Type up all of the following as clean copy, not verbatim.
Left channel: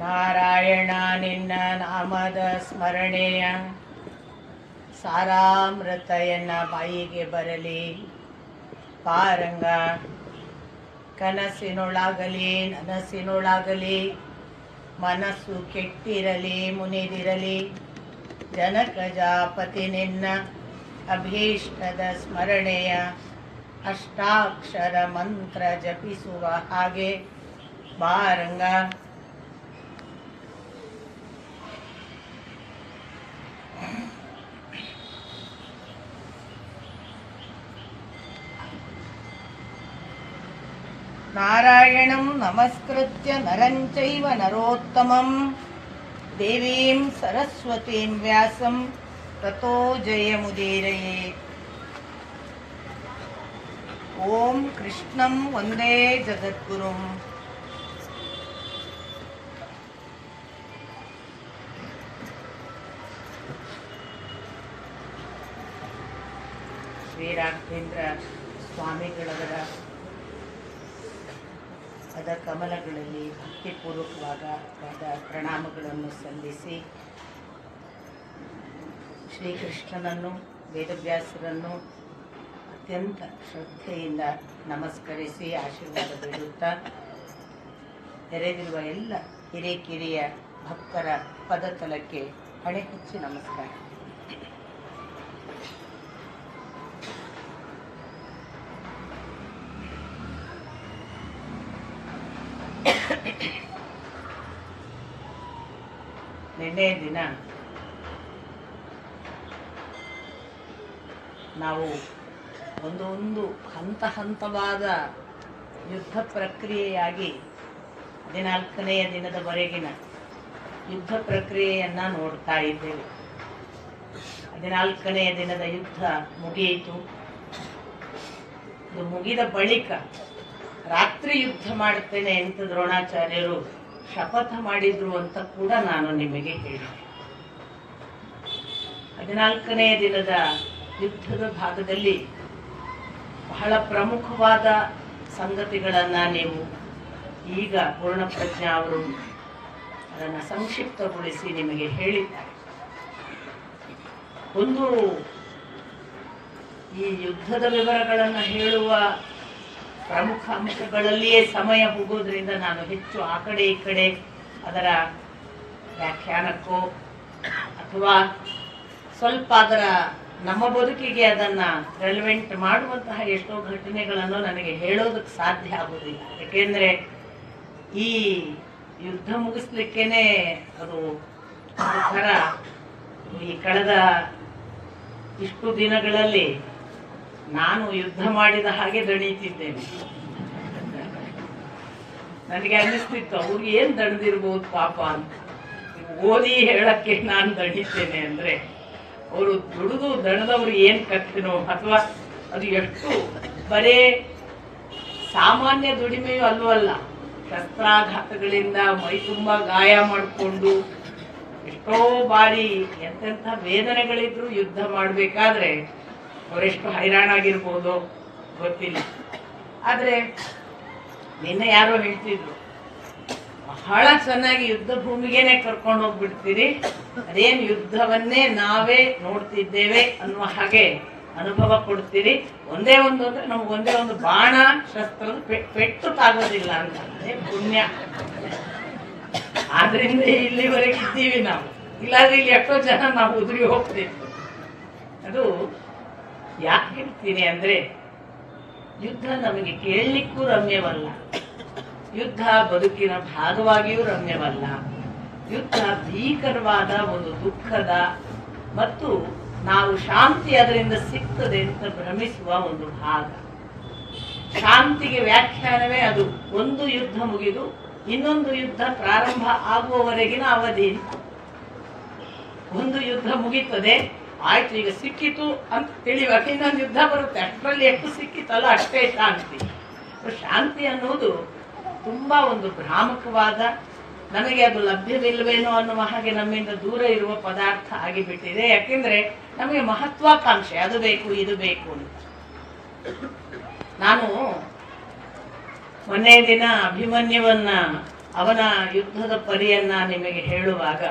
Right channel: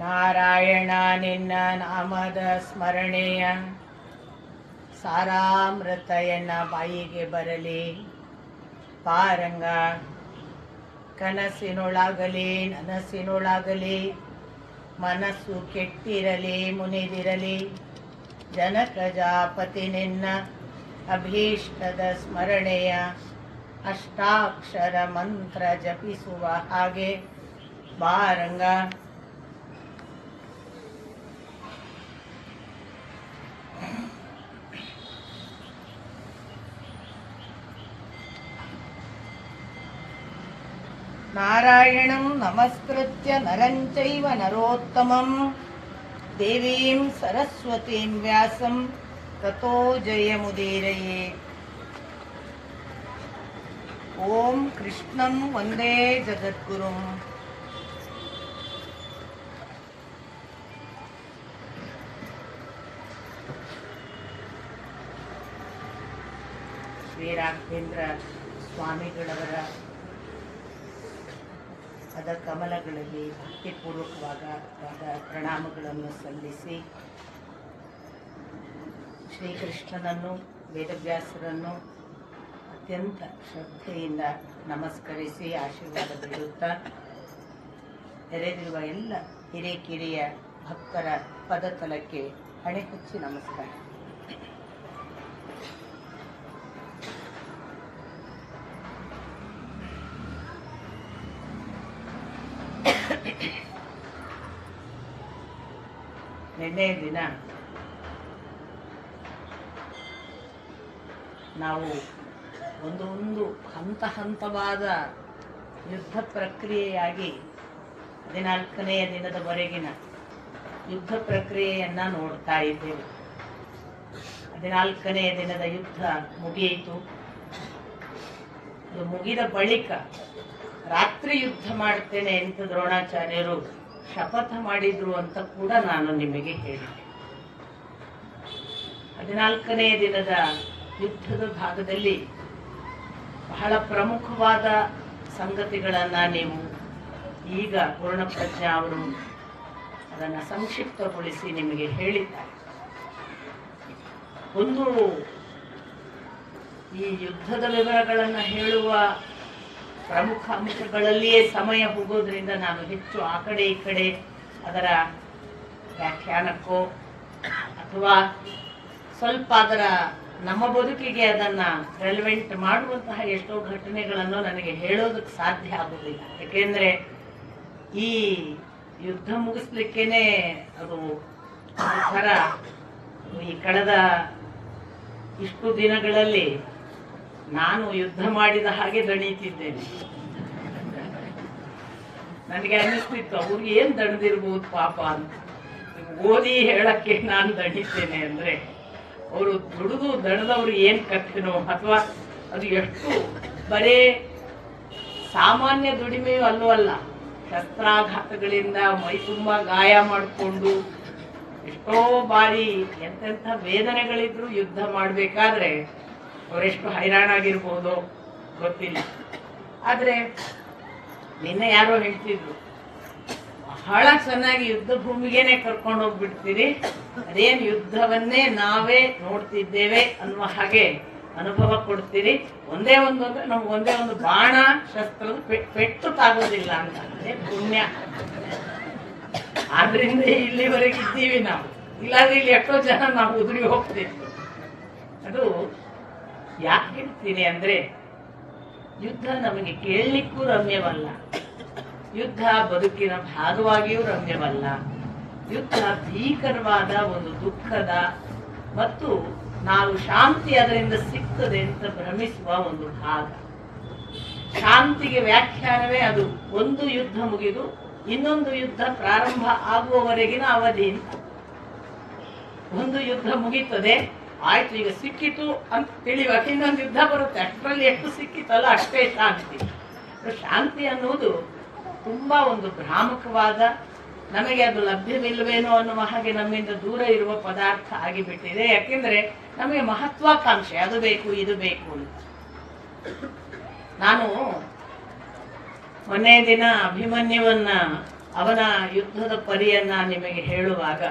ನಾರಾಯಣ ನಿನ್ನ ನಾಮದ ಸ್ಮರಣೆಯ ಸಾರಾಮೃತಯನ್ನ ಬಾಯಿಗೆ ಬರಲಿ. ಪಾರಂಗ ಕನಸಿನೊಳಾಗಲಿ ನನಸಿನೊಳಾಗಲಿ ಮನಸ್ಸು ಕೆಟ್ಟಿರಲಿ ಮುನಿದಿರಲಿ. ಜನಕಜಾಪತಿ ನಿನ್ನ ಅಭೀಷ್ಟದ ಸ್ಮರಣೆಯ ಅಷ್ಟಾಕ್ಷರ ಮಂತ್ರ ಜಪಿಸುವ ಹಾಗೆ ಬಾರಂಗ. ನಾರಾಯಣಂ ನಮಸ್ಕೃತ್ಯ ನರಂ ಚೈವ ನರೋತ್ತಮಂ ದೇವೀಂ ಸರಸ್ವತೀಂ ವ್ಯಾಸಂ ತತೋ ಜಯಮುದೀರಯೇತ್. ಓಂ ಕೃಷ್ಣಂ ವಂದೇ ಜಗದ್ಗುರುಂ. ಶ್ರೀ ರಾಘವೇಂದ್ರ ಸ್ವಾಮಿಗಳವರ ಪದ ಕಮಲಗಳಲ್ಲಿ ಭಕ್ತಿಪೂರ್ವಕವಾದ ಪ್ರಣಾಮಗಳನ್ನು ಸಲ್ಲಿಸಿ, ಶ್ರೀಕೃಷ್ಣನನ್ನು ವೇದವ್ಯಾಸರನ್ನು ಅತ್ಯಂತ ಶ್ರದ್ಧೆಯಿಂದ ನಮಸ್ಕರಿಸಿ ಆಶೀರ್ವಾದ ಬೇಡುತ್ತಾ, ನೆರೆದಿರುವ ಎಲ್ಲ ಹಿರೇಕಿರಿಯ ಭಕ್ತರ ಪದತಲಕ್ಕೆ ಹಣೆ ಹಚ್ಚಿ ನಮಸ್ಕಾರ. ನಿನ್ನೆ ದಿನ ನಾವು ಒಂದೊಂದು ಹಂತವಾದ ಯುದ್ಧ ಪ್ರಕ್ರಿಯೆಯಾಗಿ 14ನೆಯ ದಿನದವರೆಗಿನ ಯುದ್ಧ ಪ್ರಕ್ರಿಯೆಯನ್ನು ನೋಡ್ತಾ ಇದ್ದೇವೆ. 14ನೆಯ ದಿನದ ಯುದ್ಧ ಮುಗಿಯಿತು. ಅದು ಮುಗಿದ ಬಳಿಕ ರಾತ್ರಿ ಯುದ್ಧ ಮಾಡ್ತೇನೆ ಅಂತ ದ್ರೋಣಾಚಾರ್ಯರು ಶಪಥ ಮಾಡಿದ್ರು ಅಂತ ಕೂಡ ನಾನು ನಿಮಗೆ ಹೇಳಿದೆ. 14ನೆಯ ದಿನದ ಯುದ್ಧದ ಭಾಗದಲ್ಲಿ ಬಹಳ ಪ್ರಮುಖವಾದ ಸಂಗತಿಗಳನ್ನ ನೀವು ಈಗ ಪೂರ್ಣಪ್ರಜ್ಞಾ ಅವರು ಅದನ್ನು ಸಂಕ್ಷಿಪ್ತಗೊಳಿಸಿ ನಿಮಗೆ ಹೇಳಿದ್ದಾರೆ. ಒಂದು, ಈ ಯುದ್ಧದ ವಿವರಗಳನ್ನು ಹೇಳುವ ಪ್ರಮುಖ ಅಂಶಗಳಲ್ಲಿಯೇ ಸಮಯ ಹೋಗೋದ್ರಿಂದ ನಾನು ಹೆಚ್ಚು ಆ ಕಡೆ ಈ ಕಡೆ ಅದರ ವ್ಯಾಖ್ಯಾನಕ್ಕೋ ಅಥವಾ ಸ್ವಲ್ಪ ಅದರ ನಮ್ಮ ಬದುಕಿಗೆ ಅದನ್ನು ರೆಲೆವೆಂಟ್ ಮಾಡುವಂತಹ ಎಷ್ಟೋ ಘಟನೆಗಳನ್ನು ನನಗೆ ಹೇಳೋದಕ್ಕೆ ಸಾಧ್ಯ ಆಗೋದಿಲ್ಲ. ಏಕೆಂದರೆ ಈ ಯುದ್ಧ ಮುಗಿಸ್ಲಿಕ್ಕೇನೆ ಅದು ಒಂಥರ ಈ ಕಳೆದ ಇಷ್ಟು ದಿನಗಳಲ್ಲಿ ನಾನು ಯುದ್ಧ ಮಾಡಿದ ಹಾಗೆ ದಣಿತಿದ್ದೇನೆ. ನನಗೆ ಅನ್ನಿಸ್ತಿತ್ತು ಅವ್ರಿಗೆ ಏನ್ ದಣಿದಿರ್ಬೋದು ಪಾಪ ಅಂತ. ಓದಿ ಹೇಳಕ್ಕೆ ನಾನು ದಣಿತೇನೆ ಅಂದ್ರೆ ಅವರು ದುಡಿದು ದಣದವ್ರು ಏನ್ ಕಟ್ಟಿನೋ, ಅಥವಾ ಅದು ಎಷ್ಟು ಬರೇ ಸಾಮಾನ್ಯ ದುಡಿಮೆಯೂ ಅಲ್ಲೂ ಅಲ್ಲ, ಶಸ್ತ್ರಾಘಾತಗಳಿಂದ ಮೈ ತುಂಬಾ ಗಾಯ ಮಾಡಿಕೊಂಡು ಎಷ್ಟೋ ಬಾರಿ ಎಂತೆಂಥ ವೇದನೆಗಳಿದ್ರು ಯುದ್ಧ ಮಾಡಬೇಕಾದ್ರೆ ಅವರೆಷ್ಟು ಹೈರಾಣಾಗಿರ್ಬೋದು ಗೊತ್ತಿಲ್ಲ. ಆದ್ರೆ ನಿನ್ನೆ ಯಾರೋ ಹೇಳ್ತಿದ್ರು, ಬಹಳ ಚೆನ್ನಾಗಿ ಯುದ್ಧ ಭೂಮಿಗೇನೆ ಕರ್ಕೊಂಡು ಹೋಗ್ಬಿಡ್ತೀರಿ, ಅದೇನು ಯುದ್ಧವನ್ನೇ ನಾವೇ ನೋಡ್ತಿದ್ದೇವೆ ಅನ್ನುವ ಹಾಗೆ ಅನುಭವ ಕೊಡ್ತೀರಿ. ಒಂದೇ ಒಂದು ಅಂದ್ರೆ ನಮ್ಗೆ ಒಂದೇ ಒಂದು ಬಾಣ ಶಸ್ತ್ರದ ಪೆಟ್ಟು ತಾಗೋದಿಲ್ಲ ಅಂತ, ಅದೇ ಪುಣ್ಯ. ಆದ್ರಿಂದ ಇಲ್ಲಿವರೆಗೆ ಇದ್ದೀವಿ ನಾವು, ಇಲ್ಲಾದ್ರೆ ಇಲ್ಲಿ ಎಷ್ಟೋ ಜನ ನಾವು ಉದುರಿ ಹೋಗ್ತಿತ್ತು. ಅದು ಯಾಕೆ ಹೇಳ್ತೀನಿ ಅಂದ್ರೆ, ಯುದ್ಧ ನಮಗೆ ಕೇಳಲಿಕ್ಕೂ ರಮ್ಯವಲ್ಲ, ಯುದ್ಧ ಬದುಕಿನ ಭಾಗವಾಗಿಯೂ ರಮ್ಯವಲ್ಲ. ಯುದ್ಧ ಭೀಕರವಾದ ಒಂದು ದುಃಖದ ಮತ್ತು ನಾವು ಶಾಂತಿ ಅದರಿಂದ ಸಿಗ್ತದೆ ಅಂತ ಭ್ರಮಿಸುವ ಒಂದು ಭಾಗ. ಶಾಂತಿಗೆ ವ್ಯಾಖ್ಯಾನವೇ ಅದು. ಒಂದು ಯುದ್ಧ ಮುಗಿದು ಇನ್ನೊಂದು ಯುದ್ಧ ಪ್ರಾರಂಭ ಆಗುವವರೆಗಿನ ಅವಧಿ. ಒಂದು ಯುದ್ಧ ಮುಗೀತದೆ, ಆಯ್ತು ಈಗ ಸಿಕ್ಕಿತು ಅಂತ ತಿಳಿವಾಗ ಇನ್ನೊಂದು ಯುದ್ಧ ಬರುತ್ತೆ. ಅಷ್ಟರಲ್ಲಿ ಎಷ್ಟು ಸಿಕ್ಕಿತಲ್ಲ ಅಷ್ಟೇ ಶಾಂತಿ. ಶಾಂತಿ ಅನ್ನುವುದು ತುಂಬಾ ಒಂದು ಭ್ರಾಮಕವಾದ, ನಮಗೆ ಅದು ಲಭ್ಯವಿಲ್ವೇನೋ ಅನ್ನುವ ಹಾಗೆ ನಮ್ಮಿಂದ ದೂರ ಇರುವ ಪದಾರ್ಥ ಆಗಿಬಿಟ್ಟಿದೆ. ಯಾಕೆಂದ್ರೆ ನಮಗೆ ಮಹತ್ವಾಕಾಂಕ್ಷೆ, ಅದು ಬೇಕು ಇದು ಬೇಕು ಅಂತ. ನಾನು ಮೊನ್ನೆ ದಿನ ಅಭಿಮನ್ಯುವನ್ನ ಅವನ ಯುದ್ಧದ ಪರಿಯನ್ನ ನಿಮಗೆ ಹೇಳುವಾಗ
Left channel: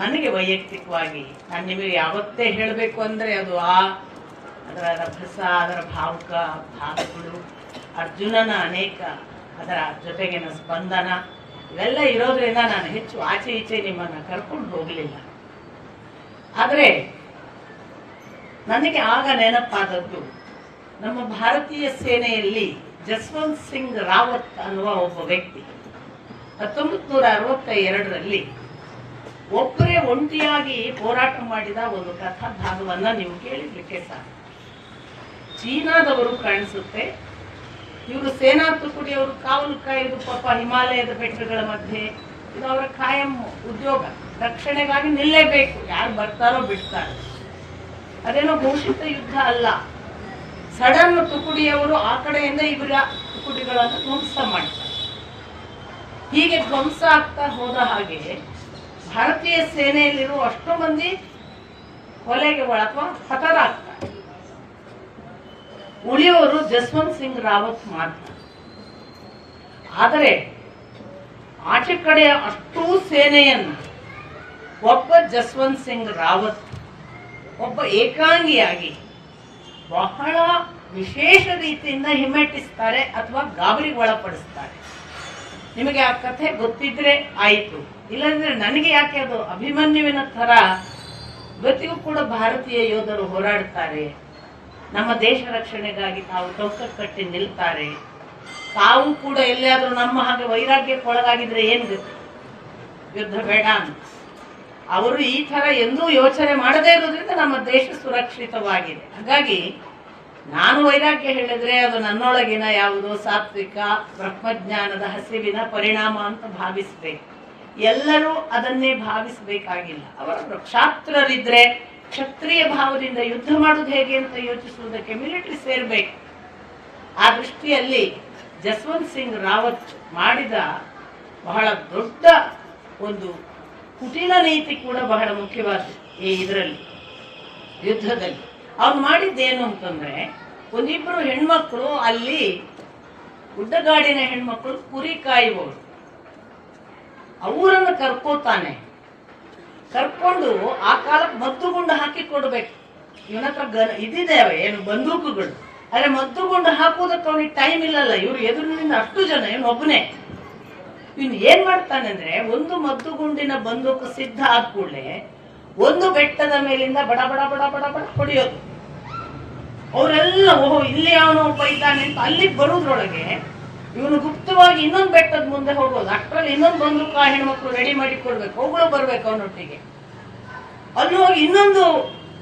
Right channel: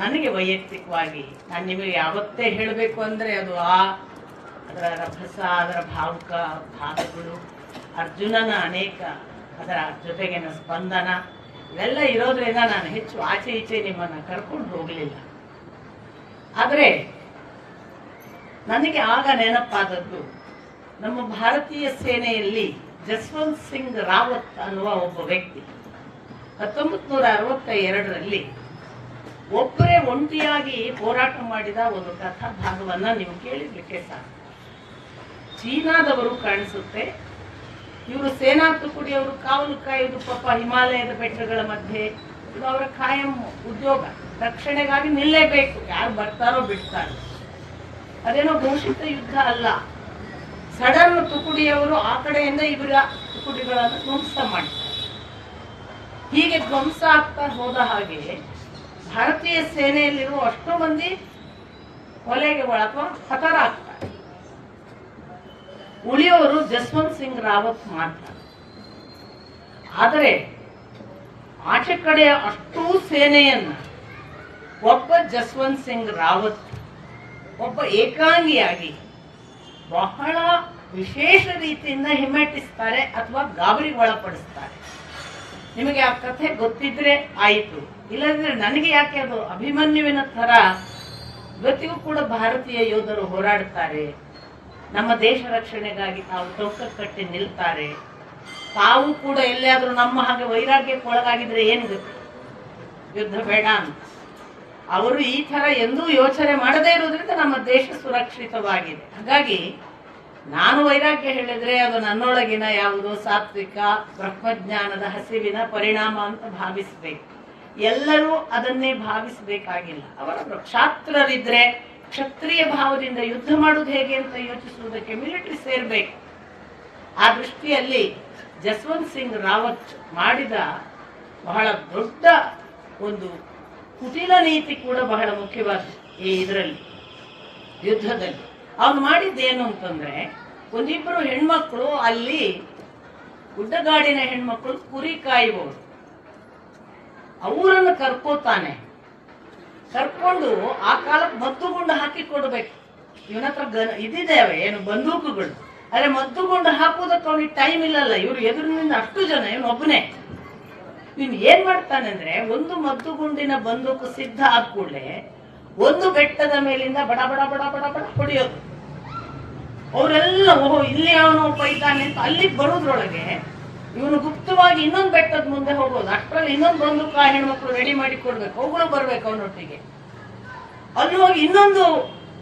ನನಗೆ ವೈಯಕ್ತಿಕವಾಗಿ ನಾನು ನಿಮಗೆ ಯಾವತ್ತೇ ಹೇಳಬೇಕು ಅಂದರೆ ಅದು ಅದರ ರಭಸ, ಅದರ ಭಾವುಕ ಭಾಗಗಳು, ಅರ್ಜುನನ ಅನೇಕ ಅದರ ಜೊತೆಗಿನ ಸ್ಪಂದನ ಇವೆಲ್ಲ ಇರೋದ್ರಿಂದ ನಾನು ಹೆಚ್ಚು ಆಚೆ ಈಚೆ ನಿಮ್ಮನ್ನು ಕರ್ಕೊಂಡು ಹೋಗಲಿಲ್ಲ. ಆದರೆ ನನಗೆ ಆಗ ನೆನಪಾದದ್ದು, ನಮ್ಮ ಭಾರತೀಯ ಸೇನೆಯಲ್ಲಿ ಜಸ್ವಂತ್ ಸಿಂಗ್ ರಾವತ್ ಅನ್ನುವ ಒಬ್ಬ ವ್ಯಕ್ತಿ 1962ರಲ್ಲಿ ಒಬ್ಬರೇ ಒಂಟಿಯಾಗಿ ಹೋರಾಟ ಮಾಡಿದ ಒಂದು ಕಥಾ ಭಾಗವನ್ನ ನೀವು ಕೇಳಿರ್ಲಿಕ್ಕೆ ಸಾಕು. ಚೀನಾದವರು ಕಾಣಿಸುತ್ತೆ, ಇವರು ಸೇನಾ ತುಕಡಿಯವರು ಕಾವಲು ಕಾಯುವುದು ಪಾಪ ಹಿಮಾಲಯದ ಬೆಟ್ಟಗಳ ಮಧ್ಯೆ, ಇದು ಅವರ ಕಾಯಂ ಉದ್ಯೋಗ. ರಕ್ಷಣೆಗಾಗಿ ನಿಲ್ಲೇಬೇಕು, ಯಾರು ಬರ್ತಾರೋ ಬಿಡ್ತಾರೋ. ಅದೇನೋ ಘೋಷಿತ ಯುದ್ಧ ಅಲ್ಲ. ಸಡನ್ ತುಕಡಿಯವರು ಆ ಕಡೆಯಿಂದ ಇವರ ತುಕಡಿಗಳನ್ನು ಧ್ವಂಸ ಮಾಡ್ತಾರೆ. ಹೀಗೆ ಧ್ವಂಸ ಆಗ್ತಾ ಹೋದ ಹಾಗೆ ಭಾರತೀಯ ಸೇನೆಯಲ್ಲಿರುವ ಅಷ್ಟೋ ಮಂದಿ ಕೊಲೆಗೆ ಅಥವಾ ಹತರಾಗ್ತಾರೆ. ಉಳಿಯೋರು ಜಸ್ವಂತ್ ಸಿಂಗ್ ರಾವತ್ ಮಾಡ್ತಾರೆ. ಆದರೆ ಆಚೆ ಕಡೆಯ ಅಷ್ಟೂ ಸೇನೆಯನ್ನು ಒಬ್ಬ ಜಸ್ವಂತ್ ಸಿಂಗ್ ರಾವತ್ ಒಬ್ಬ ಏಕಾಂಗಿಯಾಗಿ ಬಹಳ ವಿಶೇಷ ರೀತಿಯಿಂದ ಹಿಮ್ಮೆಟ್ಟಿಸ್ತಾರೆ ಅಥವಾ ಗಾಬರಿಗೆ ಒಳಪಡಿಸ್ತಾರೆ. ನಿಮಗೆ ಆ ಕಥೆ ಗೊತ್ತಿದ್ರೆ ಆಯಿತು, ಇಲ್ಲದಿದ್ರೆ ನನಗೆ ಯಾಕೆ ಅದು ಅಭಿಮನ್ಯುವಿನ ಥರ ಇವತ್ತಿಗೂ ಕೂಡ ಭಾರತೀಯ ಯೋಧರು ಹೋರಾಡ್ತಾರೆ, ನಮ್ಮ ದೇಶ ರಕ್ಷಣೆಗಾಗಿ ತಾವು ಟೊಂಕ ಕಟ್ಟಿ ನಿಲ್ತಾರೆ. ತಾವು ಕೂಡ ಎಲ್ಲಿಯಾದರೂ ನಮ್ಮ ಹಾಗೆ ವೈರಾಗ್ಯಕ್ಕೆ ಒಳಗಾಗಿದ್ರೆ ಏನು ಯುದ್ಧ ಬೇಡ ಅಂತ ಅವರು ಈ ಥರ ಎಂದೂ ಯೋಚನೆ ಮಾಡದೇ ಇರೋದ್ರಿಂದ ನಮ್ಮ ದೇಶ ಸುರಕ್ಷಿತವಾಗಿದೆ. ಹಾಗಾಗಿ ನಾನು ವೈರಾಗ್ಯ ಹೇಳಿದ್ರೆ ಅದು ನನ್ನೊಳಗಿನ ಯಾವುದೋ ಸಾತ್ವಿಕ ಬ್ರಹ್ಮಜ್ಞಾನದ ಹಸಿವಿನ ಪರಿಣಾಮ ಅಂತ ಭಾವಿಸಬೇಕು. ಎಲ್ಲರೂ ಅದನ್ನೇ ಭಾವಿಸಬೇಕಾಗಿಲ್ಲ. ಅವರ ಕ್ಷಾತ್ರರಿದ್ರೆ ಕ್ಷತ್ರಿಯ ಭಾವದಿಂದ ಯುದ್ಧ ಮಾಡುವುದು ಹೇಗೆ ಅಂತ ಯೋಚಿಸುವುದಕ್ಕೆ ಮಿಲಿಟರಿ ಸೇರ್ಬೇಕು. ಆ ದೃಷ್ಟಿಯಲ್ಲಿ ಜಸ್ವಂತ್ ಸಿಂಗ್ ರಾವತ್ ಮಾಡಿದ ಬಹಳ ದೊಡ್ಡ ಒಂದು ಕುಟಿಲ ನೀತಿ ಕೂಡ ಬಹಳ ಮುಖ್ಯವಾದ ಈ ಇದರಲ್ಲಿ ಯುದ್ಧದಲ್ಲಿ. ಅವ್ರು ಮಾಡಿದ್ದೇನು ಅಂತಂದ್ರೆ, ಒಂದಿಬ್ರು ಹೆಣ್ಮಕ್ಳು ಅಲ್ಲಿ ಗುಡ್ಡಗಾಡಿನ ಹೆಣ್ಮಕ್ಳು ಕುರಿ ಕಾಯುವವರು, ಅವರನ್ನು ಕರ್ಕೋತಾನೆ. ಕರ್ಕೊಂಡು ಆ ಕಾಲಕ್ಕೆ ಮದ್ದುಗುಂಡು ಹಾಕಿ ಕೊಡ್ಬೇಕು. ಇವನ ಹತ್ರ ಇದಿದ್ದೇವೆ ಏನು ಬಂದೂಕುಗಳು, ಅರೆ ಮದ್ದುಗುಂಡು ಹಾಕುವುದಕ್ಕೆ ಅವನಿಗೆ ಟೈಮ್ ಇಲ್ಲಲ್ಲ. ಇವ್ರು ಎದುರಿನಿಂದ ಅಷ್ಟು ಜನ, ಇವನು ಒಬ್ಬನೇ. ಇವನು ಏನ್ ಮಾಡ್ತಾನೆ ಅಂದ್ರೆ, ಒಂದು ಮದ್ದುಗುಂಡಿನ ಬಂದೂಕು ಸಿದ್ಧ ಆದ ಕೂಡಲೇ ಒಂದು ಬೆಟ್ಟದ ಮೇಲಿಂದ ಬಡ ಬಡ ಬಡ ಬಡ ಬಡ ಹೊಡೆಯೋದು. ಅವರೆಲ್ಲ ಓಹೋ ಇಲ್ಲಿ ಅವನು ಒಬ್ಬ ಇದ್ದಾನೆ ಅಂತ ಅಲ್ಲಿಗೆ ಬರೋದ್ರೊಳಗೆ ಇವನು ಗುಪ್ತವಾಗಿ ಇನ್ನೊಂದು ಬೆಟ್ಟದ ಮುಂದೆ ಹೋಗೋದು. ಅಷ್ಟರಲ್ಲಿ ಇನ್ನೊಂದು ಬಂದೂಕು ಆ ಹೆಣ್ಮಕ್ಳು ರೆಡಿ ಮಾಡಿ ಕೊಡ್ಬೇಕು, ಅವುಗಳು ಬರ್ಬೇಕು ಅವನೊಟ್ಟಿಗೆ. ಅಲ್ಲಿ ಹೋಗಿ ಇನ್ನೊಂದು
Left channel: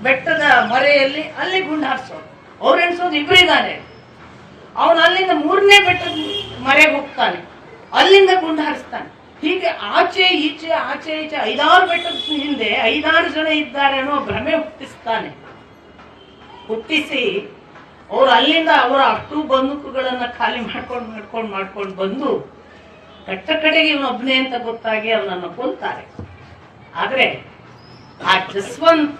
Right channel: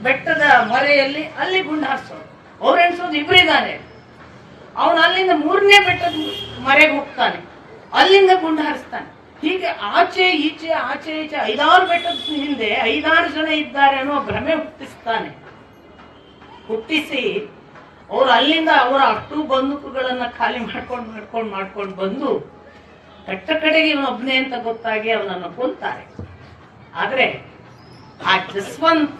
ಬೆಟ್ಟದ ಮರೆಯಲ್ಲಿ ಅಲ್ಲಿ ಗುಂಡು ಹಾರಿಸೋದು. ಅವ್ರು ಎಣಿಸೋದು ಇಬ್ಬರಿದ್ದಾನೆ. ಅವನು ಅಲ್ಲಿಂದ 3ನೇ ಬೆಟ್ಟದ ಮರೆಗೆ ಹೋಗ್ತಾನೆ, ಅಲ್ಲಿಂದ ಗುಂಡು ಹಾರಿಸ್ತಾನೆ. ಹೀಗೆ ಆಚೆ ಈಚೆ 5-6 ಬೆಟ್ಟದ ಹಿಂದೆ 5-6 ಜನ ಇದ್ದಾರೆ ಅನ್ನೋ ಭ್ರಮೆ ಹುಟ್ಟಿಸಿ ಅವ್ರು ಅಲ್ಲಿಂದ ಅವರ ಅಷ್ಟು ಬಂದೂಕುಗಳನ್ನ ಖಾಲಿ ಮಾಡ್ಕೊಂಡು ಬಂದು ಕಟ್ಟ ಕಡೆಗೆ ಇವನೊಬ್ಬನೇ ಅಂತ ಗೊತ್ತಾಗಿ ಅವನನ್ನು ಕೊಲ್ತಾರೆ. ಆದ್ರೆ ಆ ಜಸ್ವಂತ್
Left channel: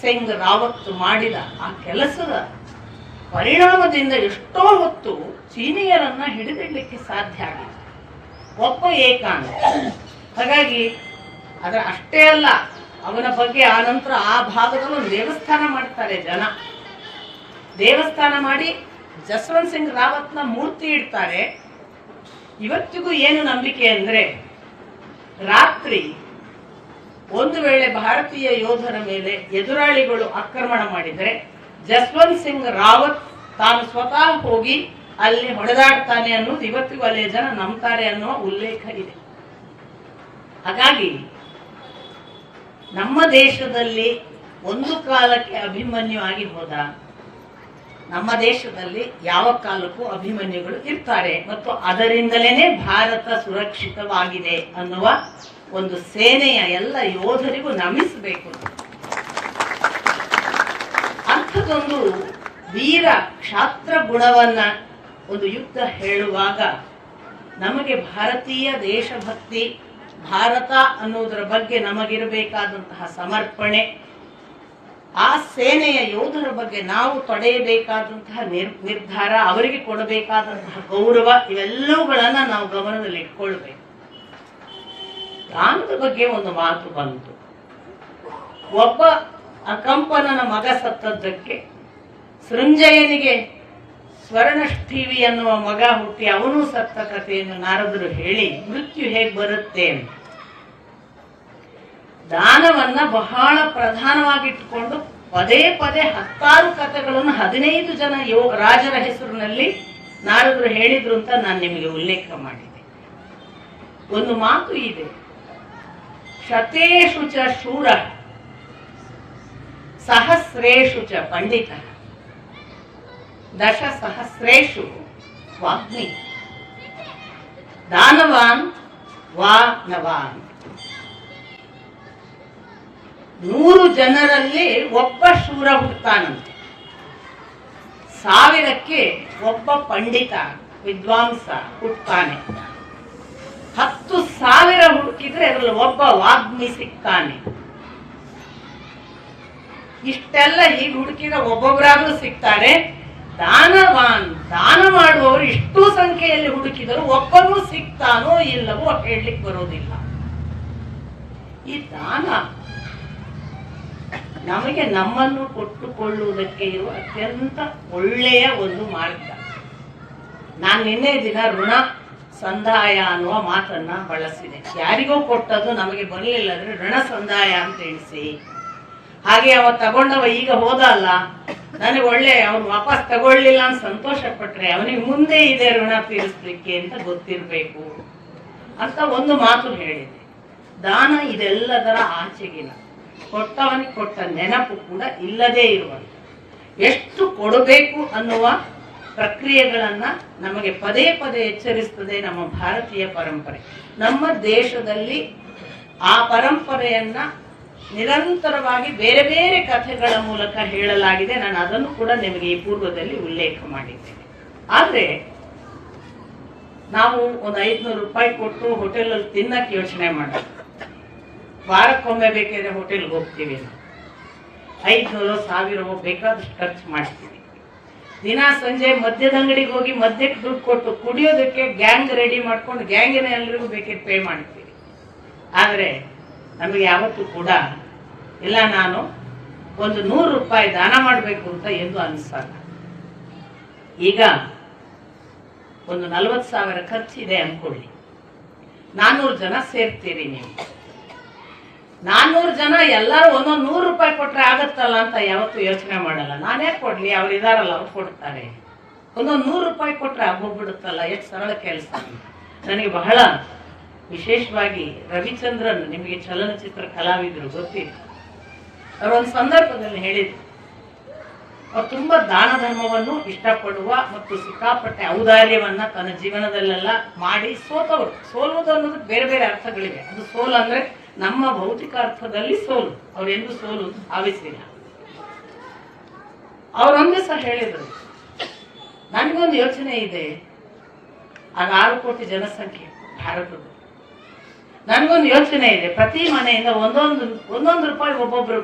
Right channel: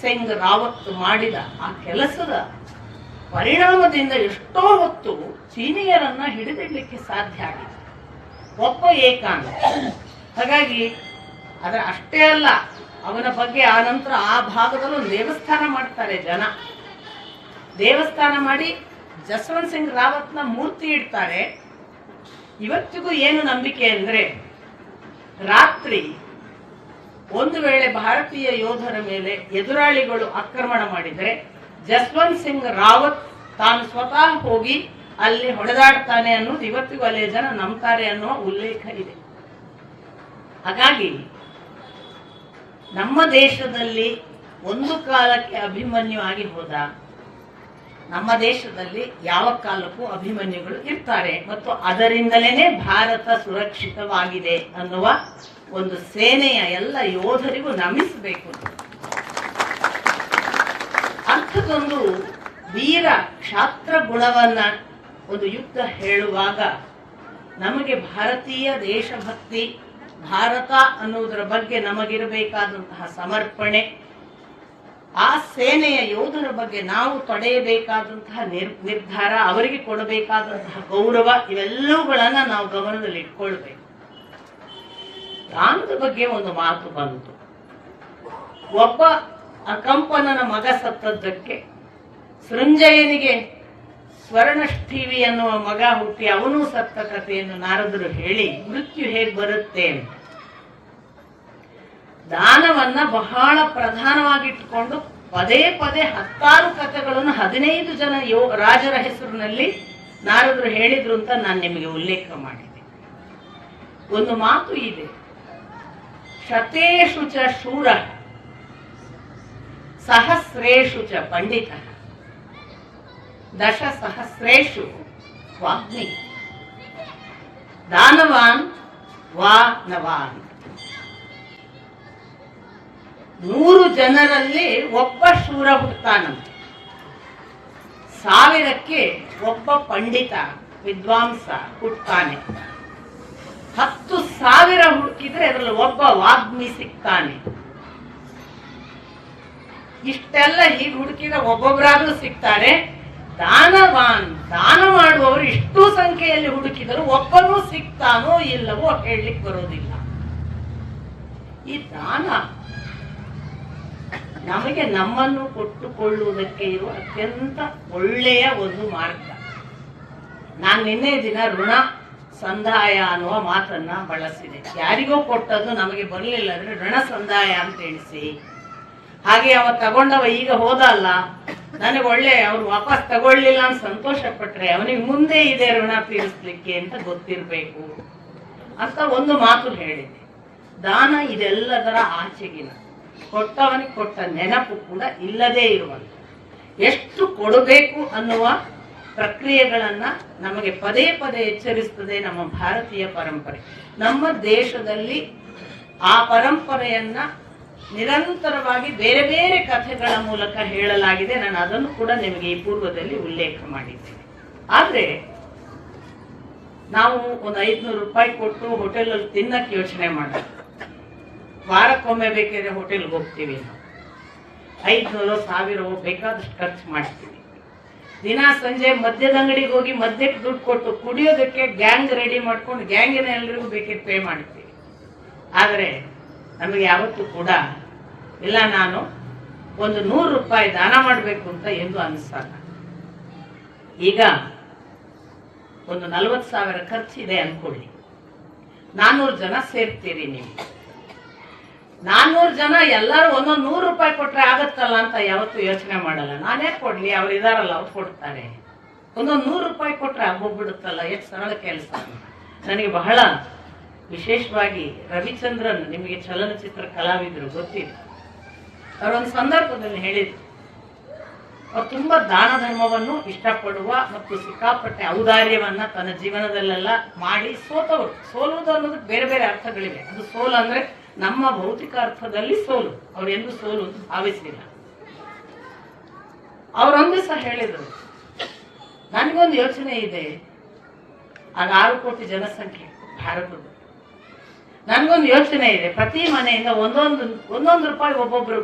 ಸಿಂಗ್ ರಾವತ್ ಮಾಡಿದ ಆ ಕೆಲಸದ ಪರಿಣಾಮದಿಂದ ಎಷ್ಟೋ ಹೊತ್ತು ಚೀನಿಯರನ್ನ ಹಿಡಿದಿಡ್ಲಿಕ್ಕೆ ಸಾಧ್ಯ ಆಗಿದೆ. ಒಬ್ಬ ಏಕಾಂಗ. ಹಾಗಾಗಿ ಅದರ ಅಷ್ಟೇ ಅಲ್ಲ, ಅವನ ಬಗ್ಗೆ ಆ ನಂತರ ಆ ಭಾಗದಲ್ಲೂ ದೇವಸ್ಥಾನ ಮಾಡ್ತಾರೆ ಜನ. ದೇವಸ್ಥಾನ ಮಾಡಿ ಜಸ್ವಂತ್ ಸಿಂಗ್ ರಾವತ್ನ ಮೂರ್ತಿ ಇಡ್ತಾರೆ. ಇವತ್ತಿಗೂ ಏನು ನಂಬಿಕೆ ಅಂದ್ರೆ, ರಾತ್ರಿ ಒಂದು ವೇಳೆ ಭಾರತೀಯ ಯೋಧರ ಮೇಲೆ ಎದುರಾಳಿಗಳು ಆಕ್ರಮಣ ಮಾಡಿದರೆ ಜಸ್ವಂತ್ ಸಿಂಗ್ ರಾವತ್ ತಾನು ಸ್ವತಃ ಹೋಗಿ ಅಲ್ಲಿ ಹೊಡೆದಾಡ್ತಾನೆ ಅನ್ನೋದು ಇವತ್ತಿಗೂ ಅಲ್ಲೇ ಜನ ನಂಬ್ತಾರೆ ಅನ್ನೋ ಉಲ್ಲೇಖ ಇದೆ. ಹಾಗಾಗಿ ನಮ್ಮ ದೇಶದಲ್ಲಿ ಒಂದು ಕಾಲಕ್ಕೆ ಅಭಿಮನ್ಯು ಆಗಿ ಹೋದ, ನಮ್ಮ ದೇಶದಲ್ಲಿ ಯಾವ ಕಾಲಕ್ಕೂ ಅಭಿಮನ್ಯುಗಳು ಇರ್ತಾರೆ ಮತ್ತು ಅದರಿಂದಲೇ ಭಾರತ ಸುರಕ್ಷಿತವಾಗಿದೆ ಅನ್ನುವ ಒಂದು ಸೇನೆಯ ಎಲ್ಲ ಯೋಧರಿಗೂ ನಮಿಸಬೇಕು. ಅಂಥದ್ದೊಂದು ವೀರ ಕ್ಷಾತ್ರ ಗುಣವನ್ನ ಒಂದು ಯುದ್ಧ ಹೇಳುವಾಗ ನಮಗೆ ಭಾರತೀಯ ದೇಶಭಕ್ತಿ, ಭಾರತ ಅನ್ನೋದರ ಬಗ್ಗೆ ನಮಗಿರಬೇಕಾದಂತಹ ಸಮರ್ಪಣೆ, ಆ ಸೇನೆಯ ಯೋಧರ ಬಗ್ಗೆ ನಾವು ತೊಡೆಯಬೇಕಾದಂತಹ ನಿರ್ಧಾರ, ಅವರಿಗೆ ಕೊಡಬೇಕಾದಂತಹ ಗೌರವ, ಇವೆಲ್ಲವುಗಳನ್ನ ನಾವು ಗಮನದಲ್ಲಿ ಇಟ್ಕೊಳ್ಬೇಕು. ದಾನದ ಬಗ್ಗೆ ಒಂದು ಮಾತು ಬಂತು. ಒಬ್ಬ ಅಕಂಪನನ ಮಗ ಸತ್ತದ್ದಕ್ಕೆ ಸೃಂಜಯನಿಗೆ ಸ್ವರ್ಣಷ್ಠೀವಿ ಅನ್ನುವ ಮಗ ಹುಟ್ಟಿ ಅವನು ಸತ್ತ ಕಥೆಯನ್ನು ನಾರದರು ಹೇಳಿ ಮೃತ್ಯು ಹೇಗೆ ಬರುತ್ತೆ ಅಂತ ದಾನವನ್ನ ಬಹಳ ಪ್ರಧಾನವಾಗಿಟ್ಟುಕೊಂಡು ಪದೇ ಪದೇ 10 ಕಥೆಗಳನ್ನು 15 ಜನ ರಾಜರ ಹೆಸರಿನಲ್ಲಿ ನಾರದರು ಹೇಳಿದ್ರು ಅಂತ ನಾನು ನಿಮಗೆ ಉಲ್ಲೇಖ ಮಾಡಿದೆ. ಒಂದು ಮಾತು ಇದೆ, ಶತೇಷು ಚ ಶೂರ ಸಹಸ್ರೇಷು ಚ ಪಂಡಿತ ದಶ ಸಹಸ್ರೇಷು ವಾಗ್ಮಿ ದಾನವಾನ್ ವಾನವಾನ್. 100 ಜನರಲ್ಲಿ ಒಬ್ಬ ಶೂರ ಹುಡ್ತಾನಂತೆ, 1000ಕ್ಕೆ ಒಬ್ಬ ಪಂಡಿತ ವಿದ್ವಾಂಸ ಹುಡ್ತಾನೆ, 10,000 ಹುಡುಕಿದ್ರೆ ಅದರಲ್ಲಿ ಒಬ್ಬ ವಾಗ್ಮಿ ಸಿಗ್ತಾನೆ. ಇಷ್ಟೆಲ್ಲ ಹೀಗೆ ಹುಡುಕಿದ್ರೆ ಒಬ್ಬೊಬ್ಬರಾದ್ರೂ ಸಿಗ್ತಾರೆ. ದಾನವಾನ್, ದಾನ ಮಾಡುವವರು ಇಷ್ಟು ಸಂಖ್ಯೆಯಲ್ಲಿ ಹುಡುಕಿದರೂ ಒಬ್ಬನೂ ಸಿಗ್ತಾನೋ ಇಲ್ಲವೋ ಹೇಳಲಿಕ್ಕೆ ಬರೋದಿಲ್ಲ. ಈ ದಾನ ನಮಗೆ ನಮ್ಮನ್ನು ಕೊಟ್ಟುಕೊಳ್ಳುವುದಕ್ಕೆ ಇರುವ ಅತ್ಯಂತ ಒಳ್ಳೆಯ ಒಂದು ಮಾರ್ಗ. ನಾನು ನಿನ್ನೆ ದಿನ ಋಣ ಸಂದಾಯ ಅನ್ನುವ ಮಾತನ್ನ ಬಳಸಿದೆ. ಯಾರಿಗೋ ಕೊಟ್ಟದ್ದು ನಮಗೆ ಬರಲಿಲ್ಲ ಅಂದ್ರೆ ಋಣ ಸಂದಾಯ ಅಂತ ಎಣಿಸಿ, ಹಾಗೆ ಅವ ತಗೊಂಡವ ಈಗ ಹೋದ ಅಲ್ಲ, ನನಗೆ ಒಳ್ಳೆ ಅವ್ರು ವಾಪಸ್ ತಗೊಳ್ಳಿಲ್ಲ ಅಂತ ಸಂತೋಷ ಪಟ್ರೆ ಅವನಿಗೆ ಮುಂದೆ ಇದೆ ಋಣ ತೀರಿಸ್ಲಿಕ್ಕೆ ಅಂತ ಗೊತ್ತಿರ್ಬೇಕು ಅಂತ ಒಂದು ಮಾತು ಹೇಳಿದೆ. ದಾನ ಇದೆಲ್ಲದರ ಆಚೆಗಿನ, ಕೊಟ್ಟವನಿಗೆ ಕೊಟ್ಟ ನೆನಪು ಕೂಡ ಇಲ್ಲದೇ ಇರುವಂತ, ಎಷ್ಟು ಕೊಡಬೇಕು ಅನ್ನುವ ಪ್ರಕ್ರಿಯೆಗಳನ್ನ ನಮಗೆ ಪದೇ ಪದೇ ಎಚ್ಚರಿಸ್ತದೆ ನಮ್ಮ ಭಾರತೀಯ ಪರಂಪರೆ. ನಮ್ಮ ದೇಶದಲ್ಲಿ ಆ ಪರಂಪರೆಯನ್ನ ನಿರಂತರವಾಗಿ ಬೇರೆ ಬೇರೆ ಕಥೆಗಳ ಮೂಲಕ ಹೇಳಲಾಗಿದೆ. ನಾನು ಅದನ್ನು ಕೂಡ ನಿಮಗೆ ಈ ಪೂರ್ವದಲ್ಲಿ ಉಲ್ಲೇಖ ಮಾಡಿದ್ದೇನೆ. ಆದ್ರೆ ನಾವು ಒಂದು 500 ರೂಪಾಯಿ ಕೊಟ್ಟು ಹೋಟೆಲಲ್ಲಿ ತಿನ್ನಕ್ಕೆ ಯೋಚನೆ ಮಾಡ್ತೀವಿ. ವಾರಕ್ಕೊಮ್ಮೆ ಬೇಕಾದ್ರೆ ಹೋಟೆಲ್ಗೆ ಹೋಗ್ತೀವಿ, 500 1000 ಬೇಕಾದಷ್ಟು ಖರ್ಚು ಮಾಡ್ತೀವಿ. ದಿನ ಸಂಜೆ ಮದ್ಯದ ಅಂಗಡಿಗೆ ಹೋಗಿ ಮದ್ಯಕ್ಕೆ ದುಡ್ಡು ಕೊಟ್ಟು ಕುಡಿಯೋದಕ್ಕೆ ಗ್ಯಾಂಗ್ ರೆಡಿ ಮಾಡ್ಕೊಂಡು ಗ್ಯಾಂಗಿನ ಎಲ್ರಿಗೂ ಬೇಕಾದ್ರೆ ಪೇ ಮಾಡ್ತೀವಿ. ಆದ್ರೆ ನಮಗೆ ಯಾವತ್ತೂ ಕೂಡ ಇಲ್ಲ ನಾನು ಒಂದು 100 ರೂಪಾಯಿ ದಾನ ಮಾಡಬೇಕು ಅಂತ ಎಂದು ಅನಿಸಲ್ಲ. ಈಗ ಒಂದು 40,000 ಖರ್ಚಿದೆ ಅನ್ಕೊಳ್ಳಿ, 400 ಜನ ಸೇರ್ತೀರಿ. ನೀವು 400 ಜನ ಎಲ್ಲರೂ ಒಂದೊಂದು 100 ರೂಪಾಯಿ ಕೊಟ್ರೆ ಆಗತ್ತಲ್ಲ ಅಂತ ಯಾವತ್ತೂ ಯೋಚನೆ ಮಾಡಲ್ಲ. ನಾನೇ ಕೊಡ್ಲಿ, ಅವ್ರು ಇದಾರಲ್ಲ ಅವ್ರು ಕೊಡ್ತಾರೆ, ಒಂದೊಂದು 100 ರೂಪಾಯಿ ಕೊಟ್ರೆ ಆಗೋಗ್ಬಿಡುತ್ತಲ್ಲ, ಎಷ್ಟು ಸರಳ ಕೆಲಸ. ನನಗೆ ಬಹಳ ವಿಶೇಷವಾಗಿ ರವಿಚಂದ್ರನ್, ನಿಮಗೆ ಚಲನಚಿತ್ರ ಕಲಾವಿದರು ಗೊತ್ತಿದೆ, ಅವರು ಒಂದು ಸಂದರ್ಭದಲ್ಲಿ ಹೇಳಿದ್ರು, ಅವ್ರು ತುಂಬಾ ದಾನ ಧರ್ಮವನ್ನು ಇಷ್ಟಪಡುವ ಮತ್ತು ಸಿಕ್ಕಾಪಟ್ಟೆ ಔದಾರ್ಯವನ್ನ ತನ್ನ ಜೀವನದಲ್ಲೆಲ್ಲ ಮಾಡಿ ಸೋತವರು. ಸೋಲುವುದು ಅನ್ನೋದಕ್ಕೆ ಬೇರೆ ಬೇರೆ ಅರ್ಥಗಳಿವೆ. ಅದು ಸೋಲು ಅಂದ್ರೆ ನಮ್ಮ ಭೌತಿಕ ಅರ್ಥದಲ್ಲಿ ಸೋಲು, ಅವ್ರೆಂದು ಸೋಲು ಅಂತ ಭಾವಿಸಿಲ್ಲ. ಅವರೊಂದು ದಿವಸ ಹೇಳಿದ್ರು, ನನಗೊಂದು ಯೋಚನೆ ಇದೆ, ಆಗ 6 ಕೋಟಿ ಜನಸಂಖ್ಯೆ ಭಾರತದ, ನನಗೊಂದು ಯೋಚನೆ ಇದೆ, ಪ್ರತಿ ಮನೆಯಿಂದ ಒಂದೊಂದು ರೂಪಾಯಿ ಒಬ್ಬೊಬ್ರು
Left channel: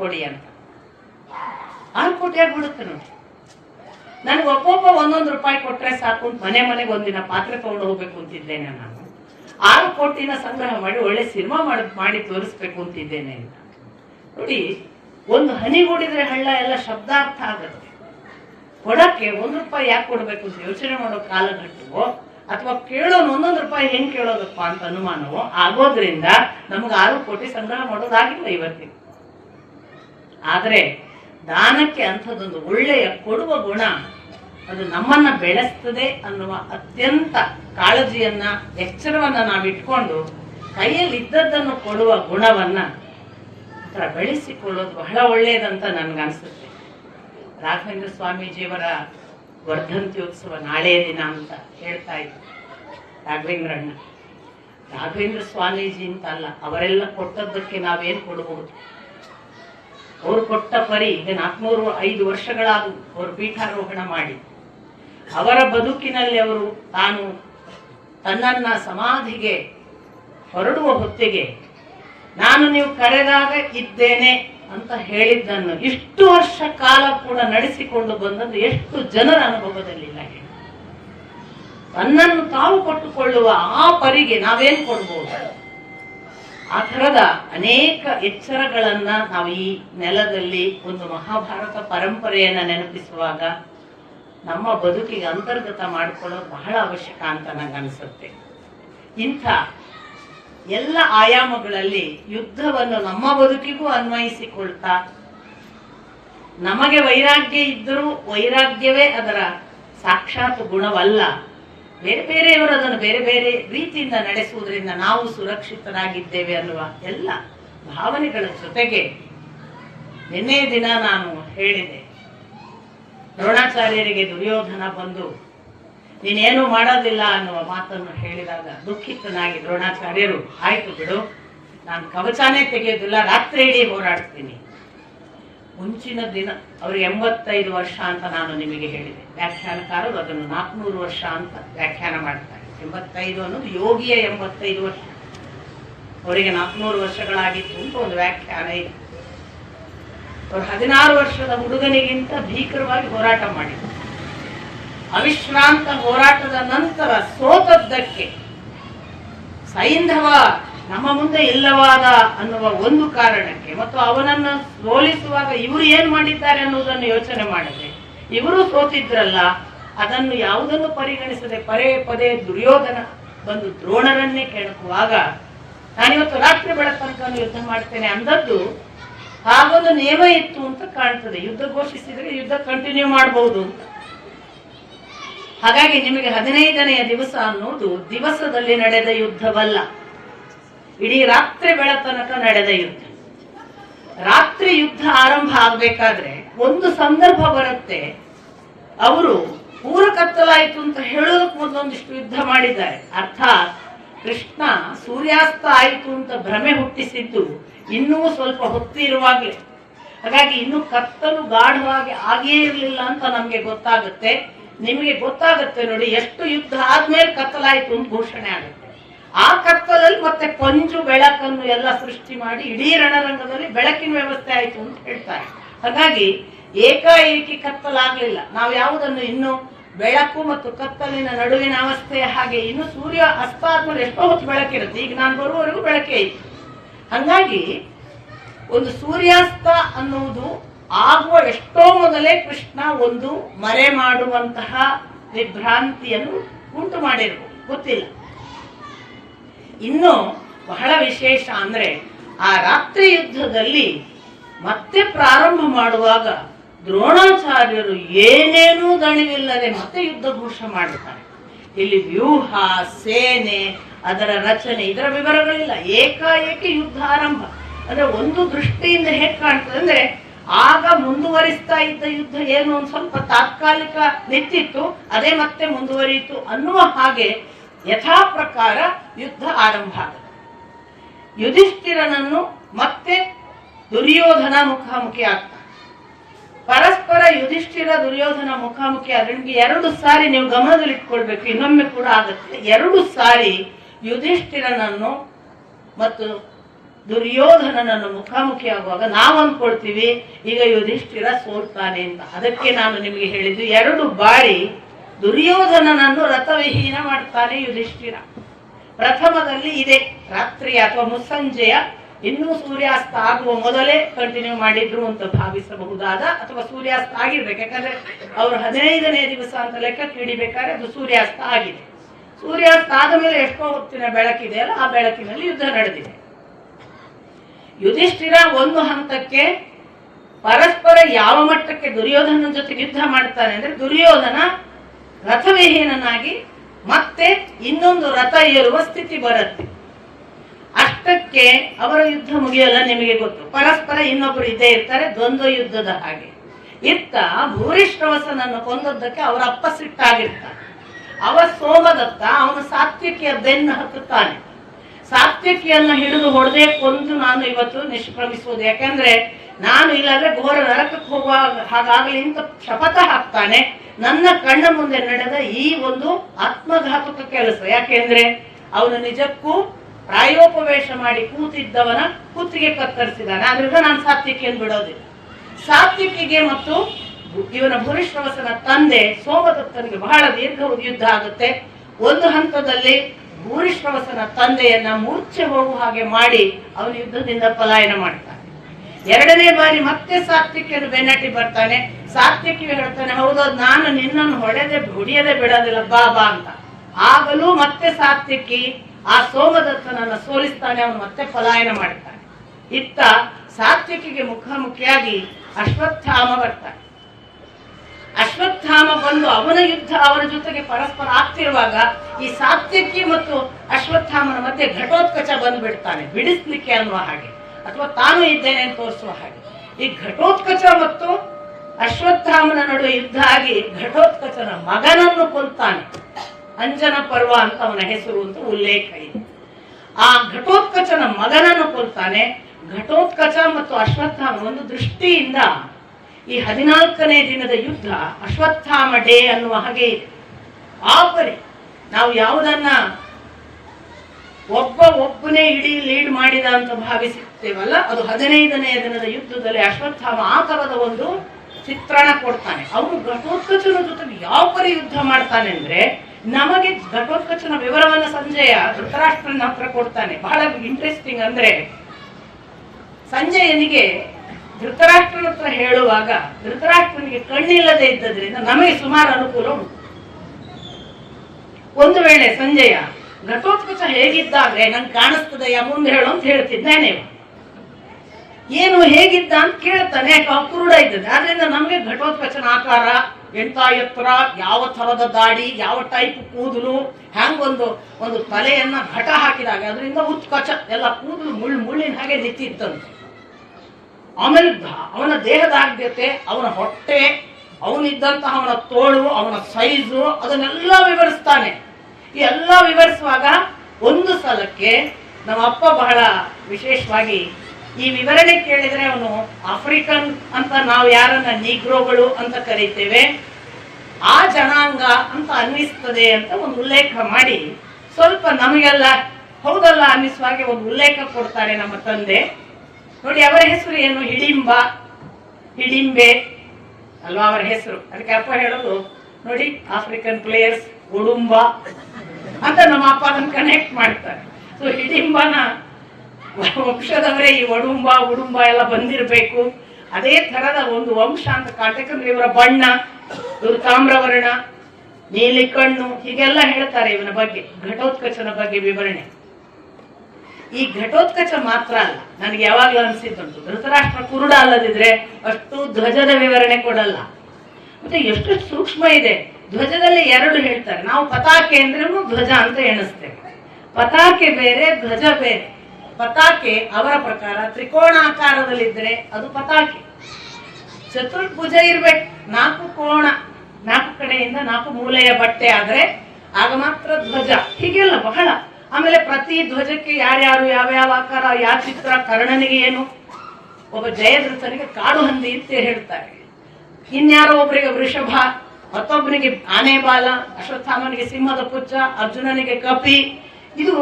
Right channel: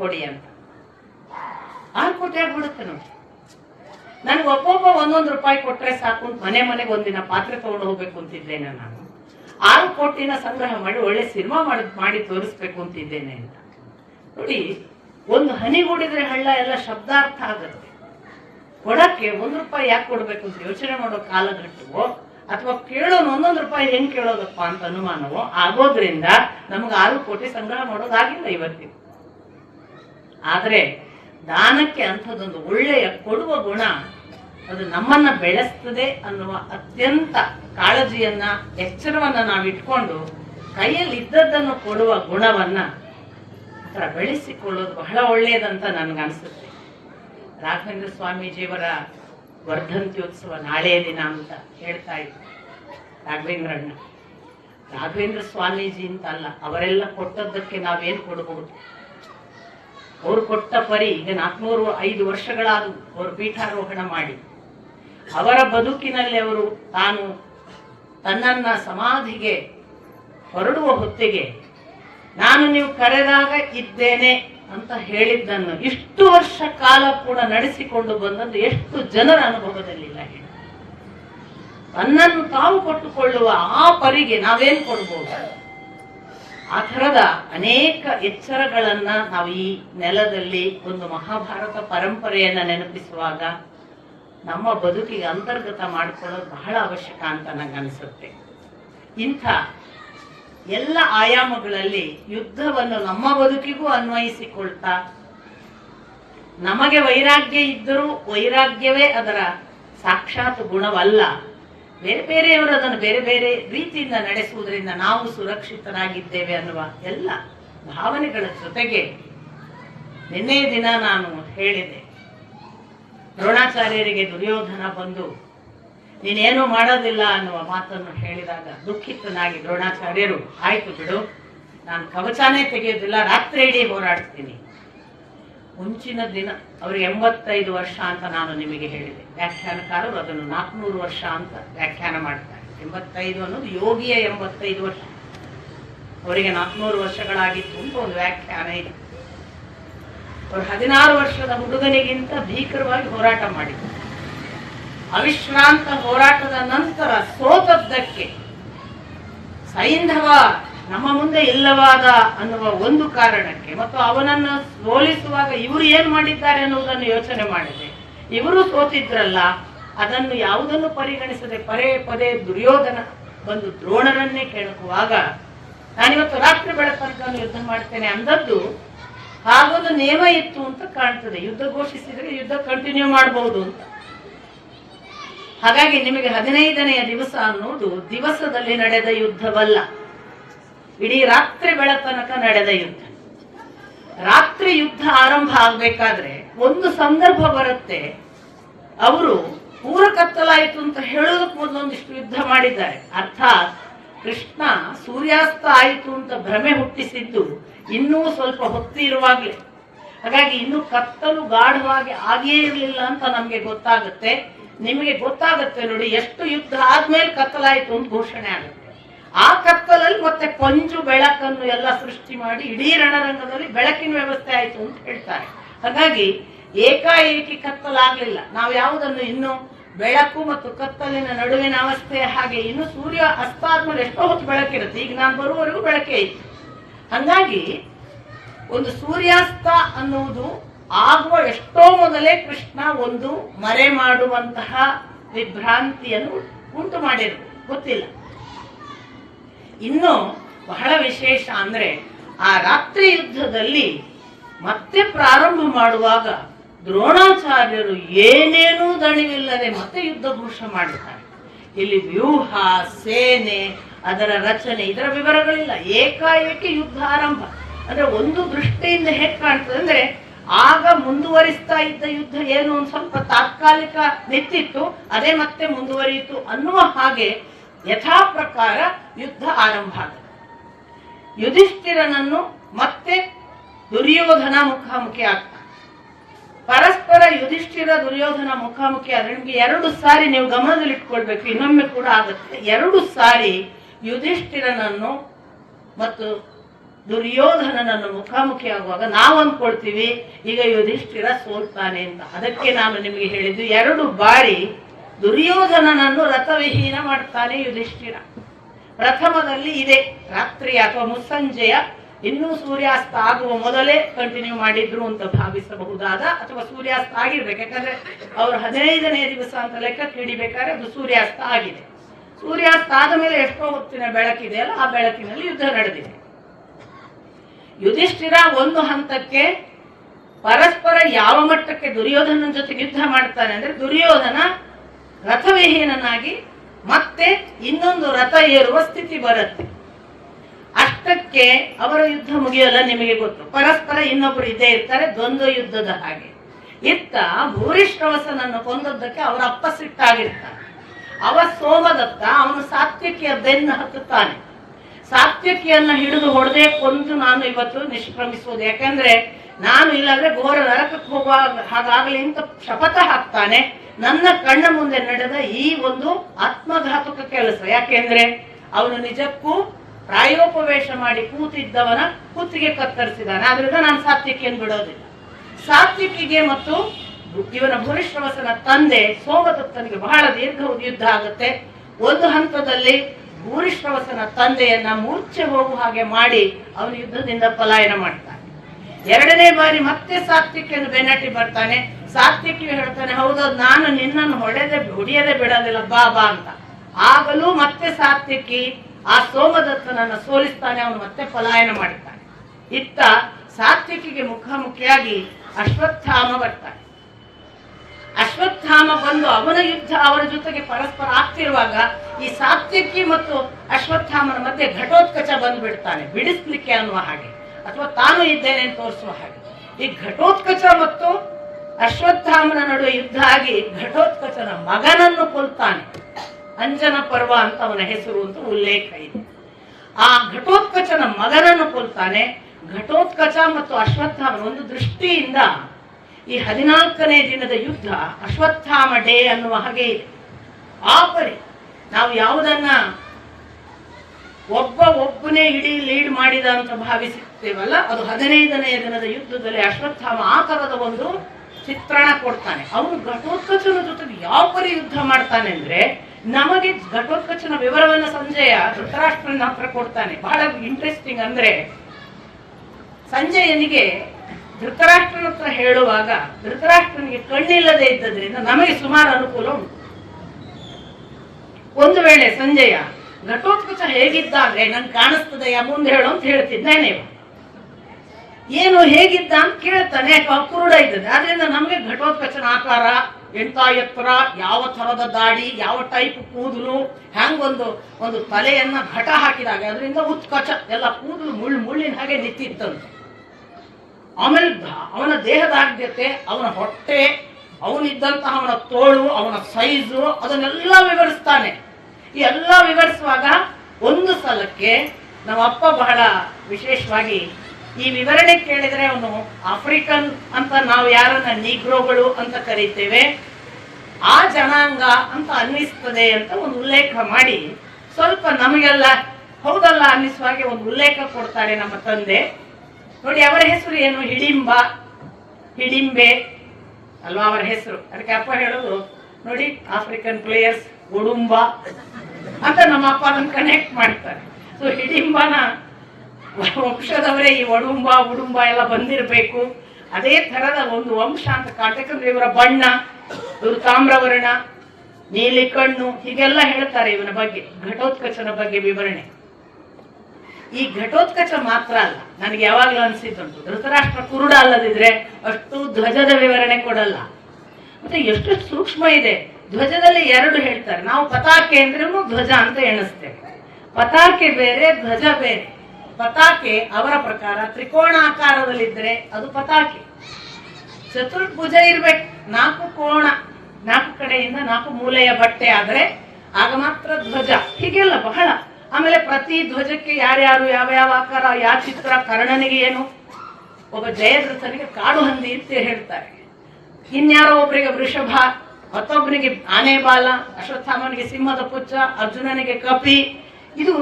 ಕೊಡಿ ಅಂತ. 6 ಕೋಟಿ ಆಗ್ಬಿಡುತ್ತೆ ನೋಡಿ. ನನ್ಗೆ ಒಬ್ಬೊಬ್ಬ 1 ರೂಪಾಯಿ ಕೊಟ್ರೆ ಸಾಕು ಅಂತ ಮನೆಗೆ ಒಂದಿನ ಪಾತ್ರೆ ತಗೊಂಡು ಹೋಗ್ಬೇಕು ಅಂತಿದ್ದೇನೆ. ನಾನು 6 ಕೋಟಿನ ಸಂಗ್ರಹ ಮಾಡಿ ಒಳ್ಳೆ ಸಿನಿಮಾ ಮಾಡಿ ತೋರಿಸ್ಬೇಕು ಅಂತಿದ್ದೇನೆ ಅಂತ. ನೋಡಿ, ಒಂದು ಹನಿಗೂಡಿದ್ರೆ ಹಳ್ಳ ಎಲ್ಲ ಶಬ್ದಾರ್ಥ ಆಗುತ್ತೆ. ಕೊಡಕ್ಕೆ 1 ರೂಪಾಯಿ ಯಾಕೆ ಕೊಡ್ಬೇಕು ಅಂತ ಯೋಚನೆ ಮಾಡೋ ಕಾಲಘಟ್ಟವೋ ಅಥವಾ ಕೇಳೋನು 1 ರೂಪಾಯಿ ಹೆಂಗ್ ಕೇಳೋದಪ್ಪ ಅಂತ ಅನುಮಾನವೋ ಆಗೋದ್ರಿಂದ ನಮ್ಗೆ 6 ಕೋಟಿ ಸಂಗ್ರಹ ಮಾಡೋದಾಗಿಲ್ಲ ಇವತ್ತಿಗೆ. ಆದ್ರೆ ದಾನಕ್ಕೆ ಅಂಥದ್ದೊಂದು ಒಳ್ಳೆಯ ಕೊಡುವ ಗುಣ, ಅದು ನಮ್ಮನ್ನ ಬೆಳೆಸ್ತದೆ ಅನ್ನುವ ಅತ್ಯಂತ ಕಾಳಜಿಯನ್ನ, ಎಚ್ಚರವನ್ನ ನಾವು ಇಟ್ಕೊಂಡು ಕೈಯಲ್ಲಿ ಇದ್ದದ್ದನ್ನು ಕೊಡುವ ಗುಣವನ್ನ ಬೆಳೆಸಿಕೊಳ್ಳೋದು ಬಹಳ ಒಳ್ಳೆಯದಂತ ನನ್ಗನ್ಸುತ್ತೆ. ರಾಘವೇಂದ್ರ ಸ್ವಾಮೀಜಿಯವರ ವರ್ಧಂತ್ಯೋತ್ಸವ ನಾಳೆಯ ದಿನ ಅಂತ ಹೇಳ್ತಾ ಇದ್ರು ರಾಘವೇಂದ್ರ ಸ್ವಾಮೀಜಿ ಅಂತಲ್ಲ, ಅವರೆಲ್ಲ ಕೊಟ್ಟದ್ದಕ್ಕೆ ನಾವೇನ್ ಕೊಡಬಹುದು. ಅವ್ರು ಕೊಟ್ಟ ಪರಿ ಈಗ 405 ವರ್ಷಗಳಾದವು ಅವರು ಪೀಠಾರೋಹಣ ಮಾಡಿ. ಅವರ ಬದುಕಿನಲ್ಲಿ ಅವರು ತಾನು ತನ್ನನ್ನ ಸಮಾಧಿಗೆ ಹೊರಡುವ ಹೊತ್ತಿಗೆ ನಾನು ನೀವು ಕರೆದಾಗ ಇದ್ದೇನೆ ಅಂತ ಹೇಳಿದ್ದನ್ನು ಇಷ್ಟು ವರ್ಷ ಕಾಲ ಕೂಡ ನಡೆಸಿಕೊಂಡು ಬಂದದ್ದು ಎಷ್ಟು ಜನರ ಅನುಭವದಲ್ಲಿಲ್ಲ. ತನ್ನನ್ನು ತಾವು ಕೊಟ್ಟುಕೊಳ್ಳುವ ಆ ಪರಿಗೆ ನಾವೇನ್ ಕೊಡ್ಬೋದು? ಆ ಥರದ ಅನೇಕ ಎಚ್ಚರಗಳನ್ನ ನಾವು ಈ ನೆಲದಲ್ಲಿ ಒಂದು ಮಹಾಭಾರತ ಪರಂಪರೆಯನ್ನ ನೆನಪಿಸುವಾಗ ನಮ್ಮ ಬದುಕಿಗೆ ಅಂತರ್ಗತ ಮಾಡ್ಕೊಳ್ಳೋದು ಬಹಳ ಅವಶ್ಯಕ ಅಂತ ನನಗನ್ಸುತ್ತೆ. ಇಂಥ ಎಲ್ಲ ಆಯಾಮಗಳಲ್ಲಿ ಯುದ್ಧವನ್ನು ನಮ್ಮ ಬದುಕಿಗೂ ಅನ್ವಯಿಸಿಕೊಳ್ತಾ, ನಮಗೆ ವೈರಾಗ್ಯ ಇದ್ದರೂ ವೈರಾಗ್ಯವೇ ಅದರ ಸಾಕ್ಷಾತ್ ಗುಣವಲ್ಲ, ಬೇರೆ ಬೇರೆಯವರು ಅದನ್ನು ಬೇರೆ ಬೇರೆ ರೀತಿಯಿಂದ ನಡೆಸುವುದರಿಂದ ನಾವು ಸುರಕ್ಷಿತರಾಗಿದ್ದೇವೆ ಅನ್ನುವ ಎಲ್ಲ ಭಾವನೆಗಳ ಜೊತೆಗೆ ನಿನ್ನೆಯ ದಿನ ನಾನು ಹೇಳಿದೆ, ದ್ರೋಣಾಚಾರ್ಯರಿಗೆ ದುರ್ಯೋಧನ ಬಂದು ನೀನೇನು ಮಾಡೋದಿಲ್ಲ ಅನ್ನುವ ಮಾತನ್ನು ಹೇಳಿದಾಗ ದುಃಖಿತನಾಗಿ ದ್ರೋಣಾಚಾರ್ಯರು, ಆಯ್ತು ಬಿಡು, ನಾನು ಕವಚನೇ ತೆಗೆಯೋದಿಲ್ಲ, ರಾತ್ರಿ ಇಡೀ ಹೋರಾಡ್ತೀನಿ. ಮುಂಚಿನ ದಿನ ಅವರು 85 ವರ್ಷ ಅಂತ ನಾನು ನಿಮಗೆ ಹೇಳಿದೆ. ವ್ಯಾಖ್ಯಾನಕಾರರು ಅದನ್ನು 400 ವರ್ಷ ಅಂತ ವ್ಯಾಖ್ಯಾನ ಮಾಡ್ತಾರೆ. 85 ಅನ್ನೋದು ಯೋಗಿಯ 85 ವರ್ಷ, ಅವರಿಗೆ 400 ವರ್ಷಗಳಾಗಿತ್ತು ಅಂತ ಒಂದು ವ್ಯಾಖ್ಯಾನ ಇದೆ. ಅವರು 16 ವರ್ಷದ ಹುಡುಗನಿಗಿಂತ ಭೀಕರವಾಗಿ ಹೋರಾಟ ಮಾಡಿದರು. ಅವಿಶ್ರಾಂತ ಹೋರಾಟದ ನಂತರ ಸೋತದ್ದಕ್ಕೆ ಸೈಂಧವ ನಮ್ಮ ಮುಂದೆ ಇಲ್ಲವಾದ ಅನ್ನುವ ಒಂದು ಕಾರಣಕ್ಕೆ ಮತ್ತು ಅವನನ್ನು ಸೋಲಿಸುವಾಗ ಇವರು ಏನ್ ಮಾಡಿದ್ದಾರೆ ಅನ್ನುವುದನ್ನು ಯೋಚನೆ ಮಾಡಿದೆ. ಇವರು ಸೋತಿದ್ರಲ್ಲ, ಅದನ್ನು ಯಾವುದನ್ನು ಪರಿಗಣಿಸದೆ ಪದೇ ಪದೇ ದುರ್ಯೋಧನ ಬಂದು ದ್ರೋಣರನ್ನೇ ಕೆಣಕುವಾಗ ನಾನಿವತ್ತು ರಾತ್ರಿ ಬೆಳಗ್ಗೆ ತನಕ ಯುದ್ಧ ಮಾಡ್ತೇನೆ ಅಂದದ್ದು ಹಾಗೊಂದು ನಿಯಮ ಇತ್ತು ಅಂತ ಕಾಣ್ತದೆ. ಯುದ್ಧ ಘೋಷಿಸಿದ್ರೆ ಯುದ್ಧ ಕಂಟಿನ್ಯೂ ಮಾಡಬಹುದು ಅಂತ. ಹಾಗಾಗಿ ನಿಮಗೆ 15ನೆಯ ದಿವಸ ಅನ್ನೋದು ದಿವಸದಲ್ಲಿ ನಡೆದ ಯುದ್ಧವಲ್ಲ, ಇಡೀ ರಾತ್ರಿ ಬೆಳತನಕ ನಡೆದ ಯುದ್ಧ. ರಾತ್ರಿ ಯುದ್ಧ ಆರಂಭ ಆಗ್ಬೇಕಾದ್ರೆ ಒಂದು ಸಂದರ್ಭ ಬರುತ್ತೆ, ಅವರು ಪೂರ ಕತ್ತಲಾಯಿತು ಅಂತ ಹೇಳೋದಕ್ಕೆ ಮೊದಲೊಂದಿಷ್ಟು ಯುದ್ಧ ಮಾಡಿದ್ದಾರೆ. ಅರ್ಥಾತ್ ಕೃಷ್ಣ ಸೂರ್ಯಾಸ್ತ ಆಯಿತು ಅಂತ ಭ್ರಮೆ ಹುಟ್ಟಿಸಿದ್ದು ಇನ್ನೂ ಸ್ವಲ್ಪ ಹೊತ್ತಿರುವಾಗಲೇ. ಹಾಗಾಗಿ ಇನ್ನು ಕತ್ತಲು ಗಾಢವಾಗಿ ಆಗಿಯೇ ಇರಲಿಲ್ಲ ಅಂತ ನಮ್ಗೆ ಗೊತ್ತಾಗುತ್ತೆ. ನಿಮಗೆ ಗೊತ್ತಾಗುತ್ತೆ ನೋಡಿ, ಎಷ್ಟು ಯುದ್ಧ ಆದ್ಮೇಲೆ ಕತ್ತಲಾಯಿತು ಅಂತ ಘೋಷಣೆ ಆಗುತ್ತೆ. ಆ ಕತ್ತಲಲ್ಲಿ ಮತ್ತೆ ಪಂಜು ಬೆಳಕನ್ನು ಎಲ್ಲ ಸೃಷ್ಟಿ ಮಾಡಿ ಇಡೀ ರಣರಂಗದಲ್ಲಿ ಬೆಳಕಿನ ವ್ಯವಸ್ಥೆ ಆಯಿತು ಅಂತ ಹೇಳ್ತಾರೆ. ಹಾಗಾಗಿ ಏಕಾಏಕಿ ಕತ್ತಲಾಗಲಿಲ್ಲ. ನಾವು ಯಾವುದನ್ನು ಇನ್ನು ಬೆಳಕು ಮತ್ತು ಕತ್ತಲಿನ ನಡುವಿನ ಅವಸ್ಥೆ, ಹಾಗೆ ಇನ್ನು ಸೂರ್ಯ ಅಸ್ತ ಆದ್ಮೇಲೆ ಎಷ್ಟೋ ಹೊತ್ತು ಬೆಳಕಿರುತ್ತೆ. ಈಗ ನಾನು ಬರುವವರೆಗೂ ಬೆಳಕೇ ಇತ್ತು. ಹಾಗಾಗಿ ಒಂದು ಸೂರ್ಯಾಸ್ತ ಅನ್ನುವುದು ಆಗುವ ಎಷ್ಟೋ ಮೊದಲೇ ಕೃಷ್ಣ ಒಂದು ಮರೆ ಮಾಡುವಂತಹ ವಿಭ್ರಾಂತಿಯನ್ನು ಉಂಟು ಮಾಡಿರ್ಬೋದು, ಗೊತ್ತಿಲ್ಲ. ಇನ್ನು ಬಹಳ ವಿಶೇಷ ಅಂದ್ರೆ ಆ ರಾತ್ರಿ ಯುದ್ಧದಲ್ಲಿ ಮತ್ತೆ ಪ್ರಾರಂಭ ಮಾಡುವಾಗ ದ್ರೋಣಾಚಾರ್ಯರು ಏನೇನೂ ದಣಿವಿಲ್ಲದೆ ಮತ್ತೆ ಯುದ್ಧ ಘೋಷಣೆ ಮಾಡುತ್ತಾರೆ. ಇಲ್ಲಿ ವ್ಯೂಹ, ಸೇನೆ, ಅದರ ರಚನೆ, ಇದರ ವಿವರಗಳಿಲ್ಲ. ಏಕಾಏಕಿ ಯುದ್ಧ ಆರಂಭ. ಅಂದ್ರೆ ಒಂದು ದೃಷ್ಟಿಯಿಂದ ಹೇಗೆ ಕಾಣ್ತದೆ ಅಂದ್ರೆ, ಆಗ ಮುಂದುವರಿಸ್ತಾ ಇದ್ದ ಯುದ್ಧ ಏನು ಒಂದು ಸ್ವಲ್ಪ ತಾತ್ಕಾಲಿಕ ನಿಂತಿತ್ತು, ಅದೇ ಮತ್ತೆ ಮುಂದುವರಿಯಿತು ಅನ್ನುವ ಹಾಗೆ ಯಥಾ ಪ್ರಕಾರ ಯುದ್ಧ ಆರಂಭ ಆಗುತ್ತೆ. ಯುಧಿಷ್ಠಿರನನ್ನು ಮತ್ತೆ ದುರ್ಯೋಧನ ಮುಖಾಮುಖಿ ಆಗ್ತಾನೆ. ಪರಸ್ಪರ ಯುಧಿಷ್ಠಿರ ದುರ್ಯೋಧನ ಮುಖಾಮುಖಿ ಆದ್ರೆ ನಿಮ್ಗೆ 2 ಸಾರಿ ನೀವು ಗಮನದಲ್ಲಿಟ್ಕೊಳ್ಬೇಕು, ಇನ್ನೊಮ್ಮೆ ಕೂಡ ಆಗುತ್ತೆ. 2 ಸಾರಿ ಯುಧಿಷ್ಠಿರನನ್ನು ಮತ್ತು ದುರ್ಯೋಧನನನ್ನು ಮುಖಾಮುಖಿ ಆಗುವಾಗ ನಾವು ಅಂದ್ಕೊಳ್ತೀವಿ ಈಗ ಯುಧಿಷ್ಠಿರ ಸೋಲ್ತಾನೆ ಅಂತ. ಅದಕ್ಕೆ ನಾನು ನಿಮಗೆ ಹೇಳಿದ್ದು, 2 ಬಾರಿ ದುರ್ಯೋಧನನನ್ನು ರಥವಿಹೀನ ಮಾಡ್ತಾನೆ ಯುಧಿಷ್ಠಿರ. ಪ್ರಥಮದಲ್ಲಿ ಇದೆ ರಾತ್ರಿ ಅಥವಾ ಮುಸ್ಸಂಜೆಯ, ಇನ್ನೂ ಸೂರ್ಯಾಸ್ತ ಆಗುವ ಮೊದಲೇ ಕಂಟಿನ್ಯೂ ಮಾಡಿದ್ರು ಅಂತ ಭಾವಿಸಬಹುದಾದ, ಅಥವಾ ಸೂರ್ಯಾಸ್ತ ಆಗಿರ್ಬೇಕು. ಯಾಕಂದ್ರೆ ಅವರು 15ನೇ ದಿವಸ ಅಂತ ಲೆಕ್ಕಕ್ಕೆ ಹಿಡಿಬೇಕಾದ್ರೆ ಅದು ಸೂರ್ಯಾಸ್ತ ಆಗಿದೆ. ಸೂರ್ಯಾಸ್ತ ಆದ ಮೇಲೆ ಎಷ್ಟೋ ಹೊತ್ತಿನ ಬೆಳಕಿದೆಯಲ್ಲ, ಆ ಬೆಳಕಿನಲ್ಲಿ ಯುದ್ಧ ನಡೆದಿದೆ. ಯುಧಿಷ್ಠಿರ ಒಂದು ಹಂತಕ್ಕೆ ಪರಸ್ಪರ ಯಾವ ಮಟ್ಟಕ್ಕೆ ದುರ್ಯೋಧನ ಜೊತೆಗೆ ಯುದ್ಧ ಮಾಡ್ತಾನೆ ಅಂದ್ರೆ, ದುರ್ಯೋಧನ ರಥವಿಹೀನನಾಗಿ ಮತ್ತೆ ಇನ್ನೊಂದು ರಥ ಏರುವ ಸ್ಥಿತಿ ಬರುತ್ತೆ. ಅಷ್ಟಕ್ಕೆ ಅವರ ಯುದ್ಧ ಮುಗಿಯಲ್ಲ. ನಿಮಗೆ ಗೊತ್ತು, ಪರಸ್ಪರ ಇನ್ನೊಬ್ಬರು ಇದ್ದೇ ಇರ್ತಾರೆ, ದ್ವಂದ್ವ ಯುದ್ಧದ ಹಾಗೆ. ಇತ್ತ ಭೂರಿಶ್ರವಸನನ್ನು ಕೊಂದದ್ದಕ್ಕೆ ಅವರ ಅಪ್ಪ ಸಿಟ್ಟಾಗಿರ್ತಾನೆ. ಅವ ಸೋಮದತ್ತ, ಅವನು ಸಾತ್ವಿಕಿಯ ಬೆನ್ನು ಹತ್ತುತ್ತಾನೆ. ಸಾತ್ವಿಕಿಯನ್ನು ಹಿಡಿದು ಹೊಡೆದೇ ಕೊಂದು ನಾನು ಇವತ್ತು ನಿಷ್ಕ್ರಮಿಸುವುದು, ಯಾಕಂದ್ರೆ ನಾನು ಇಲ್ಲಾಂದ್ರೆ ಘೋರ ನರಕಕ್ಕೆ ಹೋಗುವ ಹಾಗಾಗಲಿ ಅಂತ ಶಪಥ ಹಾಕ್ತಾನೆ. ನನ್ನ ಕಣ್ಣ ಮುಂದೆ ನಡೆದ ಈ ಒಂದು ಆತ್ಮಘಾತಕ ಕೆಲಸ, ಯಾಕೆಂದ್ರೆ ಅವನು ನಿಜಕ್ಕೂ ಪ್ರಾಯೋಪವೇಶ ಮಾಡಿ ಕೂತಿದ್ದವನ ಕುತ್ತಿಗೆ ಕತ್ತರಿಸಿದಾನೆ. ಆದ್ರಿಂದ ನಾನು ಸಾತ್ವಿಕಿಯನ್ನು ಬಿಡೋದಿಲ್ಲ. ಸಾತ್ವಿಕಿಗೆ ಮತ್ತು ಇವನ ಭೂರಿಶ್ರವಸನ ತಂದೆ ಸೋಮದತ್ತನಿಗೆ ಬಹಳ ದೀರ್ಘ ಯುದ್ಧ ಆಗುತ್ತೆ. ಒಂದು ಹಂತದಲ್ಲಿ ಭೂರಿಶ್ರವಸನ ತಂದೆಯನ್ನ ಮೂರ್ಛೆ ಹೋಗುವ ಹಾಗೆ ಮಾಡಿ ಅವನು ಯುದ್ಧದಿಂದ ಪಲಾಯನ ಮಾಡ್ತಾನೆ. ಎರಡನೇ ಬಾರಿ ಮತ್ತೆ ಸಾತ್ವಿಕನು ಬೆನ್ನಟ್ಟಿ ಬರ್ತಾನೆ. ಸಾತ್ವಿಕ ಹೇಳ್ತಾನೆ, ಹೌದು ನಾನು ನಿನ್ನನ್ನು ಹೊಡೆಯದೆ ಬಿಡೋದಿಲ್ಲ, ಬಾ ಬಾ ಅಂತ. ಆಗಲೂ ಮತ್ತೆ ಸಾತ್ವಿಕಿ ಆ ಸೋಮದತ್ತನನ್ನ ಸೋಲಿಸ್ತಾನೆ, ಅವನು ಮತ್ತೆ ಪಲಾಯನ ಮಾಡ್ತಾನೆ. ಇತ್ತ ಸಾತ್ವಿಕಿಗೆ ಮುಖಾಮುಖಿಯಾಗಿ ಅಶ್ವತ್ಥಾಮ ಬರ್ತಾನೆ. ಅಶ್ವತ್ಥಾಮ ಬಂದು ಅವನ ಯುದ್ಧ ಅವನ ಜೊತೆಗೆ ಪರಸ್ಪರ ಆಗ್ತಿರುವಾಗ ಈ ಸಾತ್ವಿಕಿ ಮತ್ತು ಅಶ್ವತ್ಥಾಮನ ಮಧ್ಯೆ ಘಟೋತ್ಕಚ ಬಂದು ಬಿಡ್ತಾನೆ, ಬಿಡಿಸ್ಲಿಕ್ಕೆ ಅನ್ನುವ ಹಾಗೆ ಅಥವಾ ತಾನು ಇದ್ದೇನೆ ಅಂತ ತೋರಿಸುವ ಹಾಗೆ. ಈ ಘಟೋತ್ಕಚ ಮತ್ತು ಅಶ್ವತ್ಥಾಮನ ನಡುವೆ ಯುದ್ಧ ಆಗಿ ಘಟೋತ್ಕಚನ ಮಗನನ್ನು ಕೊಲ್ತಾನೆ. ಅಂಜನ ಪರ್ವ ಅಂತ ಅವನ ಹೆಸರು ಅಂತ ಉಲ್ಲೇಖ ಇದೆ. ಆ ಘಟೋತ್ಕಚನ ಮಗನನ್ನು ಕೊಲ್ತಾನೆ. ಘಟೋತ್ಕಚ ಮತ್ತು ಅಶ್ವತ್ಥಾಮ ಒಂದು ದೃಷ್ಟಿಯಿಂದ ಈ 14ನೇ ದಿನದ ಯುದ್ಧ ಅಶ್ವತ್ಥಾಮ ಡೇ ಅನ್ನುವ ಹಾಗೆ ಆಪರೆ ನಾವು ಯಾವುದನ್ನ ಒಬ್ಬನೇ ಇಡೀ ಲೀಡ್ ಮಾಡಿದ ಅಂತ ಭಾವಿಸುತ್ತೇವಲ್ಲ, ಅದು 15ನೇ ದಿನದ ಯುದ್ಧದಲ್ಲಿ ಅಶ್ವತ್ಥಾಮ ಆ ತರದ ಒಂದು ಚಿತ್ರಣ ಕೊಡ್ತಾನೆ. ಅವನು ಘಟೋತ್ಕಚನ ಜೊತೆಗೆ ಯಾವ ಪರಿ ಯುದ್ಧ ಮಾಡ್ತಾನೆ ಅಂದ್ರೆ, ನಮಗೆ ಘಟೋತ್ಕಚನ ವಿವರವನ್ನ ಸಂಜಯ ಧೃತರಾಷ್ಟ್ರನ ಹತ್ರ ಕೊಡ್ತಾನೆ. ಬಹಳ ಇಂಟ್ರೆಸ್ಟಿಂಗ್ ಅಂದ್ರೆ, ಸಂಜಯನಿಗೆ ಧೃತರಾಷ್ಟ್ರನ ಹತ್ರ ಹೇಳುವಾಗ ಧೃತರಾಷ್ಟ್ರನಿಗೆ ಕಣ್ಣಿಲ್ಲದೆ ಇದ್ದದ್ರಿಂದ ನಮಗೆ ಸುಮಾರು ಅನುಕೂಲ ಉಂಟು. ಒಂದು ವೇಳೆ ಸಂಜಯ ಘಟೋತ್ಕಚ ಹೇಗಿದ್ದಾಗೆ ನಂಗೆ ಕಾಣಿಸ್ತದೆಯಾ ಮುಂದೆ ಹೇಳು ಅಂತ ಹೇಳ್ತಿದ್ದಾನೆ. ಏನು ಹೇಗಿದ್ದ ಅಂತ ಕೇಳ್ತಾನೆ, ಕುರುಡ ಇದ್ದದೆ. ಆದ್ರಿಂದ ನಮಗೆ ಘಟೋತ್ಕಚನ ಆಕಾರ, ಎಂತ ಎತ್ತರ, ಯಾವ ಥರದ ದಾಡಿ, ಯಾವ ಟೈಪ್ ಕೂದಲು, ಹ್ಯಾಂಗ್ ಒಂದು ತಲೆಯನ್ನ ಘಟ ಹಾಕಿದಾಗ ಅದರಿಂದ ಉತ್ಕಚ ಎಲ್ಲ ಕೂದಲು ಮುಳ್ಳಿನ ಹಾಗೆ ನಿಂತಿತ್ತಂತ. ಆಮೇಲೆ ಅವನ ದೇಹದಾರ್ಢ್ಯತೆ, ಅವನ ಹೊಟ್ಟೆ, ಅವನಿದ್ದಂತಹ ಅವನ ತೋಳು, ಅವನ ಸೈಜು, ಅದನ್ನೆಲ್ಲ ವಿವರಿಸ್ತಾನೆ. ಈ ಎಲ್ಲ ವಿವರಿಸುವಾಗ ಒಂದು ಸಲಕ್ಕೆ ನಮ್ಮ ಅಪ್ಪ ಬಹಳ ವಿಶೇಷವಾಗಿ ಈ ವಿವರಣೆ ಕೇಳಿದ್ರೆ ಅವನು ಆಫ್ರಿಕನ್ ಅಂತ ನಾವು ಯಾರನ್ನ ನೀಗ್ರೋಗಳು ಅಂತ ಕರೀತೇವೆ, ಆ ಜನಾಂಗ ಅಂತ ಅನ್ನಿಸ್ತದೆ ಅಂತ ಒಂದು ಉಲ್ಲೇಖ ಮಾಡಿ ಸ್ವಲ್ಪ ನಮಗೆಲ್ಲ ಹೌದಲ್ಲ ಅನ್ನಿಸುವಾಗೆ ಒಂದು ಉಲ್ಲೇಖ ಕೊಡ್ತಾರೆ ನಮ್ಮ ತಂದೆ. ನೋಡಿ, ಅವರ ಹೆಸರು ಏನು? ಹಿಡಿಂಬೆ ಅಲ್ವಾ ಅವರ ಹೆಸರು. ಅದಕ್ಕೆ ಅಪ್ಪ ಹೇಳೋದು ನೋಡಿ, ಆಫ್ರಿಕನ್ ಪ್ಲೇಯರ್ಸ್ ಉಡುಂಬ ಅಂತ ನಮ್ಮ ಅಪ್ಪ ಅದನ್ನು ಕನೆಕ್ಟ್ ಮಾಡ್ತಾರೆ. ಸೊ ಹಿಡಿಂಬನ ವಂಶದವರೇ ಈ ಉಡುಂಬ ಎಲ್ಲ ಬಂದಿರಬೇಕು. ಅದೇ ತರದ ಒಂದು ವಂಶ ಅಂತ ಕಾಣ್ತಕ್ಕಂದ್ರೆ ಇವರ ಬಣ್ಣ, ಇವರು ತಾಮ್ರವರ್ಣ, ನೀಲಿ ಕಣ್ಣು, ಹೀಗೆಲ್ಲ ಹೇಳ್ತಾರೆ ಇವನ ಬಗ್ಗೆ, ಘಟೋತ್ಕಚನ ಬಗ್ಗೆ ವಿವರಣೆ. ಈ ಘಟೋತ್ಕಚ ಮಾತ್ರ ಅಲ್ಲ, ನನಗೆ ಯಾವಾಗಲೂ ಅನಿಸಿದ್ದಂತು ಧೃತರಾಷ್ಟ್ರ ಕುರುಡ ಅಲ್ಲದಿದ್ರೆ ಅಷ್ಟು ಧ್ವಜದ ವಿವರಣೆ ಕೊಡಲ್ಲ. ಮತ್ತೆ ಎಷ್ಟು ಸೂಕ್ಷ್ಮ ಇದೆ. ಧ್ವಜದಲ್ಲಿ 2 ಹೇಳ್ತಾರೆ. ನಾವು ಪತಾಕೆ ಅಂದ್ರೂ ಧ್ವಜ ಅಂತ ಎಣಿಸ್ತೇವೆ. ಪತಾಕೆ ಬೇರೆ, ಧ್ವಜ ಬೇರೆ. ಪತಾಕೆ ಅವರ ಪ್ರಕಾರ ತ್ರಿಕೋಣಾಕಾರದಲ್ಲಿದ್ರೆ ಅದು ಪತಾಕೆ. ಚತುರ್ಭುಜ ಇರ್ಬೇಕು, 4 ಕೋಣ, 4 ಕಡೆಯಿಂದ 4 ಮೂಲೆಯ ಬಟ್ಟೆ ಆದ್ರೆ ಆಗ ಮಾತ್ರ ಧ್ವಜ. ಹೀಗೆಲ್ಲ ಬಹಳ. ಆಮೇಲೆ ಪ್ರತಿ ಧ್ವಜಕ್ಕೆ ಯಾರ್ಯಾರು ಯಾವ್ಯಾವ ಆಕಾರ, ಯಾವ ಚಿತ್ರ, ಕರ್ಣನಿಗೆ ಏನು, ಒಬ್ಬ ಜಯದ್ರಥನಿಗೆ ಕಾಡು ಹಂದಿ ಅಂತ ಹೇಳ್ತಾರೆ, ಇನ್ಯಾರೋ ಒಬ್ಬರಿಗೆ ವೃಷಭ, ಮತ್ತೊಬ್ಬನಿಗೆ ಆನೆ ಬಾಲ, ಅಶ್ವತ್ಥಾಮನಿಗೆ ಸಿಂಹದ ಪುಚ್ಚ, ಅರ್ಜುನನಿಗೆ ಕಪಿ. ಇದು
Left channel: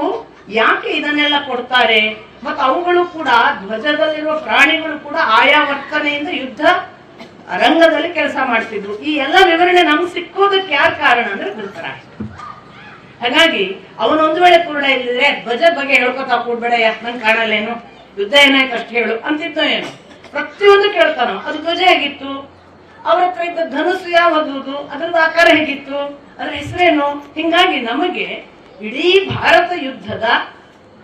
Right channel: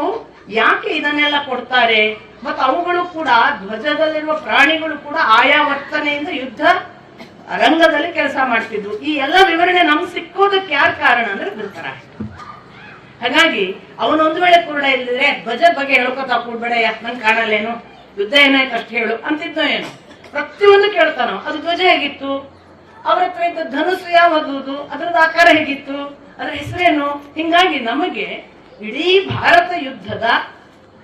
ಯಾಕೆ ಇದನ್ನೆಲ್ಲ ಕೊಡ್ತಾರೆ? ಮತ್ತು ಅವುಗಳು ಕೂಡ, ಧ್ವಜದಲ್ಲಿರುವ ಪ್ರಾಣಿಗಳು ಕೂಡ ಆಯಾ ವರ್ತನೆಯಿಂದ ಯುದ್ಧ ರಂಗದಲ್ಲಿ ಕೆಲಸ ಮಾಡ್ತಿದ್ವು. ಈ ಎಲ್ಲ ವಿವರಣೆ ನಮ್ಗೆ ಸಿಕ್ಕೋದಕ್ಕೆ ಯಾರು ಕಾರಣ ಅಂದ್ರೆ ಧೃತರಾಷ್ಟ್ರ. ಹಾಗಾಗಿ ಅವನೊಂದು ವೇಳೆ ಕುರುಡ ಇಲ್ಲಿದ್ರೆ ಧ್ವಜದ ಬಗ್ಗೆ ಹೇಳ್ಕೊತಾ ಕೂಡ್ಬೇಡ, ಯಾಕೆ ನಂಗೆ ಕಾಣಲ್ಲೇನು, ಯುದ್ಧ ಏನಾಯ್ತು ಅಷ್ಟು ಹೇಳು ಅಂತಿದ್ದ ಏನು, ಪ್ರತಿಯೊಂದು ಕೇಳ್ತಾನೋ. ಅದು ಧ್ವಜ ಹೇಗಿತ್ತು, ಅವ್ರ ಹತ್ರ ಇದ್ದ ಧನುಸು ಯಾವುದು, ಅದರದ ಆಕಾರ ಹೇಗಿತ್ತು, ಅದರ ಹೆಸರೇನು. ಹಿಂಗಾಗಿ ನಮಗೆ ಇಡೀ ಭಾರತ ಯುದ್ಧದ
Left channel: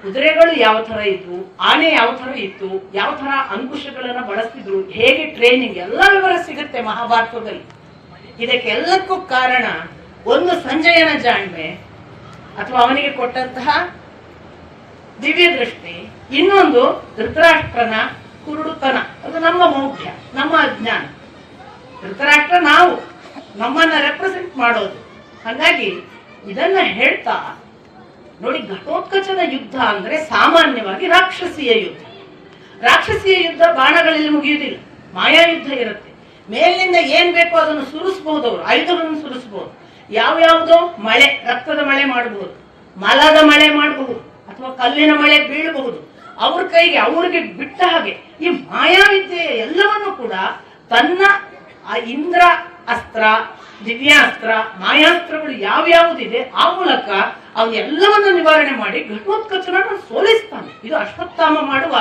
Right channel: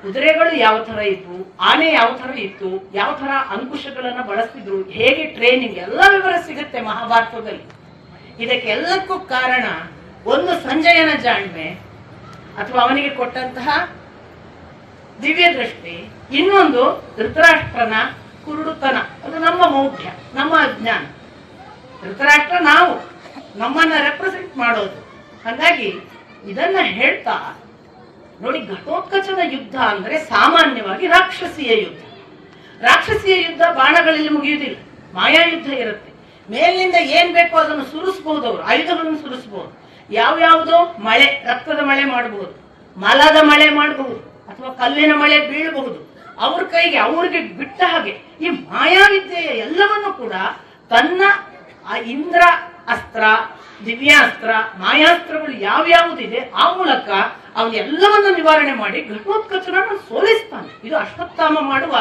ಕುದುರೆಗಳು ಯಾವ ತರ ಇತ್ತು, ಆನೆ ಯಾವ ತರ ಇತ್ತು, ಯಾವ ತರ ಅಂಕುಶಗಳನ್ನ ಬಳಸ್ತಿದ್ರು, ಹೇಗೆ ಟ್ರೈನಿಂಗ್, ಎಲ್ಲ ವಿವರ ಸಿಗುತ್ತೆ ಮಹಾಭಾರತದಲ್ಲಿ. ಇದಕ್ಕೆಲ್ಲಕ್ಕೂ ಕಾರಣ ಒಂದು ಸಂಜಯನ ಜಾಣ್ಮೆ ಅಥವಾ ಅವನಿಗೆ ಕೊಟ್ಟಂತಹ ದಿವ್ಯ ದೃಷ್ಟಿ, ಇನ್ನೊಂದು ಧೃತರಾಷ್ಟ್ರನ ಕುರುಡುತನ. ಅದು ನಮ್ಮ ಮೌಢ್ಯ, ನಮ್ಮ ಅಜ್ಞಾನ. ಧೃತರಾಷ್ಟ್ರ ನಾವು, ನಮ್ಮನ್ನ ರೆಪ್ರೆಸೆಂಟ್ ಮಾಡೋದು. ಹಾಗಾಗಿ ಇದನ್ನ ಹೇಳ್ತಾ ನೋಡಿ, ಘಟೋತ್ಕಚನ ಯುದ್ಧ ಅಂದ್ರೆ ಸಾಮಾನ್ಯವಾಗಿ ರಾಕ್ಷಸೀಯ ಯುದ್ಧ. ರಾಕ್ಷಸೀಯ ಯುದ್ಧ ಬಾಣಗಳಲ್ಲಿ ಮುಗಿಯುವುದಿಲ್ಲ, ಮಾಯಾ ಯುದ್ಧ ಇರುತ್ತೆ. ಮೇಲಿನಿಂದ ಏನ್ ಬೇಕೋ ಅದನ್ನು ಸುರಿಸಬಹುದು, ಅವರು ಆಯುಧಗಳನ್ನು ಸುರಿಸಬಹುದು. ಯಾವ್ಯಾವುದೋ ಮಳೆ, ರಕ್ತದ ಮಳೆ ಮಾಡಬಹುದು, ಮಲದ ಮಳೆ ಮಾಡಬಹುದು, ಅಥವಾ ಕಲ್ಲಿನ ಮಳೆ ಬೀಳಬಹುದು. ಅವ್ರ ಕೈಗೆ ಅವ್ರಿಗೆ ಬಿಟ್ಟ ಹಾಗೆ ಈ ಮಾಯಾವಿದ್ಯೆಯ ಎಲ್ಲವನ್ನು ಕೂಡ ತನ್ನ ಇಂದ್ರ ಅಸ್ತ್ರ, ದಿವ್ಯಾಸ್ತ್ರ, ಮಾಯಾಸ್ತ್ರಗಳು ಯಾವ್ಯಾವುದಿದೆ ಆ ಮೂಲಕ ಅವನ್ನೆಲ್ಲವನ್ನು ನಿವಾರಣೆ ಮಾಡಿ ಘಟೋತ್ಕಚನನ್ನು ಸೋಲಿಸ್ತಾನೆ. ಇದು ಅಶ್ವತ್ಥಾಮ ಮಾಡುವ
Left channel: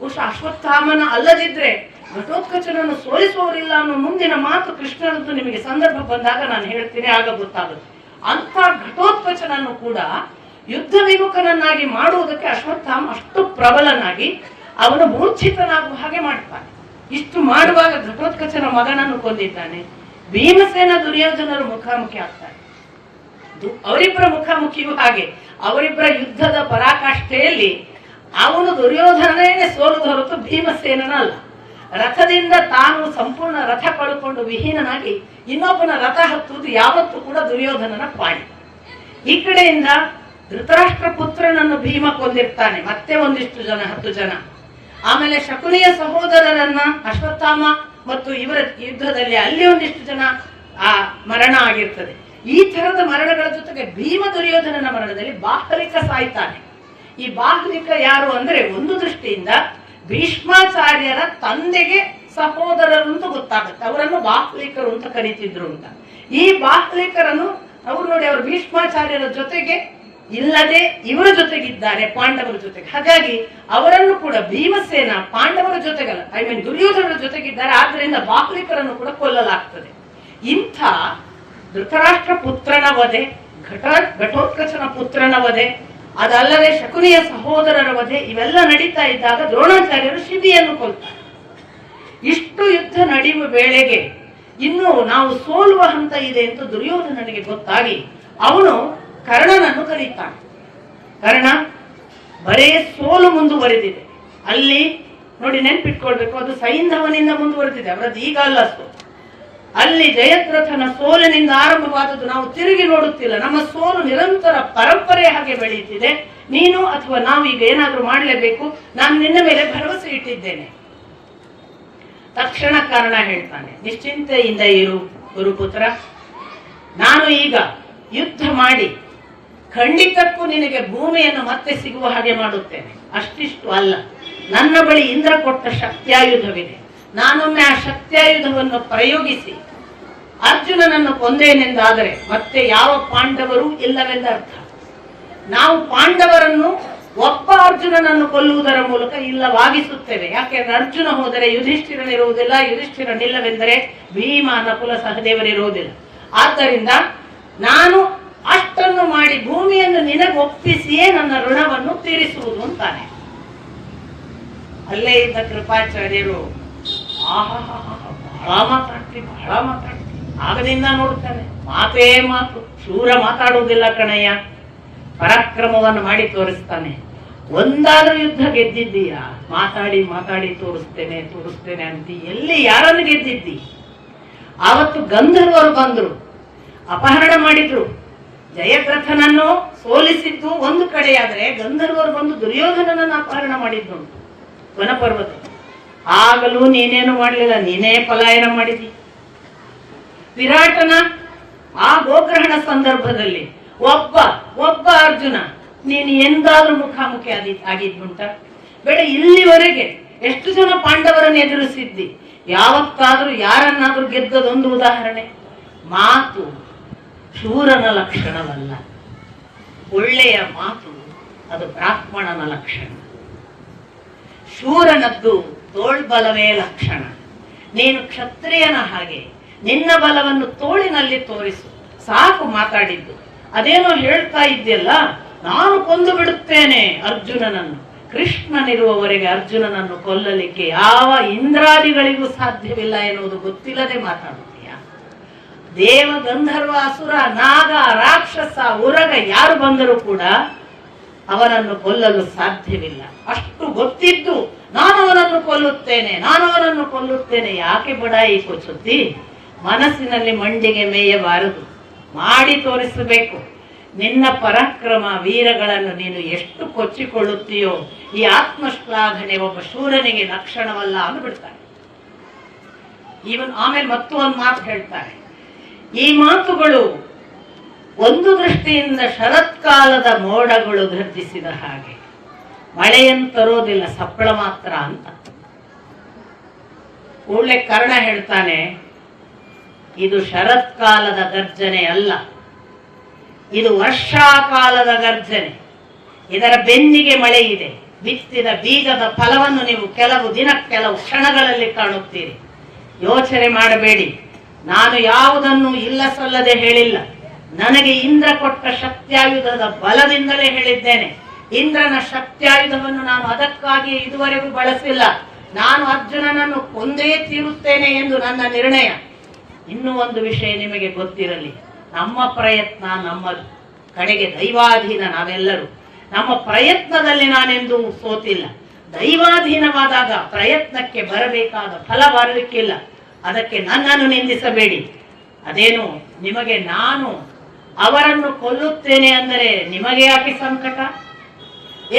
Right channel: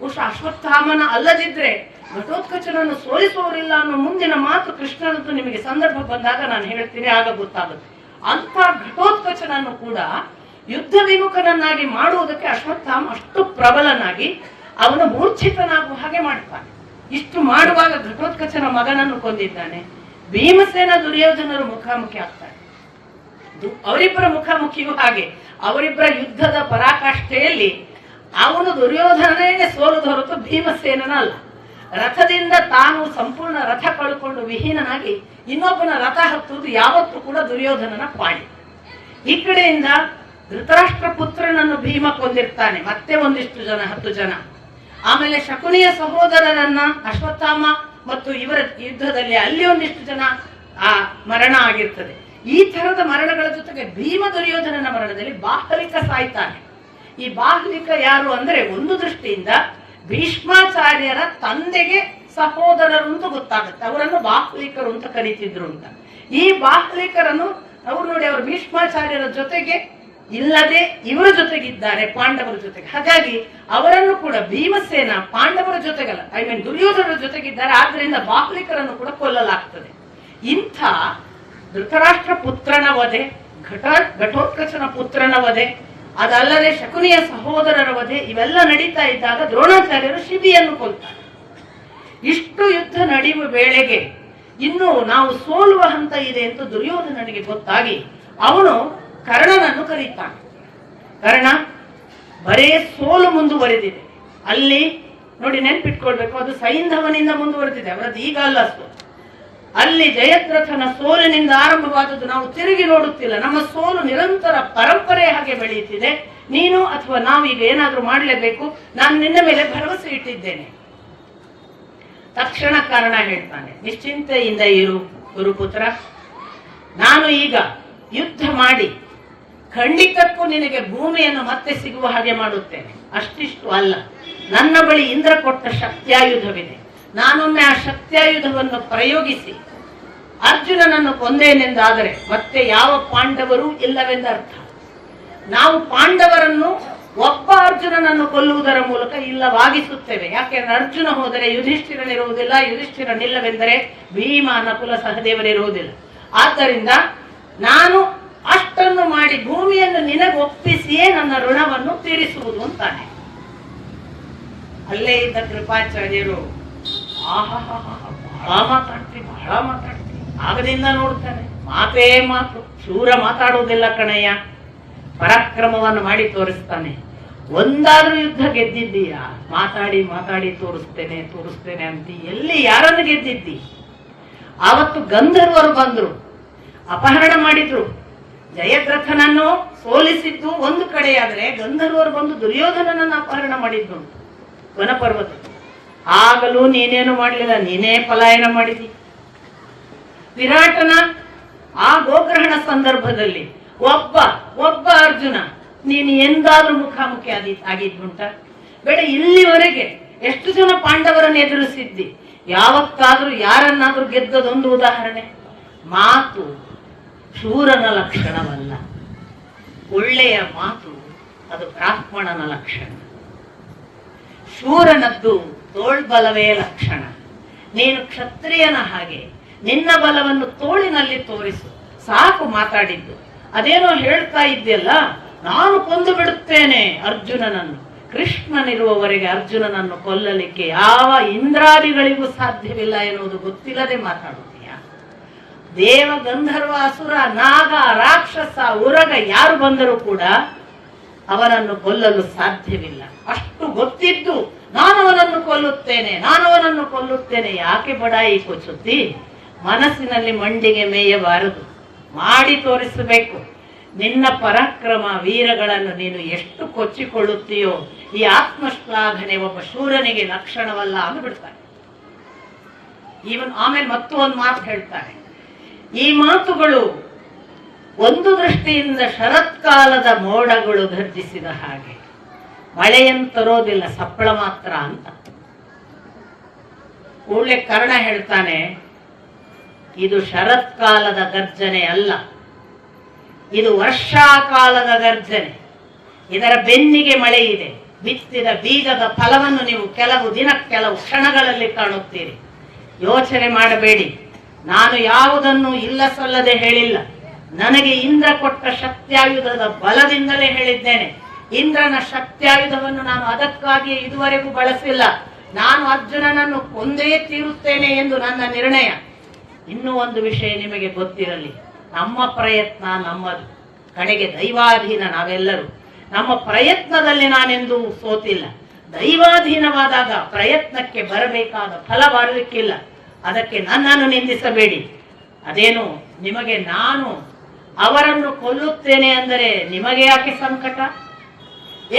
ಬಹುಶಃ ಅಶ್ವತ್ಥಾಮನ ಅಲ್ಲದಿದ್ರೆ ಘಟೋತ್ಕಚನನ್ನು ಸೋಲಿಸುವವರಿಲ್ಲ ಅನ್ನೋ ಮುಂದಿನ ಮಾತು ಕೃಷ್ಣನದ್ದು ನಿಮಗೆ ಸಂದರ್ಭ ಬಂದಾಗ ನಾನು ಹೇಳ್ತೀನಿ, ಆಗ ಗೊತ್ತಾಗುತ್ತೆ. ಅಂತ ಘಟೋತ್ಕಚನನ್ನು ಕೂಡ ಯುದ್ಧ ವಿಮುಖನನ್ನಾಗಿ ಮಾಡುವುದಕ್ಕೆ ಅಶ್ವತ್ಥಾಮ ಅಷ್ಟು ಪ್ರಬಲನಾಗಿ ಅವನು ಮೂರ್ಛಿತನಾಗುವ ಹಾಗೆ ಮಾಡ್ತಾನೆ. ಇಷ್ಟು ಮಾಡುವಾಗ ಘಟೋತ್ಕಚನ ಮಗನನ್ನು ಕೊಂದಿದ್ದಾನೆ. ಭೀಮಸೇನ ದುರ್ಯೋಧನರು ಮುಖಾಮುಖಿ ಆಗ್ತಾರೆ. ಅವರಿಬ್ಬರ ಮುಖಾಮುಖಿಯೂ ಹಾಗೆ ಅವರಿಬ್ಬರ ಯುದ್ಧದ ಪರಾಕಾಷ್ಠೆಯಲ್ಲಿ ಅವನು ದುರ್ಯೋಧನನೇ ಸೋಲುದು ಹೊರತು ಭೀಮಸೇನನ ಅಲ್ಲ. ರಥದಿಂದ ತಾನು ಸಂಪೂರ್ಣ ರಥ ಕಳ್ಕೊಂಡು ವಿಹೀನನಾಗಿ ಇನ್ನೊಬ್ಬನ ರಥ ಹತ್ತುವುದು ಯಾವತ್ತೂ ಕೂಡ ದುರ್ಯೋಧನನ ಪಾಡಿ. ಈ ಕಡೆಯಿಂದ ಧೃತರಾಷ್ಟ್ರ ಪುತ್ರನನ್ನು ಭೀಮ ಕೊಂದಿರ್ತಾನೆ, ಮತ್ತೆ ಒಂದಿಷ್ಟು ಜನ 10 ಜನ. ಆಮೇಲೆ ಶಕುನಿಯ ಸಹೋದರರನ್ನ ಅಶ್ವತ್ಥಾಮ ಮತ್ತು ಇವರ ಯುದ್ಧದಲ್ಲಿ ಅಲ್ಲಿ ಒಂದಿಷ್ಟು ಜನ ಮರಣ ಆಗಿರ್ತದೆ. ಈ ತರದ ಮರಣಗಳ ಜೊತೆಗೆ ಭೀಮ ದುರ್ಯೋಧನನ ಮರಣದಲ್ಲಿ ಬಾಹಲಿಕ ಸಾಯ್ತಾನೆ. ಈ ಬಾಹಲಿಕ ಯಾರು ಅಂದ್ರೆ ಒಂದು ದೃಷ್ಟಿಯಿಂದ ಭೀಷ್ಮಾಚಾರ್ಯರ ತಂದೆಗೆ ಸಹೋದರರು ಅಂತ ಗೊತ್ತಾಗುತ್ತೆ. ಅವರನ್ನು ಬಾಹ್ಲಿಕರು ಅಂತ ಕರೀತಿದ್ರು ಅಂತ. ಈ ಬಾಹ್ಲಿಕರನ್ನು ಅವ್ರು ನೋಡಿ, ಅವರು ಭೀಷ್ಮಾಚಾರ್ಯರ ಜೊತೆಗೆ ಇಲ್ಲದೆ ಇವರ ಜೊತೆಗಿದ್ದಾರೆ, ಪಾಂಡವರ ಜೊತೆಗೆ. ಹಾಗಾಗಿ ಅವರನ್ನು ಕೂಡ ಭೀಮಸೇನ ಪಾಂಡವರ ಜೊತೆಗಲ್ಲ, ದುರ್ಯೋಧನರ ಜೊತೆಗಿದ್ದಾರೆ. ಆದ್ರಿಂದ ಬಾಹ್ಲಿಕರನ್ನು ಕೂಡ ಕೊಲ್ಲಲಾಗ್ತದೆ. ಇಂಥ ಧೃತರಾಷ್ಟ್ರ ಪುತ್ರನ ವಧೆ, ಘಟೋತ್ಕಚನ ಪುತ್ರನ ವಧೆ, ಅದಲ್ಲದೆ ಶಕುನಿಯ ಸಹೋದರರ ವಧೆ, ಇವೆಲ್ಲ ನಡೀತಾ ಇದ್ದಾಗ ದ್ರೋಣಾಚಾರ್ಯರು ಶಿಬಿಯನ್ನು ಕೊಲ್ತಾರೆ. ಇಷ್ಟು ಯುದ್ಧ ನಡೆಯುವ ವೇಳೆಗೆ ಇನ್ನು ನಾವು ಸೋಲುವ ಹಂತ ಇದೆ ಅಂತ ದುರ್ಯೋಧನನಿಗೆ ಗೊತ್ತಾಗಿ ಅವನು ಕರ್ಣನನ್ನು ಕರೀತಾನೆ. ಕರ್ಣ, ಬರೇ ಸೋಲು ಮುಂದುವರೆದಿದೆ ಅಲ್ಲಿ ನೋಡಿ, ನೆನ್ಪಿಟ್ಕೊಳ್ಬೇಕು, ಅದು ಸೈಂಧವನಿಂದ ಮುಂದುವರೆದಿದೆ, ಅವರದ್ದು ಈಗ ಅಲ್ಲ ಸೋಲು. ಅಲ್ಲಿ ಜಯದ್ರಥನ ಸೋಲಿನಿಂದ ಆರಂಭವಾದದ್ದು ನಾವು ತಿರುಗಿ ನೋಡುತ್ತಿಲ್ಲ. ನಮ್ಮ ಸೋಲು ನಿರಂತರ ಪರಂಪರೆ ಹಾಗೆ ಬೆಳೆಯುತ್ತಿದೆ. ನೀನು ಅಥವಾ ನಾವು ಈಗ ಏನಾದ್ರೂ ಮಾಡಲೇಬೇಕು. ನಾನು ನಿನ್ನ ಮೇಲೆ ಭರವಸೆ ಇಟ್ಟಿದ್ದೇನೆ. ತಕ್ಷಣ ಕಾರಣ ಹೇಳ್ತಾನೆ, ನಿಶ್ಚಿಂತೆಯಿಂದ ಇರು ಗುರುಪುತ್ರ, ನಾನು ಈಗ ಯುದ್ಧ ಮಾಡಿ ಖಂಡಿತಕ್ಕೂ ನಿನಗೆ ಭೂಮಿಯನ್ನು ಮತ್ತೆ ಸಿಗುವ ಹಾಗೆ ಮಾಡುತ್ತೇನೆ. ಅಷ್ಟಿಷ್ಟು ಅಲ್ಲ, ನನ್ನ ಬಳಿ ಇಂದ್ರ ಕೊಟ್ಟ ಶಕ್ತ್ಯಾಯುಧವಿದೆ. ನಾನೊಮ್ಮೆ ಆ ಶಕ್ತ್ಯಾಯುಧವನ್ನು ಪ್ರಯೋಗಿಸಿ ಅರ್ಜುನನನ್ನು ಕೊಂದೇನೆಂದಾದರೆ ಮತ್ತೆ ಯಾವ ಪಾಂಡವರು ಇಲ್ಲವೆಂದರ್ಥ. ನಾವು ಪಾಂಡವರನ್ನು ಒಬ್ಬ ಅರ್ಜುನನನ್ನು ಕೊಲ್ಲುವುದರ ಮೂಲಕ ಇಲ್ಲವಾಗಿಸುತ್ತೇವೆ. ಯಾಕೆಂದ್ರೆ ಅರ್ಜುನ ಹೋದರೆ ಯುಧಿಷ್ಠಿರನಿರುವುದಿಲ್ಲ, ಯುಧಿಷ್ಠಿರನಿಲ್ಲವೆಂದರೆ ಭೀಮ ನಕುಲ ಸಹದೇವರಿರುವುದಿಲ್ಲ. ಆದ್ದರಿಂದ ನಾನು ಅಷ್ಟನ್ನು ಮಾಡಿ ಭೂಮಿಯನ್ನು ನಿನಗೆ ಒಪ್ಪಿಸಿಯೇ ನನ್ನ ಋಣವನ್ನು ತೀರಿಸುವುದು ಅಂತಾನೆ. ಅಲ್ಲೇ ಇದ್ದ ಕೃಪಾಚಾರ್ಯರು ಬಹಳ ಮಾತಾಡ್ತೀವಿ ಆಗದಿಂದ ನೋಡ್ತಾರೆ. ಮಾತೇ ಮಾತು, ಶೂರ ಮಾತಾಡುವುದಿಲ್ಲ ಕಣಯ್ಯ, ಪರಾಕ್ರಮವನ್ನು ಮಾಡಿ ತೋರಿಸ್ತಾನೆ. ಒಂದಾದ್ರೂ ಯುದ್ಧ ಗೆದ್ದಿದ್ದೀಯಾ? ಮಾತಾಡಿ ತೋರಿಸ್ತೇನೆ ಅಂತ ಎಲ್ಲಿ ಯಾರನ್ನು ಗೆದ್ದಿದ್ದಿ? ಆವತ್ತು ಗಂಧರ್ವರು ಬಂದ್ರು, ಅಪಹರಣ ಮಾಡಿದ್ರು. ಜಯದ್ರಥನನ್ನು ಸೋಲಿಸಿದ್ದು ಒಂದು ಕಡೆಯಾದ್ರೆ ಗಂಧರ್ವರು ಬಂದು ದುರ್ಯೋಧನನನ್ನು ಅಪಹರಣ ಮಾಡಿದ್ದುಂಟು ವನಪರ್ವತ. ಆಗಲೂ ನೀನೇನು ಮಾಡಲಿಲ್ಲ, ನೀನೇ ಪಲಾಯನ ಮಾಡಿದಿ. ವಿರಾಟನ ಆ ಗೋಗ್ರಹಣ ಸಂದರ್ಭದಲ್ಲಿ ಒಬ್ಬ ಅರ್ಜುನ ನೀನು ಎಂದಾದ್ರೂ ಮುಖಾಮುಖಿ ಆಗಿದ್ದುಂಟ? ಬೇಡ, ಇಲ್ಲಿವರೆಗೆ ಎಷ್ಟು ಜನ ಪಾಂಡವರನ್ನು ಎದುರಿಸಿದ್ದಿ? ಯಾವತ್ತಾದ್ರೂ ಯಾರನ್ನಾದ್ರೂ ಗೆದ್ದದೊಂದು ಉದಾಹರಣೆ? ಮಾತು ಶೂರನ ಲಕ್ಷಣವಲ್ಲ, ಒಳ್ಳೆಯ ಮಾತು ಅದು ಬ್ರಾಹ್ಮಣನ ಲಕ್ಷಣ. ಶೂರನದ್ದು ತೋಳ್ಬಲವೇ ಲಕ್ಷಣ. ನೀನು ಕ್ಷತ್ರಿಯನ ಹಾಗೆ ನಿನ್ನ ಬಲವನ್ನು ತೋಳಿನಲ್ಲಿ ತೋರಿಸು, ಸಾಕು ಮಾತಾಡಿದ್ದು. ಅದೇನೋ ಹೇಳ್ತಾ ಇದ್ದೆಲ್ಲ, ನಾನು ಕೊಂದು ಬಿಡುತ್ತೇನೆ ಅರ್ಜುನನನ್ನು. ಕೃಷ್ಣನಿರುವವರೆಗೆ ಅರ್ಜುನನನ್ನು ಕೊಲ್ಲಲಿಕ್ಕೆ ಯಾವ ಇಂದ್ರಾದಿಗಳಿಗೂ ಸಾಧ್ಯವಿಲ್ಲ ಎನ್ನುವುದು ಗೊತ್ತಿಲ್ಲದೆ ಮಾತಾಡುತ್ತೀಯ. ದೇವ, ಗಂಧರ್ವ, ಅಸುರ, ನಾಗ, ರಾಕ್ಷಸ, ಉರಗ ಯಾರು ಬಂದರೂ ಕೂಡ ಅವನನ್ನು ಕೊಲ್ಲಲು ಸಾಧ್ಯವಿಲ್ಲ. ಅಷ್ಟು ಗೊತ್ತಿದ್ದು ನಾನು ಅವನನ್ನು ಕೊಲ್ಲುತ್ತೇನೆ ಯಾಕೆ ಬಡಾಯಿ ಕೊಚ್ಚುತ್ತಿ? ಮನಸ್ಸಿನಲ್ಲಿ ಮಂಡಿಗೆ ಮೇಯಬಾರದು, ಮಾಡಿ ತೋರಿಸಬೇಕು. ನಿನ್ನ ಪರಾಕ್ರಮ ವೀರಗಳನ್ನು ನೀನು ಎಷ್ಟು ಕೊಚ್ಚಿಕೊಳ್ಳುತ್ತೀಯೋ ಈ ಆತ್ಮಶ್ಲಾಘನೆ ಒಬ್ಬ ಶೂರನಿಗೆ ಲಕ್ಷಣವಲ್ಲ ಅಂದ್ಬಿಡ್ತಾರೆ. ಆಮೇಲೆ ಮತ್ತೊಂದು ಮಾತು ಹೇಳ್ತಾರೆ. ಈ ಮಾತುಗಳು ಒಂದು ದೃಷ್ಟಿಯಿಂದ ಶರತ್ಕಾಲದ ಮೋಡಗಳು ಗರ್ಜಿಸಿದ ಹಾಗೆ, ಮಳೆಯನ್ನು ತರೋದಿಲ್ಲ, ಸಪ್ಪಳ ಮಾತ್ರ ಅಂತ. ಕೂಡಲೇ ಕರ್ಣ ಹೇಳ್ತಾನೆ, ಇದು ಶರತ್ಕಾಲದ ಗರ್ಜನೆ ಅಲ್ಲ, ಇದು ವರ್ಷಾಕಾಲದ ಗರ್ಜನೆ. ಇದರ ಬೆನ್ನಿಗೆ ಮಳೆ ಇದೆ. ಬಿತ್ತಿದ ಬೀಜದ ಫಲವನ್ನು ನೀವು ಕೆಲವು ಕ್ಷಣಗಳಲ್ಲಿ ಕಾಣುತ್ತೀರಿ. ಯೋಚನೆ ಮಾಡಬೇಡಿ. ನಾನು ಯಾವುದನ್ನು ಇಲ್ಲ ಸಲ್ಲದೆ ಹೇಳಿಲ್ಲ. ನನಗೆ ಇಂದ್ರ ಕೊಟ್ಟ ಶಕ್ತ್ಯಾಯುಧದ ಬಲದಿಂದಲೇ ಹೇಳಿದ್ದೇನೆ. ಇಂದ್ರನ ಶಕ್ತ್ಯಾಯುಧವನ್ನು ನಾನು ಅದಕ್ಕಾಗಿ ಇದುವರೆಗೂ ಬಳಸಿಲ್ಲ. ನಾನು ಅರ್ಜುನನನ್ನು ಕೊಂದೇ ತೀರುತ್ತೇನೆ ಎಂದು ನನ್ನ ನಿರ್ಣಯ. ಇನ್ನೂ ಒಂದು ವಿಷಯ ನಿಮಗೆ ಗೊತ್ತಿರಲಿ, ನಮ್ಮ ಪ್ರಯತ್ನ ನಮ್ಮದು, ಕಡೆಗೆ ದೈವಾಧೀನ ನಾವೆಲ್ಲರೂ. ನಮ್ಮ ಪ್ರಯತ್ನದಲ್ಲಿ ನಾನೆಂದೂ ಸೋತಿಲ್ಲ. ದೈವಾಧೀನವಾದಾಗ ಪ್ರಯತ್ನಕ್ಕೆ ಬರಬೇಕಾದ ಫಲ ಬರಲಿಕ್ಕಿಲ್ಲ. ಅದಕ್ಕೆ ನನ್ನನ್ನು ನಿಂದಿಸಬೇಡಿ. ಅದೇನು ನಿಮಗೆ ನಾನು ಅವರನ್ನು ಕೊಲ್ಲುತ್ತೇನೆ ಅಂದರೆ ನಿಮಗೆ ಯಾಕೆ ಸಂಕಟ?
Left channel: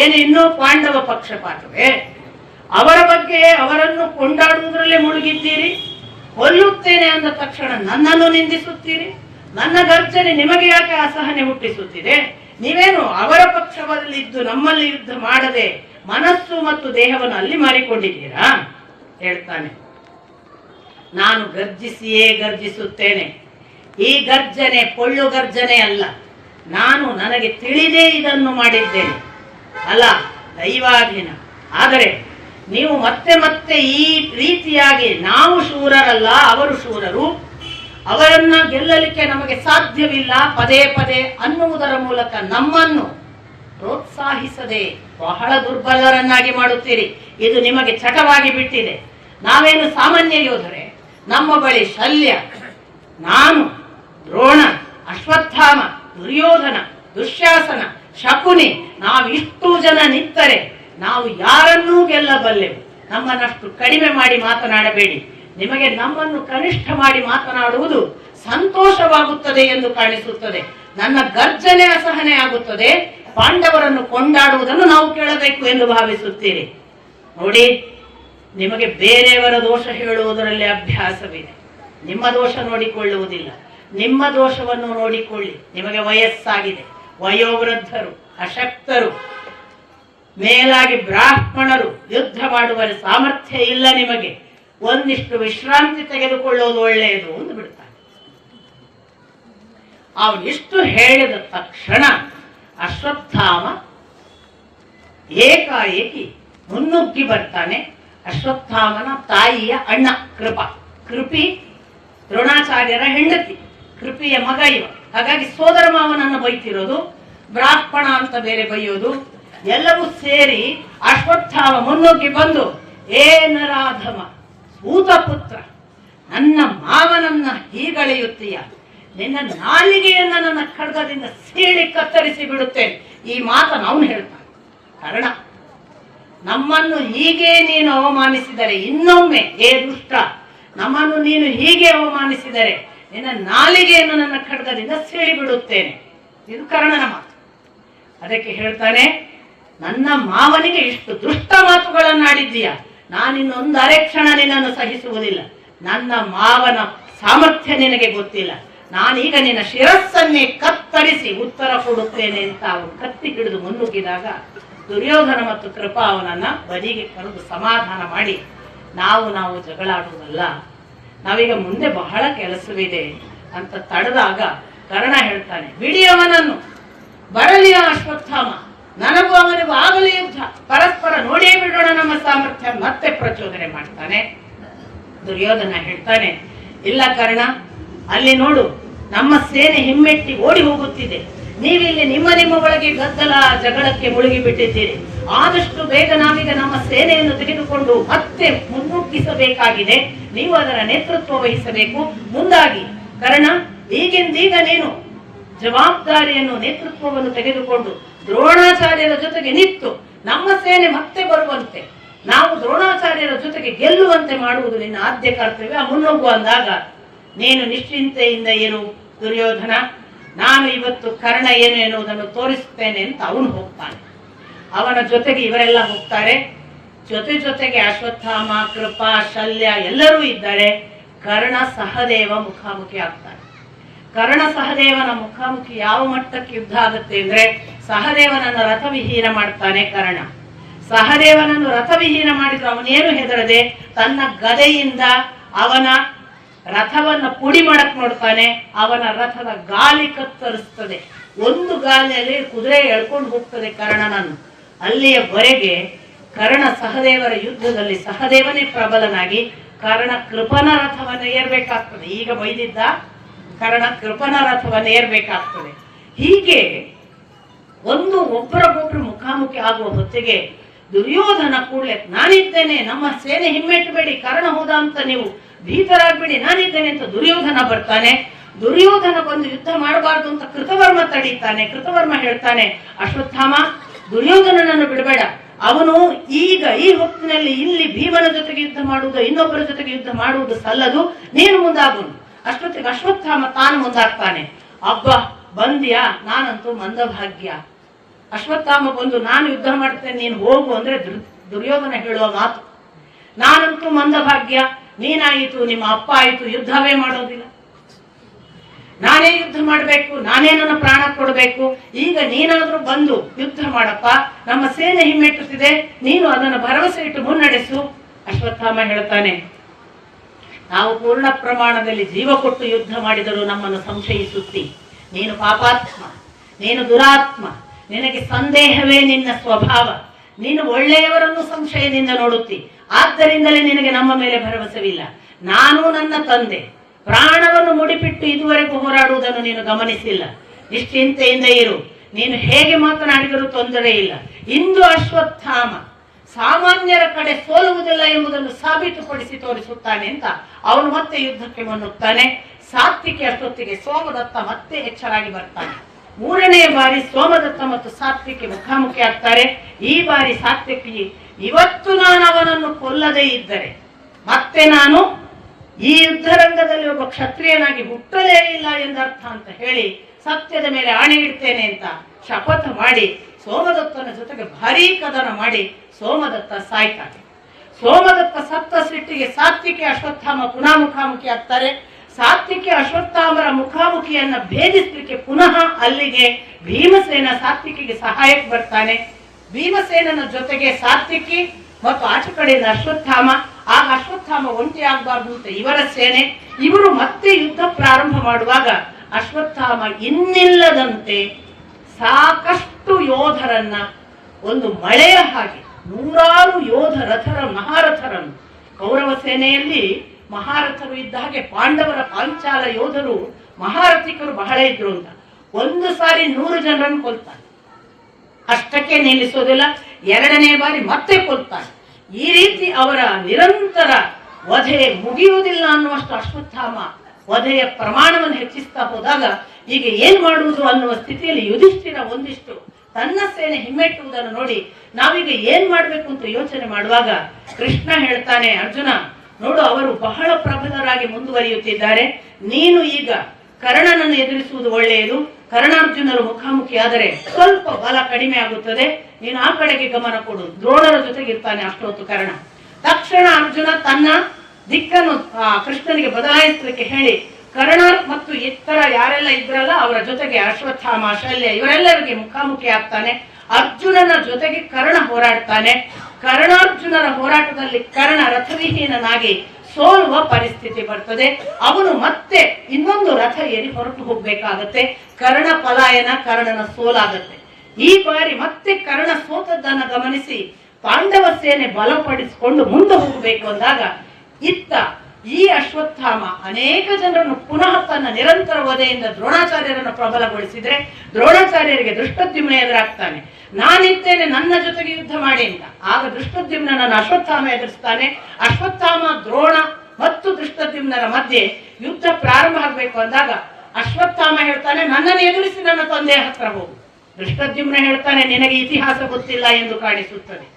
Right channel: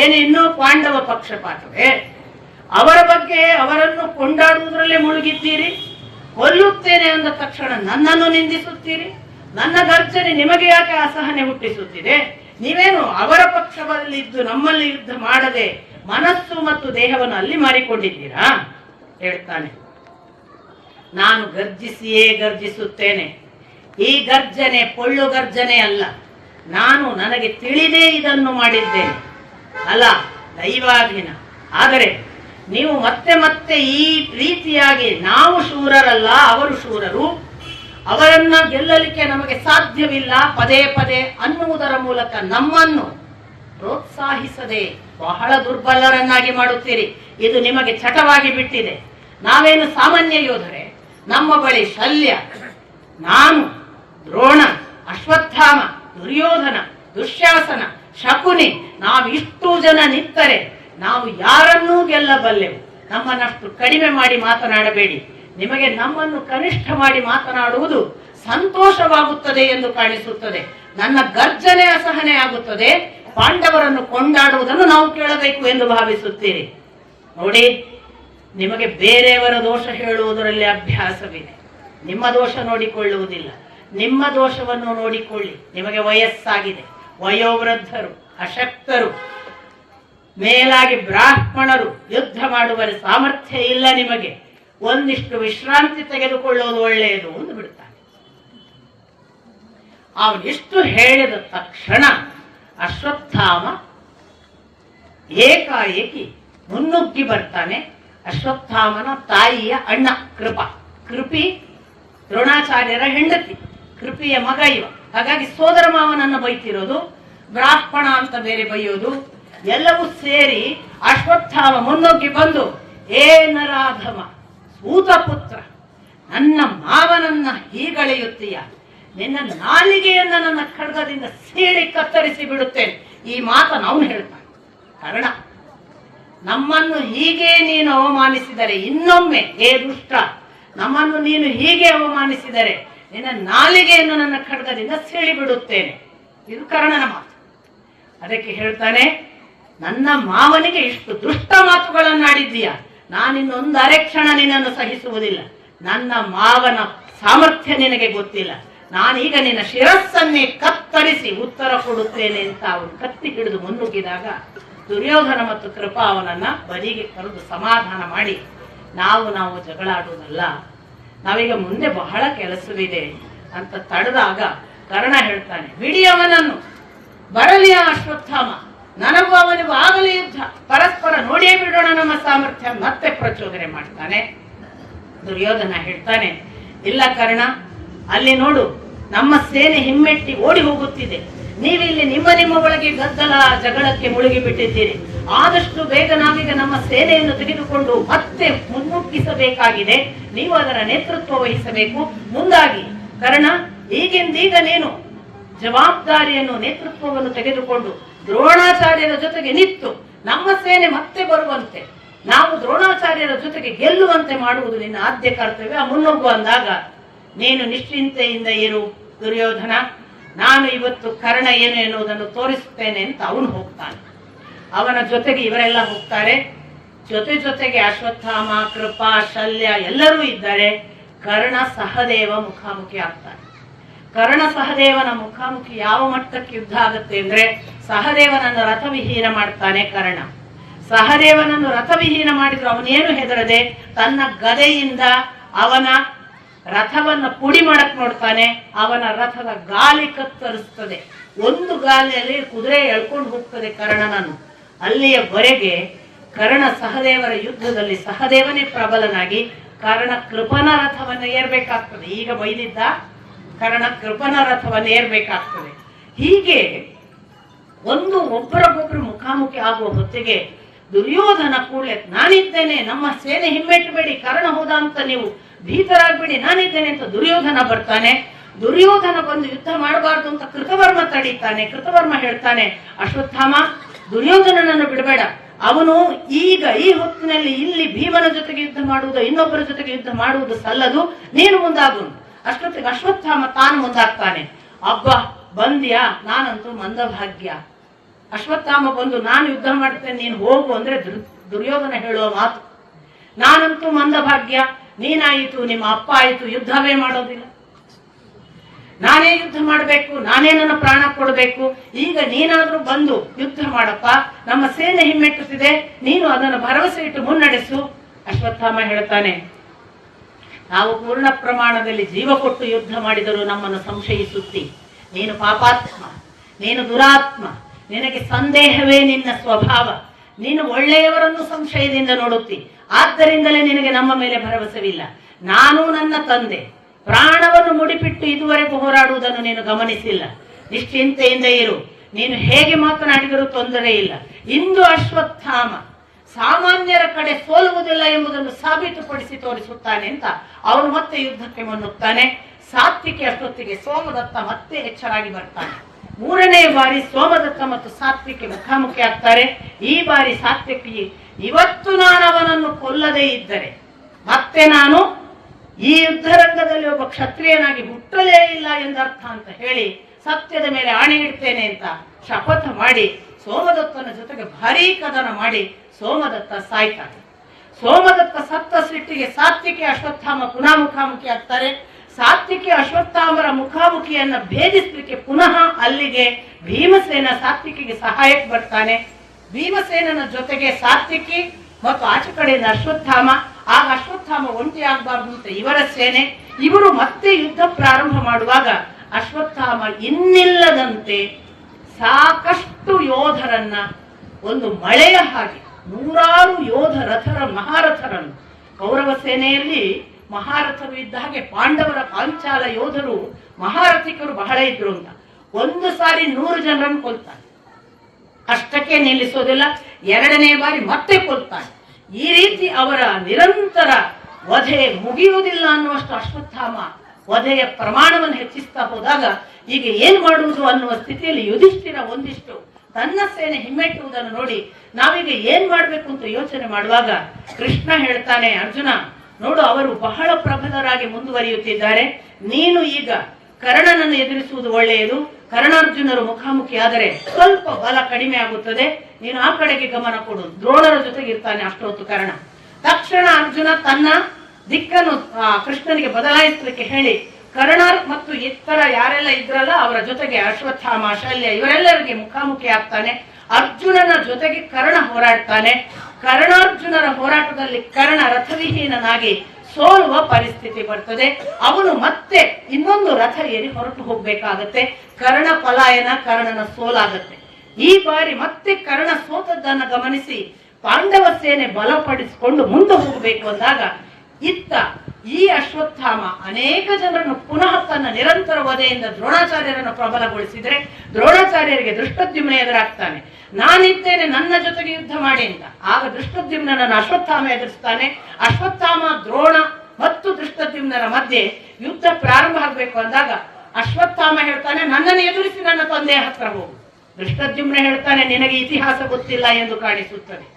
ಏನು ಇನ್ನೂ ಪಾಂಡವ ಪಕ್ಷಪಾತವೇ? ಅವರ ಬಗ್ಗೆ ಅವರನ್ನು ಕೊಂಡಾಡುವುದರಲ್ಲೇ ಮುಳುಗಿದ್ದೀರಿ. ಕೊಲ್ಲುತ್ತೇನೆ ಅಂದ ತಕ್ಷಣ ನನ್ನನ್ನು ನಿಂದಿಸುತ್ತೀರಿ. ನನ್ನ ಗರ್ಜನೆ ನಿಮಗೆ ಯಾಕೆ ಅಸಹನೆ ಹುಟ್ಟಿಸುತ್ತಿದೆ? ನೀವೇನು ಅವರ ಪಕ್ಷದಲ್ಲಿದ್ದು ನಮ್ಮಲ್ಲಿ ಯುದ್ಧ ಮಾಡದೆ ಮನಸ್ಸು ಮತ್ತು ದೇಹವನ್ನು ಅಲ್ಲಿ ಮಾರಿಕೊಂಡಿದ್ದೀರಾ? ಹೇಳ್ತಾನೆ, ನಾನು ಗರ್ಜಿಸಿಯೇ ಗರ್ಜಿಸುತ್ತೇನೆ. ಈ ಗರ್ಜನೆ ಪೊಳ್ಳು ಗರ್ಜನೆ ಅಲ್ಲ. ನನಗೆ ತಿಳಿದೇ ಇದನ್ನು ಮಾಡಿದ್ದೇನೆ. ಅಲ್ಲ, ದೈವಾಧೀನ. ಆದರೆ ನೀವು ಮತ್ತೆ ಮತ್ತೆ ಈ ರೀತಿಯಾಗಿ ನಾವು ಶೂರರಲ್ಲ, ಅವರು ಶೂರರು, ಅವರನ್ನ ಗೆಲ್ಲಲಿಕ್ಕೆ ನಮಗೆ ಸಾಧ್ಯವಿಲ್ಲ ಪದೇ ಪದೇ ಅನ್ನುವುದರ ಮೂಲಕ ನಮ್ಮನ್ನು ಪ್ರೋತ್ಸಾಹಿಸದೆ ಬಹಳ ದುರ್ಬಲರನ್ನಾಗಿ ಮಾಡುತ್ತೀರಿ. ಇದು ನಿಮಗೆ ಚಟವಾಗಿ ಬಿಟ್ಟಿದೆ. ನಾವೇನು ಸಾಮಾನ್ಯ ಯೋಧರೇ? ನಮ್ಮ ಬಳಿ ಶಲ್ಯ, ನಾನು, ದ್ರೋಣ, ಅಶ್ವತ್ಥಾಮ, ದುರ್ಯೋಧನ, ದುಶ್ಯಾಸನ, ಶಕುನಿ, ನಾವಿಷ್ಟು ಜನ ನಿತ್ತರೆ ನಾವು ಯಾರನ್ನೂ ಗೆಲ್ಲಬಲ್ಲೆವು. ನಮ್ಮನ್ನಷ್ಟು ಕಡಿಮೆ ಮಾಡಿ ಮಾತನಾಡಬೇಡಿ. ನಿಮಗೆ ನಮ್ಮನ್ನು ಕನಿಷ್ಠ ಮಾಡಿ ಮಾತನಾಡುವುದು ಸಂತೋಷವಾಗುತ್ತದೆ ಎಂದು ಕಾಣಿಸುತ್ತದೆ. ನನ್ನ ಗರ್ಜನೆ ಅಸಹನೆ ಆಗುತ್ತದೆ. ಪಾಂಡವರನ್ನು ಕೊಂಡಾಡುವುದನ್ನು ನಾವು ಕೇಳಬೇಕು ಎಂದು ಭಾವಿಸುತ್ತೀರಿ. ನೋಡಿ, ನಿಮಗೆ ಬೇರೆಯವರ ದೋಷ ಹೇಳುವುದರಲ್ಲಿ ಅಭ್ಯಾಸವಿದೆ. ನಿಮ್ಮ ದೋಷ ನೋಡಿಕೊಳ್ಳುವುದಿಲ್ಲ. ನಿಮ್ಮ ದೋಷವನ್ನು ನೋಡಿಕೊಳ್ಳಿ. ನಿಮಗೆ ವಯಸ್ಸಾಗಿದೆ, ವಯೋವೃದ್ಧರು, ಅಶಕ್ತರು, ಮೇಲಾಗಿ ಬ್ರಾಹ್ಮಣರು, ಯುದ್ಧ ಮಾಡುವ ಸಾಮರ್ಥ್ಯ ಇಲ್ಲ ನಿಮಗೆ. ಒಂದಿಷ್ಟು ವಿಶ್ರಾಂತಿ ತೆಗೆದುಕೊಳ್ಳುವುದು ಒಳ್ಳೆಯದು ಎಂದು ಬಿಡ್ತಾನೆ. ಅವನಿಷ್ಟು ಹೇಳಿದ ತಕ್ಷಣ ಅಶ್ವತ್ಥಾಮ ಏಕಾಏಕಿ ಮುನ್ನುಗ್ಗಿ ಬರ್ತಾನೆ. ಅಶ್ವತ್ಥಾಮನ ತಾಯಿಯ ಅಣ್ಣ ಕೃಪಿ ದ್ರೋಣಾಚಾರ್ಯರ ಹೆಂಡತಿ, ಕೃಪಿಯ ಮಗ ಇವ. ಹಾಗಾಗಿ ಸೋದರ ಮಾವನನ್ನು ಬೈತಿರೋದು, ಬ್ರಾಹ್ಮಣ ಅಂತ ಬೇರೆ ಬೈಯೋದು, ಎಲ್ಲವೂ ಸೇರಿ ಅಶ್ವತ್ಥಾಮ ಮುನ್ನುಗ್ಗಿ ಬಂದು, ಏ ನರಾಧಮ, ಸೂತಪುತ್ರ, ನನ್ನ ಮಾವನನ್ನ ಹೀಗಳೆಯುತ್ತೀಯ? ನಿನ್ನ ನಾಲಿಗೆಯನ್ನ ನನ್ನ ಖಡ್ಗದಿಂದ ಸೀಳಿ ಕತ್ತರಿಸಿ ಬಿಡುತ್ತೇನೆ. ಈ ಮಾತನ್ನು ಅವನು ಹೇಳ್ತಾನೆ. ಕಾರಣ, ನಮ್ಮನ್ನು ಹೀಗೆ ನೀನು ಅವಮಾನಿಸಿದರೆ, ಇನ್ನೊಮ್ಮೆ ಏ ದುಷ್ಟ, ನಮ್ಮನ್ನು ನೀನು ಹೀಗೆ ಅವಮಾನಿಸಿದರೆ ನಿನ್ನ ನಾಲಿಗೆಯನ್ನು ನನ್ನ ಖಡ್ಗದಿಂದ ಸೀಳಿ ಬಿಡುತ್ತೇನೆ. ಇದು ಕರ್ಣನ ಮಾತು. ಅದಕ್ಕೆ ಹೇಳ್ತಾನೆ, ನನ್ನ ಮಾವನಿಗೆ ಇಷ್ಟು ದುಷ್ಟ ಮಾತುಗಳನ್ನಾಡಿದ್ದೀಯ, ನಾನಿನ್ನೊಂದು ಅರೆಕ್ಷಣ ನಿನ್ನನ್ನು ಸಹಿಸುವುದಿಲ್ಲ. ನನ್ನ ಮಾವನ ಸಾಮರ್ಥ್ಯ ನಿನಗೆ ಗೊತ್ತಿಲ್ಲ. ನಾನೀಗ ನಿನ್ನ ಶಿರಸ್ಸನ್ನೇ ಕತ್ತರಿಸಿ ಉತ್ತರ ಕೊಡುತ್ತೇನೆ ಅಂತ ಅವನು ಕತ್ತಿ ಹಿಡಿದು ಮುನ್ನುಗ್ಗಿದಾಗ ದುರ್ಯೋಧನ ಮತ್ತು ಕೃಪಾ ಅವನನ್ನ ಬದಿಗೆ ಕರೆದು ಸಮಾಧಾನ ಮಾಡಿ, ನಾವು ಜಗಳಾಡುವುದಲ್ಲ, ನಾವೀಗ ಮುಂದೆ ಬಹಳ ಕೆಲಸವಿದೆ ಅಂತ ತಡೆದಾಗ ಕರ್ಣ ಹೇಳ್ತಾನೆ, ಬಿಡಿ ಅವನನ್ನು, ಬರಲಿ ಅಶ್ವತ್ಥಾಮ, ನನಗೂ ಅವನಿಗೂ ಆಗಲಿ ಯುದ್ಧ, ಪರಸ್ಪರ ನೋಡೇ ಬಿಡೋಣ ನಮ್ಮ ಸಾಮರ್ಥ್ಯ. ಮತ್ತೆ ಪ್ರಚೋದನೆ ಮಾಡ್ತಾನೆ. ದುರ್ಯೋಧನ ಹೇಳ್ತಾನೆ, ಇಲ್ಲ ಕರ್ಣ, ಅಲ್ಲಿ ನೋಡು, ನಮ್ಮ ಸೇನೆ ಹಿಮ್ಮೆಟ್ಟಿ ಓಡಿ ಹೋಗುತ್ತಿದೆ. ನೀವಿಲ್ಲಿ ನಿಮ್ಮ ಒಳಗೆ ಗದ್ದಲ ಜಗಳಕ್ಕೆ ಮುಳುಗಿ ಬಿಟ್ಟಿದ್ದೀರಿ. ಆದಷ್ಟು ಬೇಗ ನಾವೀಗ ನಮ್ಮ ಸೇನೆಯನ್ನು ತೆಗೆದುಕೊಂಡು ಮತ್ತೆ ಮುನ್ನುಗ್ಗಿಸಬೇಕಾಗಿದೆ. ನೀವು ಅದರ ನೇತೃತ್ವ ವಹಿಸಬೇಕು. ಮುಂದಾಗಿ ಕರ್ಣ, ಈಗಿಂದೀಗ ನೀನು ಜವಾಬ್ದಾರಿಯನ್ನು, ನೇತೃತ್ವವನ್ನು ತೆಗೆದುಕೊಂಡು ದ್ರೋಣಾಚಾರ್ಯರ ಜೊತೆಗೆ ನಿಂತು ನಮ್ಮ ಸೇನೆ ಮತ್ತೆ ಬರುವಂತೆ, ನಾವು ದ್ರೋಣಾಚಾರ್ಯರ ಜೊತೆಗೆ ಗೆಲ್ಲುವಂತೆ ಮಾಡುವುದು ನಿನ್ನ ಆದ್ಯ ಕರ್ತವ್ಯ. ಮುನ್ನುಗ್ಗು ಅಂದಾಗ ನೀನು ನಿಶ್ಚಿಂತೆಯಿಂದ ಇರು ದುರ್ಯೋಧನ, ನಾನು ಇವತ್ತು ಕರ್ಣ ಏನು ಎನ್ನುವುದನ್ನು ತೋರಿಸುತ್ತೇನೆ ಅಂತ ಅವನು ಹೋಗ್ತಾನೆ. ಅವನ ಜೊತೆಗೆ ಇವರೆಲ್ಲ ಹೋಗ್ತಾರೆ. ಜೊತೆಗೆ ಅಶ್ವತ್ಥಾಮ, ಕೃಪಾ, ಶಲ್ಯ ಎಲ್ಲರೂ ಇದ್ದಾರೆ. ಕರ್ಣ ಸಹದೇವ ಮುಖಾಮುಖಿ ಆಗ್ತಾರೆ. ಕರ್ಣ ಸಹದೇವನ ಮುಖಾಮುಖಿ ಯಾವ ಮಟ್ಟಕ್ಕೆ ಯುದ್ಧ ಆಗುತ್ತೆ ಅಂದ್ರೆ, ಸಹದೇವನನ್ನು ರಥವಿಹೀನ ಮಾಡ್ತಾನೆ ಕರ್ಣ. ಸಹದೇವನನ್ನು ರಥವಿಹೀನ ಮಾಡಿದ್ರು ಅವನೇನು ಹೆದರದೆ ತನ್ನ ಗದೆಯಿಂದ ಅವನ ರಥವನ್ನ ಪುಡಿ ಮಾಡಕ್ ನೋಡ್ತಾನೆ. ಅವನ ರಥದ ಗಾಲಿ ಕತ್ತರಿಸ್ತದೆ. ಒಂದು ಗಾಲಿಯಲ್ಲಿ ಕುದುರೆ ಎಳ್ಕೊಂಡು ಹೋಗ್ತದೆ ಕರ್ಣನನ್ನು. ಅಲ್ಲಿಯವರೆಗೆ ಕರ್ಣ ಸಹದೇವರ ಯುದ್ಧದಲ್ಲಿ ಸಹದೇವನೇ ಪ್ರಬಲನಾಗಿ ಕರ್ಣ ಕೃಪನ ರಥವನ್ನು ಏರ್ಬೇಕಾಗ್ತದೆ. ಈಗ ಬೈದಿದ್ದ ಕರ್ಣ ಕೃಪನ ರಥವನ್ನು ಏರ್ಬೇಕಾಗ್ತದೆ. ಹೀಗೆ ಒಬ್ಬರೊಬ್ಬರು ಮುಖಾಮುಖಿ ಆಗುವ ಹೊತ್ತಿಗೆ ದುರ್ಯೋಧನ ಕೂಡಲೇ ನಾನಿದ್ದೇನೆ, ನಮ್ಮ ಸೇನೆ ಹಿಮ್ಮೆಟ್ಟಬೇಡಿ, ಕರ್ಣ ಹೋದ ಅಂತ ನೀವು ಭೀತರಾಗ್ಬೇಡಿ, ನಾನಿದ್ದೇನೆ ಅಂತ ದುರ್ಯೋಧನ ಬರ್ತಾನೆ. ದುರ್ಯೋಧನ ಬಂದು ಯುದ್ಧ ಮಾಡಬಾರ್ದು ಅಂತ ಕೃತವರ್ಮ ತಡೀತಾನೆ. ಕೃತವರ್ಮ ಹೇಳ್ತಾನೆ, ಅಶ್ವತ್ಥಾಮ ದುರ್ಯೋಧನನನ್ನು ಬಿಡಬೇಡ, ಅವನು ಈಗ ಈ ಹೊತ್ತಿನಲ್ಲಿ ಇಲ್ಲಿ ಭೀಮನ ಜೊತೆಗೆ ಯುದ್ಧ ಮಾಡುವುದು, ಇನ್ನೊಬ್ಬರ ಜೊತೆಗೆ ಯುದ್ಧ ಮಾಡುವುದು ಸಲ್ಲದು, ನೀನು ಮುಂದಾಗುನು. ಅಷ್ಟೊತ್ತಿಗೆ ಅಶ್ವತ್ಥಾಮ ತಾನು ಮುಂದಾಗ್ತಾನೆ. ಅಬ್ಬ ಬಂದ್ಯಾ, ನಾನಂತೂ ಮಂದಭಾಗ್ಯ. ಅಶ್ವತ್ಥಾಮ ಬಂದು ನಾನು ಯುದ್ಧ ಮಾಡ್ತೇನೆ ನೀನು ಹೋಗು ಅಂದ್ರೆ ದುರ್ಯೋಧನ ಹೇಳುವ ಮಾತು. ನಾನಂತೂ ಮಂದಭಾಗ್ಯ, ನೀನಾಯಿತು ನಿಮ್ಮ ಅಪ್ಪ ಆಯಿತು ಯುದ್ಧವೇ ಮಾಡೋದಿಲ್ಲ, ನಾನೇ ಯುದ್ಧ ಮಾಡಬೇಕು, ನಾನೇ ನನ್ನ ಪ್ರಾಣ ಕೊಡಬೇಕು, ಈಗ ನೀನಾದ್ರೂ ಬಂದು ಯುದ್ಧ ಮಾಡಪ್ಪ, ನಮ್ಮ ಸೇನೆ ಹಿಮ್ಮೆಟ್ಟುತ್ತಿದೆ, ನೀನು ಅದನ್ನು ಭರವಸೆ ಇಟ್ಟು ಮುನ್ನಡೆಸು. ಅಶ್ವತ್ಥಾಮ ಹೇಳ್ತಾನೆ, ನಾವು ಪೂರ್ಣ ಪ್ರಮಾಣದಲ್ಲಿ ಜೀವ ಕೊಟ್ಟು ಯುದ್ಧ ಮಾಡಿದರೂ ನಮ್ಮನ್ನು ಸಂಶಯಿಸುತ್ತಿ, ನೀನು ಪಾಪಾತ್ಮ, ನೀನು ದುರಾತ್ಮ, ನಿನಗೆ ಸಂದೇಹವೇ ನಿನ್ನ ಸ್ವಭಾವ, ನೀನು ಒಳ್ಳೆಯವರನ್ನು ಸಂಶಯದಿಂದ ನೋಡುತ್ತಿ, ಆದ್ದರಿಂದಲೇ ನಿನಗೆ ನಮ್ಮ ಮೇಲೆ ಭರವಸೆವಿಲ್ಲ. ನಾನು ನನ್ನ ತಂದೆ ಪ್ರಾಣವನ್ನು ಮುಡಿಪಿಟ್ಟು ಇದುವರೆಗೂ ಹೋರಾಡುವುದನ್ನು ನೀನು ಗಮನಿಸಿಲ್ಲ. ನಿಶ್ಚಿಂತೆಯಿಂದ ಇರು, ನೀನು ಹೇಗೆ ಮಾತನಾಡಿದರೂ ತೊಂದರೆ ಇಲ್ಲ. ಇಂದು ಅಶ್ವತ್ಥಾಮ ಸಾಮಾನ್ಯರ ಕಡೆ ಸೋಲುವುದಿಲ್ಲ ಎಂಬುದನ್ನು ಸಾಬೀತುಪಡಿಸಿ ತೋರಿಸುತ್ತಾನೆ ಅಂತ ಅವನು ಮತ್ತೆ ಯುದ್ಧಕ್ಕೆ ಮುನ್ನುಗ್ತಾನೆ. ಸಾತ್ವಿಕಿ ಅಷ್ಟೊತ್ತಿಗೆ ಸೋಮದತ್ತ ಮತ್ತೆ ಎಚ್ಚರಾಗಿ ಬರ್ತಾನೆ. ಮೂರನೇ ಬಾರಿ ಸೋಮದತ್ತ ಮತ್ತು ಸಾತ್ವಿಕಿ ಮುಖಾಮುಖಿ ಆಗ್ತಾರೆ. ಈ ಬಾರಿ ಸಾತ್ವಿಕಿ, ಇವತ್ತು ನಾನು ಅವನನ್ನು ಕೊಲ್ಲದೇ ಇದ್ದರೆ ಮತ್ತೆ ನಾನು ಈ ಯುದ್ಧರಂಗದಲ್ಲಿ ಒಬ್ಬ ಕ್ಷತ್ರಿಯನಾಗಿ ಹುಟ್ಟಲೇ ಇಲ್ಲ ಎಂದರ್ಥ ಅಂತ ಹೇಳಿ ಸತ್ಯದ ಮೇಲೆ ಆಣೆ ಇಡ್ತೇನೆ ಅಂತ ಶಪಥ ಮಾಡಿ ಸೋಮದತ್ತನ ಜೊತೆಗೆ ಭಾರೀ ಕದನ ಮಾಡಿ ಸೋಮದತ್ತ ಸಾಯ್ತಾನೆ. ಸೋಮದತ್ತ ಸತ್ತ ಸಿಟ್ಟಿಗೆ ಸಾತ್ವಿಕಿ ಅಶ್ವತ್ಥಾಮ ಪುನಃ ಮುಖಾಮುಖಿ ಆಗ್ತಾರೆ. ಸಾತ್ವಿಕಿ ಅಶ್ವತ್ಥಾಮರ ಮುಖಾಮುಖಿಯನ್ನ ಭೇದಿಸಲಿಕ್ಕೆ ಪುನಃ ಅಲ್ಲಿಗೆ ಭೀಮಸೇನ ಸಾತ್ವಿಕಿಗೆ ಸಹಾಯಕ್ಕೆ ಬರ್ತಾನೆ. ಭೀಮಸೇನನ ಜೊತೆಗೆ ಸಾತ್ವಿಕಿ ಮತ್ತು ಆಚೆ ಕಡೆಯಿಂದ ಅಶ್ವತ್ಥಾಮ. ಆಗ ಅಶ್ವತ್ಥಾಮ ಒಂಟಿ ಆಗ್ಬಾರ್ದು ಅಂತ ಇವರ ಸೇನೆ. ಇವರು ಮತ್ತೆ ಯುದ್ಧ ಪ್ರಾರಂಭ ಮಾಡುವಾಗ ಅಶ್ವತ್ಥಾಮ ಇನ್ನಿಲ್ಲದಂತೆ ಸಾಕಷ್ಟು ಯೋಧರನ್ನ ಒಂದು ಮಳೆಯ ಹಾಗೆ ನೂರಾರು ಯೋಧ ರಥರ ಮಹಾರಥರನ್ನು, ಕೌರವ ಸೇನೆಯಲ್ಲಿ ಮಹಾರಥರು ಇದ್ದ ಹಾಗೆ ಪಾಂಡವರ ಪಾಂಚಾಲ ಯೋಧರು ಮಹಾರಥಿಕರು ಬಹಳ ಇದ್ರು ಅಂತ ಒಂದು ಸಾರಿ 100 ಜನರನ್ನು ಕೊಲ್ತಾನೆ. ಅಷ್ಟಕ್ಕೆ ನಿಲ್ಲಿಸೋದಿಲ್ಲ, ಎರಡನೇ ಬಾರಿ ಮತ್ತೆ ಕೊಲ್ತಾನೆ. ಈ ರೀತಿ ಅವರ ನಿರಂತರ ವಧೆ ಮುಗಿಯುವುದಿಲ್ಲ ಅನ್ನುವಷ್ಟು ಅಶ್ವತ್ಥಾಮ ವಧೆಯ ಪ್ರಮಾಣವನ್ನು ಹೆಚ್ಚಿಸ್ತಾ ಹೋದಾಗ ಈಗ ಏನ್ ಮಾಡುವುದು ಅನ್ನುವ ಸ್ಥಿತಿಯಲ್ಲಿ ಯುಧಿಷ್ಠಿರ ಒಂದಿಷ್ಟು ತನ್ನ ಸೇನೆ ಹಿಮ್ಮೆಟ್ಟುವುದನ್ನು ನೋಡಿ ನಾವೀಗ ಏನ್ ಮಾಡ್ಬೇಕು ಅಂತ ಯೋಚನೆ ಮಾಡುವಾಗ ಕೃಷ್ಣ ಹೇಳ್ತಾನೆ, ಅರ್ಜುನ ನೋಡು, ಅವರು ಬಹಳ ಪ್ರಬಲರಾಗಿ ಮುಂದುವರಿಯುತ್ತಿದ್ದಾರೆ, ನೀನು ಈಗ ಕರ್ಣನನ್ನು ಎದುರಿಸುವುದು ಒಳ್ಳೆಯದು. ಕರ್ಣಾರ್ಜುನರು ಮುಖಾಮುಖಿ ಆದರೆ ಸ್ವಲ್ಪ ಬಲ ಕಡಿಮೆ ಆಗುತ್ತದೆ, ನೀನು ಆ ಕಡೆಗೆ ಗಮನ ಕೊಡು. ದ್ರೋಣರ ಜೊತೆಗೆ ಇರ್ತಾನೆ ಅಷ್ಟೊತ್ತು ಕರ್ಣ. ತಕ್ಷಣ ಅರ್ಜುನ ತನ್ನ ದಿಕ್ಕನ್ನು ಕೃಷ್ಣನಿಗೆ ಬದಲಾಯಿಸಲಿಕ್ಕೆ ಹೇಳಿ ಕರ್ಣ ಮತ್ತು ಇತರ ಯಾರೆಲ್ಲ ಇದ್ರಲ್ಲ ಅವರ ಜೊತೆಗೆ ಅಶ್ವತ್ಥಾಮ, ಶಲ್ಯ ಇವರೆಲ್ಲರಿಗೆ ಮುಖಾಮುಖಿ ಆಗ್ತಾನೆ. ಅರ್ಜುನನ ಜೊತೆಗೆ ಕರ್ಣ ಹೋರಾಡ್ತಾನೆ. ಕರ್ಣಾರ್ಜುನರ ಹೋರಾಟದಲ್ಲಿ ಕರ್ಣ ರಥವಿಹೀನನಾಗಿ ಸೋಲುವ ಪರಿಸ್ಥಿತಿ ಬರ್ತದೆ. ಅವನು ಮತ್ತೆ ಇನ್ನೊಂದು ರಥ ಏರಿ ಹೊರಟು ಹೋಗ್ಬೇಕಾಗತ್ತೆ. ಕರ್ಣ ಪಲಾಯನ, ಕರ್ಣನ ಸೋಲಾಗತ್ತೆ. ಈ ಬಾರಿ ಮತ್ತೆ ಕರ್ಣ ಸೋತದ್ದನ್ನು ಗಮನಿಸಿ ಪಾಂಡವ ಸೇನೆ ಬಲಪಡಿಸಿಕೊಂಡು ಮುಂದೆ ಹೋಗಬೇಕು ಅಂದಾಗ ಇತ್ತ ಈ ಅಶ್ವತ್ಥಾಮ ಅನೇಕ ಜನರನ್ನು ಪುನಃ ತನ್ನ ನಿರಂತರ ವಧೆಯಿಂದ ದ್ರೋಣಾಚಾರ್ಯರನ್ನು ಪ್ರಬಲಗೊಳಿಸಿದ್ರೆ ದ್ರೋಣಾಚಾರ್ಯರಿಗೆ ದೃಷ್ಟದ್ಯುಮ್ನ ಎದುರಾಗ್ತಾನೆ. ನಾನಿದ್ದೇನೆ, ನನ್ನ ಜೊತೆಗೆ ಯುದ್ಧ ಮಾಡಿ ಅಂತ. ಆಗ ದೃಷ್ಟದ್ಯುಮ್ನನ್ನು ಅಶ್ವತ್ಥಾಮ ಎದುರಿಸ್ತಾನೆ. ಅಶ್ವತ್ಥಾಮ, ದ್ರೋಣ ಮತ್ತು ದೃಷ್ಟದ್ಯುಮ್ನರ ಮಧ್ಯೆ ಯುದ್ಧ ಪ್ರಾರಂಭ ಆಗಬೇಕು ಅಂದಾಗ ಅಶ್ವತ್ಥಾಮ ಹೇಳ್ತಾನೆ, ನನ್ನನ್ನು ಎದುರಿಸಿ ನನ್ನ ತಂದೆಯ ಹತ್ರ ಹೋಗು. ದೃಷ್ಟದ್ಯುಮ್ನ ಹೇಳ್ತಾನೆ, ನಿನಗೆ ಇತಿಹಾಸ ಗೊತ್ತಿಲ್ಲ ಎಂದು ಕಾಣಿಸುತ್ತದೆ,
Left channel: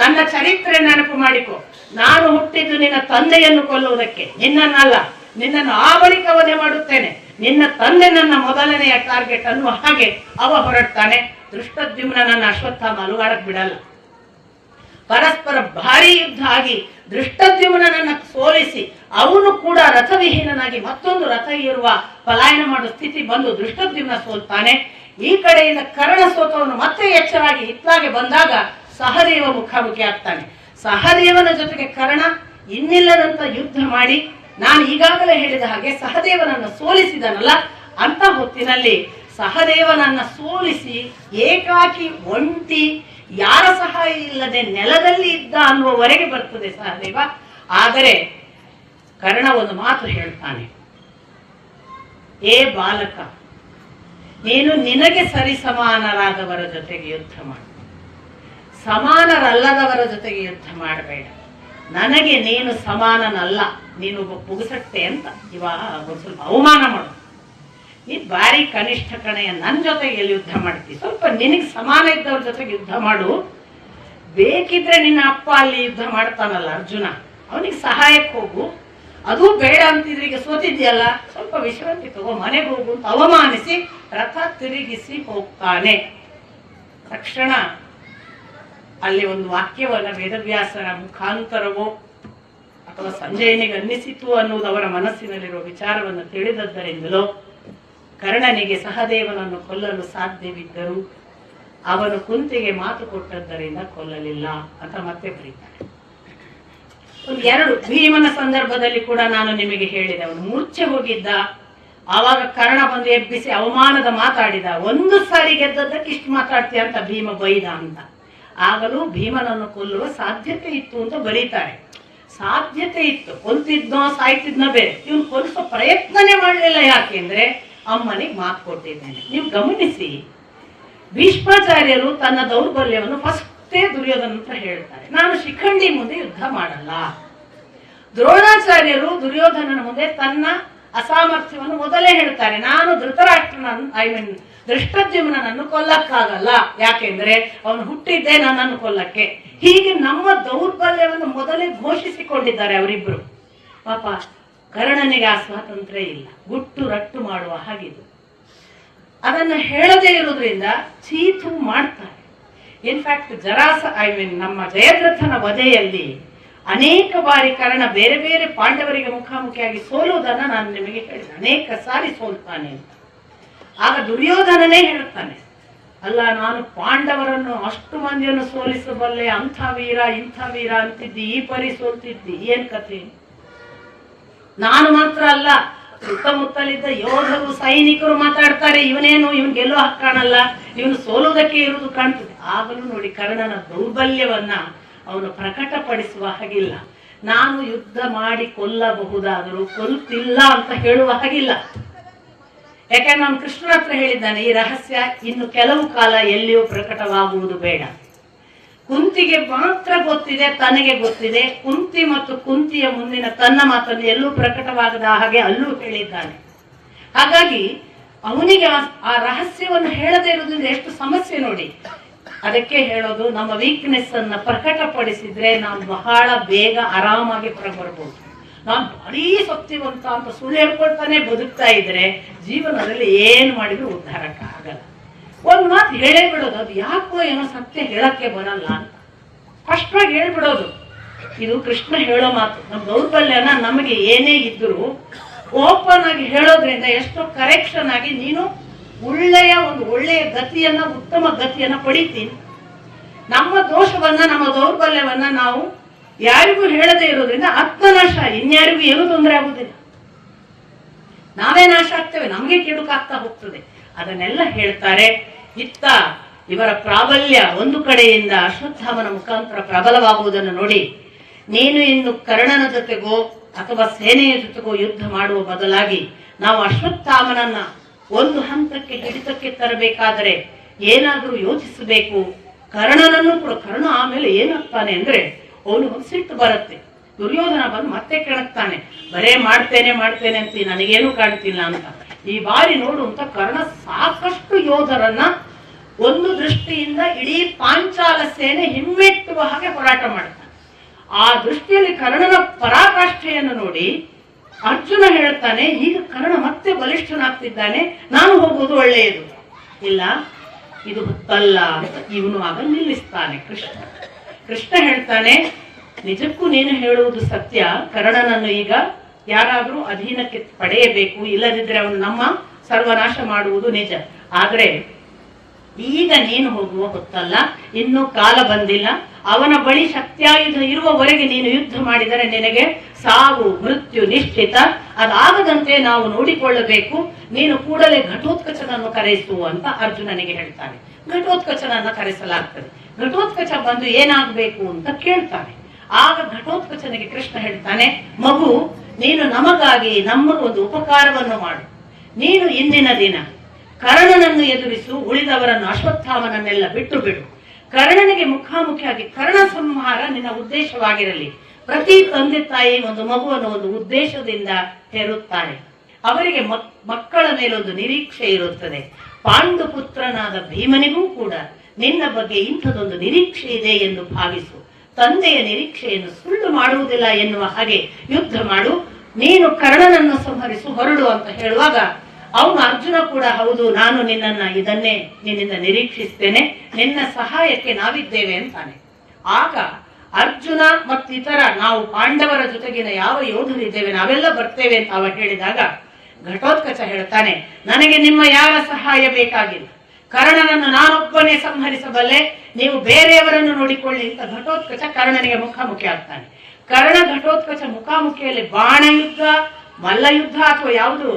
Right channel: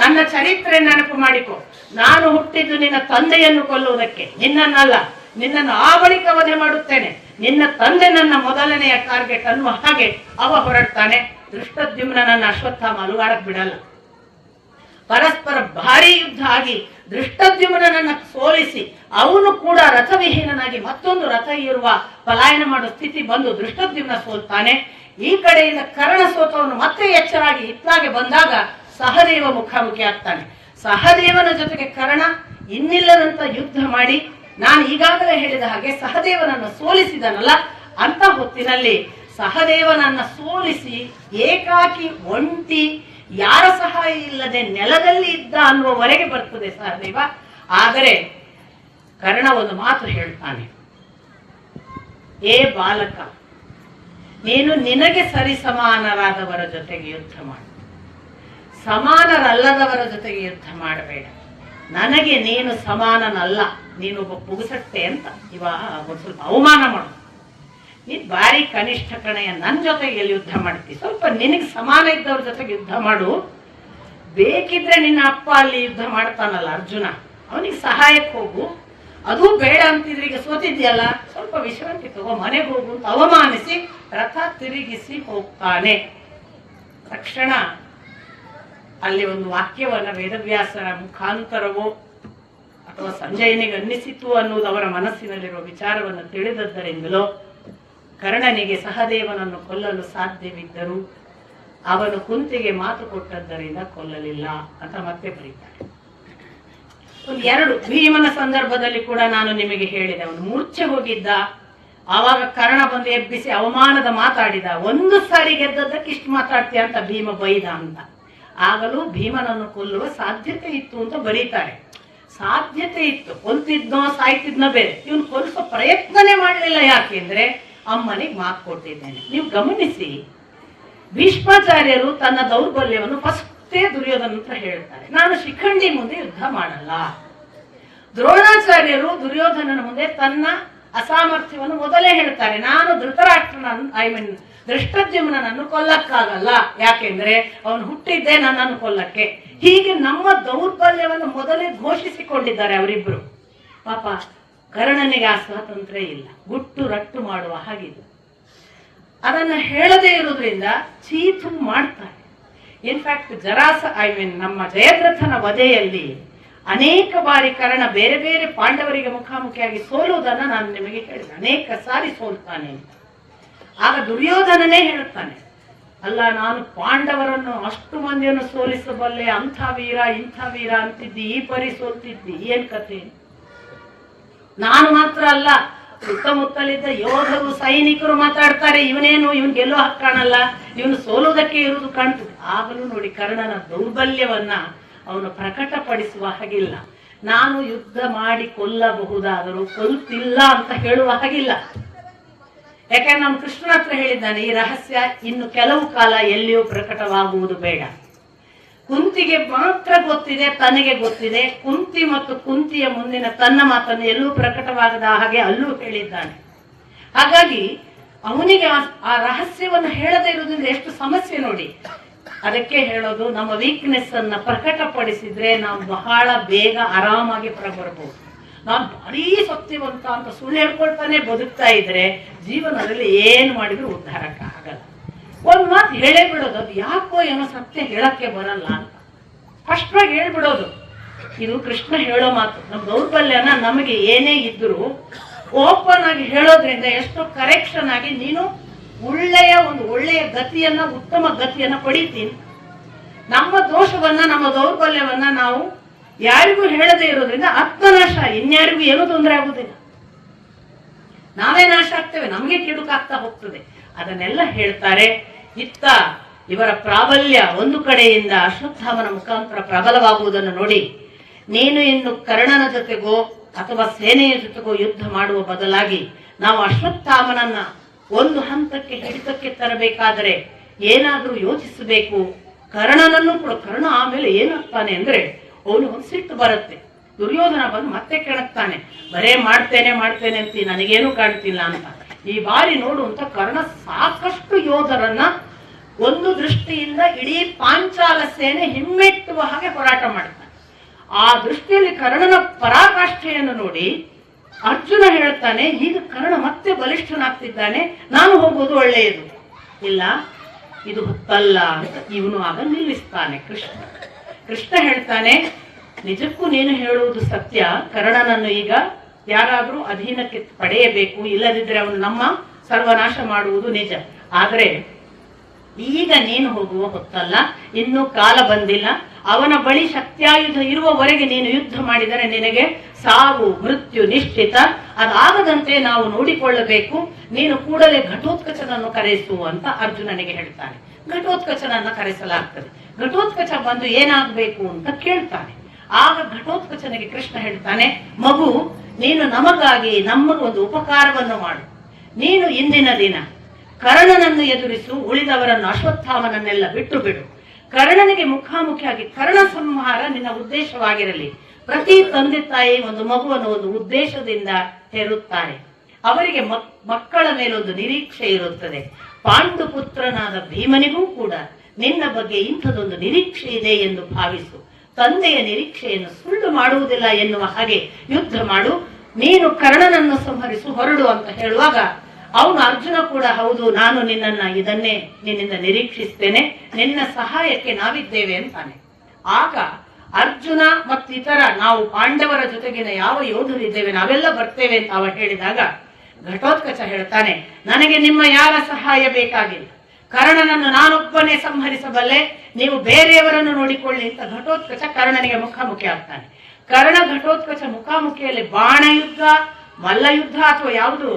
ನನ್ನ ಚರಿತ್ರೆ ನೆನಪು ಮಾಡಿಕೊ. ನಾನು ಹುಟ್ಟಿದ್ದು ನಿನ್ನ ತಂದೆಯನ್ನು ಕೊಲ್ಲುವುದಕ್ಕೆ, ನಿನ್ನನ್ನಲ್ಲ. ನಿನ್ನನ್ನು ಆ ಬಳಿಕ ವಧೆ ಮಾಡುತ್ತೇನೆ. ನಿನ್ನ ತಂದೆ ನನ್ನ ಮೊದಲನೆಯ ಟಾರ್ಗೆಟ್ ಅನ್ನುವ ಹಾಗೆ ಅವ ಹೊರಡ್ತಾನೆ. ದೃಷ್ಟದ್ಯುಮ್ನನನ್ನು ಅಶ್ವತ್ಥಾಮ ಅಲುಗಾಡಕ್ ಬಿಡಲ್ಲ. ಪರಸ್ಪರ ಭಾರಿ ಯುದ್ಧ ಆಗಿ ದೃಷ್ಟದ್ಯುಮ್ನನನ್ನು ಸೋಲಿಸಿ ಅವನು ಕೂಡ ರಥವಿಹೀನನಾಗಿ ಮತ್ತೊಂದು ರಥ ಇರುವ ಪಲಾಯನ ಮಾಡುವ ಸ್ಥಿತಿ ಬಂದು ದೃಷ್ಟದ್ಯುಮ್ನ ಸೋಲ್ತಾನೆ. ಈ ಕಡೆಯಿಂದ ಕರ್ಣ ಸೋತವನು ಮತ್ತೆ ಎಚ್ಚರಾಗಿ ಹಿತ್ಲಾಗೆ ಬಂದಾಗ ಸಹದೇವ ಮುಖಾಮುಖಿ ಆಗ್ತಾನೆ. ಸಹದೇವನ ಜೊತೆಗೆ ಕರ್ಣ ಇನ್ನಿಲ್ಲದಂತ ಯುದ್ಧ ಮಾಡಿ ನಾನು ಈಗಾಗಲೇ ಹೇಳಿದ ಹಾಗೆ ಸಹದೇವನನ್ನು ಸೋಲಿಸಿದನಲ್ಲ, ಅಂತ ಹೊತ್ತಿನಲ್ಲಿ ಸಹದೇವನನ್ನ ಸೋಲಿಸಿ ಏಕಾಕಿ ಒಂಟಿ ಯಾರ ಸಹಾಯ ಇಲ್ಲದೆ ನೆಲದಲ್ಲಿ ಇದ್ದ ಅನ್ನುವವರೆಗೆ ಬರ್ತದೆ ಸಹದೇವ. ಆದರೆ ಕರ್ಣ ಒಂದು ಮಾತು ಹೇಳ್ತಾನೆ, ಏ ಬಾಲಕ, ನೀನು ನಿನಗೆ ಸರಿ ಸಮಾನರಾದವರ ಜೊತೆಗೆ ಯುದ್ಧ ಮಾಡು, ಸಮಾನರಲ್ಲದವರ ಜೊತೆಗೆ ಯುದ್ಧ ಮಾಡಬೇಡ. ನನಗೆ ನೀನು ಸಮಾನನಲ್ಲ, ನೀನೊಬ್ಬ ಪುಗುಸಟ್ಟೆ ಅಂತ ಇವಾಗ ಒಂದು ಸ್ವಲ್ಪ ಅವಮಾನ ಮಾಡು. ನೀನ್ ಬಾರಿ ಕನಿಷ್ಠ ಕಣೆಯ, ನನ್ನ ಜೊತೆಗೆ ಎಲ್ಲಿ ಯುದ್ಧ ಮಾಡ್ತೀವಿ? ಸ್ವಲ್ಪ ನಿನಗೆ ಸಮಾನ ಇದ್ದವ್ರ ಜೊತೆಗೆ ಯುದ್ಧ ಮಾಡು. ಬೇಕಿದ್ರೆ ನಿನ್ನ ಅಪ್ಪ ಅಲ್ಲಿ ಯುದ್ಧ ಮಾಡ್ತಾನಲ್ಲ ಅರ್ಜುನ, ಅವನಿಗೆ ಸಹಾಯಕ್ಕೆ ಹೋಗು. ಅದು ಬೇಡ ಅಂತಿದ್ರೆ ಈಗ ಸೋತಿದ್ಯಲ್ಲ, ಸ್ವಲ್ಪ ವಿಶ್ರಾಂತಿ ತಗೋ, ಮನೆಗೆ ಹೋಗು ಅಂತ ಅವಮಾನಿಸಿ ರಥ ತಿರುಗಿಸಿ ಹೋಗ್ತಾನೆ. ತಕ್ಷಣ ಅಲ್ಲಿ ಒಂದು ವಾಕ್ಯವನ್ನ ವೇದವ್ಯಾಸರ ಮುಖಾಂತರವೋ ಅಥವಾ ಸಂಜಯನಿಗೆ ಅನ್ನಿಸಿತು ಅನ್ನುವುದು ಅವರ ಮನಸ್ಸಿನಲ್ಲಿರುವ ವಿಚಾರವನ್ನು ತಿಳಿದದ್ದರಿಂದಲೋ ಕರ್ಣನಿಗೆ ಸಹದೇವನನ್ನು ಕೊಲ್ಲಲು ಸಾಧ್ಯವಿದ್ದರೂ ಅವನು ಕುಂತಿಗೆ ಮಾತು ಕೊಟ್ಟದ್ದರಿಂದ ಕೊಲ್ಲಲಿಲ್ಲ ಅಂತ ಮತ್ತೆ ಬರೀತಾರೆ. ಒಂದು ಎರಡು ಭೀಮನ ಸಂದರ್ಭದಲ್ಲಿ ಕೂಡ ನಾನು ನಿಮಗೆ ಹೇಳಿದೆ, ಅವನು ಮೂರ್ಛೆ ಹೋಗಿದ್ದ. ಆವಾಗ ಕರ್ಣ ಬಂದು ಎಬ್ಬಿಸಿ ಅವಮಾನದ ಮಾತಾಡಿದ. ಒಂದು ಸಾರಿ ಗೆದ್ದದ್ದಕ್ಕೆ ಇಷ್ಟು ಮಾತಾಡ್ತೀಯ ಅಂತ ಭೀಮ ಬೈದ ಅಂತ. ಆಗಲೂ ಭೀಮನನ್ನು ಕೊಲ್ಲುವ ಸಾಧ್ಯತೆ ಇತ್ತು ಅಂತ ಬರೀತಾರೆ. ಸಾಧ್ಯತೆ ಇತ್ತು, ಕೊಲ್ತಿದ್ನೋ ಸಾಯ್ತಿದ್ನೋ ಬೇರೆ, ಇವನು ಕೊಲ್ಲಿಸೋ ಪ್ರಯತ್ನನೇ ಮಾಡಲಿಲ್ಲ. ಯಾಕೆಂದ್ರೆ ಅಮ್ಮನಿಗೆ ಮಾತು ಕೊಟ್ಟಿದ್ದೇನೆ. ನೀವು ಗಮನಿಸಿ, ಭೀಷ್ಮಾಚಾರ್ಯರು ತನ್ನ ದೌರ್ಬಲ್ಯವನ್ನು ಫಸ್ಟೇ ದುರ್ಯೋಧನ ಹತ್ರ ಹೇಳ್ತಾರೆ, ನಾನು ಶಿಖಂಡಿ ಮುಂದೆ ಯುದ್ಧ ಮಾಡಲ್ಲ. ದ್ರೋಣಾಚಾರ್ಯರು ದುರ್ಯೋಧನನ ಮುಂದೆ ತನ್ನ ಅಸಾಮರ್ಥ್ಯವನ್ನು ಮೊದಲೇ ಹೇಳ್ತಾರೆ, ನಾನು ಧೃತರಾಷ್ಟ್ರನನ್ನು ದೃಷ್ಟದ್ಯುಮ್ನನ್ನು ಕೊಲ್ಲಕ್ಕಾಗಲ್ಲ, ಯಾಕೆಂದ್ರೆ ಅವನು ಹುಟ್ಟಿದ್ದೇ ನನ್ನನ್ನು ಕೊಲ್ಲಕ್ಕೆ. ಹೀಗೆ ನಮ್ಮ ದೌರ್ಬಲ್ಯವನ್ನು ಮೊದಲೇ ಘೋಷಿಸಿಕೊಂಡಿದ್ದಾರೆ ಅವರಿಬ್ರು. ಪಾಪ ಕರ್ಣನಿಗೆ ಆ ಸ್ವಾತಂತ್ರ್ಯ ಇಲ್ಲ, ಗುಟ್ಟು ರಟ್ಟು ಮಾಡುವ ಹಾಗಿದು. ಅದನ್ನ ಹೇಳದೇ ಇರುವುದರಿಂದ ಚೀತು ಮಾಡ್ತಾರೆ. ಇನ್ಫ್ಯಾಕ್ಟ್ ನಮ್ಮ ಜಯದ್ರಥನ ವಧೆಯಲ್ಲಿ ಅನೇಕ ಬಾರಿ ಕರ್ಣ ಬೇರೆ ಬೇರೆ ಪಾಂಡವರಿಗೆ ಮುಖಾಮುಖಿಯಾಗಿ ಸೋಲುವುದನ್ನ ನಾನು ನಿಮಗೆ ಹೇಳಿದೆ, ಅನೇಕ ಸಾರಿ ಸೋಲ್ತಾನೆ ಅಂತ. ಆಗ ದುರ್ಯೋಧನನೇ ಹೇಳುತ್ತಾನೆ, ಅಲ್ಲ ನಾನು ಪಾಂಡವರನ್ನು ಅಷ್ಟು ಮಂದಿಯನ್ನು ಸೋಲಿಸಬಲ್ಲೆ, ಅಂಥ ವೀರ ಇಂಥ ವೀರ ಅಂತಿದ್ದಿ, ಈ ಪರಿ ಸೋಲ್ತಿದ್ದಿ, ಏನ್ ಕಥೆ? ನಾನು ಮಾತ್ರ ಅಲ್ಲ, ಸುತ್ತಮುತ್ತಲಿದ್ದ ಯೋಧರು ಸೈನಿಕರು ಮಾತಾಡ್ತಾರೆ, ಇವನೇನು ಇವನ್ ಗೆಲ್ಲೋ ಹಕ್ಕು ಕಾಣಲ್ಲ, ಇವನು ಸೋಲುವುದಕ್ಕೆ ಇರುವುದು ಕಾಣ್ತದೆ. ಆಗಲೂ ನೋಡಿ ಕರ್ಣನ ದೌರ್ಬಲ್ಯವನ್ನ ಅವನು ಪ್ರಕಟಪಡಿಸುವ ಹಾಗಿಲ್ಲ. ನಾನು ಯುದ್ಧ ಮಾಡಿ ಕೊಲ್ಲಬಹುದಾದರೂ ಕೊಲ್ತಿಲ್ಲ ಅಂತ ಹೇಳುವ ಹಾಗಿಲ್ಲ. ಯಾಕಂದ್ರೆ ನಾನು ಕೃಷ್ಣನ ಹತ್ರ ಹೇಳಿದ್ದಾನೆ, ಈ ರಹಸ್ಯ ಇನ್ನು ಕೆಲವು ಕಾಲ ಎಲ್ಲಿಯೂ ಪ್ರಕಟವಾಗುವುದು ಬೇಡ. ಕುಂತಿಗೆ ಮಾತ್ರ ಗೊತ್ತಿದೆ, ತನಗೆ ಗೊತ್ತಿದೆ. ಕುಂತಿ ಮತ್ತು ಕುಂತಿಯ ಮುಂದಿನ ತನ್ನ ಮಾತನ್ನು ಎಲ್ಲೂ ಪ್ರಕಟವಾಗದ ಹಾಗೆ ಅಲ್ಲೂ ಹೇಳಿದ್ದಾನೆ. ಹಾಗಾಗಿ ಅವನಿಗೆ ಆ ರಹಸ್ಯವನ್ನು ಹೇಳದೇ ಇರುವುದರಿಂದ ಎಷ್ಟು ಸಮಸ್ಯೆ ನೋಡಿ. ಅದಕ್ಕೆ ಹೇಳೋದು, ನಮ್ಮ ವೀಕ್ನೆಸ್ ಅನ್ನ ಪ್ರಕಟಪಡಿಸಿದ್ರೆ ನಾವು ಬಹಳ ಬೇಗ ಆರಾಮಾಗಿ ಹೊರಬರಬಹುದು. ನಾನು ಭಾರೀ ಶಕ್ತಿವಂತ ಅಂತ ಸುಳ್ಳು ಹೇಳ್ಕೊಳ್ತಾನೆ ಬದುಕ್ತಾ ಇದ್ರೆ ಜೀವನದಲ್ಲಿ ಏನ್ ಮಾಡಿದ್ರು ಉದ್ಧಾರಕ್ಕೆ ಆಗಲ್ಲ. ಒಂದ್ ಮಾತು ಹೇಳೇ ಬಿಡೋದು, ಅದು ಯಾಕೋ ಏನೋ ಸತ್ಯ ಹೇಳಕ್ಕೆ ಬರಲ್ಲ ಅಂತ ಸ್ಪಷ್ಟವಾಗಿ ಹೇಳ್ಬಿಡೋದು. ಇದು ಕೃಷ್ಣ ಹೇಳೋ ಮಾತು. ನಮ್ಮ ದೌರ್ಬಲ್ಯನ ನಮಗೆ ಏನೇ ಇದ್ರು ಓಪನ್ ಆಗಿ ಹೇಳೋದ್ರಿಂದ ಎಷ್ಟೋ ಕರೆಕ್ಷನ್ ಆಗಿ ನೀನು ಒಳ್ಳೆಯ ಗತಿಯನ್ನ, ಉತ್ತಮ ಗತಿಯನ್ನ ಪಡಿತೀನಿ. ನಮ್ಮ ದೋಷವನ್ನ, ನಮ್ಮ ದೌರ್ಬಲ್ಯವನ್ನ ನಾವು ಯಾರಿಗೂ ಹೇಳದೇ ಇರೋದ್ರಿಂದ ಆತ್ಮನಾಶ, ಇನ್ಯಾರಿಗೂ ಏನೂ ತೊಂದರೆ ಆಗುದಿಲ್ಲ. ನಾವೇ ನಾಶ ಆಗ್ತೇವೆ, ನಮಗೆ ಕೆಡುಕಾಗ್ತಾ ಹೋಗ್ತದೆ. ಅದನ್ನೆಲ್ಲ ಹೇಳ್ತಾರೆ. ಇತ್ತ ಇವರ ಪ್ರಾಬಲ್ಯ ಒಂದು ಕಡೆಯಿಂದ ಅಶ್ವತ್ಥಾಮನ ಮುಖಾಂತರ ಪ್ರಬಲವಾಗುವುದನ್ನು ನೋಡಿ, ನೀನು ಇನ್ನು ಕರ್ಣನ ಜೊತೆಗೋ ಅಥವಾ ಸೇನೆಯ ಜೊತೆಗೋ ಯುದ್ಧ ಮಾಡುವ ಬದಲಾಗಿ ನಾವು ಅಶ್ವತ್ಥಾಮನನ್ನ ಒಂದು ಹಂತಕ್ಕೆ ಹಿಡಿತಕ್ಕೆ ತರಬೇಕಾದರೆ ಏನಾದರೂ ಯೋಚಿಸಬೇಕು. ಕರ್ಣನನ್ನು ಕೂಡ, ಕರ್ಣ ಆಮೇಲೆ ಏನಾಗ್ತಾನೆ ಅಂದ್ರೆ ಅವನು ಒಂದು ಸಿಟ್ಟು ಬರುತ್ತೆ. ದುರ್ಯೋಧನ ಬಂದು ಮತ್ತೆ ಕೆಣಕ್ತಾನೆ, ಬರೇ ಮಾಡ್ತೇನೆ ಅಂತ ನನಗೇನು ಕಾಣ್ತಿಲ್ಲ ಅಂತ. ಈ ಬಾರಿ ನೋಡು ಅಂತ ಕರ್ಣ ಸಾಕಷ್ಟು ಯೋಧರನ್ನ ಒಂದು ದೃಷ್ಟಿಯಿಂದ ಇಡೀ ಪಾಂಚಾಲ ಸೇನೆ ಹಿಮ್ಮೆಟ್ಟುವ ಹಾಗೆ ಹೋರಾಟ ಮಾಡ್ತಾನೆ. ಆ ದೃಷ್ಟಿಯಲ್ಲಿ ಕರ್ಣನ ಪರಾಕಾಷ್ಠೆಯನ್ನು ನೋಡಿ ಅರ್ಜುನ ಹೇಳ್ತಾನೆ, ಈಗ ಕರ್ಣ ಮತ್ತೆ ಬಲಿಷ್ಠನಾಗ್ತಿದ್ದಾನೆ, ನಾನು ಹೋಗುವುದು ಒಳ್ಳೆಯದು. ಇಲ್ಲ, ಇದು ಹೊತ್ತಲ್ಲ ಅಂತ ಇವನು ಆಗ ನಿಲ್ಲಿಸ್ತಾನೆ ಕೃಷ್ಣ ಹೇಳ್ತಾನೆ, ನಿಜಕ್ಕೂ ನೀನು ಹೇಳುವುದು ಸತ್ಯ. ಕರ್ಣನನ್ನು ಈಗ ಯಾರಾದ್ರೂ ಅಧೀನಕ್ಕೆ ಪಡೆಯಬೇಕು, ಇಲ್ಲದಿದ್ರೆ ಅವನು ನಮ್ಮ ಸರ್ವನಾಶ ಮಾಡುವುದು ನಿಜ. ಆದ್ರೆ ಈಗ ನೀನು ಹೋಗುವ ಹೊತ್ತಲ್ಲ, ಇನ್ನೂ ಕಾಲ ಬಂದಿಲ್ಲ. ಅವನ ಬಳಿ ಶಕ್ತಿಯಾಯುಧ ಇರುವವರೆಗೆ ನೀನು ಯುದ್ಧ ಮಾಡಿದರೆ ನಿನಗೆ ಸಾವು ಮೃತ್ಯು ನಿಶ್ಚಿತ. ಅದಾಗದಂತೆ ನಾವು ನೋಡಿಕೊಳ್ಳಬೇಕು. ನೀನು ಕೂಡಲೇ ಘಟೋತ್ಕಚನನ್ನು ಕರೆಸು ಅಂತ ಅರ್ಜುನನಿಗೆ ಹೇಳ್ತಾನೆ. ಘಟೋತ್ಕಚನನ್ನ ಕರೆಸಲಾಗ್ತದೆ. ಘಟೋತ್ಕಚ ಬಂದು ಏನಾಗಬೇಕು ಅಂತ ಕೇಳ್ತಾನೆ. ಆಗ ಘಟೋತ್ಕಚನಿಗೆ ಕೃಷ್ಣ ಹೇಳ್ತಾನೆ, ಮಗು, ನೀನು ನಮಗಾಗಿ ನಮಗೊಂದು ಉಪಕಾರವನ್ನು ಮಾಡು. ನೀನು ಇಂದಿನ ದಿನ ಕರ್ಣನನ್ನು ಎದುರಿಸು, ಉಳಿದವರನ್ನು ಅಶ್ವತ್ಥಾಮನನ್ನೆಲ್ಲ ಬಿಟ್ಟು ಬಿಡು. ಕರ್ಣನಿಗೆ ಮುಖಾಮುಖಿಯಾಗಿ ಕರ್ಣ ಸಂಹಾರ ನಿನ್ನ ಉದ್ದೇಶವಾಗಿರಲಿ. ಪ್ರತಿ ತಂದೆ ತಾಯಿ ಒಂದು ಮಗುವನ್ನು ಒಂದು ಉದ್ದೇಶದಿಂದ ಹೆರುತ್ತಾರೆ. ಅವರಿಗೆ ಮಕ್ಕಳ ಮೇಲೊಂದು ನಿರೀಕ್ಷೆ ಇರುತ್ತದೆ. ಪಾಂಡು ಪುತ್ರನಾದ ಭೀಮನಿಗೂ ಕೂಡ ನಿನ್ನ ಬಗ್ಗೆ ಇಂಥದೊಂದು ನಿರೀಕ್ಷೆ ಇದೆ ಎಂದು ಭಾವಿಸು. ತಂದೆಯ ನಿರೀಕ್ಷೆಯನ್ನು ಸುಳ್ಳು ಮಾಡುವುದಿಲ್ಲ ಎನ್ನುವ ಹಾಗೆ ಯುದ್ಧ ಮಾಡು. ನೀನು ಕರ್ಣನನ್ನು ಸಂಹರಿಸು, ಹೊರಡು ಅಂತ ಹೇಳುವಾಗ ಅವನು ಅರ್ಜುನ ಕೂಡ ಹೌದು, ನಾನು ಇದನ್ನೇ ನಿನ್ನಿಂದ ನಿರೀಕ್ಷಿಸ್ತೇನೆ, ನಿನ್ನ ಸಹಾಯಕ್ಕೆ ನಾವಿದ್ದೇವೆ ಅಂತಾನೆ. ಆಗ ಅರ್ಜುನ ಮತ್ತಿತರ ನಾವು ಪಾಂಡವರ ಜೊತೆಗಿನ ಯಾವ ಯೋಧರಿದ್ದೇವೆ ನಾವೆಲ್ಲ ಬರ್ತೇವೆ ಅಂತ ಅವರು ಹೇಳಿದಾಗ ಘಟೋತ್ಕಚ ಹೇಳ್ತಾನೆ, ನನಗೆ ನಿಮ್ಮ ಯಾರ ಸಹಾಯ ಬೇಕಾಗಿಲ್ಲ. ಕರ್ಣನನ್ನು ನಾನೊಬ್ಬನೇ ಸಂಹರಿಸಬಲ್ಲೆ, ನೀವು ಬೇರೆಯವರನ್ನು ನೋಡಿಕೊಳ್ಳಿ ಅಂತ ಘಟೋತ್ಕಚ ಕರ್ಣನಿಗೆ ಮುಖಾಮುಖಿ ಆಗ್ತಾನೆ. ಕರ್ಣ ಘಟೋತ್ಕಚ ಮುಖಾಮುಖಿಯಲ್ಲಿ ಬಾಣ ಯುದ್ಧ, ಮಲ್ಲ ಯುದ್ಧ ಅಥವಾ ಯಾವುದು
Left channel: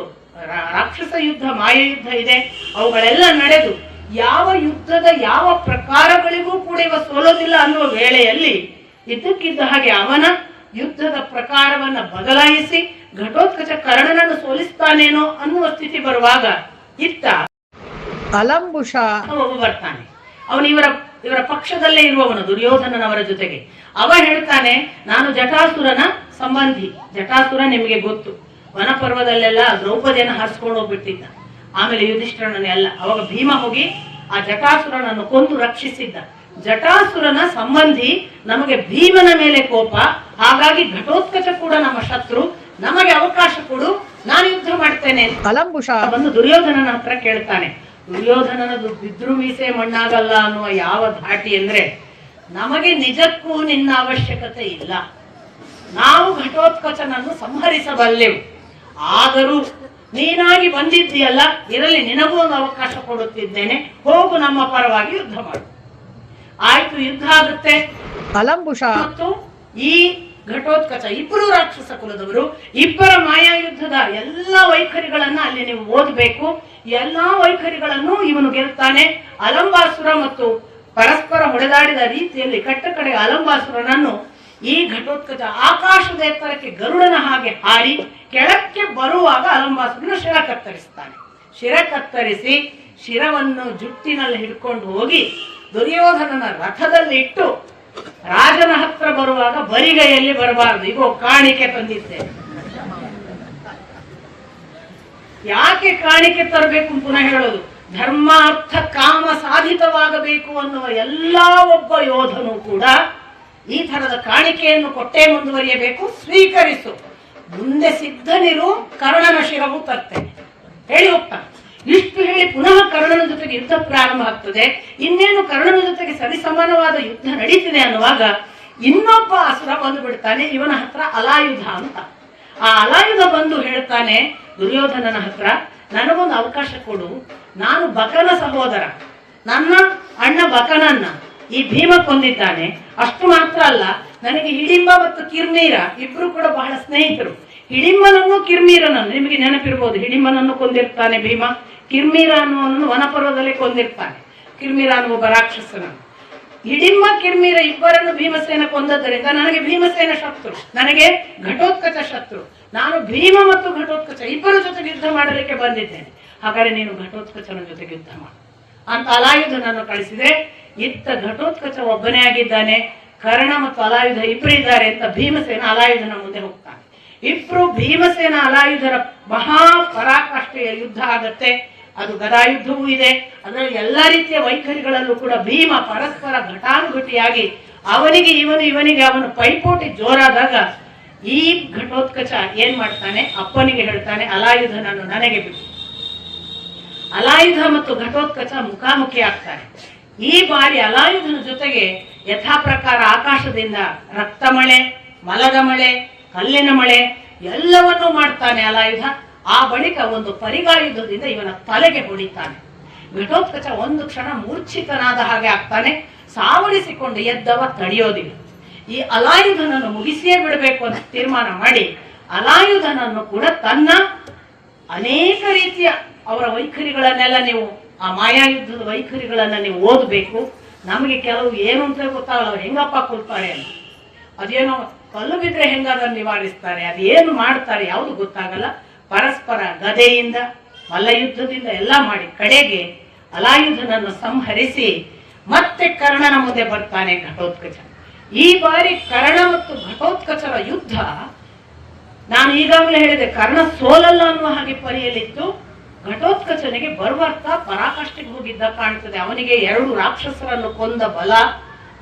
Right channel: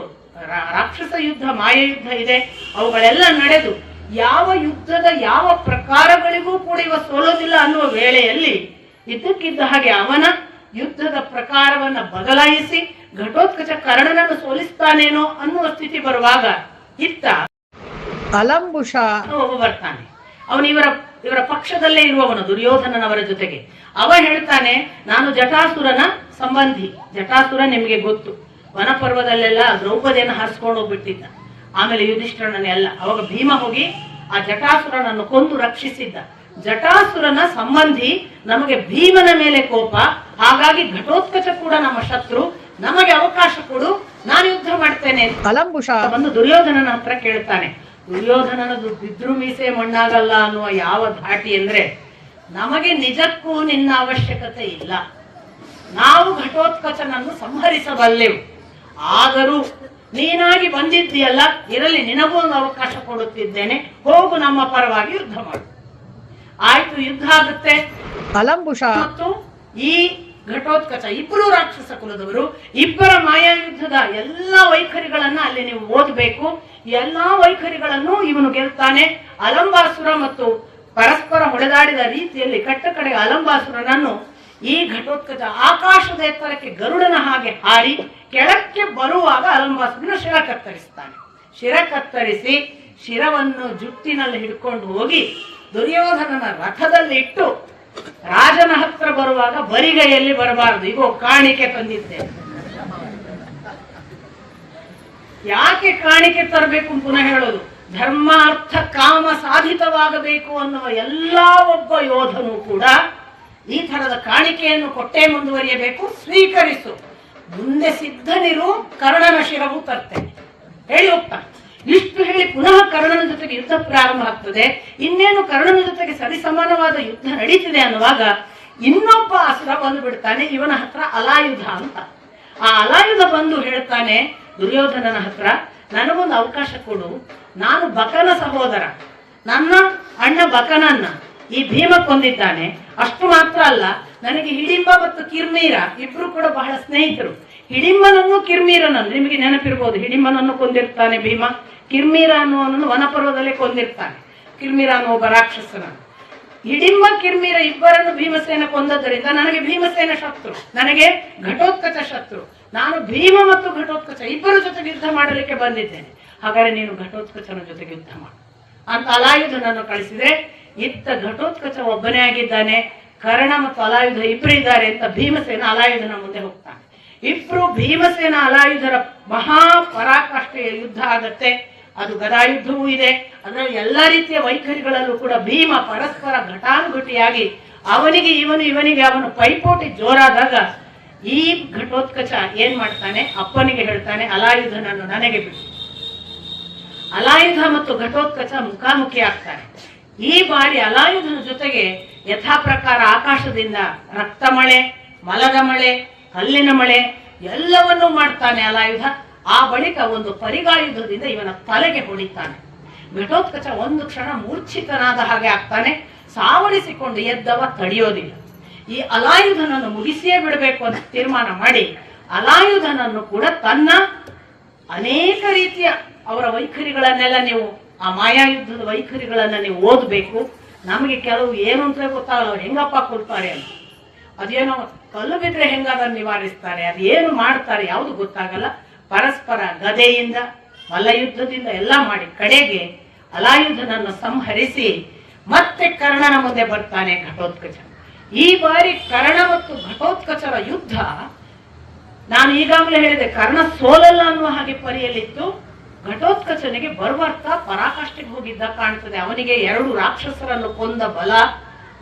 ರಾಕ್ಷಸ ಯುದ್ಧ, ಮಾಯ ಯುದ್ಧ ಇದೆ, ಅವುಗಳೆಲ್ಲ ನಡೆದು ಯಾವ ಯುದ್ಧದ ಯಾವ ಪ್ರಕಾರಗಳಿಗೂ ಕೂಡ ಇವ ಸೋಲೋದಿಲ್ಲ ಅನ್ನುವ ವೇಳೆಯಲ್ಲಿ ಇದ್ದಕ್ಕಿದ್ದ ಹಾಗೆ ಅವನ ಯುದ್ಧದ ಪ್ರಕಾರವನ್ನ ಬದಲಾಯಿಸಿ ಘಟೋತ್ಕಚ ಕರ್ಣನನ್ನು ಸೋಲಿಸ್ತಾನೇನೋ ಅನ್ನುವ ಸ್ಥಿತಿ ಬರುವಾಗ ಇತ್ತ ಅಲಂಬುಷ ಒಬ್ಬ ಬರ್ತಾನೆ. ಅವನು ಇವರ ಪಕ್ಷದಲ್ಲೇ ಇರುವವನು, ದುರ್ಯೋಧನನವರ ಜೊತೆಗೆ. ಅವ ಹೇಳ್ತಾನೆ, ನಾನು ಜಟಾಸುರನ ಸಂಬಂಧಿ. ಜಟಾಸುರ ನಿಮಗೆ ಗೊತ್ತು, ವನಪರ್ವದಲ್ಲೆಲ್ಲ ದ್ರೌಪದಿಯನ್ನು ಹರಿಸ್ಕೊಂಡು ಹೋಗ್ಬಿಟ್ಟಿದ್ದ. ಆಮೇಲೆ ಯುಧಿಷ್ಠಿರನೆಲ್ಲ ಅವಾಗ ಭೀಮ ಹೋಗಿ ಆ ಜಟಾಸುರನನ್ನು ಕೊಂದು ರಕ್ಷಿಸಿದ್ದ. ಜಟಾಸುರನ ಸಂಬಂಧಿ, ನಮಗೆ ಭೀಮನ ಮೇಲೆ ಕೋಪ, ಹಾಗಾಗಿ ಘಟೋತ್ಕಚ ಕೂಡ ನಮ್ಮ ಶತ್ರು, ನಮಗೆ ಅವಕಾಶ ಕೊಡು, ನಾನು ಯುದ್ಧ ಮಾಡ್ತೇನೆ. ಅಲಂಬುಷ ಬಂದು ದುರ್ಯೋಧನನ ಹತ್ರ ಕೇಳ್ತಾನೆ. ದುರ್ಯೋಧನನದು ಬಿದ್ರು ಮೀಸೆ ಮಣ್ಣಾಗಲ್ಲ ಅನ್ನುವ ಯಾವ ಧಾಟಿ ಅಂದ್ರೆ, ನಮಗೆ ನಿಜಕ್ಕೂ ನಿನ್ನ ಅವಶ್ಯಕತೆ ಇಲ್ಲ, ನಾವು ಘಟೋತ್ಕಚನನ್ನು ಸಂಹರಿಸಬಲ್ಲೆವು. ಆದರೂ ನೀನಾಗಿ ಬಂದಿದ್ದೀಯಲ್ಲ, ಇರಲಿ, ನಿನಗೂ ಒಂದು ಅವಕಾಶ ಕೊಡುತ್ತಿದ್ದೇನೆ, ಹೋಗು, ನಮ್ಮ ಪರವಾಗಿ ಯುದ್ಧ ಮಾಡು. ಆಯ್ತು, ಯುದ್ಧ ಆಗುತ್ತೆ. ಅಲಂಬುಷ ಮತ್ತು ಈ ಘಟೋತ್ಕಚ ಇಬ್ಬರು ರಾಕ್ಷಸ ಕುಲದವರು, ಇಬ್ಬರ ಮಾಯಾ ಯುದ್ಧದ ಎಲ್ಲಾ ವೈಖರಿಗಳನ್ನ ಅಲ್ಲಿ ನೀವು ಓದಬೇಕು. ಎಲ್ಲಾ ವೈಖರಿಗಳನ್ನು ಇವನು ಗೆಲ್ತಾನೆ. ಅಲಂಬಾಸುರ ಮತ್ತು ಪರಸ್ಪರ ಹೊಡೆದಾಡಿದ ರೀತಿಯಲ್ಲಿ ಕಟ್ಟ ಕಡೆಗೆ ಅಲಂಬಾಸುರನನ್ನು ಈ ಘಟೋತ್ಕಚ ಆಕಾಶದ ಎತ್ತರಕ್ಕೆ ಗರುಡನ ಹಾಗೆ ಹಾರಿ ಕೆಳಕ್ಕೆ ಬರುವಾಗ ಅಲಂಬಾಸುರನ ಶಿರ ಕತ್ತರಿಸ್ತಾನೆ. ಶಿರ ಕತ್ತರಿಸಿ ಶಿರವನ್ನು ಜುಟ್ಟಿನಲ್ಲಿ ಹಿಡ್ಕೊಂಡು ಹೋಗಿ ದುರ್ಯೋಧನನ ರಥದಲ್ಲಿ ಇಟ್ಟು ರಾಜನ ಹತ್ರ ಬರುವಾಗ ಬರಿಗೈಯಲ್ಲಿ ಬರಬಾರದು, ಈಗ ಕಾಣಿಕೆ ತಂದಿದ್ದೆ. ಯಾಕೆ ಕಾಣಿಕೆ ತರಬೇಕು ಪುನಃ ಹೇಳೋದು, ಧರ್ಮ ಅರ್ಥ ಕಾಮ ಸಾಧಿತವಾಗಬೇಕು ಅನ್ನುವ ಎಲ್ಲಾ ಒಬ್ಬ ಯೋಧನು ಕೂಡ ಈ ತರದ ಕಾಣಿಕೆಯನ್ನು ಕೊಟ್ಟೇ ಮುಂದುವರಿಯಬೇಕು. ಸ್ವೀಕರಿಸು, ಮುಂದೆ ಸಿದ್ಧನಿರು, ಕರ್ಣನ ಶಿರವು ತರ್ತೇನೆ ಹೇಳಿ ಹೋಗ್ತಾನೆ. ಇಷ್ಟು ಹೇಳಿ ಪುನಃ ಕರ್ಣನ ಜೊತೆಗೆ ಯುದ್ಧ ಪ್ರಾರಂಭ ಆಗ್ತದೆ. ಇನ್ನೇನು ಕರ್ಣನ ಜೊತೆಗೆ ಸರಿಸಮಾನವಾದ ಯುದ್ಧ ನಡೀತಿದೆ ಅನ್ನುವಾಗ ಇನ್ನೊಬ್ಬ ಅಸುರ ಬಂದು ಬಿಡ್ತಾನೆ ಇವನ ಹತ್ರ, ಅಲಾಯುಧ ಅಂತ. ಆ ಅಲಾಯುಧ ಬಂದು ಹೇಳ್ತಾನೆ ದುರ್ಯೋಧನನ ಹತ್ರ, ನನಗೊಂದು ಅವಕಾಶ ಕೊಡು, ನಾನು ಬಕನ ಸಹೋದರ, ನನ್ನ ಅಣ್ಣ ಬಕನನ್ನ ಈ ಭೀಮ ಕೊಂದಿದ್ದಾನೆ. ಅಷ್ಟು ಮಾತ್ರ ಅಲ್ಲ, ನನಗೆ ಹಿಡಿಂಬ ಮತ್ತು ಕಿರ್ಮೀರ ಇಬ್ರು ಕೂಡ ಬಹಳ ಸ್ನೇಹಿತರು. ಹಿಡಿಂಬನನ್ನು ಕಿರ್ಮೀರನನ್ನು ನಿಮಗೆ ನೆನಪಿರ್ಬೋದು, ಹಿಡಿಂಬನನ್ನು ಕೊಂದಿರ್ತಾನೆ ಭೀಮ, ಕಿರ್ಮೀರ ಅನ್ನುವನ್ನು ವನಪರ್ವದಲ್ಲಿ ಕೊಂದಿರ್ತಾನೆ. ಕಿರ್ಮೀರ ಅನ್ನುವ ಒಬ್ಬ ರಾಕ್ಷಸನನ್ನು. ಹಿಡಿಂಬ ಕಿರ್ಮೀರ ಇಬ್ಬರನ್ನು ಭೀಮಸೇನ ಕೊಂದದ್ದರಿಂದ ನನಗೆ ಭೀಮಸೇನ ಶತ್ರು, ನನಗೆ ಘಟೋತ್ಕಚ ಶತ್ರು. ನಾನು ಭೀಮ ಮತ್ತು ಘಟೋತ್ಕಚ ಇಬ್ಬರ ಜೊತೆಗೆ ಯುದ್ಧ ಮಾಡಲಿಕ್ಕೆ ಬಂದಿದ್ದೇನೆ, ಹಾಗಾದ್ರೆ ನೀನು ಘಟೋತ್ಕಚನ ಜೊತೆಗೆ ಯುದ್ಧ ಮಾಡು ಅಂತ ಅಲಾಯುಧನನ್ನು ಕಳಿಸಿದ್ರೆ, ಇತ್ತ ಘಟೋತ್ಕಚ ಒಬ್ಬನೇ ಆಗಿದ್ದಾನೆ, ಕರ್ಣ ಮತ್ತು ಅಲಾಯುಧ ಇಬ್ಬರಿದ್ದಾರೆ ಅಂತ ಭೀಮಸೇನ ಅಲಾಯುಧನ ಮುಂದೆ ಹೋಗ್ತಾನೆ. ಇಬ್ರು ಭೀಮಸೇನ ಅಲಾಯುಧರ ಮಹಾ ಪರಾಕಾಷ್ಠೆಯ ಯುದ್ಧ ಆಗತ್ತೆ. ಅದು ಗದಾಯುದ್ಧವೂ ಇದೆ, ಅದರಲ್ಲಿ ಎಲ್ಲಾ ರೀತಿಯ ವೈಖರಿಗಳಲ್ಲೂ ಕೂಡ ಭೀಮ ಪರಸ್ಪರ ಘಟಾನುಘಟಿಯಾಗಿ ಅವನಿಗೆ ಇವನಿಗೆ ಅವನು ಪೈಪೋಟಿ ಜೋರಾದಾಗ ಈ ಘಟೋತ್ಕಚ ಏನ್ ಮಾಡ್ತಾನೆ, ಅಪ್ಪನಿಗೆ ಹೇಳ್ತಾನೆ, ಅಲಾಯುಧನನ್ನು ನನಗೆ ಬಿಟ್ಟು. ಅಲಾಯುಧ ಮತ್ತು ಘಟೋತ್ಕಚ ಮುಖಾಮುಖಿ ಆಗ್ತಾರೆ. ಈ ಬಾರಿ ಅಲಾಯುಧನ ಜೊತೆಗೆ ಯಥಾ ಪ್ರಕಾರ ಆಕಾಶದಿಂದ ರಕ್ತ ಮಳೆ, ಮಲದ ಮಳೆ, ಕಲ್ಲಿನ ಮಳೆ ಎಲ್ಲವನ್ನೂ ಮಾಡ್ತಾನೆ ಅಲಾಯುಧ. ಆ ಬಳಿಕ ಒಂದು ಪರಿಗಾಯುಧದಿಂದ ಇವನ ತಲೆಗೆ ಹೊಡಿತಾನೆ. ಘಟೋತ್ಕಚ ಒಂದು ಕ್ಷಣ ಮೂರ್ಛಿತನಾದ ಹಾಗೆ ಆಗ್ತಾನೆ. ಸಾವರಿಸಿಕೊಂಡು ಎದ್ದವ ತಡೆಯೋದಿಲ್ಲ. ಈ ಅಲಾಯುಧನನ್ನು ಮುಗಿಸಿಯೇ ಬಿಡಬೇಕು ಅಂತ ತೀರ್ಮಾನ ಮಾಡಿ ಅಲಾಯುಧನನ್ನು ಕೂಡ ತನ್ನ ಅನೇಕ ರೀತಿಯ ಅವರ ವೈಖರಿಗಳನ್ನೆಲ್ಲ ನೀವು ಆ ಮಾಯಾಯುದ್ಧದ ವೈಖರಿಗಳನ್ನ ನೀವು ಓದಬೇಕು. ನಮಗೆ ಕೆಲವು ಏನು ಅಂತ ಗೊತ್ತಾಗಲ್ಲ, ಹೆಂಗಪ್ಪ ಕೊಲ್ತಾರೆ ಅಂತ. ಅದೇನೋ ಕಲ್ಲು ಬಿದ್ರೆ ಹೆಂಗಾದ್ರೂ ನಿವಾರಿಸ್ತಾರೆ, ಅದೇನು ಮಾಡ್ತಾರೆ ಯಾವುದು ಗೊತ್ತಾಗಲ್ಲ. ಪರಸ್ಪರ ಗದೆಯಿಂದ ಮಲ್ಲಯುದ್ಧದಿಂದ ಎಲ್ಲ ಮಾಡಿ ಕಡೆಗೆ ಅಲಾಯುಧನನ್ನು ಸಂಹರಿಸಿ ಮತ್ತೆ ಕರ್ಣನ ಮುಂದೆ ಬರ್ತಾನೆ ಘಟೋತ್ಕಚ. ಈ ಬಾರಿ ಕರ್ಣ ಮತ್ತು ಘಟೋತ್ಕಚರ ಯುದ್ಧ ನಾನು ಈಗಾಗಲೇ ಹೇಳಿದೆ, ಕರ್ಣ ಸೋಲಲ್ಲ ಅನ್ನುವ ಹಾಗೆ ಪರಿಯಲ್ಲಿತ್ತು. ಘಟೋತ್ಕಚನಿಗೆ ಬರ್ಬರ್ತಾ ಪರಾಕಾಷ್ಠೆಗೆ ಹೋಗಿದ್ದ ಕಾಣ್ತದೆ. ಅವನಿಗೆ 2 ರಾಕ್ಷಸರನ್ನು ಕೊಂದ ಬಲ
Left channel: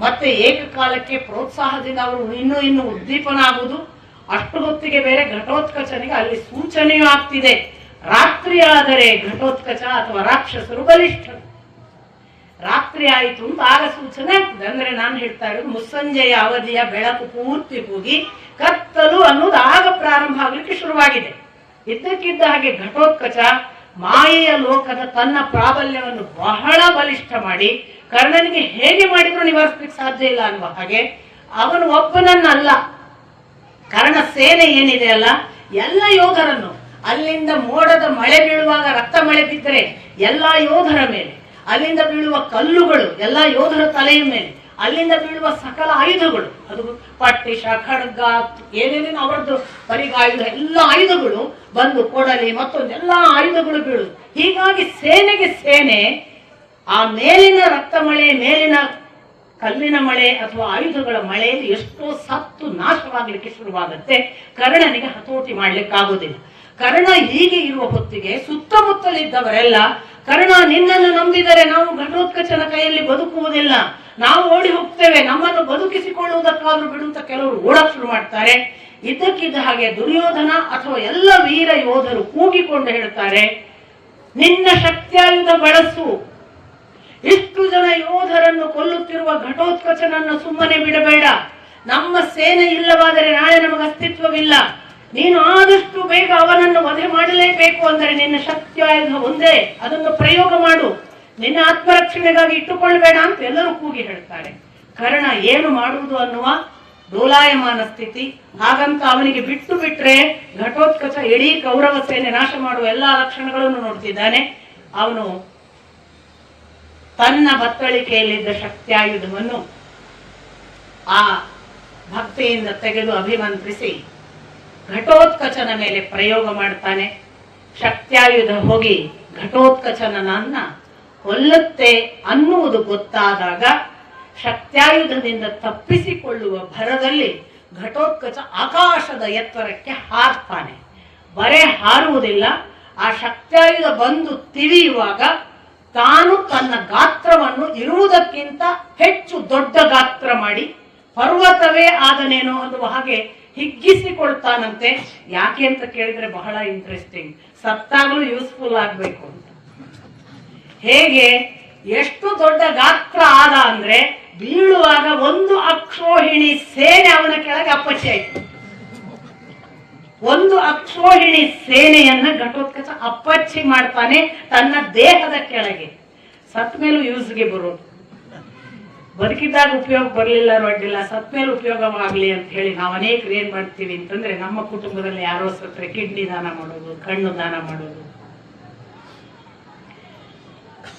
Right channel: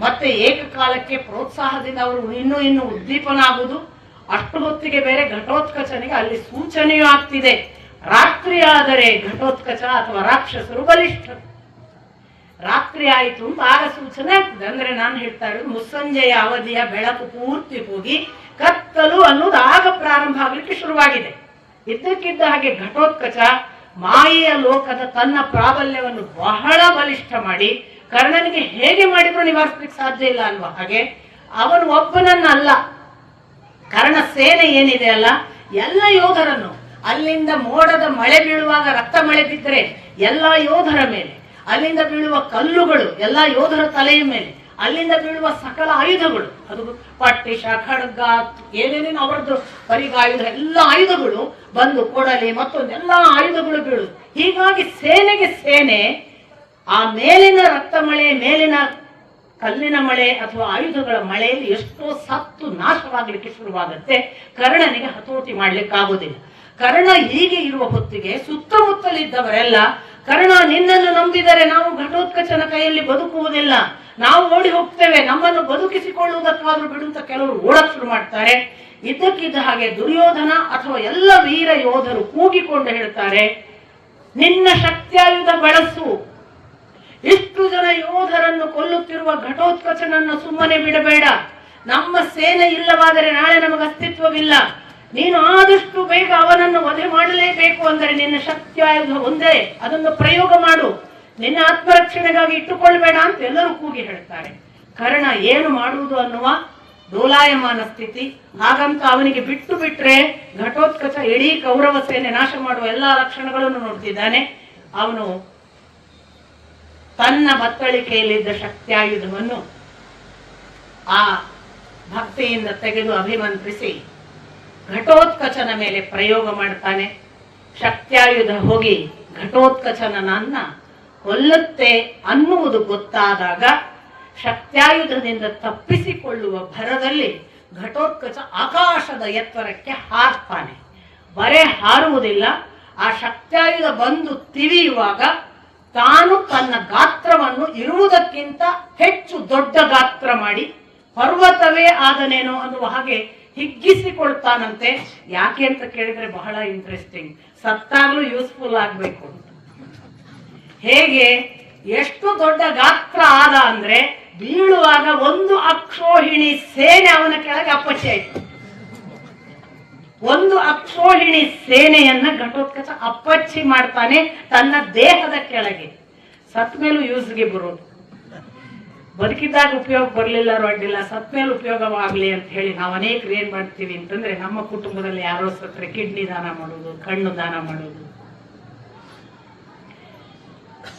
ಮತ್ತೆ ಏಕಕಾಲಕ್ಕೆ ಪ್ರೋತ್ಸಾಹದಿಂದ ಅವರು ಇನ್ನೂ ಉದ್ದೀಪನ ಆಗುವುದು. ಅಷ್ಟು ಹೊತ್ತಿಗೆ ಬೇರೆ ಘಟೋತ್ಕಚನಿಗೆ ಅಲ್ಲಿ ಸೂಚನೆಯೂ ಆಗ್ತಿದೆ, ರಾತ್ರಿ ಆದರೆ ಘಟೋತ್ಕಚ ಅಥವಾ ರಾಕ್ಷಸರು ಬಲಿಷ್ಠರು. ರಾತ್ರಿ ಆಯಿತು ಅಂತ ಆಗ ಸೂಚನೆ ಆಗ್ತದೆ. ಅಂದ್ರೆ ನಾನು ಹೇಳ್ತಾ ಇರೋದು ಮುಸ್ಸಂಜೆಯ ಅವಧಿಯ ಬೆಳಕು ಪೂರ್ತಿ ಹೋಗಿ ಕತ್ತಲು ಅನ್ನೋದು ಆಗ ಪ್ರಾರಂಭ ಆಗ್ಲಿಕ್ಕೆ ಶುರುವಾಗಿದೆ. ಇದ್ದಕ್ಕಿದ್ದ ಹಾಗೆ ಘಟೋತ್ಕಚ ಮಾಯೆಯ ಲೋಕದ ತನ್ನ ಪ್ರಾಬಲ್ಯವನ್ನು ಬಹಳ ಬಲಿಷ್ಠ ಮಾಡಿ ಕರ್ಣನಿಗೆ ಹೇಗೆ ಮಾಡಿದ್ರು ನಿವಾರಿಸಲಿಕ್ಕೆ ಸಾಧ್ಯ ಇಲ್ಲ ಅನ್ನುವ ಹಾಗೆ ಅವನು ಒಬ್ಬನನ್ನಲ್ಲ, ಕರ್ಣ ಸೇನೆ ಏನಿದೆ ಅಲ್ಲ ಎಲ್ಲ ಯೋಧರನ್ನು, ಅಲ್ಲಿಂದ ಮೋಡದ ಮಳೆ ಬೀಳುವಾಗ ರಕ್ತ ಮಳೆ ಬಿದ್ದರೆ ಎಲ್ಲ ಯೋಧರ ಮೇಲೆ, ಅಲ್ಲಿಂದ ಬೀಳುವ ಕಲ್ಲುಗಳು ಎಲ್ಲ ಯೋಧರ ತಲೆಯ ಮೇಲೆ, ಅಲ್ಲಿಂದ ಬೀಳುವ ಸಕಲ ಆಯುಧಗಳು, ಅದು ಪಟ್ಟಿಷ ಖಡ್ಗ ಏನೇನೇನು ಅವರದ್ದು ಬರಿಗಾಯುಧ ಎಲ್ಲ ಆಯುಧಗಳು ಬಂದು ಕೊಡಲಿ ಮತ್ತೊಂದೆಲ್ಲ ಆಯುಧಗಳು ಬೀಳುದು. ಹೀಗಾಗಿ ಸೇನೆಗೆ ಸೇನೆ ಆ ಮೇಲಿನ ರಕ್ತ ಮಳೆ, ಮೇಲಿನ ಕಲ್ಲಿನ ಮಳೆ ಅಥವಾ ಆಯುಧಗಳ ಮಳೆಯಲ್ಲಿ ಎಷ್ಟೋ ಸತ್ತು ನಾಶವಾಗಲಿಕ್ಕೆ ಶುರುವಾಗುತ್ತೆ. ಕರ್ಣನಿಗೆ ಹತೋಟಿ ಮಾಡ್ಲಿಕ್ಕಾಗುವುದಿಲ್ಲ. ಕರ್ಣ ಹೀಗೆ ಇರುವ ಹೊತ್ತಿಗೆ ಸುತ್ತಮುತ್ತಲಿದ್ದವರೆಲ್ಲ ಕರ್ಣ ನಿನ್ನನ್ನು ನಂಬಿದರೆ ನಾವು ಘಟೋತ್ಕಚನ ಕೈಯಲ್ಲಿ ಬದುಕುವುದಿಲ್ಲ, ನಾವು ಓಡಿ ಹೋಗ್ತೇವೆ, ನಮ್ಮನ್ನು ಬದುಕಿಸಿಕೊಳ್ಳುವುದಕ್ಕಾದ್ರೂ ಬಿಡುವಂತ ಕೆಲವರು ಓಡಕ್ ಶುರು ಮಾಡ್ತಾರೆ. ಇದ್ದಕ್ಕಿದ್ದ ಹಾಗೆ ದುರ್ಯೋಧನ ಅಥವಾ ಎಲ್ಲ ವೀರ ಯೋಧರು ಕೂಗಿಕೊಂಡು ಹೇಳ್ತಾರೆ, ನಿನ್ನ ಶಕ್ತಿಯಾಯುಧ ಬಳಸು, ಇಷ್ಟು ಜನ ಯೋಧರನ್ನು ಕೊಲ್ಲುತ್ತಿರುವ ಘಟೋತ್ಕಚನನ್ನು ಸುಮ್ಮನೆ ಬಿಡಬೇಡ, ನಮ್ಮ ಸೇನೆ ಇಲ್ಲವಾದರೆ ನಾಳೆ ನಮಗೆ ಅಸ್ತಿತ್ವವಿಲ್ಲ, ನೀನು ಆದಷ್ಟು ಬೇಗ ಅವನನ್ನು ವಧೆ ಮಾಡಲೇಬೇಕು. ಅಂದರೆ ನಿನ್ನ ಶಕ್ತಿಯಾಯುಧ ಒಂದೇ, ಅದನ್ನು ಪ್ರಯೋಗ ಮಾಡು, ನಿನ್ನ ಆತ್ಮರಕ್ಷಣೆಗಾಗಿ ಇಟ್ಟುಕೊಳ್ಬೇಡ ಅಂತ ಎಲ್ಲರೂ ಕೂಗಿ ಹೇಳ್ತಾರೆ. ಕರ್ಣ ಏನು ಮಾಡುವುದು ಅನ್ನುವ ಡೋಲಾಯಮಾನ ಸ್ಥಿತಿ. ಹಾಗಂತ ಅವನಿಗೆ ಬಿಟ್ಟು ಬಿಟ್ರೆ ಘಟೋತ್ಕಚ ಇಡೀ ಕೌರವ ಸೇನೆ ನಾಶ ಮಾಡುವ ಎಲ್ಲಾ ಲಕ್ಷಣಗಳನ್ನು ನೋಡ್ತಿದ್ದಾನೆ. ಅವನು ತನ್ನ ಬತ್ತಳಿಕೆಯಲ್ಲಿದ್ದ ಶಕ್ತಿಯಾಯುಧವನ್ನು ಆ ಭಕ್ತಿಯಿಂದ ತೆಗೆದು ಅಭಿಮಂತ್ರಿಸಿ ಘಟೋತ್ಕಚನ ಮೇಲೆ ಪ್ರಯೋಗ ಮಾಡ್ತಾನೆ. ಶಕ್ತಿಯಾಯುಧ ಹೋಗಿ ಘಟೋತ್ಕಚನನ್ನ ಕೊಲ್ಲುತ್ತೆ ಅನ್ನುವುದು ಗೊತ್ತಾದಾಗ ಶಕ್ತಿಯಾಯುಧದಿಂದ ತಪ್ಪಿಸಿಕೊಳ್ಳುವ ಭರದಲ್ಲಿ ಘಟೋತ್ಕಚ ಆಕಾಶದ ಎತ್ತರಕ್ಕೆ ಹಾರ್ತಾನೆ. ಬರೇ ಹಾರುವುದಿಲ್ಲ, ಆ ಶಕ್ತಿಯಾಯುಧ ಬಂದು ತಿವಿಯುವಾಗ ತಾನು ತನ್ನ ಗಾತ್ರವನ್ನು ಇರುವುದಕ್ಕಿಂತ ಹೆಚ್ಚು ದೊಡ್ಡ ಗಾತ್ರ ಮಾಡಿ ಪರ್ವತವೇ ಆದನೇನೋ ಅನ್ನುವ ಹಾಗೆ ಹಿಗ್ಗಿಸಿಕೊಳ್ತಾನಂತೆ. ಯಾಕೆ ಅಂತ ಕೇಳಿದ್ರೆ ಬಹಳ ಇಂಟ್ರೆಸ್ಟಿಂಗ್, ಸತ್ತಾಗ್ಲೂ ಯೂಸ್ಫುಲ್ ಆಗ್ಬೇಕು ಅಂತ. ಹೇಗೆ, ಎಷ್ಟು ದೊಡ್ಡ ಗಾತ್ರ ಆದ ಅಂದ್ರೆ ಬೀಳುವಾಗ ಒಂದು ಅಕ್ಷೋಹಿಣಿ ಸೇನೆ ಅವನ ಕೆಳಗೆ ಅಪ್ಪಚ್ಚಿ ಆಯ್ತು. ಒಂದು ಅಕ್ಷೋಹಿಣಿ ಸೇನೆಯನ್ನ ಘಟೋತ್ಕಚ ಅಪ್ಪಚ್ಚಿ ಮಾಡ್ತಾನೆ ತನ್ನ ದೇಹದ ಕೆಳಗೆ. ಸತ್ ಮೇಲೂ ಯೂಸ್ಗೆ ಬರೋದು, ಬದುಕಿದ್ದಾಗ ಉಪಯೋಗ ಬರಲಿಲ್ಲ ಅಡ್ಡಿಲ್ಲ, ಸತ್ ಮೇಲೆ ಉಪಯೋಗವಾಗ್ಲಿ ಅಂತ ಹೇಳಿ ನಾವು ಅನೇಕರು ಏನ್ ಮಾಡ್ತೀವಿ ಅಂತಂದ್ರೆ, ನಮ್ಮ ಕುಟುಂಬದಲ್ಲಿ ಯಾರೋ ಸತ್ರೆ ಕಿಡ್ನಿ ದಾನ ಮಾಡೋದು, ಕಣ್ಣು ದಾನ ಮಾಡೋದು.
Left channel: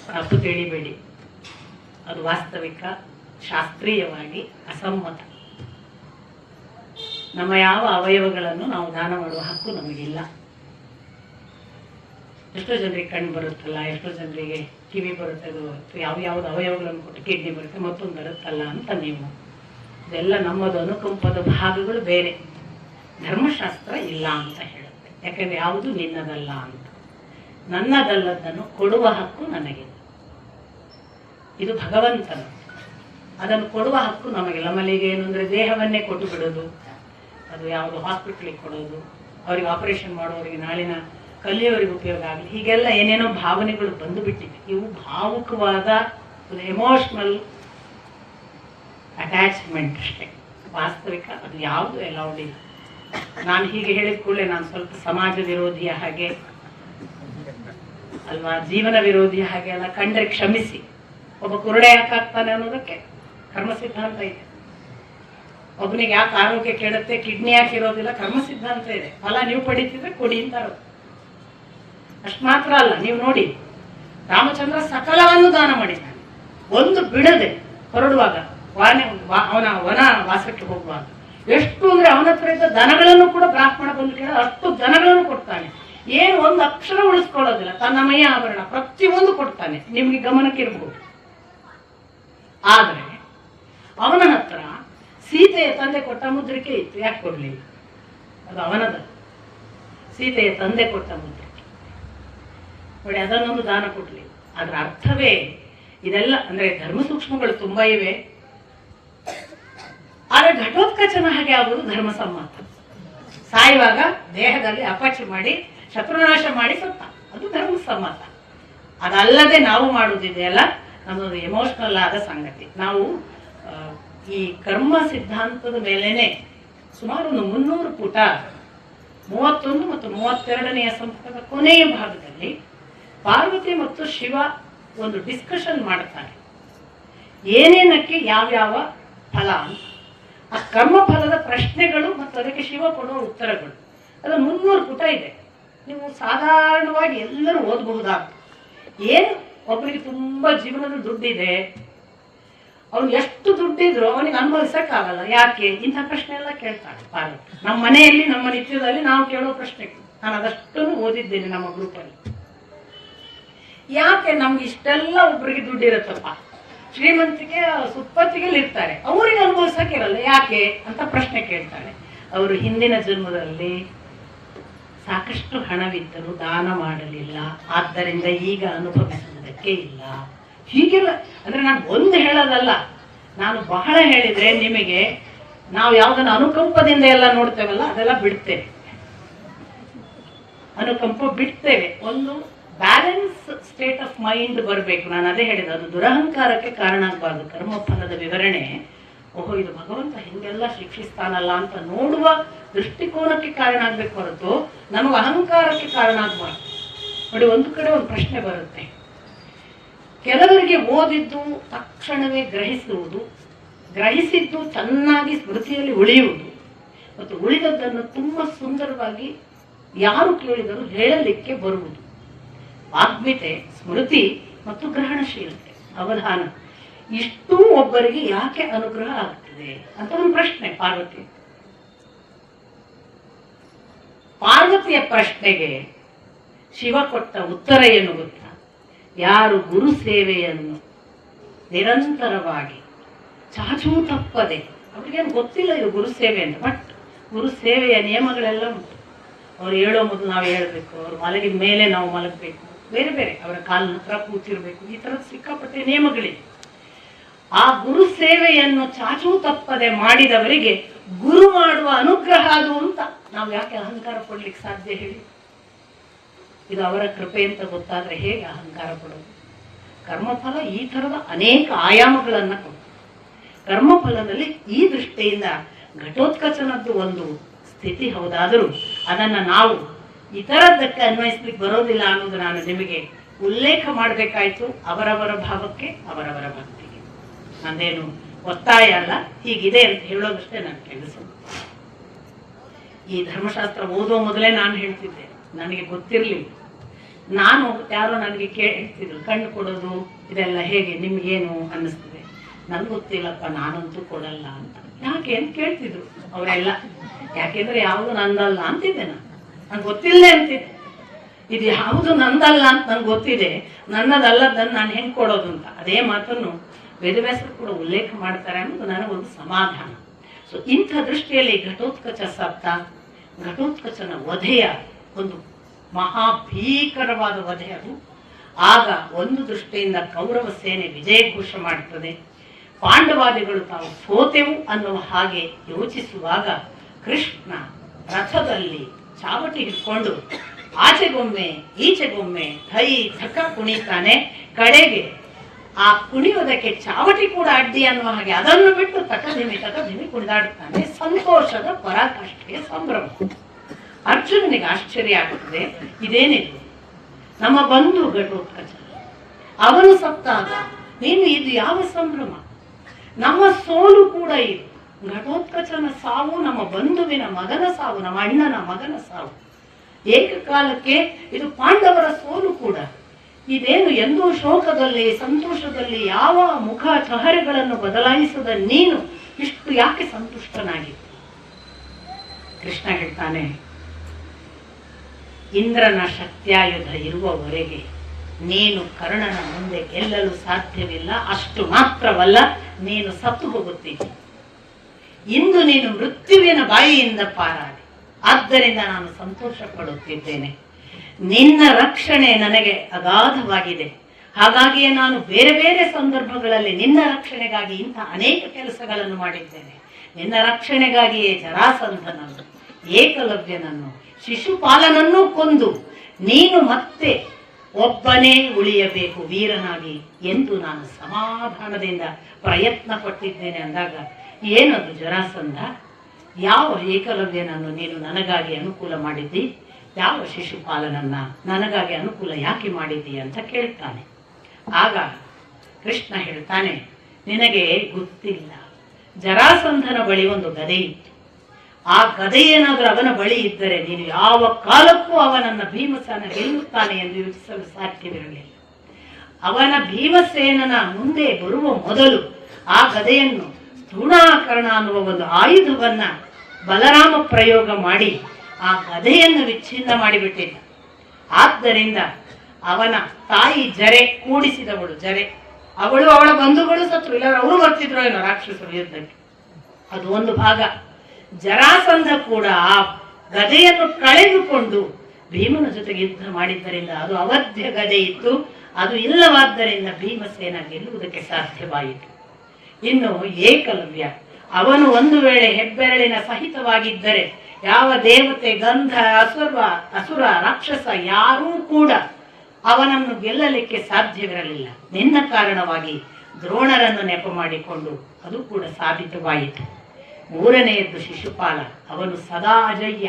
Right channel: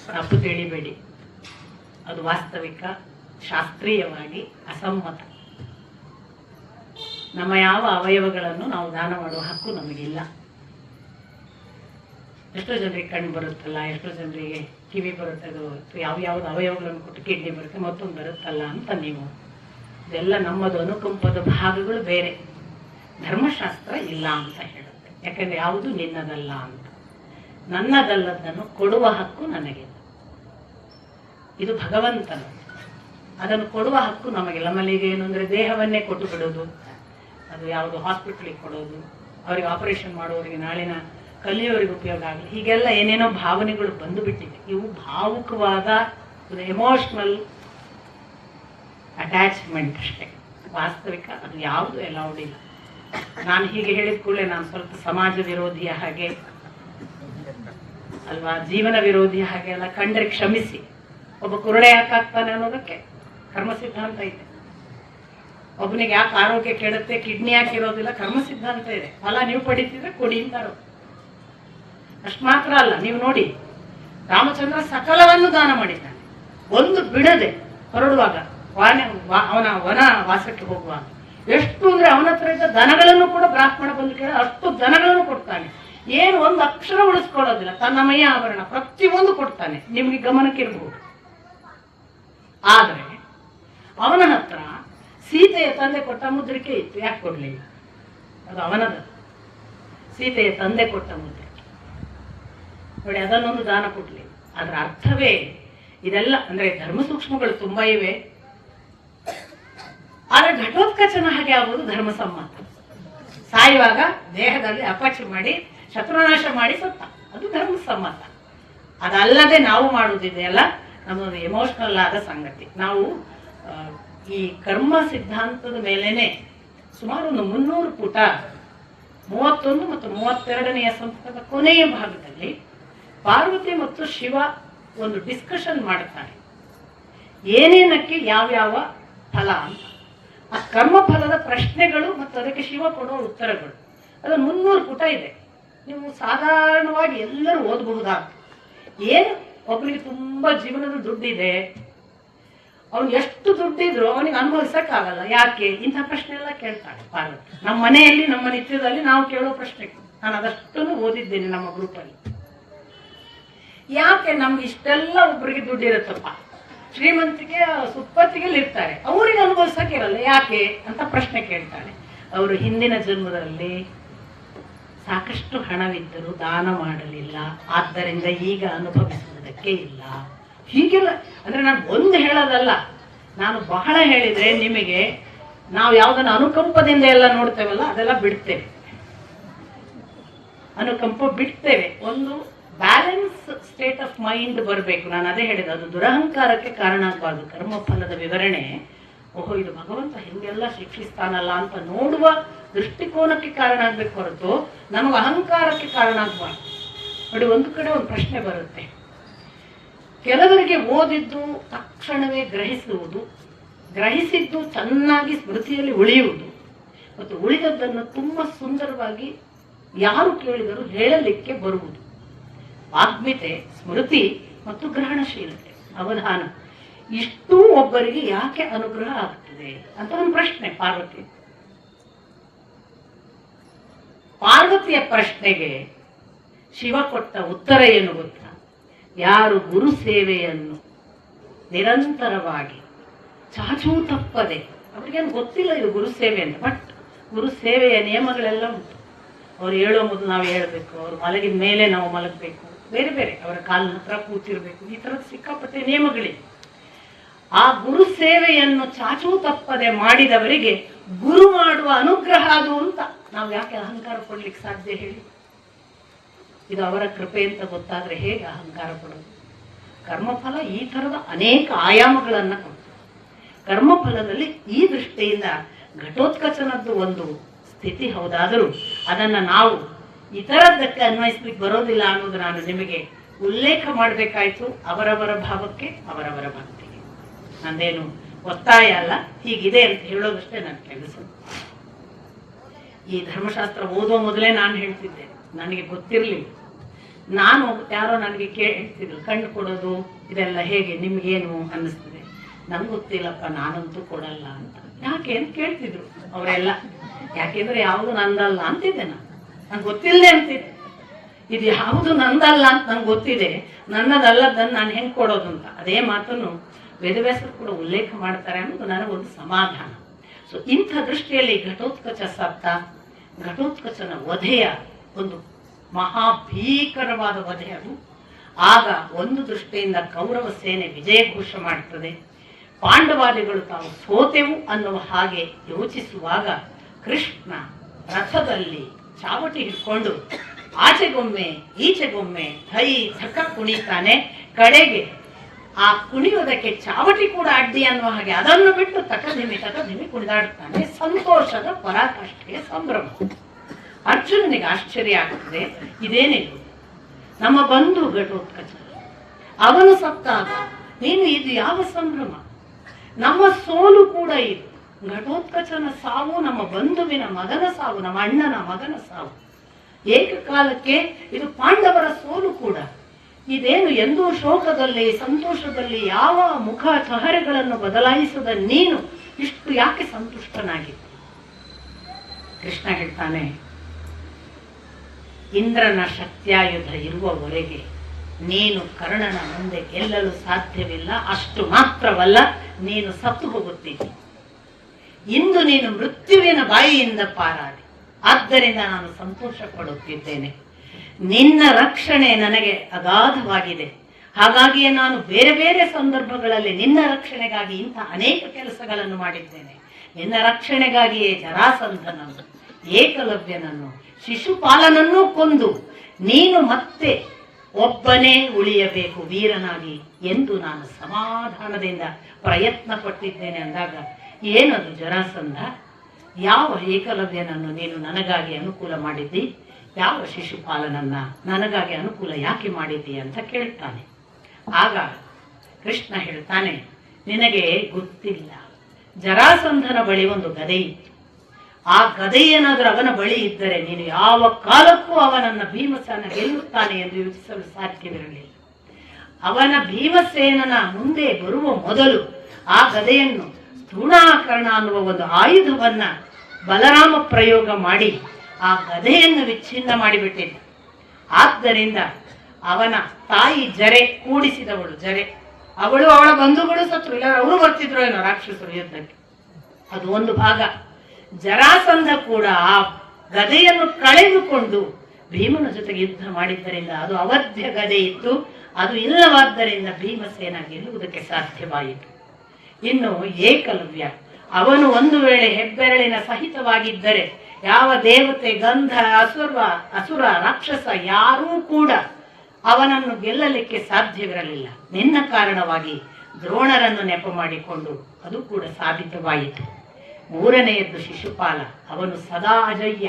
ತಪ್ಪು ತಿಳಿಬೇಡಿ, ಅದು ವಾಸ್ತವಿಕ ಶಾಸ್ತ್ರೀಯವಾಗಿ ಅಸಮ್ಮತ. ನಮ್ಮ ಯಾವ ಅವಯವಗಳನ್ನು ನಾವು ದಾನ ಮಾಡುವ ಹಕ್ಕು ನಮಗಿಲ್ಲ. ಎಷ್ಟೋ ಜನರಿಗೆ ಕಣ್ಣು ಬರುತ್ತಲ್ಲ, ಎಷ್ಟೋ ಜನರಿಗೆ ಕಿವಿ ಬರುತ್ತೆ, ಯಾವ್ಯಾವ್ದು ಅವಯವಗಳನ್ನು ಕೊಟ್ಟು ಕಿಡ್ನಿ ಬರುತ್ತೆ, ಮತ್ತೊಂದು ಬರುತ್ತಲ್ಲ ಅಂತ ನೀವು, ಇದೆಲ್ಲ ನಮ್ಮದು ಅನುಕಂಪದ ಭಾಗಗಳು ಬೇರೆ. ಧರ್ಮಶಾಸ್ತ್ರ ಇಲ್ಲ ಅಂತ ಹೇಳುತ್ತೆ. ಯಾಕಂದ್ರೆ ಯಾವುದು ನಿನ್ನದಲ್ಲ ಅಂತ. ನನ್ನದಲ್ಲದನ್ನು ಕೊಡುವ ಹಕ್ಕು ನನಗೆ, ಇದು ಭಗವಂತನು, ಅದನ್ನು ಕೊಡುವ ಹಕ್ಕು ನಮಗಿಲ್ಲ. ಆಮೇಲೆ ಈಗ ಏನಂದ್ರೆ ದೇಹವನ್ನೇ ಕೊಟ್ಟು ಬಿಡೋದು, ಅದು ಯಾವುದು ಹಾಸ್ಪಿಟ್ಲಿಗೆ ಕೊಡೋದು, ಅವರಿಗೆ ಆಪರೇಷನ್ ಮಾಡೋರಿಗೆ ನಾಳಿನ ಕಲಿಯೋರಿಗೆ ಉಪಯೋಗ ಆಗಲಿ, ಹೀಗೆಲ್ಲ ಏನೇನೋ ಭಾವನೆಗಳು ಬಂದು ಬಿಟ್ಟಿದೆ. ಇವು ಭಾವುಕವಾದ ಎಮೋಷನಲ್ ಅಟ್ಯಾಚ್ಮೆಂಟ್ ಅಷ್ಟೇ, ವಾಸ್ತವಿಕ ಅದು ಯಾವುದು ಅಲೌಡ್ ಇಲ್ಲ. ನಾನು ಹೀಗೆ ಹೇಳಿದ ಕೂಡಲೇ ನಾನು ಸ್ವಲ್ಪ ಸಮಾಜ ವಿರೋಧಿಯ ಹಾಗೆ ಅಲ್ವಾ? ಜೀವನ ವಿರೋಧಿ ಹಾಗೆಲ್ಲ ಕಂಡ್ರೆ ಕ್ಷಮಿಸಿ. ಒಬ್ಬ ಕುರುಡೆ ಯಾಕಾಗ್ತಾನೆ ಅನ್ನೋದಕ್ಕೆ ಕರ್ಮ ಸಿದ್ಧಾಂತ ಇದೆ. ಒಬ್ಬನಿಗೆ ಯಾಕೆ ಆರೋಗ್ಯ ಕೆಡುತ್ತೆ, ಕಿಡ್ನಿ ಯಾಕಿರೋದಿಲ್ಲ, ಕರ್ಮ ಸಿದ್ಧಾಂತ ಇದೆ. ಫಲ ನೀವು ಪಡಿತಿದ್ರೆ ಕೊಡಿ ಅಂತಾರ. ಅಷ್ಟು ಮಾತ್ರ ಅಲ್ಲ, ನೀವು ನೋಡಿ ರಾಮಚಂದ್ರ ಸಕಲವನ್ನು ದಾನ ಮಾಡಿದ್ದಾನೆ, ಒಂದು ಬಿಡದೆ ಹೊರಡುವಾಗ ಅವನ ವನ ವಾಸಕ್ಕೆ ಹೋಗುವಾಗ. ಎಷ್ಟು ಅಂದ್ರೆ ಅವನ ಹತ್ರ ಇದ್ದ ದನಗಳನ್ನು ಕೂಡ ಬ್ರಾಹ್ಮಣ ಬಂದು ಕೇಳ ಅಷ್ಟು ದನಗಳನ್ನು ಕೊಡ್ತಾನೆ. ಏನು ಒಂದು ಅಕ್ಷರ ಉಳಿಸ್ಕೊಳ್ಳೋದಿಲ್ಲ, ತನ್ನ ಮೈಯ ಆಭರಣ ಪ್ರತಿಯೊಂದು ಕೊಡ್ತಾನೆ. ನಿಮ್ಗೆ ಗಮನಕ್ಕೆ ಇರಬಹುದು. ಆದ್ರೆ ಅವನ ಹತ್ರ ಸೀತೆಯ ತಂದೆ ಕೊಟ್ಟ ಮುದ್ರಿಕೆ ಇತ್ತು, ಯಾಕೆ ಕೊಡ್ಲಿಲ್ಲ? ಅದು ಅವನದ. ಸೀತೆಯ ತಂದೆ ಕೊಟ್ಟ ಮುದ್ರಿಕೆ ನೋಡಿ, ಅದನ್ನೊಂದು ದಾನ ಕೊಡ್ಲಿಲ್ಲ. ಅದರ ಅರ್ಥವೇ ಇದೆಲ್ಲ. ಅಂದ್ರೆ ಧರ್ಮ ಸೂಕ್ಷ್ಮಗಳು ತುಂಬಾ ಇವೆ. ಆದ್ರೆ ಘಟೋತ್ಕಚನ ಹಾಗೆ ಆಗುವುದು ಧರ್ಮಸಮ್ಮತ. ಸಾಯುವಾಗ ದೇಹದಲ್ಲಿ ಅಪಚ ಮಾಡಿ ಶತ್ರುನಾಶ ಮಾಡಿ ಸತ್ತ, ಅದು ಧರ್ಮಸಮ್ಮತ. ಅದಲ್ಲದೆ ನಾವು ಮಾಡುವುದಿದೆಯಲ್ಲ, ನಮ್ಮದು ಎಮೋಷನಲ್ ಆದ ಸಂಗತಿ. ನಾವು ಈ ಕರ್ಮ ಸಿದ್ಧಾಂತದ ಮೇಲೇನೆ ಸುಮಾರು ಒಂದು 300 ಪುಟ 31 ಮತ್ತು 32ನೆಯ ಸಂಪುಟದ ಕೊನೆಯ ಭಾಗದಲ್ಲಿ ಪಾರ್ವತಿ ಮತ್ತು ಶಿವ ಒಂದು ಡಿಸ್ಕಷನ್ ಮಾಡ್ತಾರೆ. ಏನೇನಕ್ಕೆ ಯಾವ್ಯಾವ ಫಲ ಅಂತ, ಆ ಕರ್ಮ ಫಲದ ಪ್ರಶ್ನೆಗಳು ಮತ್ತು ಅದಕ್ಕೆ ಶಿವ ಕೊಡುವ ಉತ್ತರಗಳು. ಅದು 300 ಪುಟ ಇದೆ. ನೀವು ಸಾಧಾರಣವಾಗಿ ಎಲ್ಲರೂ ಓದಬಹುದಾಗ್ತದೆ. ಏನು ಒಬ್ಬರಿಗೆ ತುಂಬಾ ಜೀವನದ ದುಡ್ಡಿದೆ, ಅವ್ನು ಎಷ್ಟು ದುಡ್ಡಿದ್ರು ಅವನಿಗೆ ಅನುಭವಿಸಕ್ಕಾಗಲ್ಲ. ಯಾಕೆ? ಇಂಥ ಪ್ರಶ್ನೆ ಎಲ್ಲ ಕೇಳ್ತಾಳೆ ಪಾರ್ವತಿ. ನಮ್ಮ ಮನೆಯಲ್ಲಿ ನಮ್ಮ ನಿತ್ಯದಲ್ಲಿ ನಾವು ಕೇಳೋ ಪ್ರಶ್ನೆಗಳು. ನಾನು ಅದಷ್ಟನ್ನು ಓದಿದ್ದೇನೆ ನಮ್ಮ ಗ್ರೂಪಲ್ಲಿ. ಯಾಕೆ ನಮ್ಗೆ ಇಷ್ಟೆಲ್ಲ ಒಬ್ಬರಿಗೆ ದುಡ್ಡಿರುತ್ತಪ್ಪ, ಶ್ರೀಮಂತಿಗೆ ಸುಪ್ಪತ್ತಿಗೆ ಇರ್ತಾರೆ, ಅವರಿಗೆ ಅನುಭವಿಸಕ್ಕಿರಲ್ಲ ಯಾಕೆ ಅಂತ ಪ್ರಶ್ನೆ ಕೇಳ್ತಾಳೆ. ಅವರು ಹಿಂದಿನ ಜನ್ಮದಲ್ಲಿ ಸಾಕಷ್ಟು ಹಣವಿದ್ದರೂ ದಾನ ಮಾಡಲಿಲ್ಲ, ಆದ್ದರಿಂದ ಈಗ ಅನುಭವಿಸುವುದಕ್ಕೆ ಇಲ್ಲ. ಹೀಗೆಲ್ಲ ಅಂದ್ರೆ ನಾನು ಒಂದು ಹೇಳೋದಲ್ಲ, ನಾನು ಬಹಳ ಹೇಳಿದ್ರೆ ನಿಮಗೆ ನಾವು ಯಾವುದನ್ನು ಅನುಕಂಪದಿಂದ ಎಲ್ಲ ನೋಡ್ತೇವಲ್ಲ ಅದೆಲ್ಲ ಬಿಡ್ತೇವೆ. ಅನುಕಂಪ ಬಿಡ್ತೇವೆ. ಒಂದು ಬ್ಯಾಲೆನ್ಸ್ ಸ್ಟೇಟ್ ಆಫ್ ಮೈಂಡ್ ಬರಬೇಕು. ನಾನು ಅದೇ ಹೇಳಿದೆ, ಅದು ದುರಹಂಕಾರಕ್ಕೆ ಕಾರಣ ಆಗಬಾರ್ದು. ಕರ್ಮಫಲದ ವಿವರಣೆ, ಓಹೋ ಇದು ಭಗವಂತ ಹಿಂಗೆಲ್ಲ ಶಿಕ್ಷಿಸ್ತಾನಲ್ಲ ಅಂತ ನೋಡುವ ದೃಷ್ಟಿಕೋನಕ್ಕೆ ಕಾರಣ ಆಗ್ಬೇಕು ಹೊರತು ನಮಗೆ ಅಹಂಕಾರಕ್ಕೆ ಕಾರಣ ಆಗಬಾರ್ದು. ನೋಡಿ, ಒಂದು ಕಡೆ ಒಂದು ಪ್ರಶ್ನೆ ಬರುತ್ತೆ. ಕೆಲವರಿಗೆ ಓದಿದ್ದು ತಕ್ಷಣವೇ ಗ್ರಹಿಸುವುದು, ಗ್ರಹಿಸಿದ್ದು ಚೆನ್ನಾಗಿ ಸ್ಮೃತಿಯಲ್ಲಿ ಉಳಿಯುವುದು, ಮತ್ತು ಉಳಿದದ್ದನ್ನು ತುಂಬಾ ಸುಂದರವಾಗಿ ಯಾರು ಕೇಳಿದರೂ ಹೇಳಲಿಕ್ಕೆ ಬರುವುದು. ವಾಗ್ಮಿತೆ, ಸ್ಮೃತಿ ಮತ್ತು ಗ್ರಹಣಶೀಲತೆ, ಅವಧಾನ, ಇಷ್ಟೂ ಒಬ್ಬರಿಗೆ ಯಾಕೆ ಅನುಗ್ರಹ ಆಗ್ತದೆ ಅಂತ ಒಂದು ಪ್ರಶ್ನೆ ಪಾರ್ವತಿಯ ಪ್ರಶ್ನೆಗೆ ಶಿವ ಕೊಟ್ಟ ಉತ್ತರ ಏನು ಗೊತ್ತಾ? ಯಾರು ಗುರು ಸೇವೆಯನ್ನು ನಿರಂತರವಾಗಿ ಚಾಚೂ ತಪ್ಪದೆ, ಅವ್ರಿಗೇನು ಗೊತ್ತಿಲ್ಲ ಇದು ಗುರು ಸೇವೆ ಅಂತ, ಬಟ್ ಗುರು ಸೇವೆಯ ನಿಯಮಗಳೆಲ್ಲ ಉಂಟು. ಅವ್ರು ಹೇಳೋ ಮೊದಲು ನಾವು ಹೇಳ್ಬೇಕು, ಅವ್ರು ಮಲಗಿದ ಮೇಲೆ ನಾವು ಮಲಗಬೇಕು, ಬೇರೆ ಬೇರೆ ಅವರ ಕಾಲು ಹತ್ರ ಕೂತಿರ್ಬೇಕು, ಈ ತರದ ಸಿಕ್ಕಾಪಟ್ಟೆ ನಿಯಮಗಳಿದೆ. ಆ ಗುರು ಸೇವೆಯನ್ನು ಚಾಚೂ ತಪ್ಪದೆ ಮಾಡಿದವರಿಗೆ ಗುರು ಮಾಡುವ ಅನುಗ್ರಹ ಅದು ಅಂತ ನಾವು ಯಾಕೆ ಅಹಂಕಾರ ಪಡ್ಲಿಕ್ಕೆ ಸಾಧ್ಯ ಹೇಳಿ? ಇದು ಅವರ ಕೃಪೆ ಅಂತ ಗೊತ್ತಾದ್ರೆ ಹೇಗೆ ಅಹಂಕಾರ ಪಡೋದು? ಕರ್ಮಫಲ ಈ ತರದ ಅನೇಕ ಆಯಾಮಗಳನ್ನ ಕೊಡ್ತದೆ. ಕರ್ಮಫಲದಲ್ಲಿ ಈ ದೃಷ್ಟಿಯಿಂದ ಘಟೋತ್ಕಚನದ್ದು ಒಂದು ಸ್ಥಿತಿ ಹೌದಾದರೂ ಅದನ್ನ ನಾವು ಇತರದ್ದಕ್ಕೆ ಅನ್ವಯಿಸ್ಲಿಕ್ಕೆ ಬರೋದಿಲ್ಲ ಅನ್ನೋದು ನಾನು ನಿಮಗೆ ಉಲ್ಲೇಖ ಮಾಡಬೇಕಾಯ್ತು. ಅವರವರ ಭಾವಕ್ಕೆ, ಅವರವರ ಭಕ್ತಿಗೆ. ನಂದೇನು ಒತ್ತಾಯ ಅಲ್ಲ, ಹೀಗಿದೆ ಅಂತ ಹೇಳೋದಷ್ಟೇ ನನ್ನ ಕೆಲಸ. ಈ ಧರ್ಮಶಾಸ್ತ್ರ ಓದೋ ಮೊದಲೇ ನಾನು ಹೇಳ್ತಿದ್ದೆ, ನನಗೆ ಗೊತ್ತಿರಲಿಲ್ಲ. ನಾನು ಯಾರೋ ನನಗೆ ಹೇಳ್ತಿದ್ರು, ಕಣ್ಣು ಕೊಡೋದು ಇದೆಲ್ಲ ಹೇಗೆ, ನಿಮ್ಗೇನು ಅನ್ನಿಸ್ತಿದೆ? ನಂಗೆ ಗೊತ್ತಿಲ್ಲಪ್ಪ, ನಾನಂತೂ ಕೊಡಲ್ಲ ಅಂತ. ಯಾಕೆ ಅಂತ ಕೇಳ್ತಿದ್ರು ಅವರೆಲ್ಲ. ಯಾಕೆಂದ್ರೆ ಯಾವುದು ನಂದಲ್ಲ ಅಂತಿದ್ದೆ ನಾನು, ನಂಗೆ ಗೊತ್ತಿಲ್ಲದೆ ಅಂತಿದ್ದೆ. ಇದು ಯಾವುದು ನಂದಲ್ಲ ಅಂತ ನಂಗೆ ಗೊತ್ತಿದೆ, ನನ್ನದಲ್ಲದನ್ನು ನಾನು ಹೆಂಗೆ ಕೊಡೋದು ಅಂತ. ಅದೇ ಮಾತನ್ನು ವೇದವ್ಯಾಸರು ಕೂಡ ಉಲ್ಲೇಖ ಮಾಡ್ತಾರೆ ಅನ್ನೋದು ನನಗೊಂದು ಸಮಾಧಾನ. ಸೊ ಇಂಥ ದೃಷ್ಟಿಯಲ್ಲಿ ಘಟೋತ್ಕಚ ಸತ್ತ, ಘಟೋತ್ಕಚನ ವಧೆಯ ಒಂದು ಮಹಾಭೀಕರವಾದ ವಧೆ ಅದು. ಆಗ ಒಂದು ದೃಷ್ಟಿಯಿಂದ ಕೌರವ ಸೇನೆ ವಿಜಯ ಘೋಷ ಮಾಡುತ್ತದೆ. ಪಾಂಡವಾದಿಗಳು ತಾವು ಸೋತೆವು ಅನ್ನುವ ಹಾಗೆ ಯೋಚಿಸುವಾಗ ಕೃಷ್ಣ ರಥದಲ್ಲಿ ಚಾವಟಿ ಹಿಡ್ಕೊಂಡು ಆಚೆಗೊಮ್ಮೆ ಈಚೆಗೊಮ್ಮೆ ಕೈ ಧಕ ಕುಣಿತಾನೆ. ಕಡೆಗೆ ಆ ಕುಣಿಯೋದಕ್ಕೆ ಚಾವಟಿ ಕೂಡ ಅಡ್ಡಿ ಅನ್ನುವ ಹಾಗೆ ಅದನ್ನು ಬಿಟ್ಟು ತಕಧಿಮಿ ಕುಣಿದಾಡ್ತಾನೆ. ಸಂತೋಷದ ಪರಾಕಾಷ್ಠೆಯ ಸಂಭ್ರಮ. ಅರ್ಜುನನಿಗೆ ಆಶ್ಚರ್ಯ ಆಗುತ್ತದೆ, ಇದೇನಿದು? ನಮ್ಮ ಬಂಧು ಘಟೋತ್ಕಚ, ಅವನು ಸತ್ತಾಗ ನೀನು ಇದು ಯಾವ ಸಂಭ್ರಮ? ನಮ್ಮ ಸೋಲು ಕೂಡ ಇದು. ಘಟೋತ್ಕಚನ ಸಾವು ನಮ್ಮ ಬಂಧುವಿನ ಮಗನ ಸಾವು, ನಮ್ಮ ಅಣ್ಣನ ಮಗನ ಸಾವು. ಏಕಕಾಲಕ್ಕೆ ಇದು ಪಾಂಡವರ ಸೋಲು ಕೂಡ. ಇದೇನು ಎಂದೂ ಶೋಕದಲ್ಲಿ ಸಂತೋಷದಲ್ಲಿ ಯಾವ ಮುಖ ಚಹರೆಗಳನ್ನು ಬದಲಾಯಿಸದ ನೀನು ಇಷ್ಟು ಯಾಕೆ ಸಂತುಷ್ಟನಾಗಿದ್ದ? ಕೃಷ್ಣ ಹೇಳ್ತಾನೆ, ಇಂದ್ರನ ಶಕ್ತ್ಯಾಯುಧ ಇರುವವರೆಗೆ ನೀನು ಕರ್ಣನ ಮುಂದೆ ಗೆಲ್ಲಲು ಸಾಧ್ಯವಿಲ್ಲ. ಅಷ್ಟು ಮಾತ್ರವಲ್ಲ, ನೀನು ಸತ್ತು ಹೋಗುತ್ತೀನಿ. ಇಂದು ನೀನು ಮೃತ್ಯುವಿನ ಬಾಯಿಯಿಂದ ಪಾರಾಡಿ, ಆದ್ದರಿಂದ ನಾನು ಸಂತೋಷ ಪಡುತ್ತಿದ್ದೇನೆ. ನಿನ್ನ ರಕ್ಷಣೆ ನನಗೆ ಅಗಾಧವಾಗಿದೆ. ಹಾಗಾಗಿಯೇ ನಾನು ಬೇರೆ ಬೇರೆ ಸಂದರ್ಭಗಳಲ್ಲಿ ನಿನ್ನ ರಕ್ಷಣೆಗಾಗಿ ಇಂಥ ಅನೇಕ ಕೆಲಸಗಳನ್ನು ಮಾಡಿದ್ದೇನೆ. ನಿನ್ನ ರಕ್ಷಣೆಗಾಗಿಯೇ ಜರಾಸಂಧನನ್ನು, ಏಕಲವ್ಯನನ್ನು, ಶಿಶುಪಾಲನನ್ನೂ ಕೊಂದು ನೀನು ಮತ್ತೆ ಒಬ್ಬನೇ ಉಳಿಯಬೇಕು ವೀರನಾಗಿ ಎಂದು ನಾನು ಸಮಾಧಾನದಿಂದ ಪ್ರಯತ್ನ ಪಟ್ಟಿದ್ದೇನೆ ಅಂದಾಗ, ಏನದು ಜರಾಸಂಧ? ಯಾವ ಏಕಲವ್ಯನನ್ನು ನೀನು ನನಗಾಗಿ ಅನುಕೂಲ ಮಾಡಿದ್ದಿ? ಯಾವ ಶಿಶುಪಾಲನನ್ನ ನನಗಾಗಿ ಅನುಕೂಲ ಯಾಕೆ ಮಾಡಿದ್ದಿ ಅಂತ ಕೇಳ್ತಾನೆ. ಆಗ ಕೃಷ್ಣ ಹೇಳ್ತಾನೆ, ನಿನಗೆ ಗೊತ್ತಿಲ್ಲ, ಜರಾಸಂಧನ ಬಳಿ ಒಂದು ಗದೆ ಇತ್ತು. ಆ ಗದೆಯೇನಾದ್ರೂ ಅವನ ಬಳಿ ಇದ್ದರೆ ನೀನು ಯಾವ ಕಾಲಕ್ಕೂ ಅವನನ್ನ ಭೀಮಸೇನ ಗೆಲ್ಲುತ್ತಾನೆ ಎಂದು ಯೋಚಿಸಲು ಸಾಧ್ಯವಿರಲಿಲ್ಲ. ಅವನ ಭೀಮಸೇನನ ಮುಂದೆ ಬರುವ ಮೊದಲು ಆ ಗದೆಯನ್ನು ಸ್ಥೂಣಾಕರ್ಣ ಅನ್ನುವ ಒಂದು ಆಯುಧವನ್ನ ಬಲರಾಮ ಪ್ರಯೋಗ ಮಾಡಿ ಆ ಗದೆಯನ್ನು ವಿಚ್ಛಿನ್ನ ಮಾಡಿಬಿಟ್ಟಿದ್ದ. ಆದ್ದರಿಂದ ಅವನ ತಾಯಿ ಜರೆ ಕೂಡಿಸಿದವಳು ಜರೆ, ಅವಳು ಅವಳ ಬಂಧುಗಳು ಸತ್ರು, ಇಲ್ಲ ಅವರು ಬರ್ತಿದ್ರು ಏನೋ ರಾಕ್ಷಸರು ಯುದ್ಧಕ್ಕೆ. ಅದು ಒಂದು ಭಾಗ. ಜರಾಸಂಧ ಕೂಡ ಆ ಗದೆಯನ್ನು ಕಳೆದುಕೊಂಡು ಭೀಮನ ಜೊತೆಗೆ ಯುದ್ಧ ಮಾಡಿದ್ದರಿಂದ ಅದು ಅವಧ್ಯ ಗದೆ ಇತ್ತು. ಅದು ಇಲ್ಲವಾದ್ದರಿಂದ ಭೀಮಸೇನ ಗೆಲ್ಲುವುದಕ್ಕೆ ಸಾಧ್ಯವಾಯಿತು. ಇನ್ನು ಏಕಲವ್ಯ, ಅವನು ಒಂದು ವೇಳೆ ಹೆಬ್ಬೆರಳಿನ ಸಹಿತವಾಗಿದ್ದರೆ ಯಾವ ದೇವತೆ, ಗಂಧ, ಅಸುರ, ರಾಕ್ಷಸ ಯಾರೂ ಕೂಡ ಅವನನ್ನು ಗೆಲ್ಲಲಿಕ್ಕೆ ಸಾಧ್ಯವಿರಲಿಲ್ಲ. ನಿನ್ನ ಕಾರಣವಾಗಿ ದ್ರೋಣರನ್ನು ನೆಪ ಮಾಡಿಕೊಂಡು ಅದು ಕೂಡ ಸಾಧಿತವಾಯಿತು. ಮೂರನೆಯದ್ದು ಶಿಶುಪಾಲ, ಅವನು ಸದಾ ಅಜಯ್ಯ.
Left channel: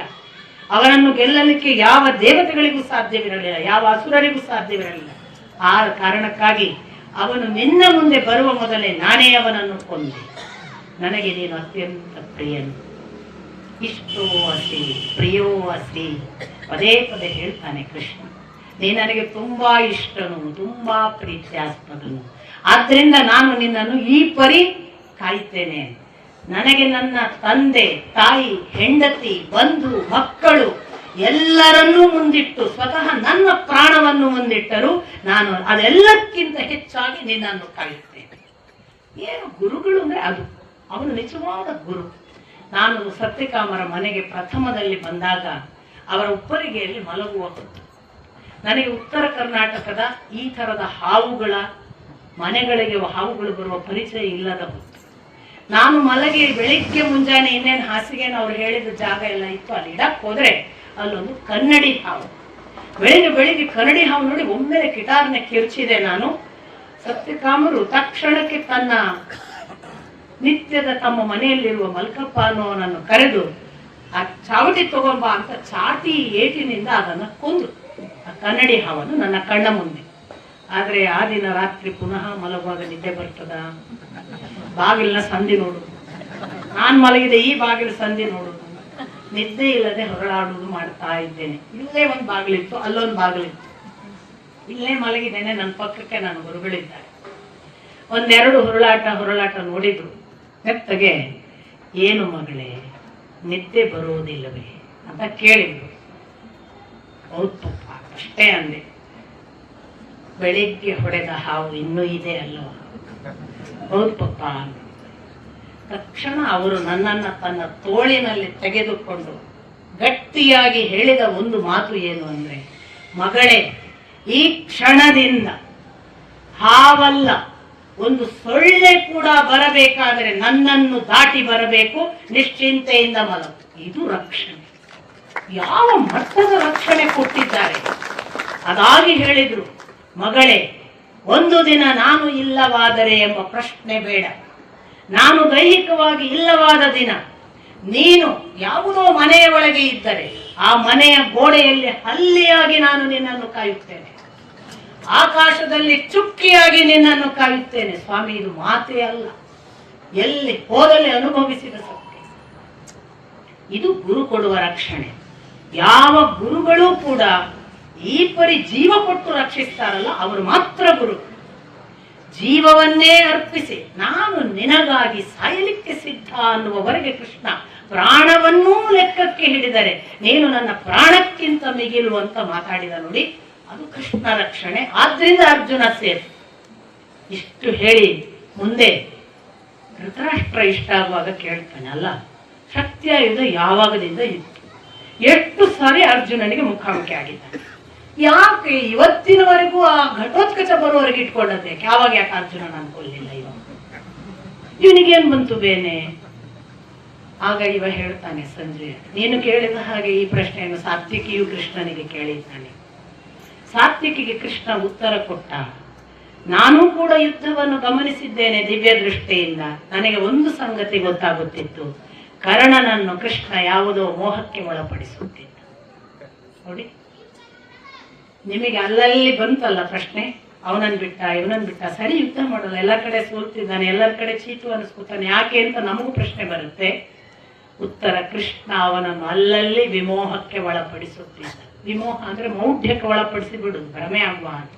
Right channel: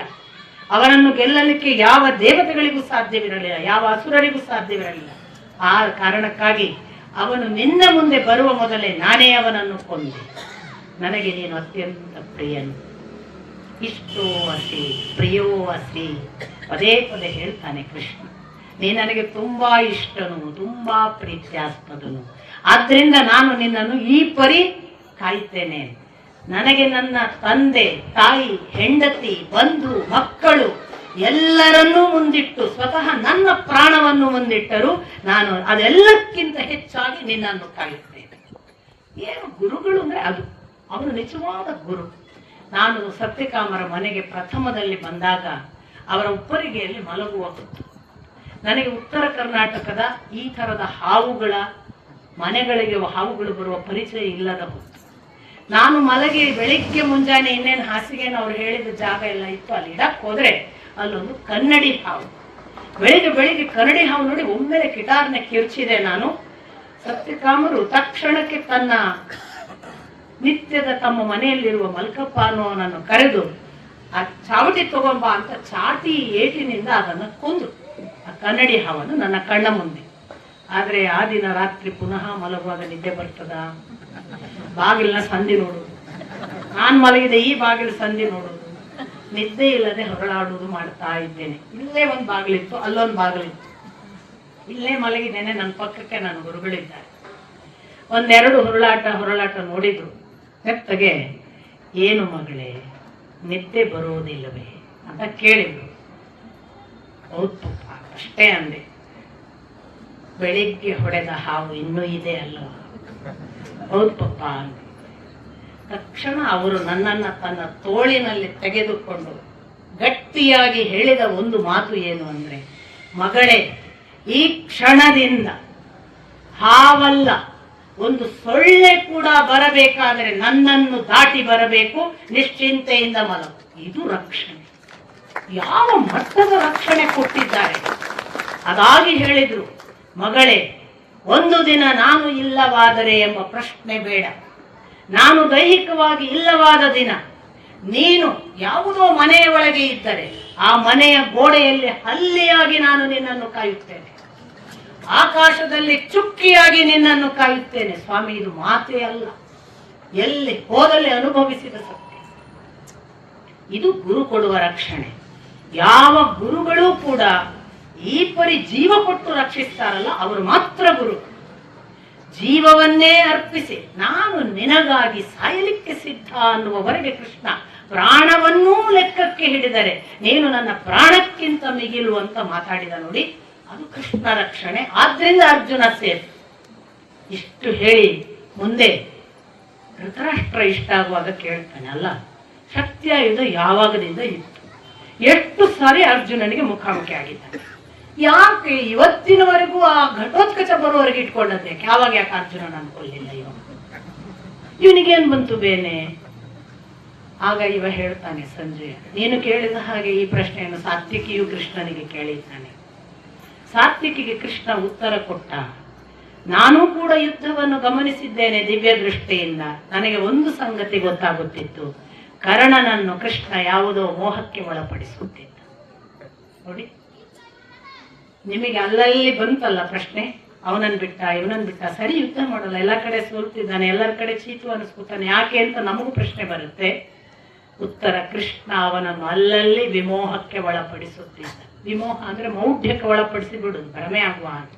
ಅವನನ್ನು ಗೆಲ್ಲಲಿಕ್ಕೆ ಯಾವ ದೇವತೆಗಳಿಗೂ ಸಾಧ್ಯವಿರಲಿಲ್ಲ, ಯಾವ ಅಸುರರಿಗೂ ಸಾಧ್ಯವಿರಲಿಲ್ಲ. ಆ ಕಾರಣಕ್ಕಾಗಿ ಅವನು ನಿನ್ನ ಮುಂದೆ ಬರುವ ಮೊದಲೇ ನಾನೇ ಅವನನ್ನು ಕೊಂದೆ. ನನಗೆ ನೀನು ಅತ್ಯಂತ ಪ್ರಿಯನು, ಇಷ್ಟೋ ಅಸಿ ಪ್ರಿಯೋ ಅಸಿ, ಪದೇ ಪದೇ ಹೇಳ್ತಾನೆ ಕೃಷ್ಣ. ನೀ ನನಗೆ ತುಂಬಾ ಇಷ್ಟನು, ತುಂಬಾ ಪ್ರೀತ್ಯಾಸ್ಪದನು. ಆದ್ರಿಂದ ನಾನು ನಿನ್ನನ್ನು ಈ ಪರಿ ಕಾಯ್ತೇನೆ. ನನಗೆ ನನ್ನ ತಂದೆ, ತಾಯಿ, ಹೆಂಡತಿ, ಬಂಧು, ಮಕ್ಕಳು ಎಲ್ಲರನ್ನೂ ಮುಂದಿಟ್ಟು ಸ್ವತಃ ನನ್ನ ಪ್ರಾಣವನ್ನು ಮುಂದಿಟ್ಟರು ನಾನು ಅದೆಲ್ಲಕ್ಕಿಂತ ಹೆಚ್ಚಾಗಿ ನಿನ್ನನ್ನು ಕಾಯುತ್ತೇನೆ. ಏನು ಗುರುಗಳು ಅಂದ್ರೆ ಅದು, ಅವನು ನಿಜವಾದ ಗುರು. ನಾನು ಸತ್ಯಕಾಮರ ಮನೆಗೆ ಪ್ರಥಮದಲ್ಲಿ ಬಂದಾಗ ಅವರ ಉಪ್ಪರಿಗೆಯಲ್ಲಿ ಮಲಗುವ ಹೊತ್ತು ನನಗೆ ಉತ್ತರ ಕರ್ನಾಟಕದ ಈ ತರದ ಹಾವುಗಳ ಮನೆಗಳಿಗೆ ಹಾವುಗಳು ಬರುವ ಪರಿಚಯ ಇಲ್ಲದ ಹೊತ್ತು. ನಾನು ಮಲಗಿ ಬೆಳಿಗ್ಗೆ ಮುಂಜಾನೆ ಇನ್ನೇನು ಹಾಸಿಗೆನ ಅವ್ರು ಹೇಳಿದ ಜಾಗ ಎಲ್ಲ ಇತ್ತು, ಅಲ್ಲಿ ಇಡಕ್ ಹೋದ್ರೆ ಅಲ್ಲೊಂದು ಕನ್ನಡಿ ಹಾವು. ಬೆಳಿಗ್ಗೆ ಕನ್ನಡಿ ಹಾವು ನೋಡಿ ಒಮ್ಮೆ ಕಿಟಾರ್ನೆ ಕಿರ್ಚಿದೆ ನಾನು. ಸತ್ಯಕಾಮರು ತಕ್ಷಣಕ್ಕೆ ತನ್ನ ನಿತ್ಯದ ತಮ್ಮ ಮನೆಯಲ್ಲಿರುವ ಮಲ್ಕಪ್ಪ ಅನ್ನೋನನ್ನು ಕರೆದು ಆ ಚಾವಟಿ ತಗೊಂಬ ಅಂತ ಚಾಟಿ ಏಟಿನಿಂದ ಅದನ್ನು ಕೊಂದು ಆ ಕನ್ನಡಿ ಹಾವನ್ನು ನನ್ನ ಕಣ್ಣ ಮುಂದೆ. ಆದ್ರೆ ಆ ದಿನ ರಾತ್ರಿ ಪುನಃ ಮಲಗುವಾಗ ನಿದ್ದೆ ಬರ್ತದ? ಬಾಗಿಲಿನ ಸಂಧಿ ನೋಡುದು, ನಾನ್ ಮಲಗಿದೆ ಈ ಬಾಗಿಲು ಸಂಧಿ ನೋಡುದು, ನಿದ್ದೆ ಇಲ್ಲದೆ ಹೊರಳಾಡುವುದು ಮಾಡ್ತಾ ಇದ್ದೇನೆ. ಇಲ್ಲೇ ಒಂದು ಬಾಗಿಲಿತ್ತು, ಅಲ್ಲೊಂದು ಬಾಗಿಲಿತ್ತು, ಇಲ್ಲೇ ಮಲಗಿದ್ದೇನೆ. ನನ್ನ ಪಕ್ಕಕ್ಕೆ ನನ್ನ ಗುರುಗಳಿದ್ದಾರೆ. ಒಂದೆರಡು ಹೊರಳಾಟ ನೋಡಿದ್ರು. ಮೆತ್ತಗೆ, ಏನು ಮಗಳೇ ನಿದ್ದೆ ಬರುವುದಿಲ್ಲವೇ ಅಂತ ಕೇಳಿದ್ರು. ಹೌದು ಪಪ್ಪ ಅಷ್ಟೇ ಅಂದೆ. ಬೆಳಿಗ್ಗೆ ಹೊಡೆದ ಹಾವು ಇನ್ನೂ ಇದೆ ಅಲ್ವಾ? ಹೌದು ಪಪ್ಪ. ತಕ್ಷಣ ಅವರು ನನ್ನನ್ನು ತನ್ನ ತೋಳಿನಲ್ಲಿ ತೆಗೆದುಕೊಂಡು ಗಟ್ಟಿಯಾಗಿ ಹೇಳಿದ ಒಂದು ಮಾತು ಏನು ಅಂದ್ರೆ, ಮಗಳೇ ಈ ಕ್ಷಣದಿಂದ ಹಾವಲ್ಲ ಒಂದು ಸೊಳ್ಳೆ ಕೂಡ ಬರಬೇಕಾದರೆ ನನ್ನನ್ನು ದಾಟಿ ಬರಬೇಕು, ನಿಶ್ಚಿಂತೆಯಿಂದ ಮಲಗು. ಇದು ರಕ್ಷಣೆ. ಯಾವ ಮಟ್ಟದ ರಕ್ಷಣೆ ಕೊಟ್ಟಿದ್ದಾರೆ. ಅದಾಗಿ ಹೇಳಿದ್ರು, ಮಗಳೇ ಒಂದು ದಿನ ನಾನು ಇಲ್ಲವಾದರೆ ಎಂಬ ಪ್ರಶ್ನೆ ಬೇಡ. ನಾನು ದೈಹಿಕವಾಗಿ ಇಲ್ಲವಾದ ದಿನ ನೀನು ಯಾವುದೋ ಮನೆಯ ಒಳಗೆ ಇದ್ದರೆ ಆ ಮನೆಯ ಗೋಡೆಯಲ್ಲಿ ಹಲ್ಲಿಯಾಗಿ ನಾನು ನಿನ್ನನ್ನು ಕಾಯುತ್ತೇನೆ. ಆಕಾಶದಲ್ಲಿ ಚುಕ್ಕಿಯಾಗಿ ನಿನ್ನನ್ನು ಕಾಯುತ್ತೇನೆ. ಸ್ವಾಮಿ, ಇದು ಮಾತೇ ಅಲ್ಲ, ಎಲ್ಲಿ ಹೋದಲ್ಲಿ ಅನುಭವಿಸಿದ ಸತ್ಯ. ಇದು ಗುರು ಕೊಡುವ ರಕ್ಷಣೆ. ಯಾವ ಗುರುಗಳೂ ಕೂಡ ಈ ಪರಿ ಜೀವ ಕೊಟ್ಟು ರಕ್ಷಿಸ್ತಾರಲ್ಲ, ಅವರು ಮಾತ್ರ ಗುರು. ಜೀವವನ್ನೇ ಅರ್ಪಿಸಿ ನಾನು ನಿನಗಾಗಿ ಸಾಯಲಿಕ್ಕೆ ಸಿದ್ಧ ಅನ್ನುವವರೆಗೆ ಕೃಷ್ಣ ಪ್ರಾಣವನ್ನೂ ಲೆಕ್ಕಕ್ಕೆ ಹಿಡಿದರೆ ನೀನು ನನ್ನ ಪ್ರಾಣಕ್ಕಿಂತ ಮಿಗಿಲು ಅಂತ ಮಾತಾಡಿದ ನೋಡಿ, ಅದು ಕೃಷ್ಣ ರಕ್ಷಣೆ. ಆದ್ರಿಂದ ಅರ್ಜುನ ಸೇರಿ ಇಷ್ಟು ಹೇಳಿ ಮುಂದೆ ಧೃತರಾಷ್ಟ್ರ ಇಷ್ಟ ಆಗುವಾಗ ಕೇಳ್ತಾನಲ್ಲ, ಶಕ್ತಿಯಾಯುಧ ಯಾವಾಗದಿಂದ ಇತ್ತು, ಎಷ್ಟು ಸಾರಿ ಅರ್ಜುನನಿಗೆ ಮುಖಾಮುಖಿ ಆಗಿದ್ದಾನೆ, ಯಾಕೆ ಇವತ್ತಿನವರೆಗೂ ಆ ಘಟೋತ್ಕಚ ಬರುವವರೆಗೆ ಇಟ್ಕೊಂಡದ್ದೆ, ಯಾವಾಗ ಯಾಕೆ ಅರ್ಜುನ ನಾನು ಕೊಲ್ಲಿಲ್ಲ, ಇವನಿಗೇನ್ ಬಂತು ಬೇನೆ? ಆಗ ಇವ ಹೇಳ್ತಾನೆ ಸಂಜೆ, ನೀನು ಕೇಳಿದ ಹಾಗೆ ಈ ಪ್ರಶ್ನೆಯನ್ನು ಸಾತ್ವಿಕಿಯು ಕೃಷ್ಣನಿಗೆ ಕೇಳಿದ್ದಾನೆ. ಸಾತ್ವಿಕಿಗೆ ಕೃಷ್ಣ ಉತ್ತರ ಕೊಟ್ಟ, ನಾನು ಕೂಡ ಯುದ್ಧವನ್ನು ಗಮನಿಸಿದ್ದೇನೆ ದಿವ್ಯ ದೃಷ್ಟಿಯಿಂದ. ನನಗೆ ಒಂದು ಸಂಗತಿ ಗೊತ್ತಾಗುತ್ತಿತ್ತು, ಕರ್ಣನನ್ನು ಕೃಷ್ಣ ಯಾವುದೋ ಮೋಹಕ್ಕೆ ಒಳಪಡಿಸುತ್ತಿದ್ದ. ನೋಡಿ, ನಿಮಗೆ ಅಲ್ಲಲ್ಲಿ ಬಂತಲ್ಲ ಪ್ರಶ್ನೆ, ಅವನನ್ನು ಬಿಟ್ಟ ಇವನನ್ನು ಬಿಟ್ಟ, ಸರಿ ಯುದ್ಧ ಮಾಡಲ್ಲ, ಎಲ್ಲ ಕಡೆ ಸೋಲ್ತಿದ್ದಾನೆ, ಎಲ್ಲರ ಕಡೆ ಚೀತು ಅನಿಸ್ಕೊತಾನೆ, ಯಾಕೆ ಅಂತ ನಮಗೂ ಪ್ರಶ್ನೆ ಬರುತ್ತೆ. ಉತ್ತರ, ಕೃಷ್ಣ ಅವನನ್ನು ಅಲ್ಲಲ್ಲಿ ವಿಮೋಹಕ್ಕೆ ಒಳಪಡಿಸುತ್ತಿದ್ದ. ವಿಮೋಹ ಅಂದ್ರೆ ಮೌಢ್ಯಕ್ಕೆ ಒಳಪಡಿಸಿ ಬಿಡುದು, ಭ್ರಮೆ ಆಗುವ ಹಾಗೆ,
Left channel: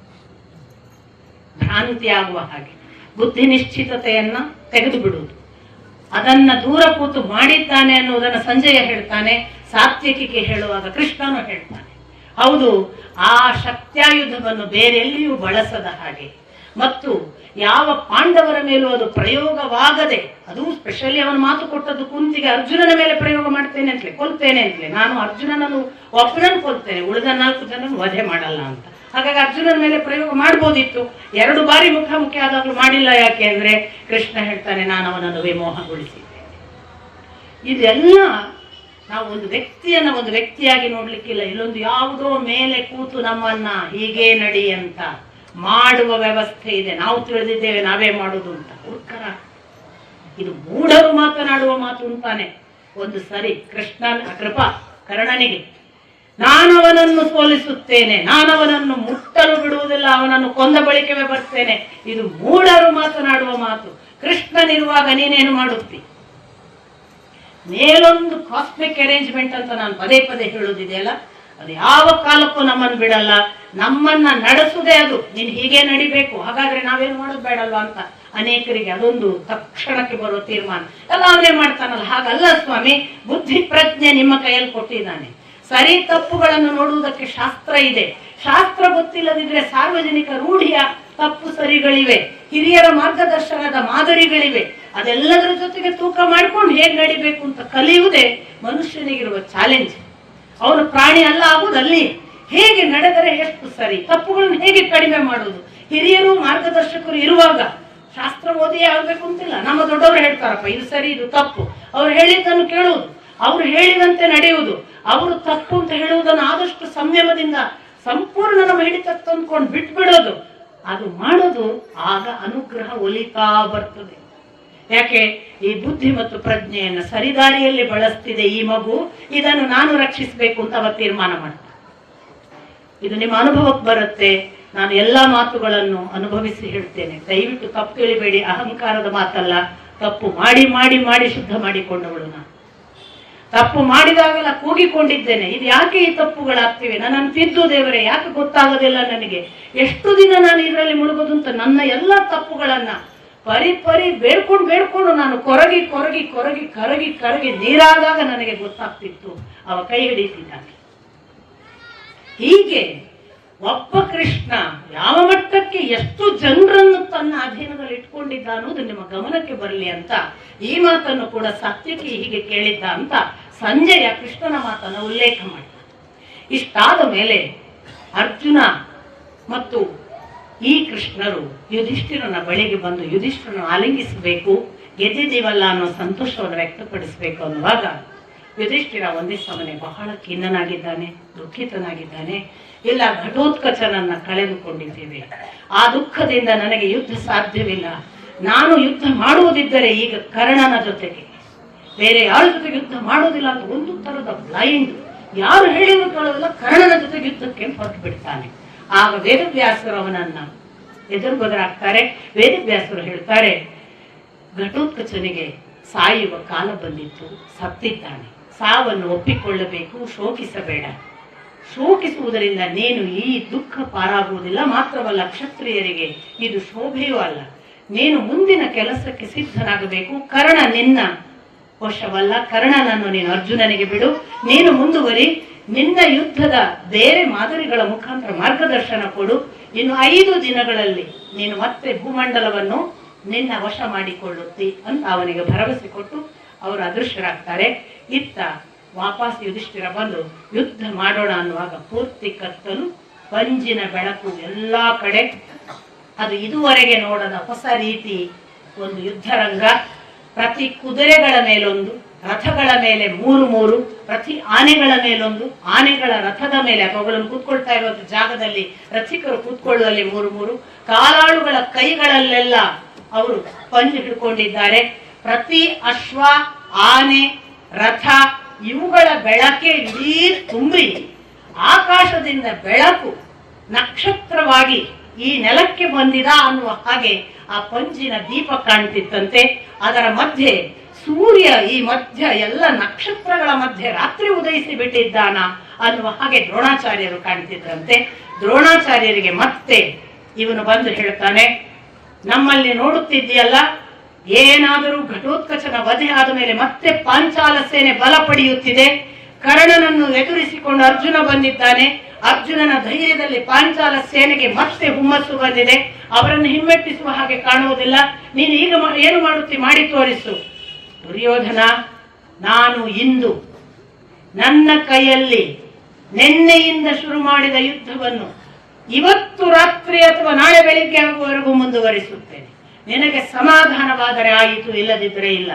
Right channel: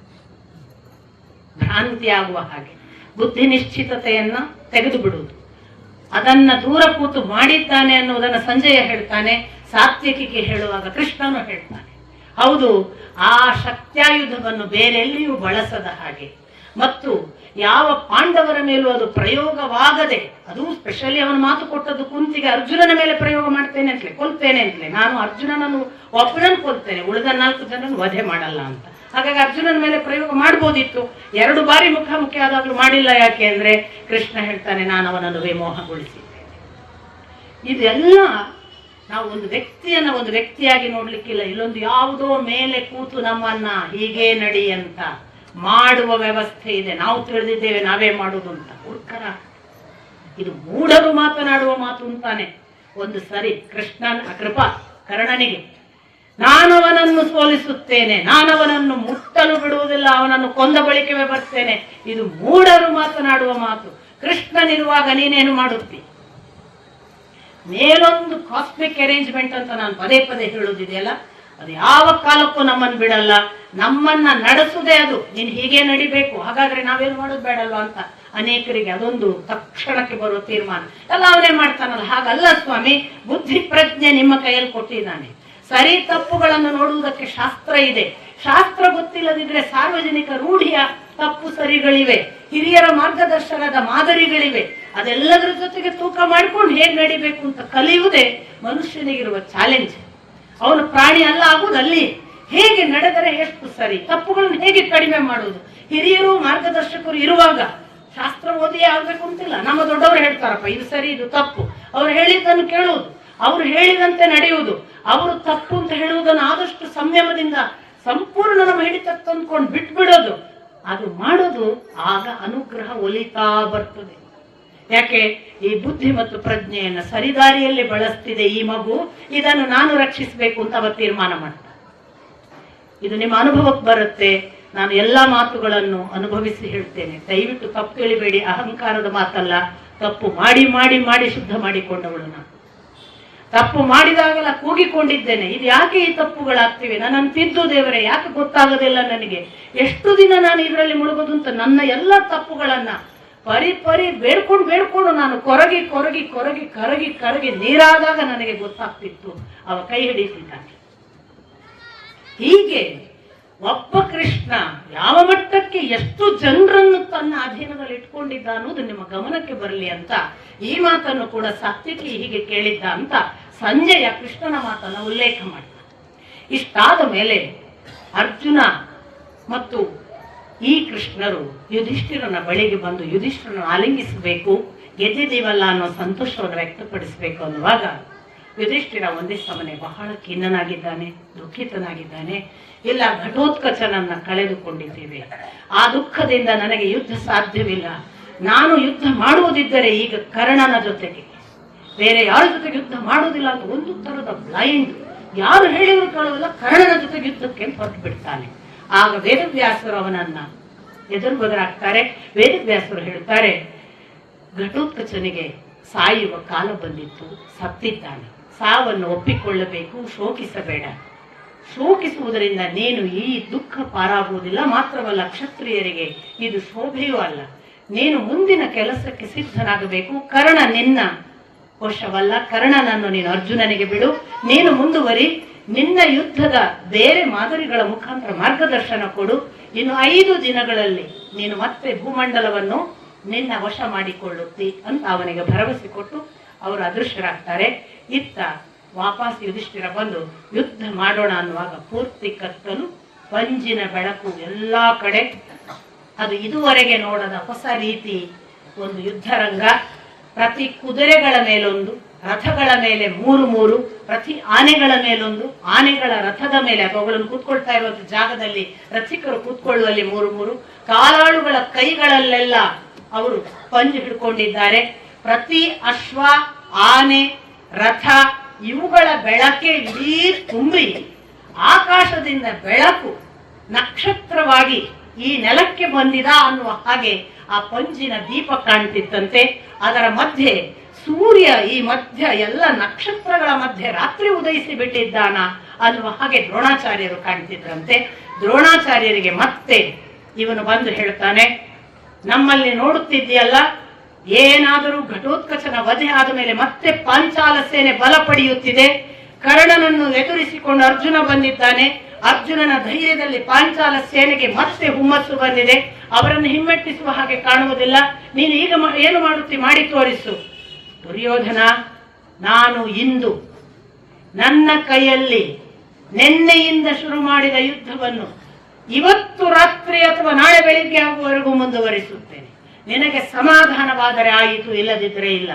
ಭ್ರಾಂತಿ ಆಗುವ ಹಾಗೆ, ಬುದ್ಧಿ ನಿಶ್ಚಿತತೆಯನ್ನ ತೆಗೆದು ಬಿಡುವುದು. ಅದನ್ನ ದೂರ ಕೂತು ಮಾಡಿದ್ದಾನೆ ಅನ್ನುವುದನ್ನು ಸಂಜಯ ಹೇಳ್ತಾನೆ. ಸಾತ್ವಿಕಿಗೆ ಹೇಳುವಾಗ ಕೃಷ್ಣನು ಹೇಳ್ತಾನೆ, ಹೌದು, ಆ ಶಕ್ತ್ಯಾಯುಧವನ್ನು ಬೇರೆಲ್ಲಿಯೂ ಬಳಸದ ಹಾಗೆ ಮತ್ತು ಯಾವ ಪಾಂಡವರ ಮೇಲೂ ಅದು ಪ್ರಯೋಗವಾಗದೆ, ಅದು ಸ್ಪೆಷಲಿ ಅವನು ಮಾತು ಕೊಟ್ಟದ್ದು ಕುಂತಿಗೆ ಅರ್ಜುನನ ಮೇಲೆ ಪ್ರಯೋಗ ಮಾಡ್ತೇನೆ ಅಂತಲೇ, ಕೊಲ್ತೇನೆ ಅಂತಲೇ, ನಾನು ಅರ್ಜುನನನ್ನು ಒಬ್ಬನನ್ನು ಕೊಲ್ತೇನೆ, ಉಳಿದ 4 ಜನರನ್ನು ವಧೆ ಮಾಡಲ್ಲ ಅಂತ. ಹಾಗಾಗಿ ಅರ್ಜುನನ ಮೇಲೆ ಪ್ರಯೋಗ ಮಾಡ್ಬೋದಿತ್ತು, 2 ಬಾರಿ ಮುಖಾಮುಖಿ ಆದಾಗಲೂ ಮಾಡಿಲ್ಲ. ಯಾಕೆ ಅಂದ್ರೆ ಕೃಷ್ಣ ಹೇಳ್ತಾನೆ, ನಾನು ಅವನನ್ನು ವಿಮೋಹಗೊಳಿಸಿದ್ದೇನೆ. ಇದೆಲ್ಲ ನಾವು ಒಂದು ವ್ಯಕ್ತಿಯನ್ನ ಒಂದು ವ್ಯಕ್ತಿಯಾಗಿ ನೋಡ್ಲಿಕ್ಕಿಲ್ಲ, ಇಲ್ಲೊಂದು ಯಾವುದೋ ಮೇಲೆ ಕೂತು ನಮ್ಮನ್ನ ಹೀಗೆ ನಡಿ ಅಂತ ಮಾಡುವ ವ್ಯವಸ್ಥೆ ಇದೆ. ನಾವು ತಿಳಿದಿದ್ದೇವೆ ನಾವೇ ಮಾಡುದು ಅಂತ. ಉತ್ತರ, ಇದು ಮೂಢರು ಮಾತನಾಡುವ ಮಾತು ಅಂತಾನೆ. ಒಂದು ಸರಿ ಕೃಷ್ಣನ ಕೃಪಾ ಕರ್ಣನಿಗೆ, ನಾನವನನ್ನು ಸೋಲಿಸುತ್ತೇನೆ, ನಾನವನನ್ನು ಮುಟ್ಟಲು ಬಿಡುವುದಿಲ್ಲ, ಅವನನ್ನು ಕೊಂದ ಬಳಿಕವೇ ಬರ್ತೇನೆ, ಇದು ಮೂಢರು ಮಾತನಾಡುವ ಮಾತು. ಕೃಷ್ಣನಿರುವಾಗ ನೀನೇನು ಮಾಡುತ್ತಿ? ಮೇಲೊಂದು ಕಾಸ್ಮಿಕ್ ಅರೇಂಜ್ಮೆಂಟ್ ಅಂತ ನಾನು ಪದೇ ಪದೇ ಹೇಳುವುದಿದೆಯಲ್ಲ, ಅದು ಯಾವ ಕಾಲಕ್ಕೂ ನಮ್ಮನ್ನು ಬಿಡಲ್ಲ. ನಮ್ಮನ್ನ ನಡೆಸುವುದೇ ಅದು, ನೀನು ಹೀಗೆ ನಡಿಬೇಕು, ಹಾಗಾದ್ರೆ ನಾವೇನು ಮಾಡೋದು ಬೇಡಲ್ವಾ ಅಂತ ಅನೇಕರಿಗೆ ಅದೊಂದು ತಕ್ಷಣಕ್ಕೆ ಬರುವ ತೀರ್ಮಾನ. ಎಲ್ಲ ಅವನೇ ಮಾಡ್ತಾನಲ್ಲ, ಹಾಗಲ್ಲ ಸ್ವಾಮಿ, ಬುದ್ಧಿ ಪ್ರಜ್ಞೆ ನಿಮ್ಮ ಕೈಯಲ್ಲಿ ಕೊಟ್ಟಿದ್ದಾನೆ. ಸರಿ ತಪ್ಪುಗಳನ್ನು ನೋಡುವುದಕ್ಕೆ ಶಾಸ್ತ್ರ ಇದೆ. ಶಾಸ್ತ್ರ ಗೊತ್ತಿಲ್ಲದಿದ್ರೆ ಸಾರ್ವಜನಿಕ ರೂಢಿಯ ತಪ್ಪು ಸರಿಗಳಿವೆ, ಹಿರಿಯರ ಮಾರ್ಗದರ್ಶನದ ಮಾದರಿಗಳಿವೆ. ಅದೆಲ್ಲದರ ಜೊತೆಗೆ ತೂಕ ಮಾಡ್ಕೊಂಡು ಹೇಗೆ ನಡಿಬೇಕು ಅಂತ ಕಲಿಯುವುದೇ ಮನುಷ್ಯನಿಗಿರುವ ಚಾಲೆಂಜ್. ಅವನು ಪ್ರಾಣಿ ಅಲ್ಲ ಆಗುವುದಲ್ಲಿ, ಹೇಗೆ ನಡೆದರೆ ಎಷ್ಟು ಸರಿ, ತಪ್ಪುಗಳನ್ನು ಹೇಗೆ ಕಡಿಮೆ ಮಾಡುವುದು. ಹಿರಿಯರು ಮಾರ್ಗದರ್ಶಕರು ಇರುವಾಗ ಶಾಸ್ತ್ರ ಓದಿಯೇ ಆಗ್ಬೇಕು ಅಂತಿಲ್ಲ. ನಮ್ಮ ದೊಡ್ಡವರು ಹೇಳ್ತಾರಪ್ಪ ಇದು ಸರಿ ಇದು ತಪ್ಪು, ಅವ್ರು ಹೇಳಿದ್ದನ್ನು ಕೇಳುವುದು, ಅವರು ಹೇಳಿದಂತೆ ನಡೆಯುವುದು. ಅವರು ತಪ್ಪು ಅಂತ ಹೇಳುವುದನ್ನು ಆದಷ್ಟು ಸಂಯಮದಿಂದ ಸಂಪೂರ್ಣ ನಮ್ಮ ಹಿಡಿತ ತಂದ್ಕೊಂಡು ಬಿಟ್ಬಿಡೋದು, ಅದು ಮಾಡೋದು. ಆಗ ಅನುಗ್ರಹ ಒಲಿತಾ ಬರ್ತದೆ. ಯಾಕೆ? ಈ ಬುದ್ಧಿ ಮತ್ತು ಪ್ರಜ್ಞೆಯನ್ನು ಸರಿದಾರಿಯಲ್ಲಿ ಬಳಸ್ತಿದೆ ಈ ಮಗು, ಇದನ್ನು ನಾನು ರಕ್ಷಿಸಬೇಕು ಅಂತ ಅವ ತೀರ್ಮಾನ ಮಾಡ್ತಾರೆ. ಇದು ನಿಮ್ಮ ಅನುಭವಕ್ಕೆ ಬರುತ್ತೆ. ನಾನು ಎಲ್ಲಾ ಮಾತುಗಳನ್ನು ಅನುಭವಿಸಿ ಹೇಳ್ತೇನೆ, ದಯವಿಟ್ಟು ತಪ್ಪು ತಿಳಿಬೇಡಿ. ಅಹಂಕಾರದ ಮಾತಲ್ಲ, ತಪ್ಪು ಮಾಡಿ ಮಾಡಿ ಮಾಡಿ ಶುದ್ಧ ಮಾಡಿಕೊಂಡವಳು ನಾನು. ತಪ್ಪು ಮಾಡಿದಾಗಲ್ಲ ಕೂಗಿಕೊಂಡಿದ್ದೇನೆ, ಇದು ಯಾಕೆ ಈ ತಪ್ಪುಗಳಾಗ್ತಿವೆ, ನನ್ನನ್ನು ತಿದ್ದು ದೇವರೇ, ಯಾಕೆ ಗೊತ್ತಾಗೋದಿಲ್ಲ ನನಗೆ, ಎಷ್ಟು ದಿನ ನಾನು ಇದರಲ್ಲಿ ಮುಳುಗೋದು ಅಂತ ನನ್ನ ಎಲ್ಲ ತಪ್ಪುಗಳನ್ನ ಪರಿ ಬೇಡ್ಕೊಂಡು ನಾನು ಕೊರಗಿ ಕೊರಗಿ ಕೊರಗಿ ಕರಗಿ ಕರಗಿ ನೀರಾದಾಗ ನನಗೆ ಗೊತ್ತಾಗ್ತಿತ್ತು, ಅವ ಕೈ ಹಿಡಿತಿದ್ದಾನೆ. ಹೀಗೆ ಒಬ್ಬ ಕೃಷ್ಣ ಯಾವ ಮಟ್ಟಕ್ಕೆ ಎಷ್ಟು ಜನರನ್ನು ತನ್ನ ಅಧೀನದಲ್ಲಿ ಇಟ್ಕೊಂಡಿದ್ದ ಅನ್ನೋದು ನಿಮ್ಮ ಗಮನಕ್ಕೆ ಬರಲಿ ಅಂತ ಈ ಮಾತನ್ನು ಕೂಡ ಸಾತ್ವಿಕಿ ಹೀಗೆ ಕೇಳಿದ್ದ ಅಂತ ಸಂಜಯ ಕೃಷ್ಣನ ಮಾತನ್ನು ಉಲ್ಲೇಖ ಮಾಡ್ತಾರೆ. ಇಷ್ಟಾದ ಮೇಲೆ ಅರ್ಜುನ ಮತ್ತು ಈ ಕೃಷ್ಣರು ಯುಧಿಷ್ಠಿರನ ಬಳಿಗೆ ಬಂದು ಯುಧಿಷ್ಠಿರನ ಆಲಿಂಗಿಸಬೇಕು, ಗೆದ್ದಿದ್ದೀವಲ್ಲ ಅನ್ನೋ ಸಂತೋಷವನ್ನು ವ್ಯಕ್ತಪಡಿಸಬೇಕು ಅನ್ನುವಾಗ ಯುಧಿಷ್ಠಿರ ಒಂದೇ ಸಮನೆ ಬಹಳ ಖಿನ್ನನಾಗಿದ್ದಾನೆ, ದುಃಖಿತನಾಗಿದ್ದಾನೆ. ಇಲ್ಲ, ಘಟೋತ್ಕಚನನ್ನ ಕಳೆದುಕೊಂಡಿದ್ದೇವೆ, ಆ ದುಃಖದಿಂದ ನನಗೆ ಯುದ್ಧ ಸಾಧ್ಯವಿಲ್ಲ. ನಾನು ಯುದ್ಧ ಮಾಡುವುದಿದ್ದರೆ ಈಗ ಕರ್ಣನ ಜೊತೆಗೆ, ಬೇರೆ ಯಾರ ಜೊತೆಗೆ ಯುದ್ಧ ಮಾಡೋದಿಲ್ಲ ಅಂತ ಒಂದು ತರದ ಬ್ಲೈಂಡ್, ಯಾರು ಹೇಳಿದ್ರು ಕೇಳೋದಿಲ್ಲ, ಕರ್ಣನ ಜೊತೆಗೆ ಯುದ್ಧಕ್ಕೆ ಹೊರಟು ಬಿಡ್ತಾನೆ. ಆಗ ವೇದವ್ಯಾಸರು ಅವನನ್ನ ಎದುರುಬದರಾಗ್ತಾರೆ. ವೇದವ್ಯಾಸರು ಹೇಳ್ತಾರೆ, ಘಟೋತ್ಕಚನಿಗೆ ಸಾಯುವ ಕಾಲ ಬಂದಿತ್ತು, ಸತ್ತಿದ್ದಾನೆ. ಸಾವನ್ನು ಒಪ್ಪಿಕೊಳ್ಳಬೇಕು, ಶೋಕಿಸಬೇಡ. ಶೋಕಿಸುವುದರಿಂದ ನೀನು ಈ ದುಃಖ ಪಾರಾಗುವುದಿಲ್ಲ. ಮಾತ್ರವಲ್ಲ, ಕ್ಷತ್ರಿಯರಿಗೆ ಇದು ಶೋಭೆಯೂ ಅಲ್ಲ. ನೀನು ಮುಂದಿನ ಕೆಲಸಕ್ಕೆ ಸಿದ್ಧನಾಗಬೇಕು. ಕರ್ಣ ನಿನ್ನ ವಶವಲ್ಲ. ಕರ್ಣನನ್ನು ನೀನು ಅರ್ಜುನನಿಗೆ ಬಿಡು. ನೀನು ಮುಂದುವರಿ. ನಿನ್ನ ಯುದ್ಧದ ಬೇರೆ ಮಾದರಿಗಳ ಮುಖಾಂತರ ಮಾರ್ಗದರ್ಶನ ಕೊಡು. ಇನ್ನು 5 ದಿನಗಳಲ್ಲಿ ನೀನು ಮತ್ತೆ ಭೂಮಂಡಲವನ್ನು ನಿನ್ನ ವಶ ಮಾಡಿಕೊಳ್ಳುತ್ತಿ ಅಂತ ಅವನಿಗೆ ಭರವಸೆ ಕೊಟ್ಟು ಅವರು ಅದೃಶ್ಯರಾಗ್ತಾರೆ. ಇತ್ತ ವಾಪಸ್ ಯುಧಿಷ್ಠಿರ ಬಂದು ಯುದ್ಧ ಮಾಡೋಣ ಅನ್ನುವಾಗ ಪೂರ್ತಿ ಕತ್ತಲು, ಪಂಜಿನ ಬೆಳಕು ಎಲ್ಲಾ ಕಡೆ. ಅದು ಇದುವರೆಗೆ ನೋಡದ ಹೊಸ ರೀತಿ ಒಂದು ಯುದ್ಧರಂಗ. ಪ್ರತಿ ಕುದುರೆಗಳ ಮೇಲೊಂದು, ರಥಗಳ ಮೇಲೆ 3 ಪ್ರತಿ ಆನೆಗಳ ಮೇಲೊಂದು, ಆನೆಗಳ ರಥದ ಮೇಲೆ ಅವುಗಳನ್ನು ಕೂತ್ಕೊಳ್ತಾ ಇರುವ ಜಾಗದಲ್ಲಿ ರಥಿಕರು ಕೂತ್ಕೊಳ್ಳುವಲ್ಲಿ 3 ಕಾಲಾಳುಗಳ ಕೈಗಳಲ್ಲೆಲ್ಲ ಅವರು ಪಂಜು ಹಿಡ್ಕೊಂಡಿದ್ದಾರೆ. ಪ್ರತಿ ಅಶ್ವ, ಆನೆ, ರಥ ಇವುಗಳ ಬೆಳಕೆ ಇಡೀ ತುಂಬಿ ಆಕಾಶದಿಂದ ಬೆಳಕು ನಕ್ಷತ್ರವಾಗಿ ಈ ನೆಲಕ್ಕೆ ಬಂದಿದ ಅನ್ನುವ ಹಾಗೆ ಆ ಪಂಜಿನ ದೀಪ ಕಾಣ್ತಿತ್ತಂತೆ. ಅದರ ಮಧ್ಯೆ ಸೂರ್ಯ, ಈ ಮಧ್ಯ ಎಲ್ಲ ನಕ್ಷತ್ರಗಳ ಮಧ್ಯೆ ರಾತ್ರಿ ಉದಯಿಸಿ ಬಿಟ್ಟಿದ್ದಾನ ಅನ್ನುವ ಹಾಗೆ ದ್ರೋಣಾಚಾರ್ಯರು ಕಾಣ್ತಿದ್ದಂತೆ. ದ್ರೋಣಾಚಾರ್ಯರಿಗೆ ಮತ್ತೆ ಇವನು ಬಂದು ಹೇಳ್ತಾನೆ, ನಮ್ಮಲ್ಲಿ ನೋಡುತ್ತಿದ್ದೀಯಲ್ಲ, ಏನಾದರೂ ಘಟೋತ್ಕಚನ ವಧೆ ಆದ ಮೇಲೆ ಮತ್ತೆ ಪಾಂಚಾಲ ಸೇನೆ ಬಲ ಪಡೆಯುತ್ತಿದೆ. ಕರ್ಣನನ್ನು ಎದುರಿಸಿಕೊಂಡು ಅರ್ಜುನ ಬಂದಿದ್ದಾನೆ. ಅರ್ಜುನನ ಧೈರ್ಯದಲ್ಲಿ ಪಾಂಚಾಲ ಸೇನೆಗೆ ಮತ್ತೆ ಹುಮ್ಮಸ್ಸು ಬಂದಿದೆ. ಅವರನ್ನು ಹಿಮ್ಮೆಟ್ಟಿಸುವ ಹಾಗೆ ಕಾಣುವುದಿಲ್ಲ. ನೀನು ಈಗ ಏನು ಮಾಡುತ್ತಿ, ಮಾಡಿ ತೋರಿಸು. ದುರ್ಯೋಧನ, ನಾನು ಇಂದು ನನ್ನ ಕೈಯಲ್ಲಿ ನಿನ್ನೆಯಿಂದ ಶುರು ಮಾಡಿದ ಯುದ್ಧವನ್ನು ಇವತ್ತು ರಾತ್ರಿ ಅಥವಾ ನಾಳೆ ಬೆಳಿಗ್ಗೆ ಆಗುವವರೆಗೂ ಮುಂದುವರಿಸುತ್ತೇನೆ. ನಿನಗೆ ಸಮಾಧಾನವಾದರೆ ಆಯಿತು, ಇಲ್ಲದಿದ್ದರೆ ಇಲ್ಲ.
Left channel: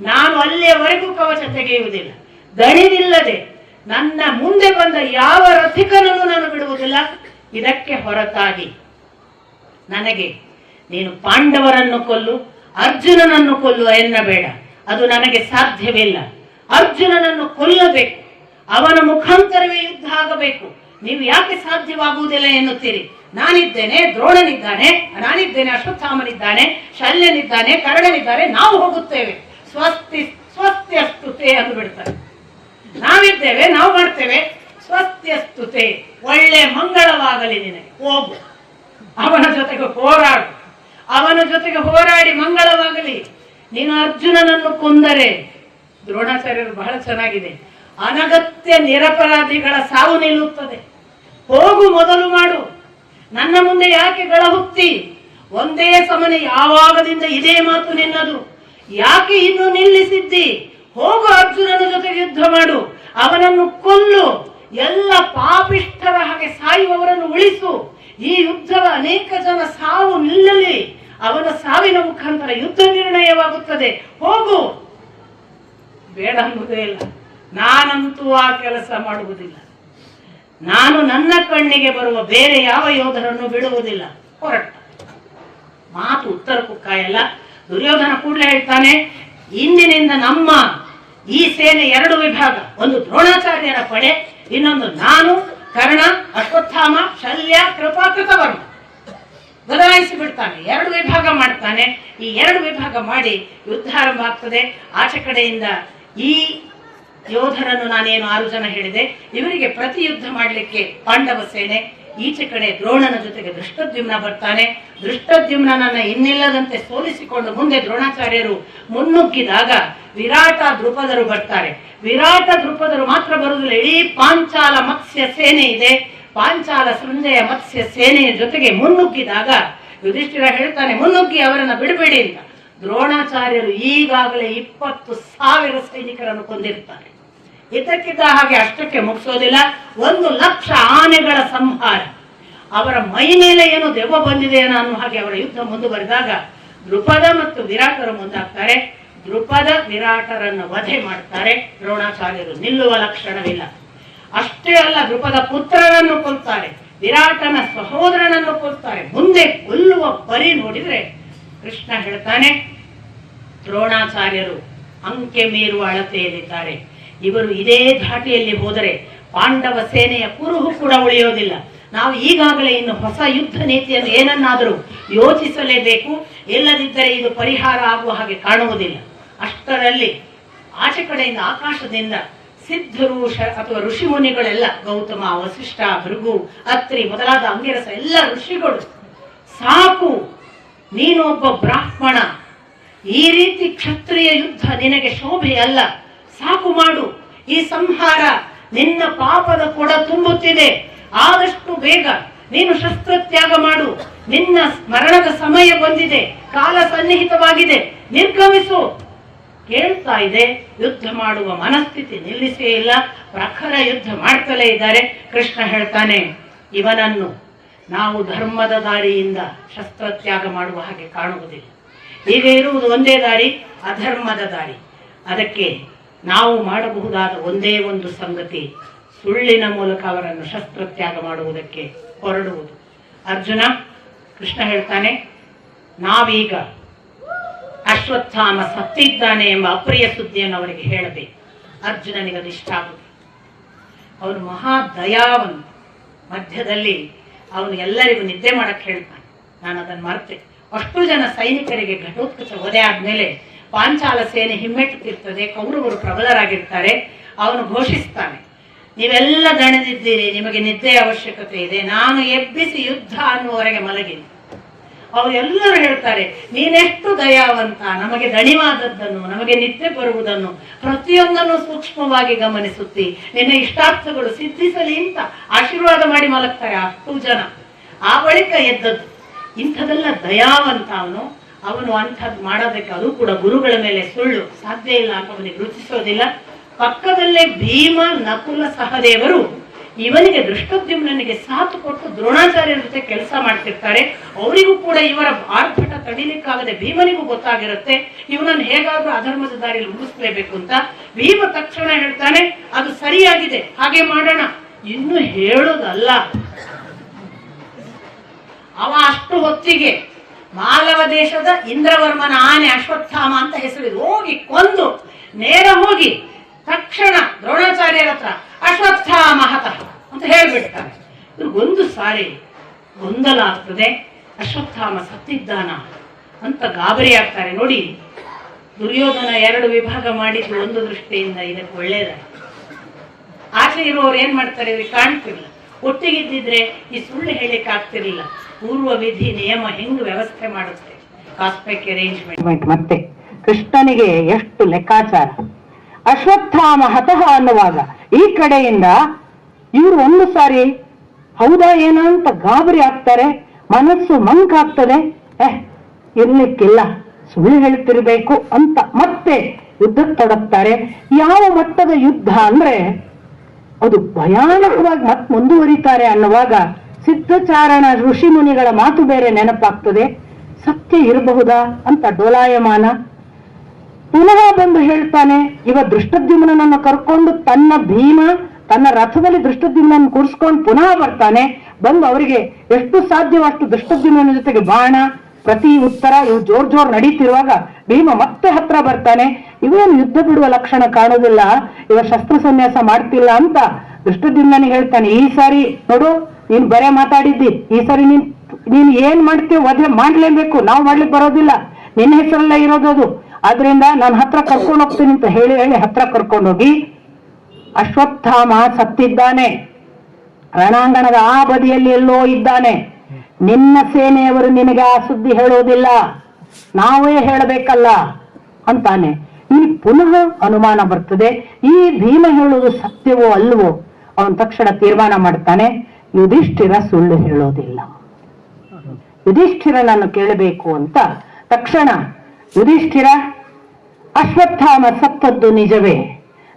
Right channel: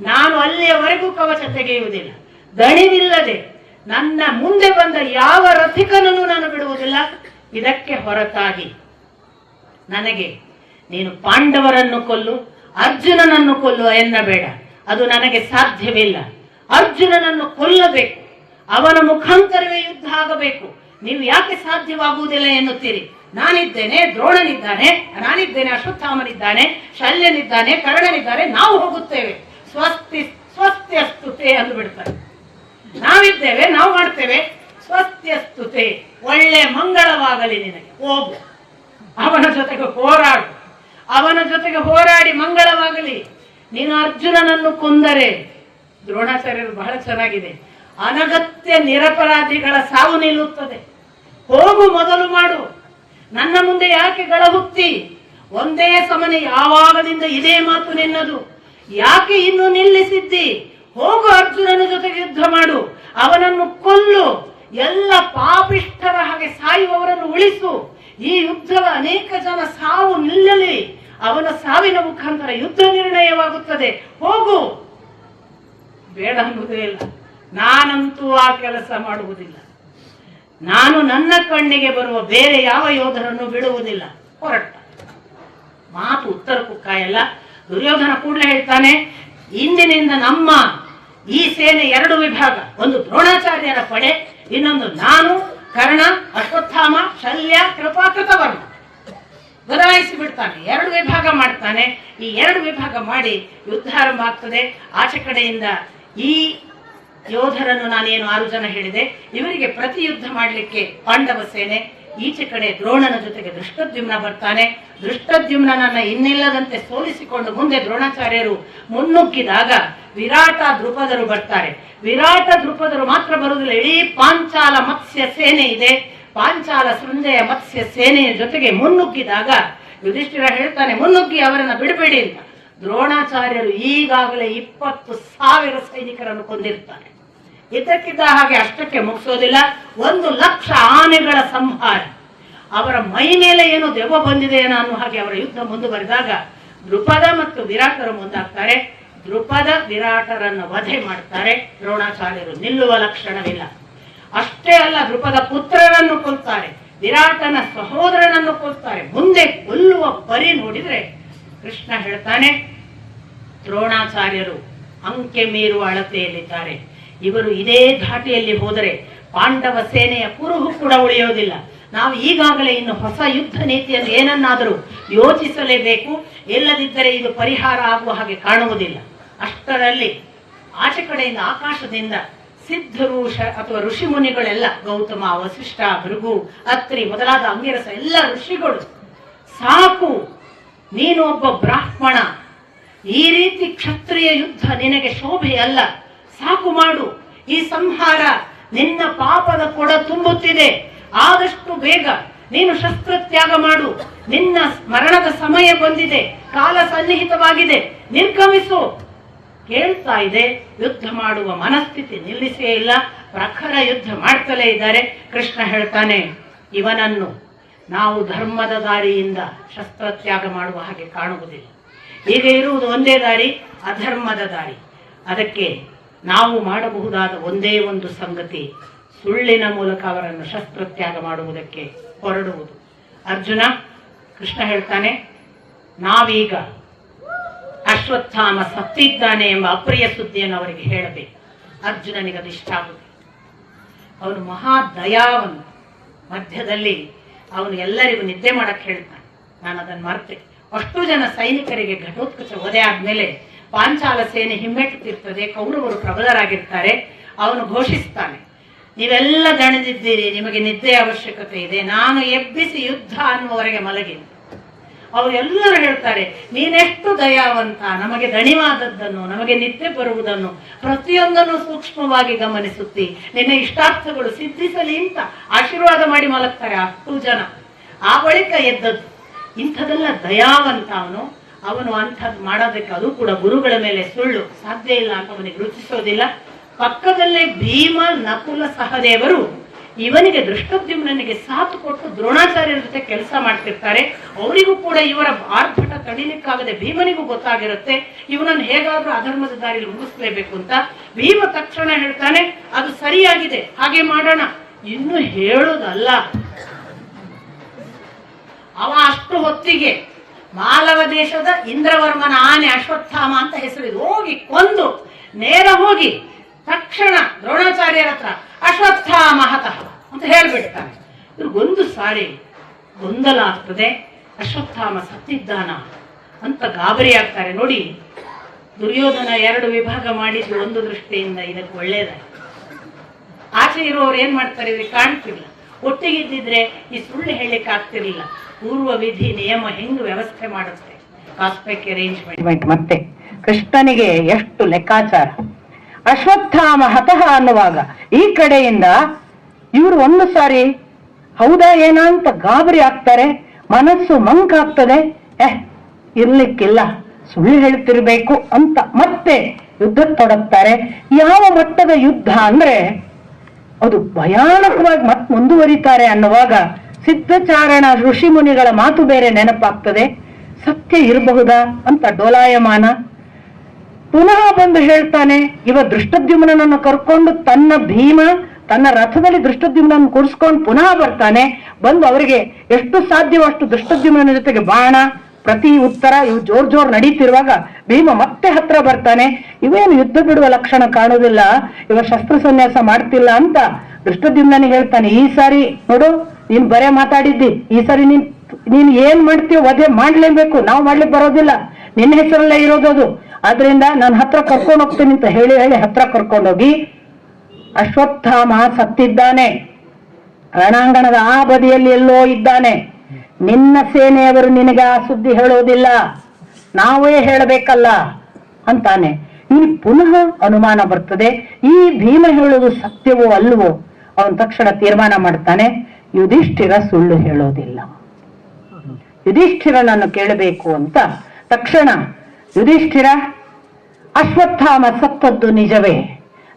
ನಾನು ಅಲ್ಲಿಯವರೆಗೂ ಕವಚ ತೆಗೆಯುವುದಿಲ್ಲ. ದಣಿದಿಲ್ಲದೆ ನನ್ನ ಮುಂದೆ ಬಂದ ಯಾವ ರಥಿಕನನ್ನು ನಾನು ಬಿಡುವುದಿಲ್ಲ. ಇದಕ್ಕೆ ಹೊರತಾಗಿ ನನಗೆ ನೀನು ಪಾಂಡವರನ್ನು ಕೊಲ್ಲು, ಅರ್ಜುನನನ್ನು ಕೊಲ್ಲುವ ಎನ್ನಬೇಡ. ಅದು ನನಗೆ ಸಾಧ್ಯವಿಲ್ಲ. ಅರ್ಜುನನನ್ನು ಕೊಲ್ಲಬೇಕು, ಅವನ ಮುಖಾಂತರವೇ ಯುದ್ಧ ಆಗಬೇಕು. ನೀವು ಯಾಕೆ ಸಾಧ್ಯವಾಗುವುದಿಲ್ಲ ಎನ್ನುತ್ತೀರಿ? ನಾನಿದ್ದೇನೆ, ದ್ರೋಣನಿದ್ದಾನೆ, ನಾನಿದ್ದೇನೆ, ಅಶ್ವತ್ಥಾಮನಿದ್ದಾನೆ, ಶಲ್ಯನಿದ್ದಾನೆ, ಕರ್ಣನಿದ್ದಾನೆ, ನಾವು ಹೋಗುತ್ತೇವೆ. ಸ್ವಸ್ತಿ ಸ್ವಸ್ತ್ಯಸ್ತುತೆ ಎಂದು ಬಿಡ್ತಾರೆ. ನಾವಿದ್ದೇವೆ, ನಾವು ಮಾಡ್ತೇವೆ. ಸ್ವಸ್ತ್ಯಸ್ತುತೆ, ಒಳ್ಳೆ ಮಂಗಳವಾಗಲಿ ನಿನಗೆ, ಹೋಗು. ಅವನ ಜೊತೆಗೆ ಹೋರಾಡು, ಅವನ ಜೊತೆಗೆ ಹೋರಾಡಿ ಮಂಗಳವಾಗಲಿ. ನೀನು ಅರ್ಜುನನನ್ನು ಕೊಂದರೆ, ದ್ರೋಣಾಚಾರ್ಯರು ಬಹಳ ಚೆನ್ನಾಗಿದೆ, ಅನಗತ್ಯ ನಿರಪರಾಧಿಗಳ ಸಾವು ನಿಲ್ಲುತ್ತದೆ. ಹೋಗು, ಮೊದಲು ಮಾಡು. ನನ್ನ ಮುಂದೆ ಯಾಕೆ ಗಳಹುತ್ತಿ? ಒಂದೇ ಸಮನೆ ಯಾವಾಗದಿಂದ ಇದೇ ಮಾತು ನಿನ್ನದು. ಯಾಕೆ ಇನ್ನು ನಿಲ್ಲಿಸಿದ್ದಿ? ಹೋಗು, ಅರ್ಜುನನ ಜೊತೆಗೆ ಯುದ್ಧ ಮಾಡು, ಅವನನ್ನು ಕೊಲ್ಲು, ಎಲ್ಲ ಪಾಪಿಷ್ಠರ ಹಾಗೆ ಸಾಯುವವರನ್ನು ಉಳಿಸು. ಈ ಯುದ್ಧದ ಅನೇಕ ಜನ ಸಾವು ನಿಲ್ಲಲಿ. ಅವನ ಸಾವಿನ ಮುಖಾಂತರ ಯುದ್ಧ ನಿರ್ಣಯವಾಗುತ್ತದೆ. ಹೋಗು. ಬೇಡ ಅನ್ನುವುದೇ ಇಲ್ಲ. ನಾನಂತೂ ಆ ಕೆಲಸ ಮಾಡುವುದಿಲ್ಲ. ನಾನು ನನ್ನ ಕಣ್ಣಿಗೆ ಬರುವ ಬೇರೆ ಯಾವ ಯೋಧರನ್ನು ಬಿಡುವುದಿಲ್ಲ. ಹೊರಟ ಮಾತು ಉತ್ತರಕ್ಕೂ ಕಾಯಲ್ಲ. ದುರ್ಯೋಧನ ಕೂಡಲೇ ಹೇಳ್ತಾನೆ, ಇಂದಿನಿಂದ ನಮ್ಮ ಈ ಸೇನೆ 2 ವಿಭಾಗ. ಒಂದು ದ್ರೋಣಾಚಾರ್ಯರ ಪಡೆ, ಇನ್ನೊಂದು ನಾನು, ಕರ್ಣ, ಅಶ್ವತ್ಥಾಮ, ಶಲ್ಯ, ಕೃಪಾ, ಕೃತವರ್ಣ. ಬದಲಾಯಿಸಿ ಬಿಡ್ತಾನೆ, 2 ವಿಭಾಗ ಮಾಡ್ತಾನೆ. ಈ 2 ವಿಭಾಗ ಮಾಡಿ ಯುದ್ಧ ಆರಂಭ ಆಗ್ತದೆ. ಆಚೆ ಕಡೆಯಿಂದ ಈ ಯೋಧರನ್ನು ನಾನೇನು 6 ಜನ ಹೇಳಿದೆ, ಇವರಿಗೆ ಪ್ರತಿ ಯುದ್ಧ ಮಾಡಲಿಕ್ಕೆ ಪಾಂಡವ ಸೇನೆ. ಈಚೆ ಕಡೆ ದ್ರೋಣನ ಜೊತೆಗೆ ದೃಷ್ಟದ್ಯುಮ್ನ ಬರ್ತಾನೆ. ದೃಷ್ಟದ್ಯುಮ್ನನ್ನ ಇನ್ನಿಲ್ಲದಂತೆ ಸೋಲಿಸಿಕೊಂಡು ಮುಂದೆ ದ್ರೋಣಾಚಾರ್ಯರು ಮುನ್ನುಗ್ಗಿದಾಗ ವಿರಾಟ ದೃಪದರು ಬರ್ತಾರೆ. ವಿರಾಟ ದೃಪದರು ಮಾತ್ರ ಬರುವುದಿಲ್ಲ, ಇಡೀ ಪಾಂಚಾಲ ಮತ್ಸ್ಯ ಸೇನೆ ಇದೆ. ಪಾಂಚಾಲ ಸಂಜೆಯ ಮತ್ಸ್ಯ ಸೇನೆಯ ಜೊತೆಗೆ ಮುನ್ನುಗ್ಗಿದಾಗ ಯುಧಿಷ್ಠಿರ ಹೇಳ್ತಾನೆ, ಮುನ್ನುಗ್ಗಿ ಅವರನ್ನು ಬಿಡಬೇಡಿ ಅಂತ. ದ್ರೋಣಾಚಾರ್ಯರು ಈಗಾಗಲೇ 20,000 ಸೈನಿಕರನ್ನು ಕೊಂದಿರ್ತಾರೆ. ಇದಕ್ಕಿದ್ದ ಹಾಗೆ ಅಷ್ಟಕ್ಕೆ ಮುಗಿಸೋದಿಲ್ಲ. 1,00,000 ಆನೆಗಳ ಸಂಹಾರ. ಅವರ ಮೈ ಮೇಲೆ ಏನು ದೆವ್ವ ಬಂದಿದೆ ಅನ್ನೋ ಹಾಗೆ ಅವರ ಯುದ್ಧ ಮುಂದುವರೆದಾಗ ದೃಪದ ಮತ್ತು ವಿರಾಟರು ಮುಂದಾಗ್ತಾರೆ. ದೃಪದ ವಿರಾಟರನ್ನು ವಧೆ ಮಾಡ್ತಾರೆ ದ್ರೋಣಾಚಾರ್ಯರು. ನಿಲ್ಲುವ ಲಕ್ಷಣವಿಲ್ಲ. ಅಷ್ಟೇ ಅಲ್ಲ, ದೃಪದ ಪುತ್ರರನ್ನು ಕೊಲ್ತಾರೆ, ವಿರಾಟನ ಸಹೋದರನನ್ನು ಕೊಲ್ತಾರೆ. ಮುಂದೆ ಕೊಲ್ಲುವ ಬರಿ ನೋಡಿದ್ರೆ ಕೃಷ್ಣ ಹೇಳ್ತಾನೆ, ದ್ರೋಣಾಚಾರ್ಯರು ಅಂಕೆ ಮೀರುವ ಅಳತೆಯಲ್ಲಿದ್ದಾರೆ. ಇವರು ಇದೇ ಧಾಟಿಯಲ್ಲಿ ಹೋದರೆ ಪಾಂಡವ ಸೇನೆಯ ಕುರುಹು ಕೂಡ ಉಳಿಯೋದಿಲ್ಲ. ನಾವು ಈಗಾಗಲೇ ಇನ್ನು ಹೊಸ ಯುದ್ಧ ನೀತಿಯನ್ನು ಏನನ್ನಾದರೂ ಯೋಚಿಸಲೇಬೇಕು. ಇಲ್ಲದಿದ್ದರೆ ಇದು ಪರಿಹಾರ ಆಗುವ ಹಾಗೆ ಕಾಣುವುದಿಲ್ಲ. ಅಷ್ಟರಲ್ಲಿ ಆಚೆ ಕಡೆಯಿಂದ ಆಕಾಶದಿಂದ ಸಿದ್ಧರು ಅಥವಾ ಋಷಿ ಮುನಿಗಳೆಲ್ಲ, ಗೌತಮ, ವಸಿಷ್ಠ, ಭೃಗು, ಅತ್ರಿ ಮೊದಲಾದ ಅಂಗಿರಸ ಎಲ್ಲ ಋಷಿಗಳು, ಸಾಕು, ನೀನು ಒಬ್ಬ ಬ್ರಾಹ್ಮಣ, ಈ ರೀತಿ ಕ್ಷತ್ರಿಯ ಯುದ್ಧ ನಿನಗೆ ಶೋಭೆ ಅಲ್ಲ, ಸಾಕು ಮಾಡು, ಈ ಸಂಹಾರ ನಿನ್ನ ಪಾಪದ ಕೊಡ ತುಂಬುತ್ತಿದೆ, ಆದಷ್ಟು ಬೇಗ ನೀನು ಶಸ್ತ್ರತ್ಯಾಗ ಮಾಡು, ನಿನ್ನ ಮರಣದ ಸಮಯ ಬಂದಿದೆ, ಕಾಲ ಸನ್ನಿಹಿತವಾಗಿದೆ, ನಿರ್ಗಮಿಸು. ಕೇಳ್ತಾ ಇದೆ. ಯುದ್ಧ ಮಾಡುವ ಮನಸ್ಥಿತಿ ನಿಲ್ಲಿಸೇ ಇಲ್ಲ, ಪ್ರಖರ ಯುದ್ಧ ಮಾಡ್ತಲೇ ಇದ್ದಾರೆ. ಕೃಷ್ಣ ಹೇಳ್ತಾನೆ, ಇವನನ್ನು ನಾವು ಧರ್ಮದ ದಾರಿಯಿಂದ ಶಸ್ತ್ರತ್ಯಾಗ ಮಾಡುವ ಹಾಗೆ ಕಾಣುವುದಿಲ್ಲ. ಈಗ ಇರುವುದು ಒಂದೇ ದಾರಿ, ಅಧರ್ಮದ ದಾರಿ. ಅದಕ್ಕೆ ನಾವು ಮಾಡಬಹುದಾದ ಒಂದೇ ಒಂದು ಸಂಗತಿ, ಸುಳ್ಳಿನ ಮೂಲಕ ಅವರನ್ನು ಶಸ್ತ್ರತ್ಯಾಗ ಮಾಡುವುದಕ್ಕೆ ಹೊರಡುವುದು. ಅರ್ಜುನ, ಕೃಷ್ಣ ಹೇಳ್ತಾನೆ, ನಾವೀಗ ಅಶ್ವತ್ಥಾಮ ಸತ್ತಿದ್ದಾನೆ ಎಂಬ ಅಪ್ರಿಯ ಸುದ್ದಿಯನ್ನು ಅವರಿಗೆ ಹೇಳಬೇಕು. ಅರ್ಜುನನಿಗೆ ಅದಿಷ್ಟ ಆಗುತ್ತೆ. ಅವನು ಮಹಾ ದಯಾವಂತ. ಮಧ್ಯದಲ್ಲಿ ಅವನು ಎಲ್ಲರಿಗೂ ನಿದ್ದೆ ಮಾಡಕ್ಕೆ ಹೇಳ್ತಾನೆ. ನಾನು ಅದನ್ನು ಮರ್ತೆ. ಅಷ್ಟು ಜನ ಸೈನಿಕರಿಗೆ ಘಟೋತ್ಕಚ ವಧೆ ಆದ್ಮೇಲೆ ಪಾಂಚಾಲ ಸೇನೆ ಹಿಮ್ಮೆಟ್ಟುತ್ತಿರ್ತದೆ, ಕೌರವರು ಪ್ರಬಲರಾಗಿರ್ತಾರೆ. ಅವನು ಘೋಷಿಸ್ತಾನೆ, ನೀವೆಲ್ಲ ದಣಿದಿದ್ದೀರಿ, ನಿಮಗೆ ನಿದ್ದೆ ಅವಶ್ಯಕತೆ ಇದೆ, ನಾನು ಎಬ್ಬಿಸಿ ಯುದ್ಧ ಅನ್ನುವರೆಗೆ ಮಲಗಿ. ಅವರೆಲ್ಲರೂ ಹೇಳ್ತಾರೆ, ನೀನೆಷ್ಟು ದಯಾವಂತ, ನಮಗೆ ದಣಿವಾದದ್ದನ್ನು, ನಮಗೆ ನಿದ್ದೆ ಬರುವುದನ್ನು ಪ್ರತಿಯೊಂದನ್ನು ಸೂಕ್ಷ್ಮವಾಗಿ ಗಮನಿಸುತ್ತಿ, ನಿನ್ನ ಇಷ್ಟಾರ್ಥಗಳು ಸಿದ್ಧಿಸಲಿ ಅಂತ ಆಶೀರ್ವಾದ ಮಾಡಿ ಮಲಗ್ತಾರೆ ಅಷ್ಟು ಜನ. ಆ ಬಳಿಕ ಎದ್ದದ್ದು. ಇಂಥದೆಲ್ಲ ದಯಾವಂತ ಅವನು ಅಂಥದ್ದು ಮಾಡೋದಕ್ಕೆ, ಅದು ಕೂಡ ಗುರುಗಳ ಮೇಲೆ ಸುಳ್ಳು ಸಾಧ್ಯ ಇಲ್ಲ ಅಂತ ಅವನಿಗೆ ರುಚಿಸೋದಿಲ್ಲ. ಪಕ್ಕದಲ್ಲೇ ಭೀಮ, ನಕುಲ, ಸಹದೇವರು ಇವನಿಗೆ ದೃಷ್ಟದ್ಯುಮ್ನನಿಗೆ ಸಾಥ್ ಕೊಟ್ಟು ದ್ರೋಣಾಚಾರ್ಯರ ಜೊತೆ ಕೆಲಸ ಮಾಡ್ತಿರ್ತಾರೆ. ಅವರಿಗೂ ಕೂಡ ಇವರ ಆರ್ಭಟ ತಡಿಲಿಕ್ಕಾಗದೆ ಭೀಮನಿಗೂ ಗೊತ್ತಾಗಿರುತ್ತೆ, ಇವನನ್ನು ಹೇಗಾದ್ರೂ ಅಧರ್ಮದ ದಾರಿಯಲ್ಲಿ ಮುಗಿಸ್ಲೇಬೇಕು ಅಂತ. ಭೀಮ ತಕ್ಷಣ ಹೇಳ್ತಾನೆ, ಅದು ಸರಿಯಾಗಿದೆ, ಹಾಗೆ ಮಾಡೋಣ. ಇನ್ನು ಹೇಳುದಲ್ಲ, ಅವ ಅಷ್ಟು ಹೊತ್ತಿಗೆ ಮಾಲವ ದೇಶದ ಇಂದ್ರವರ್ಮನ ಆನೆ ಅಶ್ವತ್ಥಾಮ ಅಂತ ಹೆಸರಿದೆ, ಹೋಗಿ ಕೊಂದು ನೇರ ಹೋಗಿ ತಕ್ಷಣ ದ್ರೋಣಾಚಾರ್ಯರ ಹತ್ರ ಅಶ್ವತ್ಥಾಮ ಹತಃ ಅಂತ ಹೇಳ್ಬಿಡ್ತಾನೆ. ಇವ್ರಿಗೊಂದು ಸಾರಿ ಗೊಂದಲ ಆಗ್ತದೆ, ಅಶ್ವತ್ಥಾಮ ಸತ್ತಿದ್ದಾನ ಅಂತ ಗಾಬರಿ ಆಗ್ತಾರೆ. ನೋಡಿ, ದುರ್ಯೋಧನ 2 ವಿಭಾಗ ಮಾಡಿದ್ದು ಒಂದು ದೃಷ್ಟಿಯಿಂದ ಇದಕ್ಕೆ ಒಳ್ಳೇದಾಗಿ. ಆಚೆ ಇರುವವರು ಏನ್ ಮಾಡ್ತಾರೆ, ಇವ್ರಿಗೆ ಕಾಣ್ತಿಲ್ಲ. ಒಟ್ಟಿಗಿದ್ದಿದ್ರೆ ಈ ಸುಳ್ಳು ಹೇಳಿಕ್ ಆಗ್ತಿರ್ಲಿಲ್ಲ. ಪೂರ್ವ ವಿಧಿ ನಿಯಮ ಹೆಂಗ್ ವ್ಯವಸ್ಥೆ ಮಾಡುತ್ತೆ, ಕಾಸ್ಮಿಕ್ ಅರೇಂಜ್ಮೆಂಟ್. ಮತ್ತೆ ಕೃಷ್ಣನಿಗೆ ಎಷ್ಟು ಲೆಕ್ಕಾಚಾರ. ಅಶ್ವತ್ಥಾಮ ಹತಃ ಅನ್ನುವಾಗ ಈ ಕಡೆಯಿಂದ ಇವರು ಒಂದು ಸಾರಿ ಹೌದಾ ಏನಾ ಅಂತ ಗಾಬರಿ ಆಗ್ತಾರೆ, ಮನಸ್ಸು ಮಂಕಾಗ್ತದೆ. ಇರ್ಲಿಕ್ಕಿಲ್ಲ, ಸುಳ್ಳು ಹೇಳ್ತಿರ್ಬೇಕು ಅಂತ ಮತ್ತೆ ಯುದ್ಧ ತೊಡಗ್ತಾರೆ. ಯಾವ ಮಟ್ಟದ ಯುದ್ಧ ಅಂದ್ರೆ ಅದು ಭಯಾನಕವಾಗಿ ಮತ್ತೆ ಮುಂದುವರಿತಾರೆ ಅನ್ನುವಾಗ ಸಿದ್ಧಚಾರಣ ಋಷಿ ಮುನಿಗಳ ಮಾತು ಬೇರೆ ನೆನಪಾಗ್ತದೆ. ಸತ್ಯ ಇರಬಹುದಾ ಅಂತ ಡೋಲಾಯಮಾನ. ಪುನಃ ಬಂದು ಹೇಳ್ತಾನೆ, ಇವ ದೃಷ್ಟದ್ಯುಮ್ನನ್ನು ಕರ್ಕೊಂಡು ತನ್ನ ಭೀಮ ತನ್ನ ರಥದಲ್ಲಿ ದೃಷ್ಟದ್ಯುಮ್ನನ್ನು ಕೂರಿಸ್ಕೊಂಡು ಪುನಃ ಬರ್ತಾನೆ. ಬಂದು ಅವರಿಗೆ ಎಷ್ಟು ಸಾಧ್ಯವೋ ಅಷ್ಟು ದೃಷ್ಟದ್ಯುಮ್ನ ಜೊತೆಗೆ ಬಾಣ, ಪ್ರತಿ ಉತ್ತರ ಇವು ಜೋರ್ ನಡೀತಿರುವಾಗ ಭೀಮ ಮತ್ತೆ ಹತ್ರ ಬರ್ತಾನೆ. ಇವೇನು ಯುದ್ಧ ಬಿಡುವ ಲಕ್ಷಣ ಕಾಣುವುದಿಲ್ಲ, ಇವ ಶಸ್ತ್ರ ಸನ್ಯಾಸ ಮಾಡ್ತಿಲ್ಲ ಅಂತ ದೃಷ್ಟದ್ಯುಮ್ನಿಗೆ ಹೇಳ್ತಾನೆ. ಈ ಸಾರಿ ನೋಡು, ನೀನ್ ಬರೇ ಮಾತಾಡಿದ್ದಿ, ಈ ಸಾರಿ ನೀನ್ ಏನ್ ಮಾಡ್ತೀವಿ ವಧೆ ಮಾಡ್ಲೇಬೇಕು, ನಾವು ಮಾಡ್ಲಿಕ್ಕೆ ಬರೋದಿಲ್ಲ, ನಿನ್ನ ಹೆಸರಲ್ಲೇ ಇರೋದದು, ಆದ್ರಿಂದ ನಾನು ಹತ್ರ ಕರ್ಕೊಂಡು ಹೋಗ್ತೀನಿ ಅಂತ ಹೇಳಿ ಹತ್ರ ಕರ್ಕೊಂಡೋಗಿ ಅಶ್ವತ್ಥಾಮ ಸತ್ತಿದ್ದಾನೆ, ರಣಾಂಗಣದ ಆ ಬದಿಯಲ್ಲಿ ಎಲ್ಲೋ ಇದ್ದಾನೆ, ನಿನ್ನ ಸೇನೆಯವರು ನಿನಗೆ ಆ ಸುದ್ದಿ ಹೇಳೋದಿಲ್ಲ, ನಾವೇ ಹೇಳಬೇಕಲ್ಲ ಅಂತಾನೆ. ಇಲ್ಲಿ ಪುನಃ ಅನುಮಾನ ಬರ್ತದೆ, ಈ ಭೀಮ ಹೇಳೋದು ಸತ್ಯವೋ ಅಲ್ವೋ. ಅವನ ತಕ್ಷಣ ತೀರ್ಮಾನ ಮಾಡ್ತಾನೆ, ಯುಧಿಷ್ಠಿರ ಸುಳ್ಳು ಹೇಳೋದಿಲ್ಲ, ಯುಧಿಷ್ಠಿರನನ್ನು ಕೇಳಬೇಕು ಅಂತ. ತಕ್ಷಣ ಯುಧಿಷ್ಠಿರ, ಅಶ್ವತ್ಥಾಮ ಸತ್ತದ್ದು ನಿಜವೇ,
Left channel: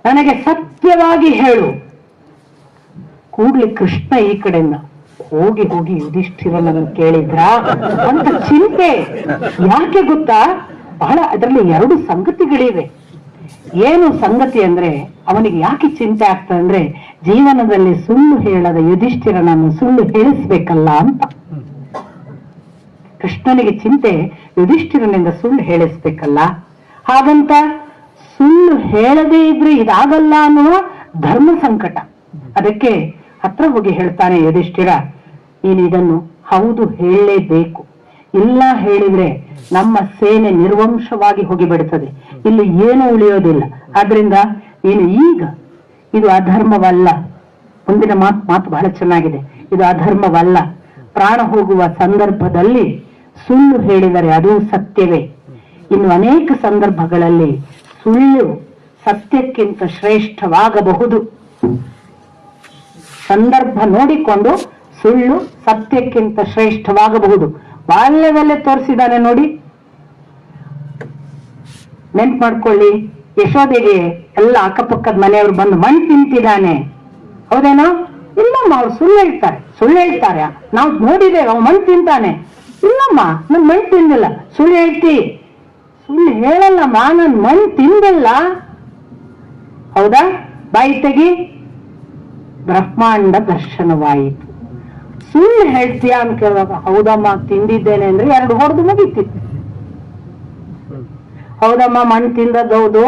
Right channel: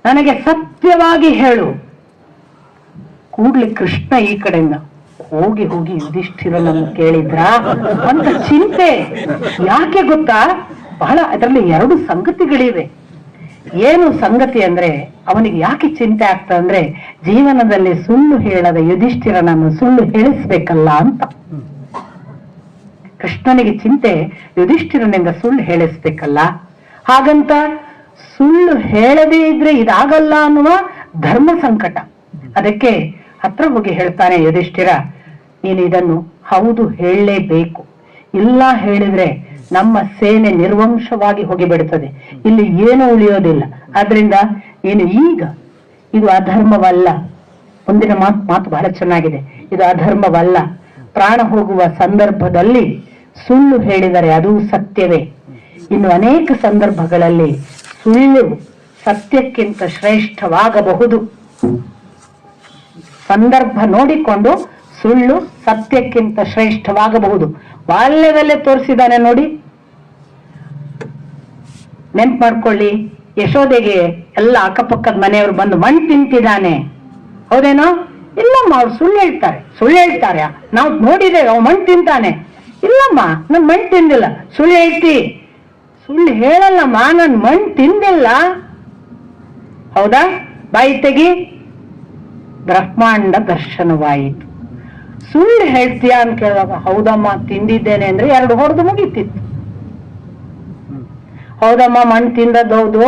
ನನಗೆ ಸತ್ಯವಾಗಿ ಹೇಳು. ಕೂಡ್ಲಿ ಕೃಷ್ಣ ಈ ಕಡೆಯಿಂದ ಹೋಗಿ ಯುಧಿಷ್ಠಿರನನ್ನು ಕೇಳಿದ್ರ ಅಂತ ಚಿಂತೆ. ಯಾಕೆ ಗೊತ್ತಾ, ಬಹಳ ಅದರಲ್ಲಿ 2 ಸಂಗತಿಗಳಿವೆ. ಏನು ಸಂಗತಿ ಅಂದ್ರೆ, ಅವನಿಗೆ ಯಾಕೆ ಚಿಂತೆ ಆಗ್ತದೆ ಅಂದ್ರೆ, ಜೀವನದಲ್ಲಿ ಸುಳ್ಳು ಹೇಳದ ಯುಧಿಷ್ಠಿರನನ್ನು ಸುಳ್ಳು ಹೇಳಿಸ್ಬೇಕಲ್ಲ ಅಂತ. ಕೃಷ್ಣನಿಗೆ ಚಿಂತೆ, ಯುಧಿಷ್ಠಿರನಿಂದ ಸುಳ್ಳು ಹೇಳಿಸ್ಬೇಕಲ್ಲ, ಹಾಗಂತ ಸುಳ್ಳು ಹೇಳದೇ ಇದ್ರೆ ಇದಾಗಲ್ಲ ಅನ್ನುವ ಧರ್ಮ ಸಂಕಟ. ಅದಕ್ಕೆ ಹತ್ರ ಹೋಗಿ ಹೇಳ್ತಾನೆ ಯುಧಿಷ್ಠಿರ, ನೀನು ಇದನ್ನು ಹೌದು ಹೇಳಲೇಬೇಕು, ಇಲ್ಲ ಹೇಳಿದ್ರೆ ನಮ್ಮ ಸೇನೆ ನಿರ್ವಂಶವಾಗಿ ಹೋಗಿಬಿಡುತ್ತದೆ, ಇಲ್ಲಿ ಏನು ಉಳಿಯೋದಿಲ್ಲ. ಆದ್ರಿಂದ ನೀನು ಈಗ ಇದು ಅಧರ್ಮವಲ್ಲ. ಮುಂದಿನ ಮಾತು ಬಹಳ ಚೆನ್ನಾಗಿದೆ. ಇದು ಅಧರ್ಮವಲ್ಲ. ಪ್ರಾಣ ಹೋಗುವ ಸಂದರ್ಭದಲ್ಲಿ ಸುಳ್ಳು ಹೇಳಿದರೆ ಅದು ಸತ್ಯವೇ. ಇನ್ನು ಅನೇಕ ಸಂದರ್ಭಗಳಲ್ಲಿ ಸುಳ್ಳು ಸತ್ಯಕ್ಕಿಂತ ಶ್ರೇಷ್ಠವಾಗಬಹುದು. ಸಂದರ್ಭ ನೋಡಿಕೊಂಡು ಸುಳ್ಳು ಸತ್ಯಕ್ಕಿಂತ ಶ್ರೇಷ್ಠವಾಗಬಹುದು. ಬಾಲ್ಯದಲ್ಲೇ ತೋರಿಸಿದ್ದಾನೆ ನೋಡಿ. ನೆನ್ಪು ಮಾಡ್ಕೊಳ್ಳಿ, ಯಶೋದೆಗೆ ಎಲ್ಲ ಅಕ್ಕಪಕ್ಕದ ಮನೆಯವರು ಬಂದು ಮಣ್ಣು ತಿಂತಿದ್ದಾನೆ, ಹೌದೇನೋ? ಇಲ್ಲಮ್ಮ, ಅವ್ರು ಸುಳ್ಳು ಹೇಳ್ತಾರೆ. ನಾವು ನೋಡಿದ್ದೇವೆ, ಅವ್ ಮಣ್ಣು ತಿಂತಾನೆ. ಇಲ್ಲಮ್ಮ, ನಾನು ಮಣ್ಣು ತಿಂದಿಲ್ಲ. ಸುಳ್ಳು ಹೇಳ್ತಿ? ಸುಳ್ಳು ಹೇಳಲ್ಲಮ್ಮ, ನಾನು ಮಣ್ಣು ತಿಂದಿಲ್ಲ. ಹೌದಾ? ಬಾಯಿ ತೆಗಿ. ಬ್ರಹ್ಮಾಂಡ ದರ್ಶನವಾಯಿತು. ಸುಳ್ಳು ಹೇಳ್ತೀಯಾ ಅಂತ ಕೇಳಿದಾಗ ಹೌದಮ್ಮ ತಿಂದಿದ್ದೇನೆ ಅಂದ್ರೆ 2 ಹೊಡೆದು ಮುಗಿತಿತ್ತು. ಹೌದಮ್ಮ, ಮಣ್ಣು ತಿಂದದ್ದು ಹೌದು,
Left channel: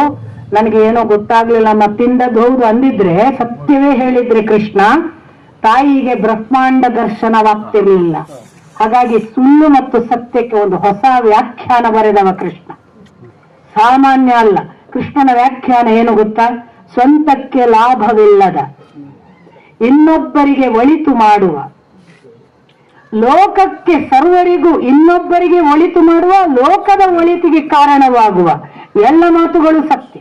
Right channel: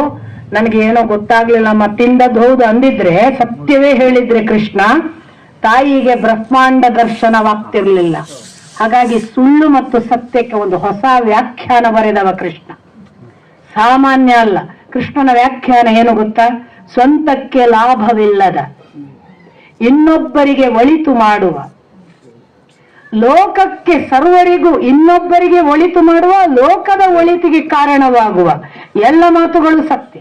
ನನಗೆ ಏನೋ ಗೊತ್ತಾಗ್ಲಿಲ್ಲಮ್ಮ, ತಿಂದದ್ದು ಹೌದು ಅಂದಿದ್ರೆ, ಸತ್ಯವೇ ಹೇಳಿದ್ರೆ ಕೃಷ್ಣ, ತಾಯಿಗೆ ಬ್ರಹ್ಮಾಂಡ ದರ್ಶನವಾಗ್ತಿರ್ಲಿಲ್ಲ. ಹಾಗಾಗಿ ಸುಳ್ಳು ಮತ್ತು ಸತ್ಯಕ್ಕೆ ಒಂದು ಹೊಸ ವ್ಯಾಖ್ಯಾನ ಬರೆದವ ಕೃಷ್ಣ. ಸಾಮಾನ್ಯ ಅಲ್ಲ. ಕೃಷ್ಣನ ವ್ಯಾಖ್ಯಾನ ಏನು ಗೊತ್ತಾ? ಸ್ವಂತಕ್ಕೆ ಲಾಭವಿಲ್ಲದ, ಇನ್ನೊಬ್ಬರಿಗೆ ಒಳಿತು ಮಾಡುವ, ಲೋಕಕ್ಕೆ ಸರ್ವರಿಗೂ ಇನ್ನೊಬ್ಬರಿಗೆ ಒಳಿತು ಮಾಡುವ, ಲೋಕದ ಒಳಿತಿಗೆ ಕಾರಣವಾಗುವ ಎಲ್ಲ ಮಾತುಗಳು ಸತ್ಯ.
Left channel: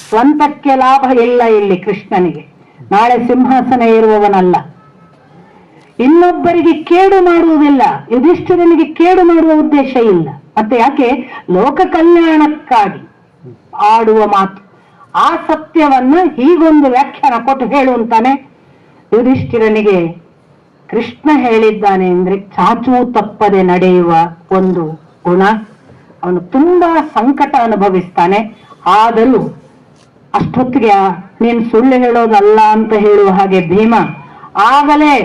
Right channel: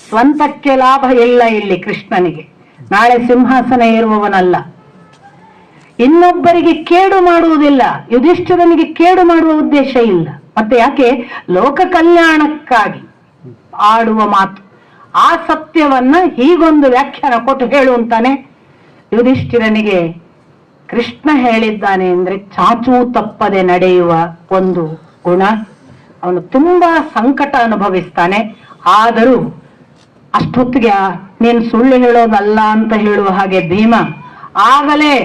ಸ್ವಂತಕ್ಕೆ ಲಾಭ ಇಲ್ಲ ಇಲ್ಲಿ ಕೃಷ್ಣನಿಗೆ. ನಾಳೆ ಸಿಂಹಾಸನ ಏರುವವನಲ್ಲ. ಇನ್ನೊಬ್ಬರಿಗೆ ಕೇಡು ಮಾಡುವುದಿಲ್ಲ. ಯುಧಿಷ್ಠಿರನಿಗೆ ಕೇಡು ಮಾಡುವ ಉದ್ದೇಶ ಇಲ್ಲ. ಮತ್ತೆ ಯಾಕೆ? ಲೋಕ ಕಲ್ಯಾಣಕ್ಕಾಗಿ ಆಡುವ ಮಾತು. ಆ ಸತ್ಯವನ್ನ ಹೀಗೊಂದು ವ್ಯಾಖ್ಯಾನ ಕೊಟ್ಟು ಹೇಳುವಂತಾನೆ. ಯುಧಿಷ್ಠಿರನಿಗೆ ಕೃಷ್ಣ ಹೇಳಿದ್ದಾನೆ ಅಂದ್ರೆ ಚಾಚೂ ತಪ್ಪದೆ ನಡೆಯುವ ಒಂದು ಗುಣ. ಅವನು ತುಂಬಾ ಸಂಕಟ ಅನುಭವಿಸ್ತಾನೆ. ಆದರೂ ಅಷ್ಟೊತ್ತಿಗೆ ನೀನು ಸುಳ್ಳು ಹೇಳೋದಲ್ಲ ಅಂತ ಹೇಳುವ ಹಾಗೆ ಭೀಮ ಆಗಲೇ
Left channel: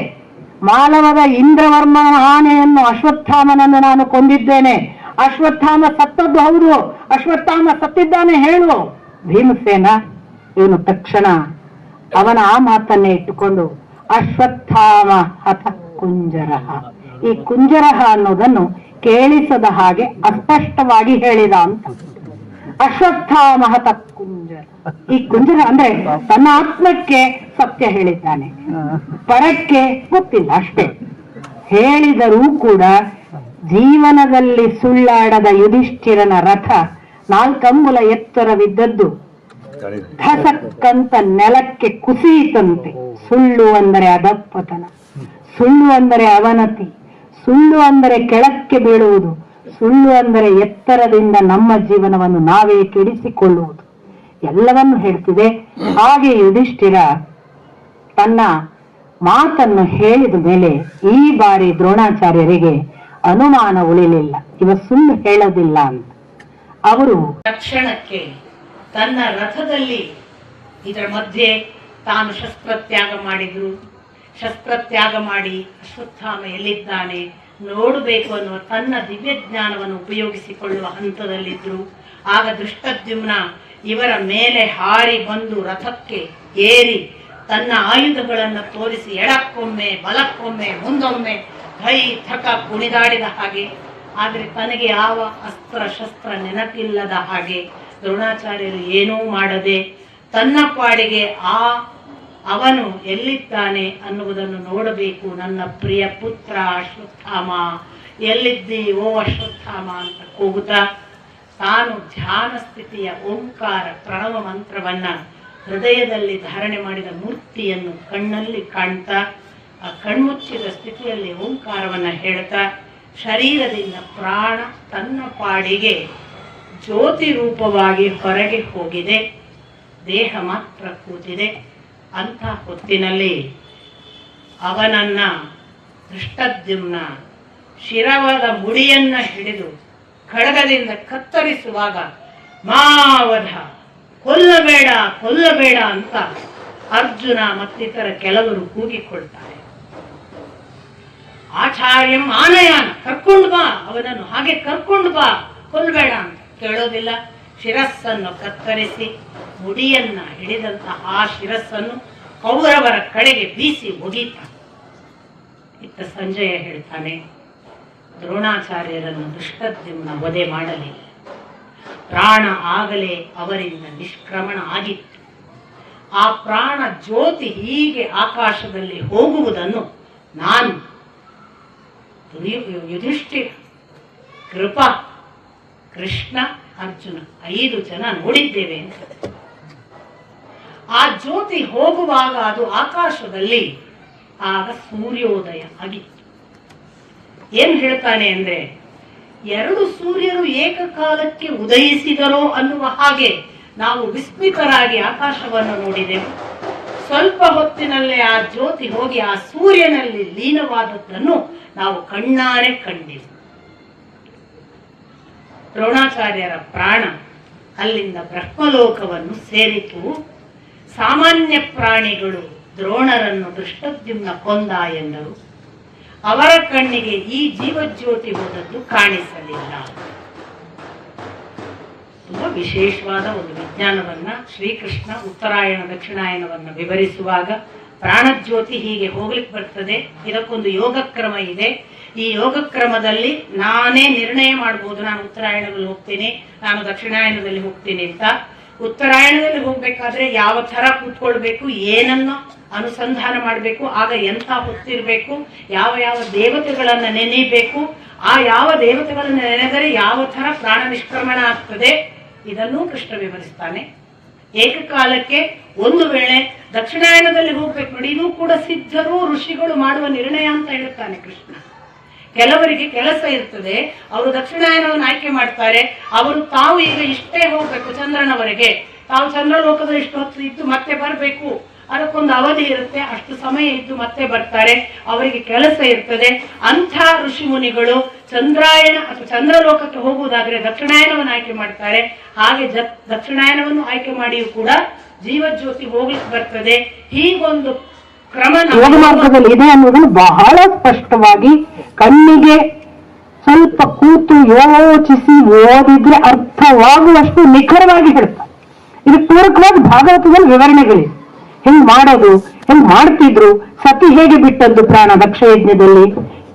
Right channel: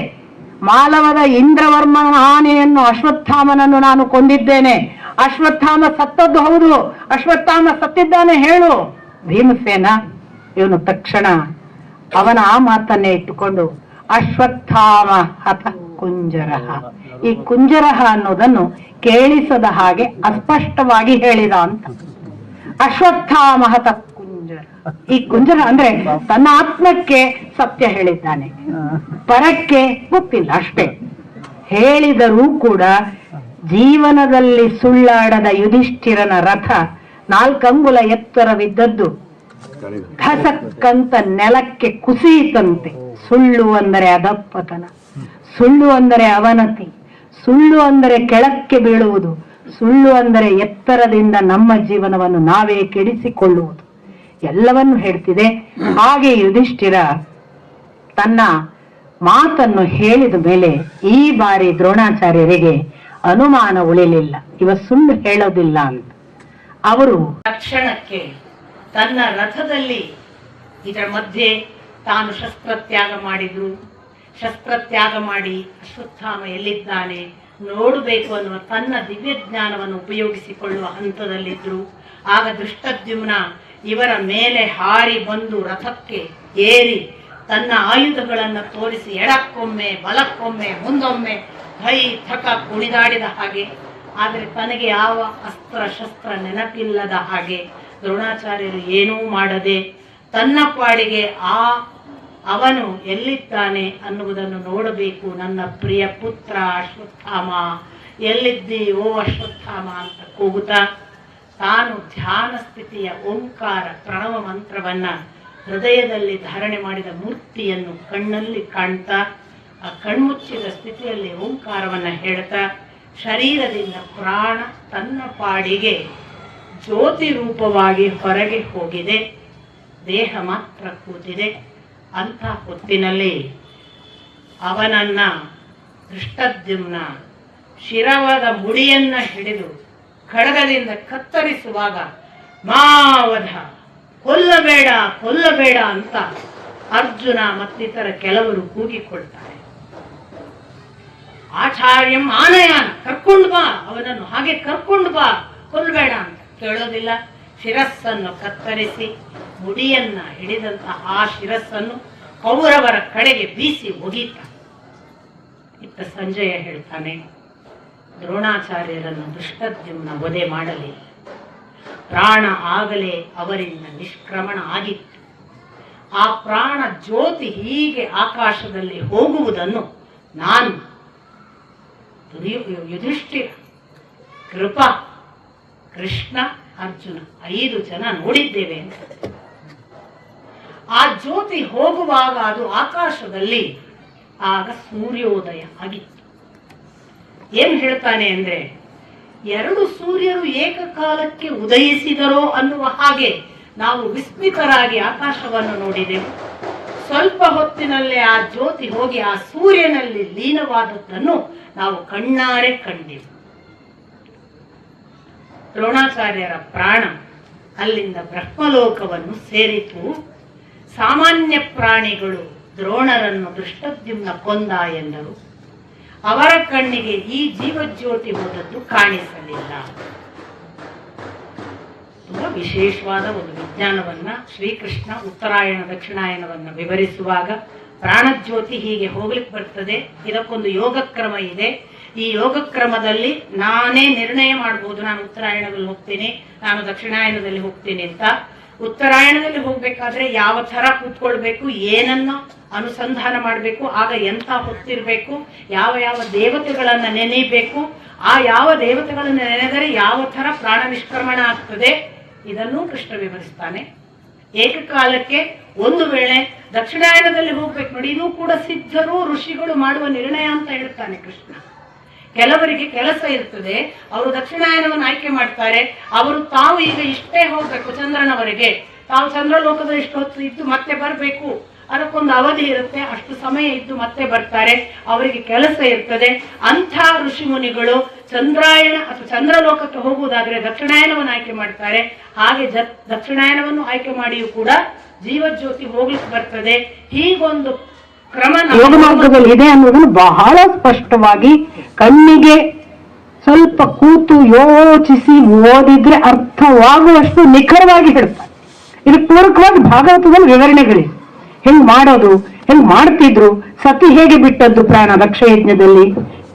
ಮಾಲವದ ಇಂದ್ರವರ್ಮನ ಆನೆಯನ್ನು ಅಶ್ವತ್ಥಾಮನನ್ನು ನಾನು ಕೊಂದಿದ್ದೇನೆ, ಅಶ್ವತ್ಥಾಮ ಸತ್ತದ್ದು ಹೌದು, ಅಶ್ವತ್ಥಾಮ ಸತ್ತಿದ್ದಾನೆ ಹೇಳು ಭೀಮಸೇನ. ಇವನು ತಕ್ಷಣ ಅವನ ಆ ಮಾತನ್ನೇ ಇಟ್ಟುಕೊಂಡು ಅಶ್ವತ್ಥಾಮ ಹತ ಕುಂಜರಹ, ಈ ಕುಂಜರಹ ಅನ್ನೋದನ್ನು ಕೇಳಿಸದ ಹಾಗೆ ಅಸ್ಪಷ್ಟವಾಗಿ ಹೇಳಿದ ಅಂತ. ಅಶ್ವತ್ಥಾಮ ಹತ ಕುಂಜರ, ಈ ಕುಂಜರ ಅಂದ್ರೆ ತನ್ನ ಆತ್ಮಕ್ಕೆ ಸತ್ಯ ಹೇಳಿದ್ದಾನೆ, ಪರಕ್ಕೆ ಗೊತ್ತಿಲ್ಲ ಅಷ್ಟೇ. ಹೇಳಿದರೂ ಕೂಡ ಜೀವನದಲ್ಲಿ ಸುಳ್ಳಾಡದ ಯುಧಿಷ್ಠಿರನ ರಥ 4 ಅಂಗುಲ ಎತ್ತರವಿದ್ದದ್ದು ಧಸಕ್ಕಂತ ನೆಲಕ್ಕೆ ಕುಸಿಯಿತಂತೆ. ಸುಳ್ಳು ಅಂದರೆ ಅಧಪ್ಪತನ, ಸುಳ್ಳು ಅಂದರೆ ಅವನತಿ, ಸುಳ್ಳು ಅಂದರೆ ಕೆಳಕ್ಕೆ ಬೀಳುವುದು, ಸುಳ್ಳು ಅಂದರೆ ಎತ್ತರದಿಂದ ನಮ್ಮ ಜೀವನವನ್ನು ನಾವೇ ಕೆಡಿಸಿಕೊಳ್ಳುವುದು, ಎಲ್ಲವನ್ನು ಹೇಳ್ತಿದೆ. ಹಾಗೆ ಯುಧಿಷ್ಠಿರ ತನ್ನ ಮಾತನ್ನು ಹೇಳಿದ ಮೇಲೆ ಈ ಬಾರಿ ದ್ರೋಣಾಚಾರ್ಯರಿಗೆ ಅನುಮಾನ ಉಳಿಲಿಲ್ಲ, ಇವ ಸುಳ್ಳು ಹೇಳೋದಿಲ್ಲ ಅಂತ. ಅವರು ತಕ್ಷಣಕ್ಕೆ ತನ್ನ ರಥದಲ್ಲಿ ಇದರ ಮಧ್ಯೆ ತಾನು ಶಸ್ತ್ರತ್ಯಾಗ ಮಾಡಿದ್ರು, ಶಸ್ತ್ರತ್ಯಾಗ ಮಾಡಿ ಅಶ್ವತ್ಥಾಮ ಎಲ್ಲಿದ್ದಾನೆ ನೋಡಬೇಕು ಅನ್ನುವ ತನ್ನ ದಿವ್ಯ ಜ್ಞಾನವನ್ನು ಉಪಯೋಗಿಸಿಕೊಳ್ಳುವ ಹಂತದಲ್ಲಿದ್ರು. ಆಗ ದೃಷ್ಟದ್ಯುಮ್ನ ಇವರ ಮೇಲೆ ಹಾರಿ ಬಂದು ರಥಕ್ಕೆ ಏರಿ ತನ್ನ ಆಯುಧಗಳನ್ನು ತೋರಿಸಿ ಎಡಕ್ಕೊಮ್ಮೆ ಬಲಕ್ಕೊಮ್ಮೆ ಮುಂದೊಮ್ಮೆ ಕೈ ಥಕ ಕುಣಿದಾಡಿದ ಹಾಗೆ. ಆದರೆ ತನಗೆ ಯಾವ ಅಸ್ತ್ರ ಶಸ್ತ್ರ ನೆನಪಿಲ್ಲದ ಹಾಗೆ ದ್ರೋಣಾಚಾರ್ಯರು ಏನೂ ಮಾಡದೆ ತನ್ನ ಪಾಡಿಗೆ ಅವನು ಎಲ್ಲಿದ್ದಾನೆ ಅನ್ನುವುದನ್ನು ನೋಡಬೇಕು, ನನ್ನ ಪ್ರಿಯ ಪುತ್ರ ಅಶ್ವತ್ಥಾಮ ಎಲ್ಲಿದ್ದಿ ಓ ಅಶ್ವತ್ಥಾಮ ಅಂತ ಕೂಗುತ್ತಾ ತಾನು ಧ್ಯಾನ ಸ್ಥಿತಿಯ ಓಂಕಾರ ಪ್ರಣವ ಮಂತ್ರವನ್ನ ಹೃದಯದಲ್ಲಿ ಧಾರಣೆ ಮಾಡಿದ ಮೂರ್ತಿಯನ್ನು ಕಣ್ಣಲ್ಲಿ ಕಾಣ್ತಾ ಆ ಕಣ್ಮುಚ್ಚಿದ ಸ್ಥಿತಿಯಲ್ಲಿ ಓಂಕಾರವನ್ನ ಹೇಳ್ತಾ ಶರೀರದಿಂದ ಪ್ರಾಣ ತನ್ನ ಪಾಡಿಗೆ ಜ್ಯೋತಿ ರೂಪವಾಗಿ ಹೊರಗೆ ಹೋಗಿದೆ, ದೇಹ ಮಾತ್ರ ಕೂತಿದೆ. ಅಂಥ ಹೊತ್ತಿನಲ್ಲಿ ಅವನನ್ನ ದೃಷ್ಟದ್ಯುಮ್ನ ಶಿರವಾದ ಮುಡಿಯನ್ನ ಹಿಡಿದು ಖಡ್ಗದಿಂದ ಕತ್ತರಿಸುವಾಗ ಮಾವಧ ಕೊಲ್ಲಬೇಡ ಕೊಲ್ಲಬೇಡ ಅಂತ ಅರ್ಜುನ ಮತ್ತಿತರ ಕೆಲವರು ಕೂಗಿಕೊಳ್ತಾರೆ. ಆಚಾರ್ಯಂ ಆನಯಾನ, ಕರ್ಕೊಂಡು ಬಾ ಅವನನ್ನು, ಹಾಗೆ ಕರ್ಕೊಂಡು ಬಾ, ಕೊಲ್ಲಬೇಡ ಅಂತ ಕೇಳೋದಿಲ್ಲ. ಶಿರಸ್ಸನ್ನು ಕತ್ತರಿಸಿ ಮುಡಿಯನ್ನ ಹಿಡಿದಂತಹ ಆ ಶಿರಸ್ಸನ್ನು ಕೌರವರ ಕಡೆಗೆ ಬೀಸಿ ಒಗೀತ. ಇತ್ತ ಸಂಜಯ ಹೇಳ್ತಾನೆ, ದ್ರೋಣಾಚಾರ್ಯರನ್ನು ದುಷ್ಟದ್ಯುಮ್ನ ವಧೆ ಮಾಡಲಿ, ಪ್ರಾಣ ಆಗಲೇ ಅವರಿಂದ ನಿಷ್ಕ್ರಮಣ ಆಗಿತ್ತು. ಆ ಪ್ರಾಣ ಜ್ಯೋತಿ ಹೀಗೆ ಆಕಾಶದಲ್ಲಿ ಹೋಗುವುದನ್ನು ನಾನು, ಯುಧಿಷ್ಠಿರ, ಕೃಪ, ಕೃಷ್ಣ, ಅರ್ಜುನ 5 ಜನ ನೋಡಿದ್ದೇವೆ ಅಂತ. ಆ ಜ್ಯೋತಿ ಹೋಗುವಾಗ ಅದು ಆಕಾಶದಲ್ಲಿ ಆಗ ಸೂರ್ಯೋದಯ ಆಗಿತ್ತು. ಏನ್ ಹೇಳ್ತಾನೆ ಅಂದ್ರೆ, 2 ಸೂರ್ಯರು ಏಕಕಾಲಕ್ಕೆ ಉದಯಿಸಿದರೋ ಅನ್ನುವ ಹಾಗೆ ನಾವು ವಿಸ್ಮಿತರಾಗಿ ಆಕಾಶವನ್ನು ನೋಡಿದೆವು. ಸ್ವಲ್ಪ ಹೊತ್ತಿನಲ್ಲೇ ಆ ಜ್ಯೋತಿ ಹೋಗಿ ಆ ಸೂರ್ಯನಲ್ಲಿ ಲೀನವಾದದ್ದನ್ನು ನಾವು ಕಣ್ಣಾರೆ ಕಂಡೆವು. ದ್ರೋಣಾಚಾರ್ಯರ ಪ್ರಾಣ ಅಲ್ಲಿಂದ ಬ್ರಹ್ಮಲೋಕವನ್ನು ಸೇರಿತು. ಸಾಮಾನ್ಯ ಪ್ರಾಣಿಗಳು ದ್ರೋಣರನ್ನು ದುಷ್ಟದ್ಯುಮ್ನ ಕೊಂದ ಎಂದರು. ಅವರ ಕಣ್ಣಿಗೆ ಈ ಜೀವಜ್ಯೋತಿ ಹೋದದ್ದು ಕಾಣಿಸಲಿಲ್ಲ. ವಿಶೇಷವಾದ ಒಂದು ವಿಜ್ಞಾನವನ್ನ ಶ್ರೀಕೃಷ್ಣ ಉತ್ತರಾಯಣ ದಕ್ಷಿಣಾಯನವನ್ನ ವಿವರಿಸುವಾಗ ಪ್ರಾಣಜ್ಯೋತಿ ಹೀಗೆ ಹೋಗ್ಲಿಕ್ಕೆ ಬರ್ತದೆ, ಇದಕ್ಕೊಂದು ಯೋಗಕ್ರಮ ಇದೆ. ಈ ಯೋಗಕ್ರಮದಲ್ಲಿ ನಾನೇ ನಿರ್ಣಯ ಮಾಡಬಹುದು, ನಾನು ಉತ್ತರಾಯಣದಲ್ಲಿ ಹೋಗ್ತೀನಿ, ನಾನು ದಕ್ಷಿಣಾಯನದಲ್ಲಿ ಹೋಗ್ತೀನಿ ಅಂತ. ಉತ್ತರಾಯಣದಲ್ಲಿ ಹೋಗ್ಬೇಕಾದ್ರೆ ಯಾವ ತರ ಕೂತ್ಕೊಳ್ಬೇಕು, ಏನನ್ನು ಅನುಸಂಧಾನ ಮಾಡಬೇಕು, ಆಗ ಎಂಥ ಹೊತ್ತಿರ್ಬೇಕು, ಯಾವ ಯಾವ ದೇವತೆಗಳನ್ನ ನೆನೆಯಬೇಕು, ಆ ಯಾವ ದೇವತೆಗಳನ್ನ ನೆನೆದರೆ ಯಾವ ತರ ಪ್ರಾಣ ನಿಷ್ಕ್ರಮಣ ಆಗ್ತದೆ, ಇದನ್ನೂ ಕೃಷ್ಣ ವಿವರಿಸ್ತಾನೆ. ಏಕಕಾಲಕ್ಕೆ ಒಂದು ವೇಳೆ ದಕ್ಷಿಣಾಯನದಲ್ಲಿ ಹೋಗ್ಬೇಕು ನೋಡಿ, ಇದು ಕೂಡ ಸಿದ್ಧರು ಋಷಿಗಳು ಮಾಡುವ ನಿರ್ಣಯ ಅಂತ ಹೇಳ್ತಾನೆ ಕೃಷ್ಣ. ಕೆಲವರಿಗೆ ಕೆಲಸ ಇರ್ತದೆ, ಅವರು ದಕ್ಷಿಣಾಯನವನ್ನು ಆಯ್ಕೆ ಮಾಡ್ತಾರೆ. ಅವರು ತಾವು ಈಗ ಇಷ್ಟೇ ಹೋಗ್ಬೇಕು ಚಂದ್ರನವರೆಗೆ, ತಾವು ಚಂದ್ರಲೋಕದಲ್ಲಿ ಇಷ್ಟು ಹೊತ್ತು ಇದ್ದು ಮತ್ತೆ ಬರಬೇಕು, ಅದಕ್ಕೊಂದು ಅವಧಿ ಇರುತ್ತೆ, ಅಷ್ಟು ಸಮಯ ಇದ್ದು ಮತ್ತೆ ಬರ್ತಾರೆ, ಅವರಿಗೆ ಕೆಲಸ ಇರ್ತದೆ. ಅಂಥ ಋಷಿ ಮುನಿಗಳು ಚಂದ್ರಾಯಣ ಅಥವಾ ಚಂದ್ರಲೋಕಕ್ಕೆ ಹೋಗುವುದಾದ್ರೆ ದಕ್ಷಿಣಾಯನವನ್ನು ಆಯ್ಕೆ ಮಾಡ್ತಾರೆ. ಹಾಗೆ ದಕ್ಷಿಣಾಯನವನ್ನು ಆಯ್ಕೆ ಮಾಡಿಯೂ ಕೂಡ ಜೀವಜ್ಯೋತಿ ಹೋಗ್ಲಿಕ್ಕೆ ಬರ್ತದೆ. ಹೀಗೊಂದು ಕ್ರಮ ಯೋಗ ಮಾರ್ಗದಲ್ಲಿ ಇದೆ ಅನ್ನೋದನ್ನು ಬಹಳ ಸ್ಪಷ್ಟವಾಗಿ ಕಣ್ಣಿಗೆ ಸ್ವಲ್ಪ ಕೂತು ಯೋಚಿಸಿ ಓದಿದ್ರೆ ಅರ್ಥವಾಗುವಷ್ಟು ನಿಖರವಾಗಿ ಹೇಳ್ತಾರೆ. ಇದು ಪೂರಕವಾಗಿ ಭಾಗವತದಲ್ಲಿ ವಿವರಣೆಗಳಿವೆ. ಹೆಂಗ್ ಮಾಡೋದು, ಹೆಂಗ್ ಮಾಡ್ತಿದ್ರು, ಸತಿ ಹೇಗೆ ಬಿಟ್ಟದ್ದು ಪ್ರಾಣ ದಕ್ಷಯಜ್ಞದಲ್ಲಿ,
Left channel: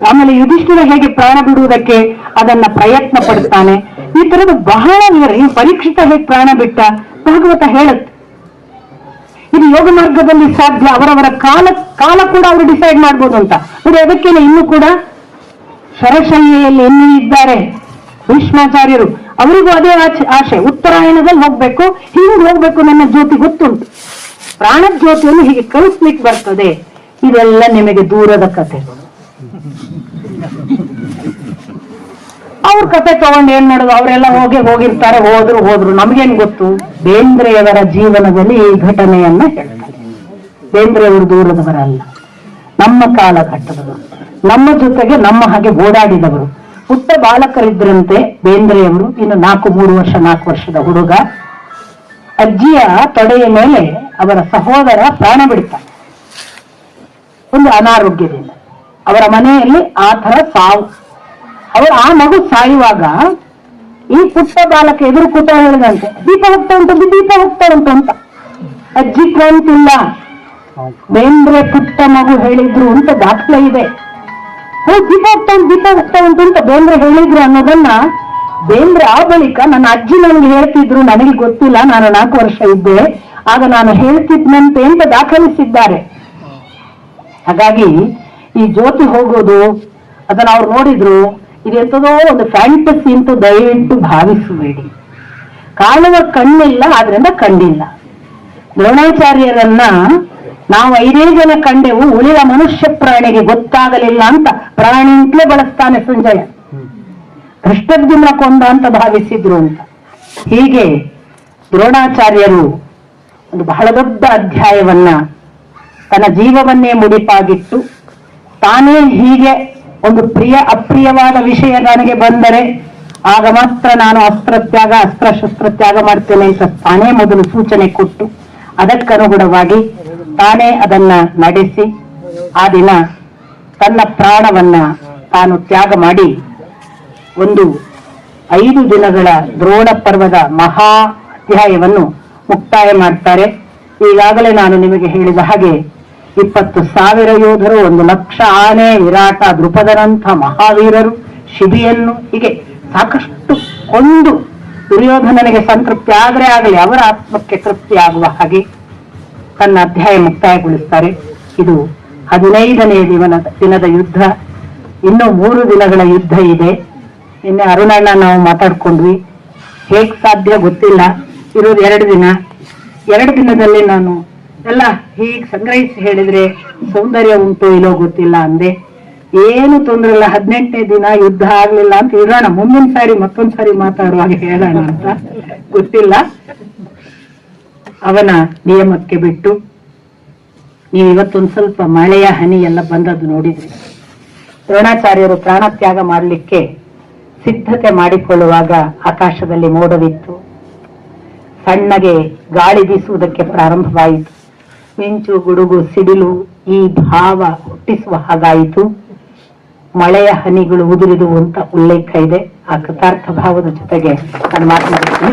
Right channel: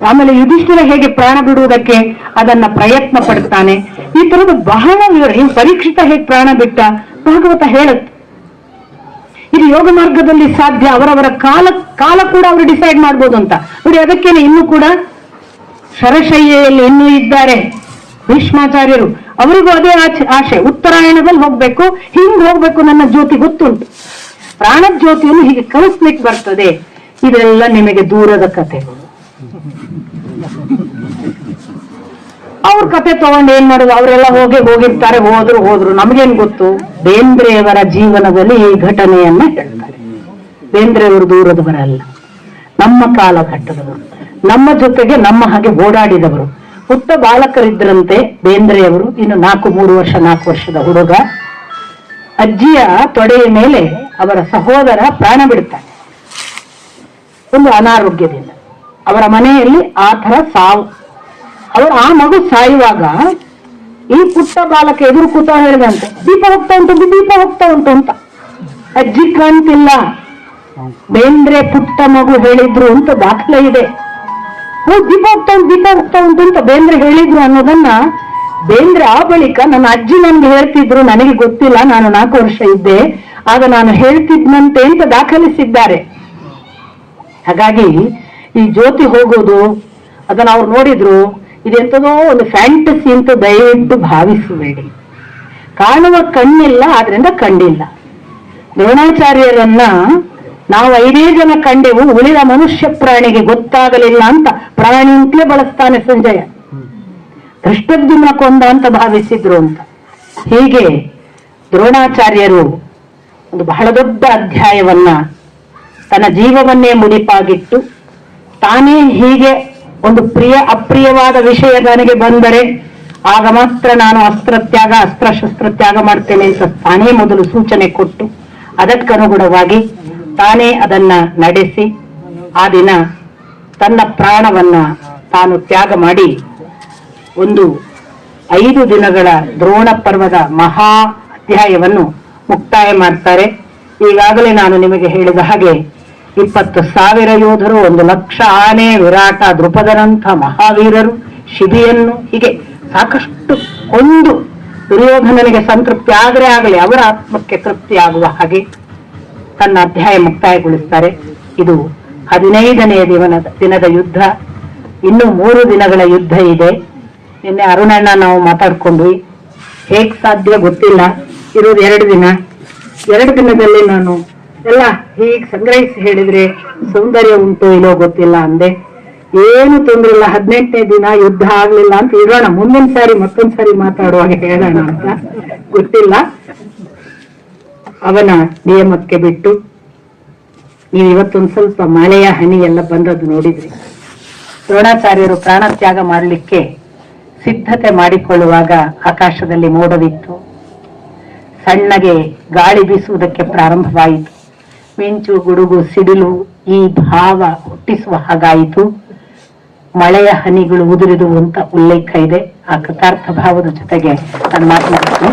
ಆಮೇಲೆ ಯುಧಿಷ್ಠಿರ ಹೇಗೆ ಪ್ರಾಣ ಬಿಡುವುದಕ್ಕೆ ಅದನ್ನ ಪ್ರಯತ್ನ ಪಡ್ತಾನೆ, ಈ ತರದ ಬಹಳ ವಿವರ. ಈ ಪರೀಕ್ಷಿತ ಹೇಗೆ ಪ್ರಾಣ ಬಿಟ್ಟ ಭಾಗವತ ಹೇಳುತ್ತೆ. ಇದು ಯೋಗ ಮಾರ್ಗದಲ್ಲಿ ಸಾಧ್ಯ. ಅವರವರ ಕಾಲ ಕೂಡ ಅವರು ಡಿಸೈಡ್ ಮಾಡ್ಬೋದು ಅಂತ ನೋಡಿ. ಅದಕ್ಕೇನೆ ಇನ್ನೂ ಕೂಡ ಶರಶಯ್ಯಲ್ಲಿ ಇನ್ನೂ ಇದ್ದಾರೆ ಭೀಷ್ಮಾಚಾರ್ಯರು, ಅವರಿಗೂ ಅದೇ ಆಶೆ, ಉತ್ತರಾಯಣದಲ್ಲಿ ಹೋಗ್ಬೇಕು, ಹಿಂಗ್ ಹೋಗ್ಬೇಕು, ನನ್ನ ಜ್ಯೋತಿ ಗೊತ್ತುಂಟು, ಪ್ರಾಣ ಜ್ಯೋತಿಯನ್ನು ಹೀಗೆ ಕಳಿಸ್ಲಿಕ್ಕೆ ಬರ್ತದೆ. ಇದೆಲ್ಲ ನಿಮಗೆ ದೂರದ ಕಥೆಗಳು. ಅವ್ರ ಕತೆ ತಗೊಂಡು ಏನ್ ಮಾಡೋದು, ಅವರೆಲ್ಲ ಹೋಗಿರ್ತಾರೆ, ಹೋದ್ರು ನಮಗೇನ್ ಗೊತ್ತು. ಬೇಂದ್ರೆಯವರ ಜೀವನದಲ್ಲಿ ಈ ಘಟನೆಯನ್ನ ಹೇಳ್ತಾರೆ. ಬೇಂದ್ರೆಯವರು ದೂರದವರಲ್ಲ, ನಮ್ಮ ಕಾಲಘಟ್ಟದವರು, ನಮ್ಮ ಜೊತೆಗೆ ನಮ್ಮ ಹಾಗೆ ಓಡಾಡಿದವರು. ಪುಟ್ಟ ಬಾಲಕರಿದ್ರಂತೆ ಬೇಂದ್ರೆಯವರು. ಇನ್ನು 4 ವರ್ಷದ ಹುಡುಗ. ಅಜ್ಜಿಯ ತೊಡೆಯ ಮೇಲೆ ಅವರ ಸಹೋದರ ಪ್ರಾಣ ಬಿಡ್ತಾನೆ ಒಂದು ಅನಾರೋಗ್ಯದಿಂದ. ಅವರ ಮನೆಯಲ್ಲಿ ಆ ತರ ಸಾವು. ಆ ಮಗು ಸಾಯುವಾಗ ಈ ಪುಟ್ಟ ಬಾಲಕ ಎದುರು ಕೂತ ಹೇಳಿದಂತೆ, ದೀಪ ಹೋಗ್ತಾ ಉಂಟು ಅಂತ. ಅಜ್ಜಿ ಕಾಣ್ತಿಲ್ಲ, ಬೇಂದ್ರೆ ಪುಟ್ಟ ಮಗು ಹೇಳಿದ್ರು ಅಂತ ದಾಖಲೆ ಇದೆ. ದೀಪ ಹೋಗ್ತಾ ಉಂಟು ಅಂತ ಬೇಂದ್ರೆ ಹೇಳಿದ್ರು ಅನ್ನೋದನ್ನ ಬೇಂದ್ರೆ ಆ ಬಳಿಕ ನನ್ನ ಅಜ್ಜಿ ನನ್ಗೆ ಹೇಳ್ತಿದ್ರು, ನನಗೆ ಗೊತ್ತಿಲ್ಲ, ನಾನು 4 ವರ್ಷ ಇದ್ದೆ, ಆಗ ನಾನು ಹೇಳ್ತಿದ್ನಂತೆ ಅಂತ ದಾಖಲಿಸಿದ್ದಾರೆ. ಹಾಗಾಗಿ ಈ ಜ್ಯೋತಿ ಹೋಗೋದು ಅದನ್ನ ಅವ್ರು ನೋಡಿದ್ರು, ಇದೆಂತದೋ ಒಂದು ಫ್ಯಾಂಟಸಿ ಅಂತ ದಯವಿಟ್ಟು ಭಾವಿಸಬೇಡಿ. ಕಾಣುವ ಕಣ್ಣಿಲ್ಲ, ಆದ್ರಿಂದ ಕಂಡಿಲ್ಲ. ದ್ರೋಣಾಚಾರ್ಯರನ್ನ ನಾವು 5 ಜನ ಕಂಡೆವು, ಉಳಿದ ಮನುಷ್ಯ ಪ್ರಾಣಿಗೆ ಗೊತ್ತಾಗಲಿಲ್ಲ ಅಂತ ಪ್ರಾಣಿ ಅಂತಲೇ ಬಳಸ್ತಾನೆ ಸಂಜಯ. ಧೃಷ್ಟದ್ಯುಮ್ನ ಕೊಂದ ಅಂತ ಭಾವಿಸಿದ್ರು ಅಂತ. ಹೀಗೆ ದ್ರೋಣಾಚಾರ್ಯರು ಒಂದು ಬಹಳ ದೊಡ್ಡ ಅಧ್ಯಾಯವನ್ನ ತನ್ನ ಜೀವವನ್ನೇ ಮುಡಿಪಾಗಿಟ್ಟು, ತಾನೇ ಹೀಗೆ ಒಂದು ಅಪ್ರಿಯವಾದ ವಿಷಯ ನನಗೆ ಬಂದರೆ ಆಗ ಮಾತ್ರ ನಾನು ಅಸ್ತ್ರ ತ್ಯಾಗ ಮಾಡ್ತೇನೆ ಅಂತ ತಾನೇ ಮೊದಲು ಸೂಚನೆ ಕೊಟ್ಟು, ಅದಕ್ಕನುಗುಣವಾಗಿ ತಾನೇ ಅದನ್ನ ನಡೆಸಿ ಆ ದಿನ ತನ್ನ ಪ್ರಾಣವನ್ನ ತಾನು ತ್ಯಾಗ ಮಾಡಿ ಒಂದು 5 ದಿನಗಳ ದ್ರೋಣ ಪರ್ವದ ಮಹಾ ಅಧ್ಯಾಯವನ್ನು ಮುಕ್ತಾಯ ಮಾಡ್ತಾರೆ. ಈಗಾಗಲೇ ನಾನು ನಿಮಗೆ ಹೇಳಿದ ಹಾಗೆ 20,000 ಯೋಧರು, 1,00,000 ಆನೆ, ವಿರಾಟ, ದೃಪದನಂಥ ಮಹಾವೀರರು, ಶಿಬಿಯನ್ನು, ಹೀಗೆ ಸಾಕಷ್ಟು ಒಂದು ದುರ್ಯೋಧನನಿಗೆ ಸಂತೃಪ್ತಿ ಆದರೆ ಆಗಲಿ ಅವರ ಆತ್ಮಕ್ಕೆ ತೃಪ್ತಿ ಆಗುವ ಹಾಗೆ ತನ್ನ ಅಧ್ಯಾಯ ಮುಕ್ತಾಯಗೊಳಿಸ್ತಾರೆ. ಇದು 15ನೇ ದಿನದ ಯುದ್ಧ. ಇನ್ನು 3 ದಿನಗಳ ಯುದ್ಧ ಇದೆ. ನಿನ್ನೆ ಅರುಣಣ್ಣ ನಾವು ಮಾತಾಡ್ಕೊಂಡ್ವಿ. ಹೇಗ್ ಸಾಧ್ಯ ಗೊತ್ತಿಲ್ಲ, ಇರೋದು 2 ದಿನ. 2 ದಿನದಲ್ಲಿ ನಾನು ಎಲ್ಲ ಹೀಗೆ ಸಂಗ್ರಹಿಸಿ ಹೇಳಿದ್ರೆ ಸೌಂದರ್ಯ ಉಂಟು ಇಲ್ಲೋ ಗೊತ್ತಿಲ್ಲ ಅಂದೆ. ಏನು ತೊಂದ್ರೆ ಇಲ್ಲ, 18ನೇ ದಿನ ಯುದ್ಧ ಆಗ್ಲಿಲ್ಲ ಅಂತ ಇರೋಣ, ಮುಂದಿನ ಸಾರಿ ಮತ್ತೊಂದ್ ಸಾರಿ ಮಾತಾಡುವಾಗ ಹೇಳೋಣ ಅಂತ. ಗೊತ್ತಿಲ್ಲ, ಅವನ ನಿಯಮಕ್ಕೆ ಬಿಟ್ಟು. ನೀವು ಇವತ್ತೊಂದು ಸ್ವಲ್ಪ ಮಳೆಯ ಹನಿ ಎಲ್ಲ ಬಂದದ್ದು ನೋಡಿದ್ರಿ. ದ್ರೋಣಾಚಾರ್ಯರು ಪ್ರಾಣ ತ್ಯಾಗ ಮಾಡಲಿಕ್ಕೆ ಸಿದ್ಧತೆ ಮಾಡಿಕೊಳ್ಳುವಾಗ ಆಕಾಶದಲ್ಲಿ ಮೋಡವಿತ್ತು. ಸಣ್ಣಗೆ ಗಾಳಿ ಬೀಸುವುದಕ್ಕೆ ಪ್ರಾರಂಭವಾಯಿತು. ಮಿಂಚು, ಗುಡುಗು, ಸಿಡಿಲು ಈ ಭಾವ ಹುಟ್ಟಿಸುವ ಹಾಗಾಯಿತು. ಮಳೆಯ ಹನಿಗಳು ಉದುರಿದು ಅಂತ ಉಲ್ಲೇಖ ಇದೆ. ಆ ಕೃತಾರ್ಥ ಭಾವದ ಜೊತೆಗೆ ನಾನು ಮಾತನಾಡ್ತೀನಿ.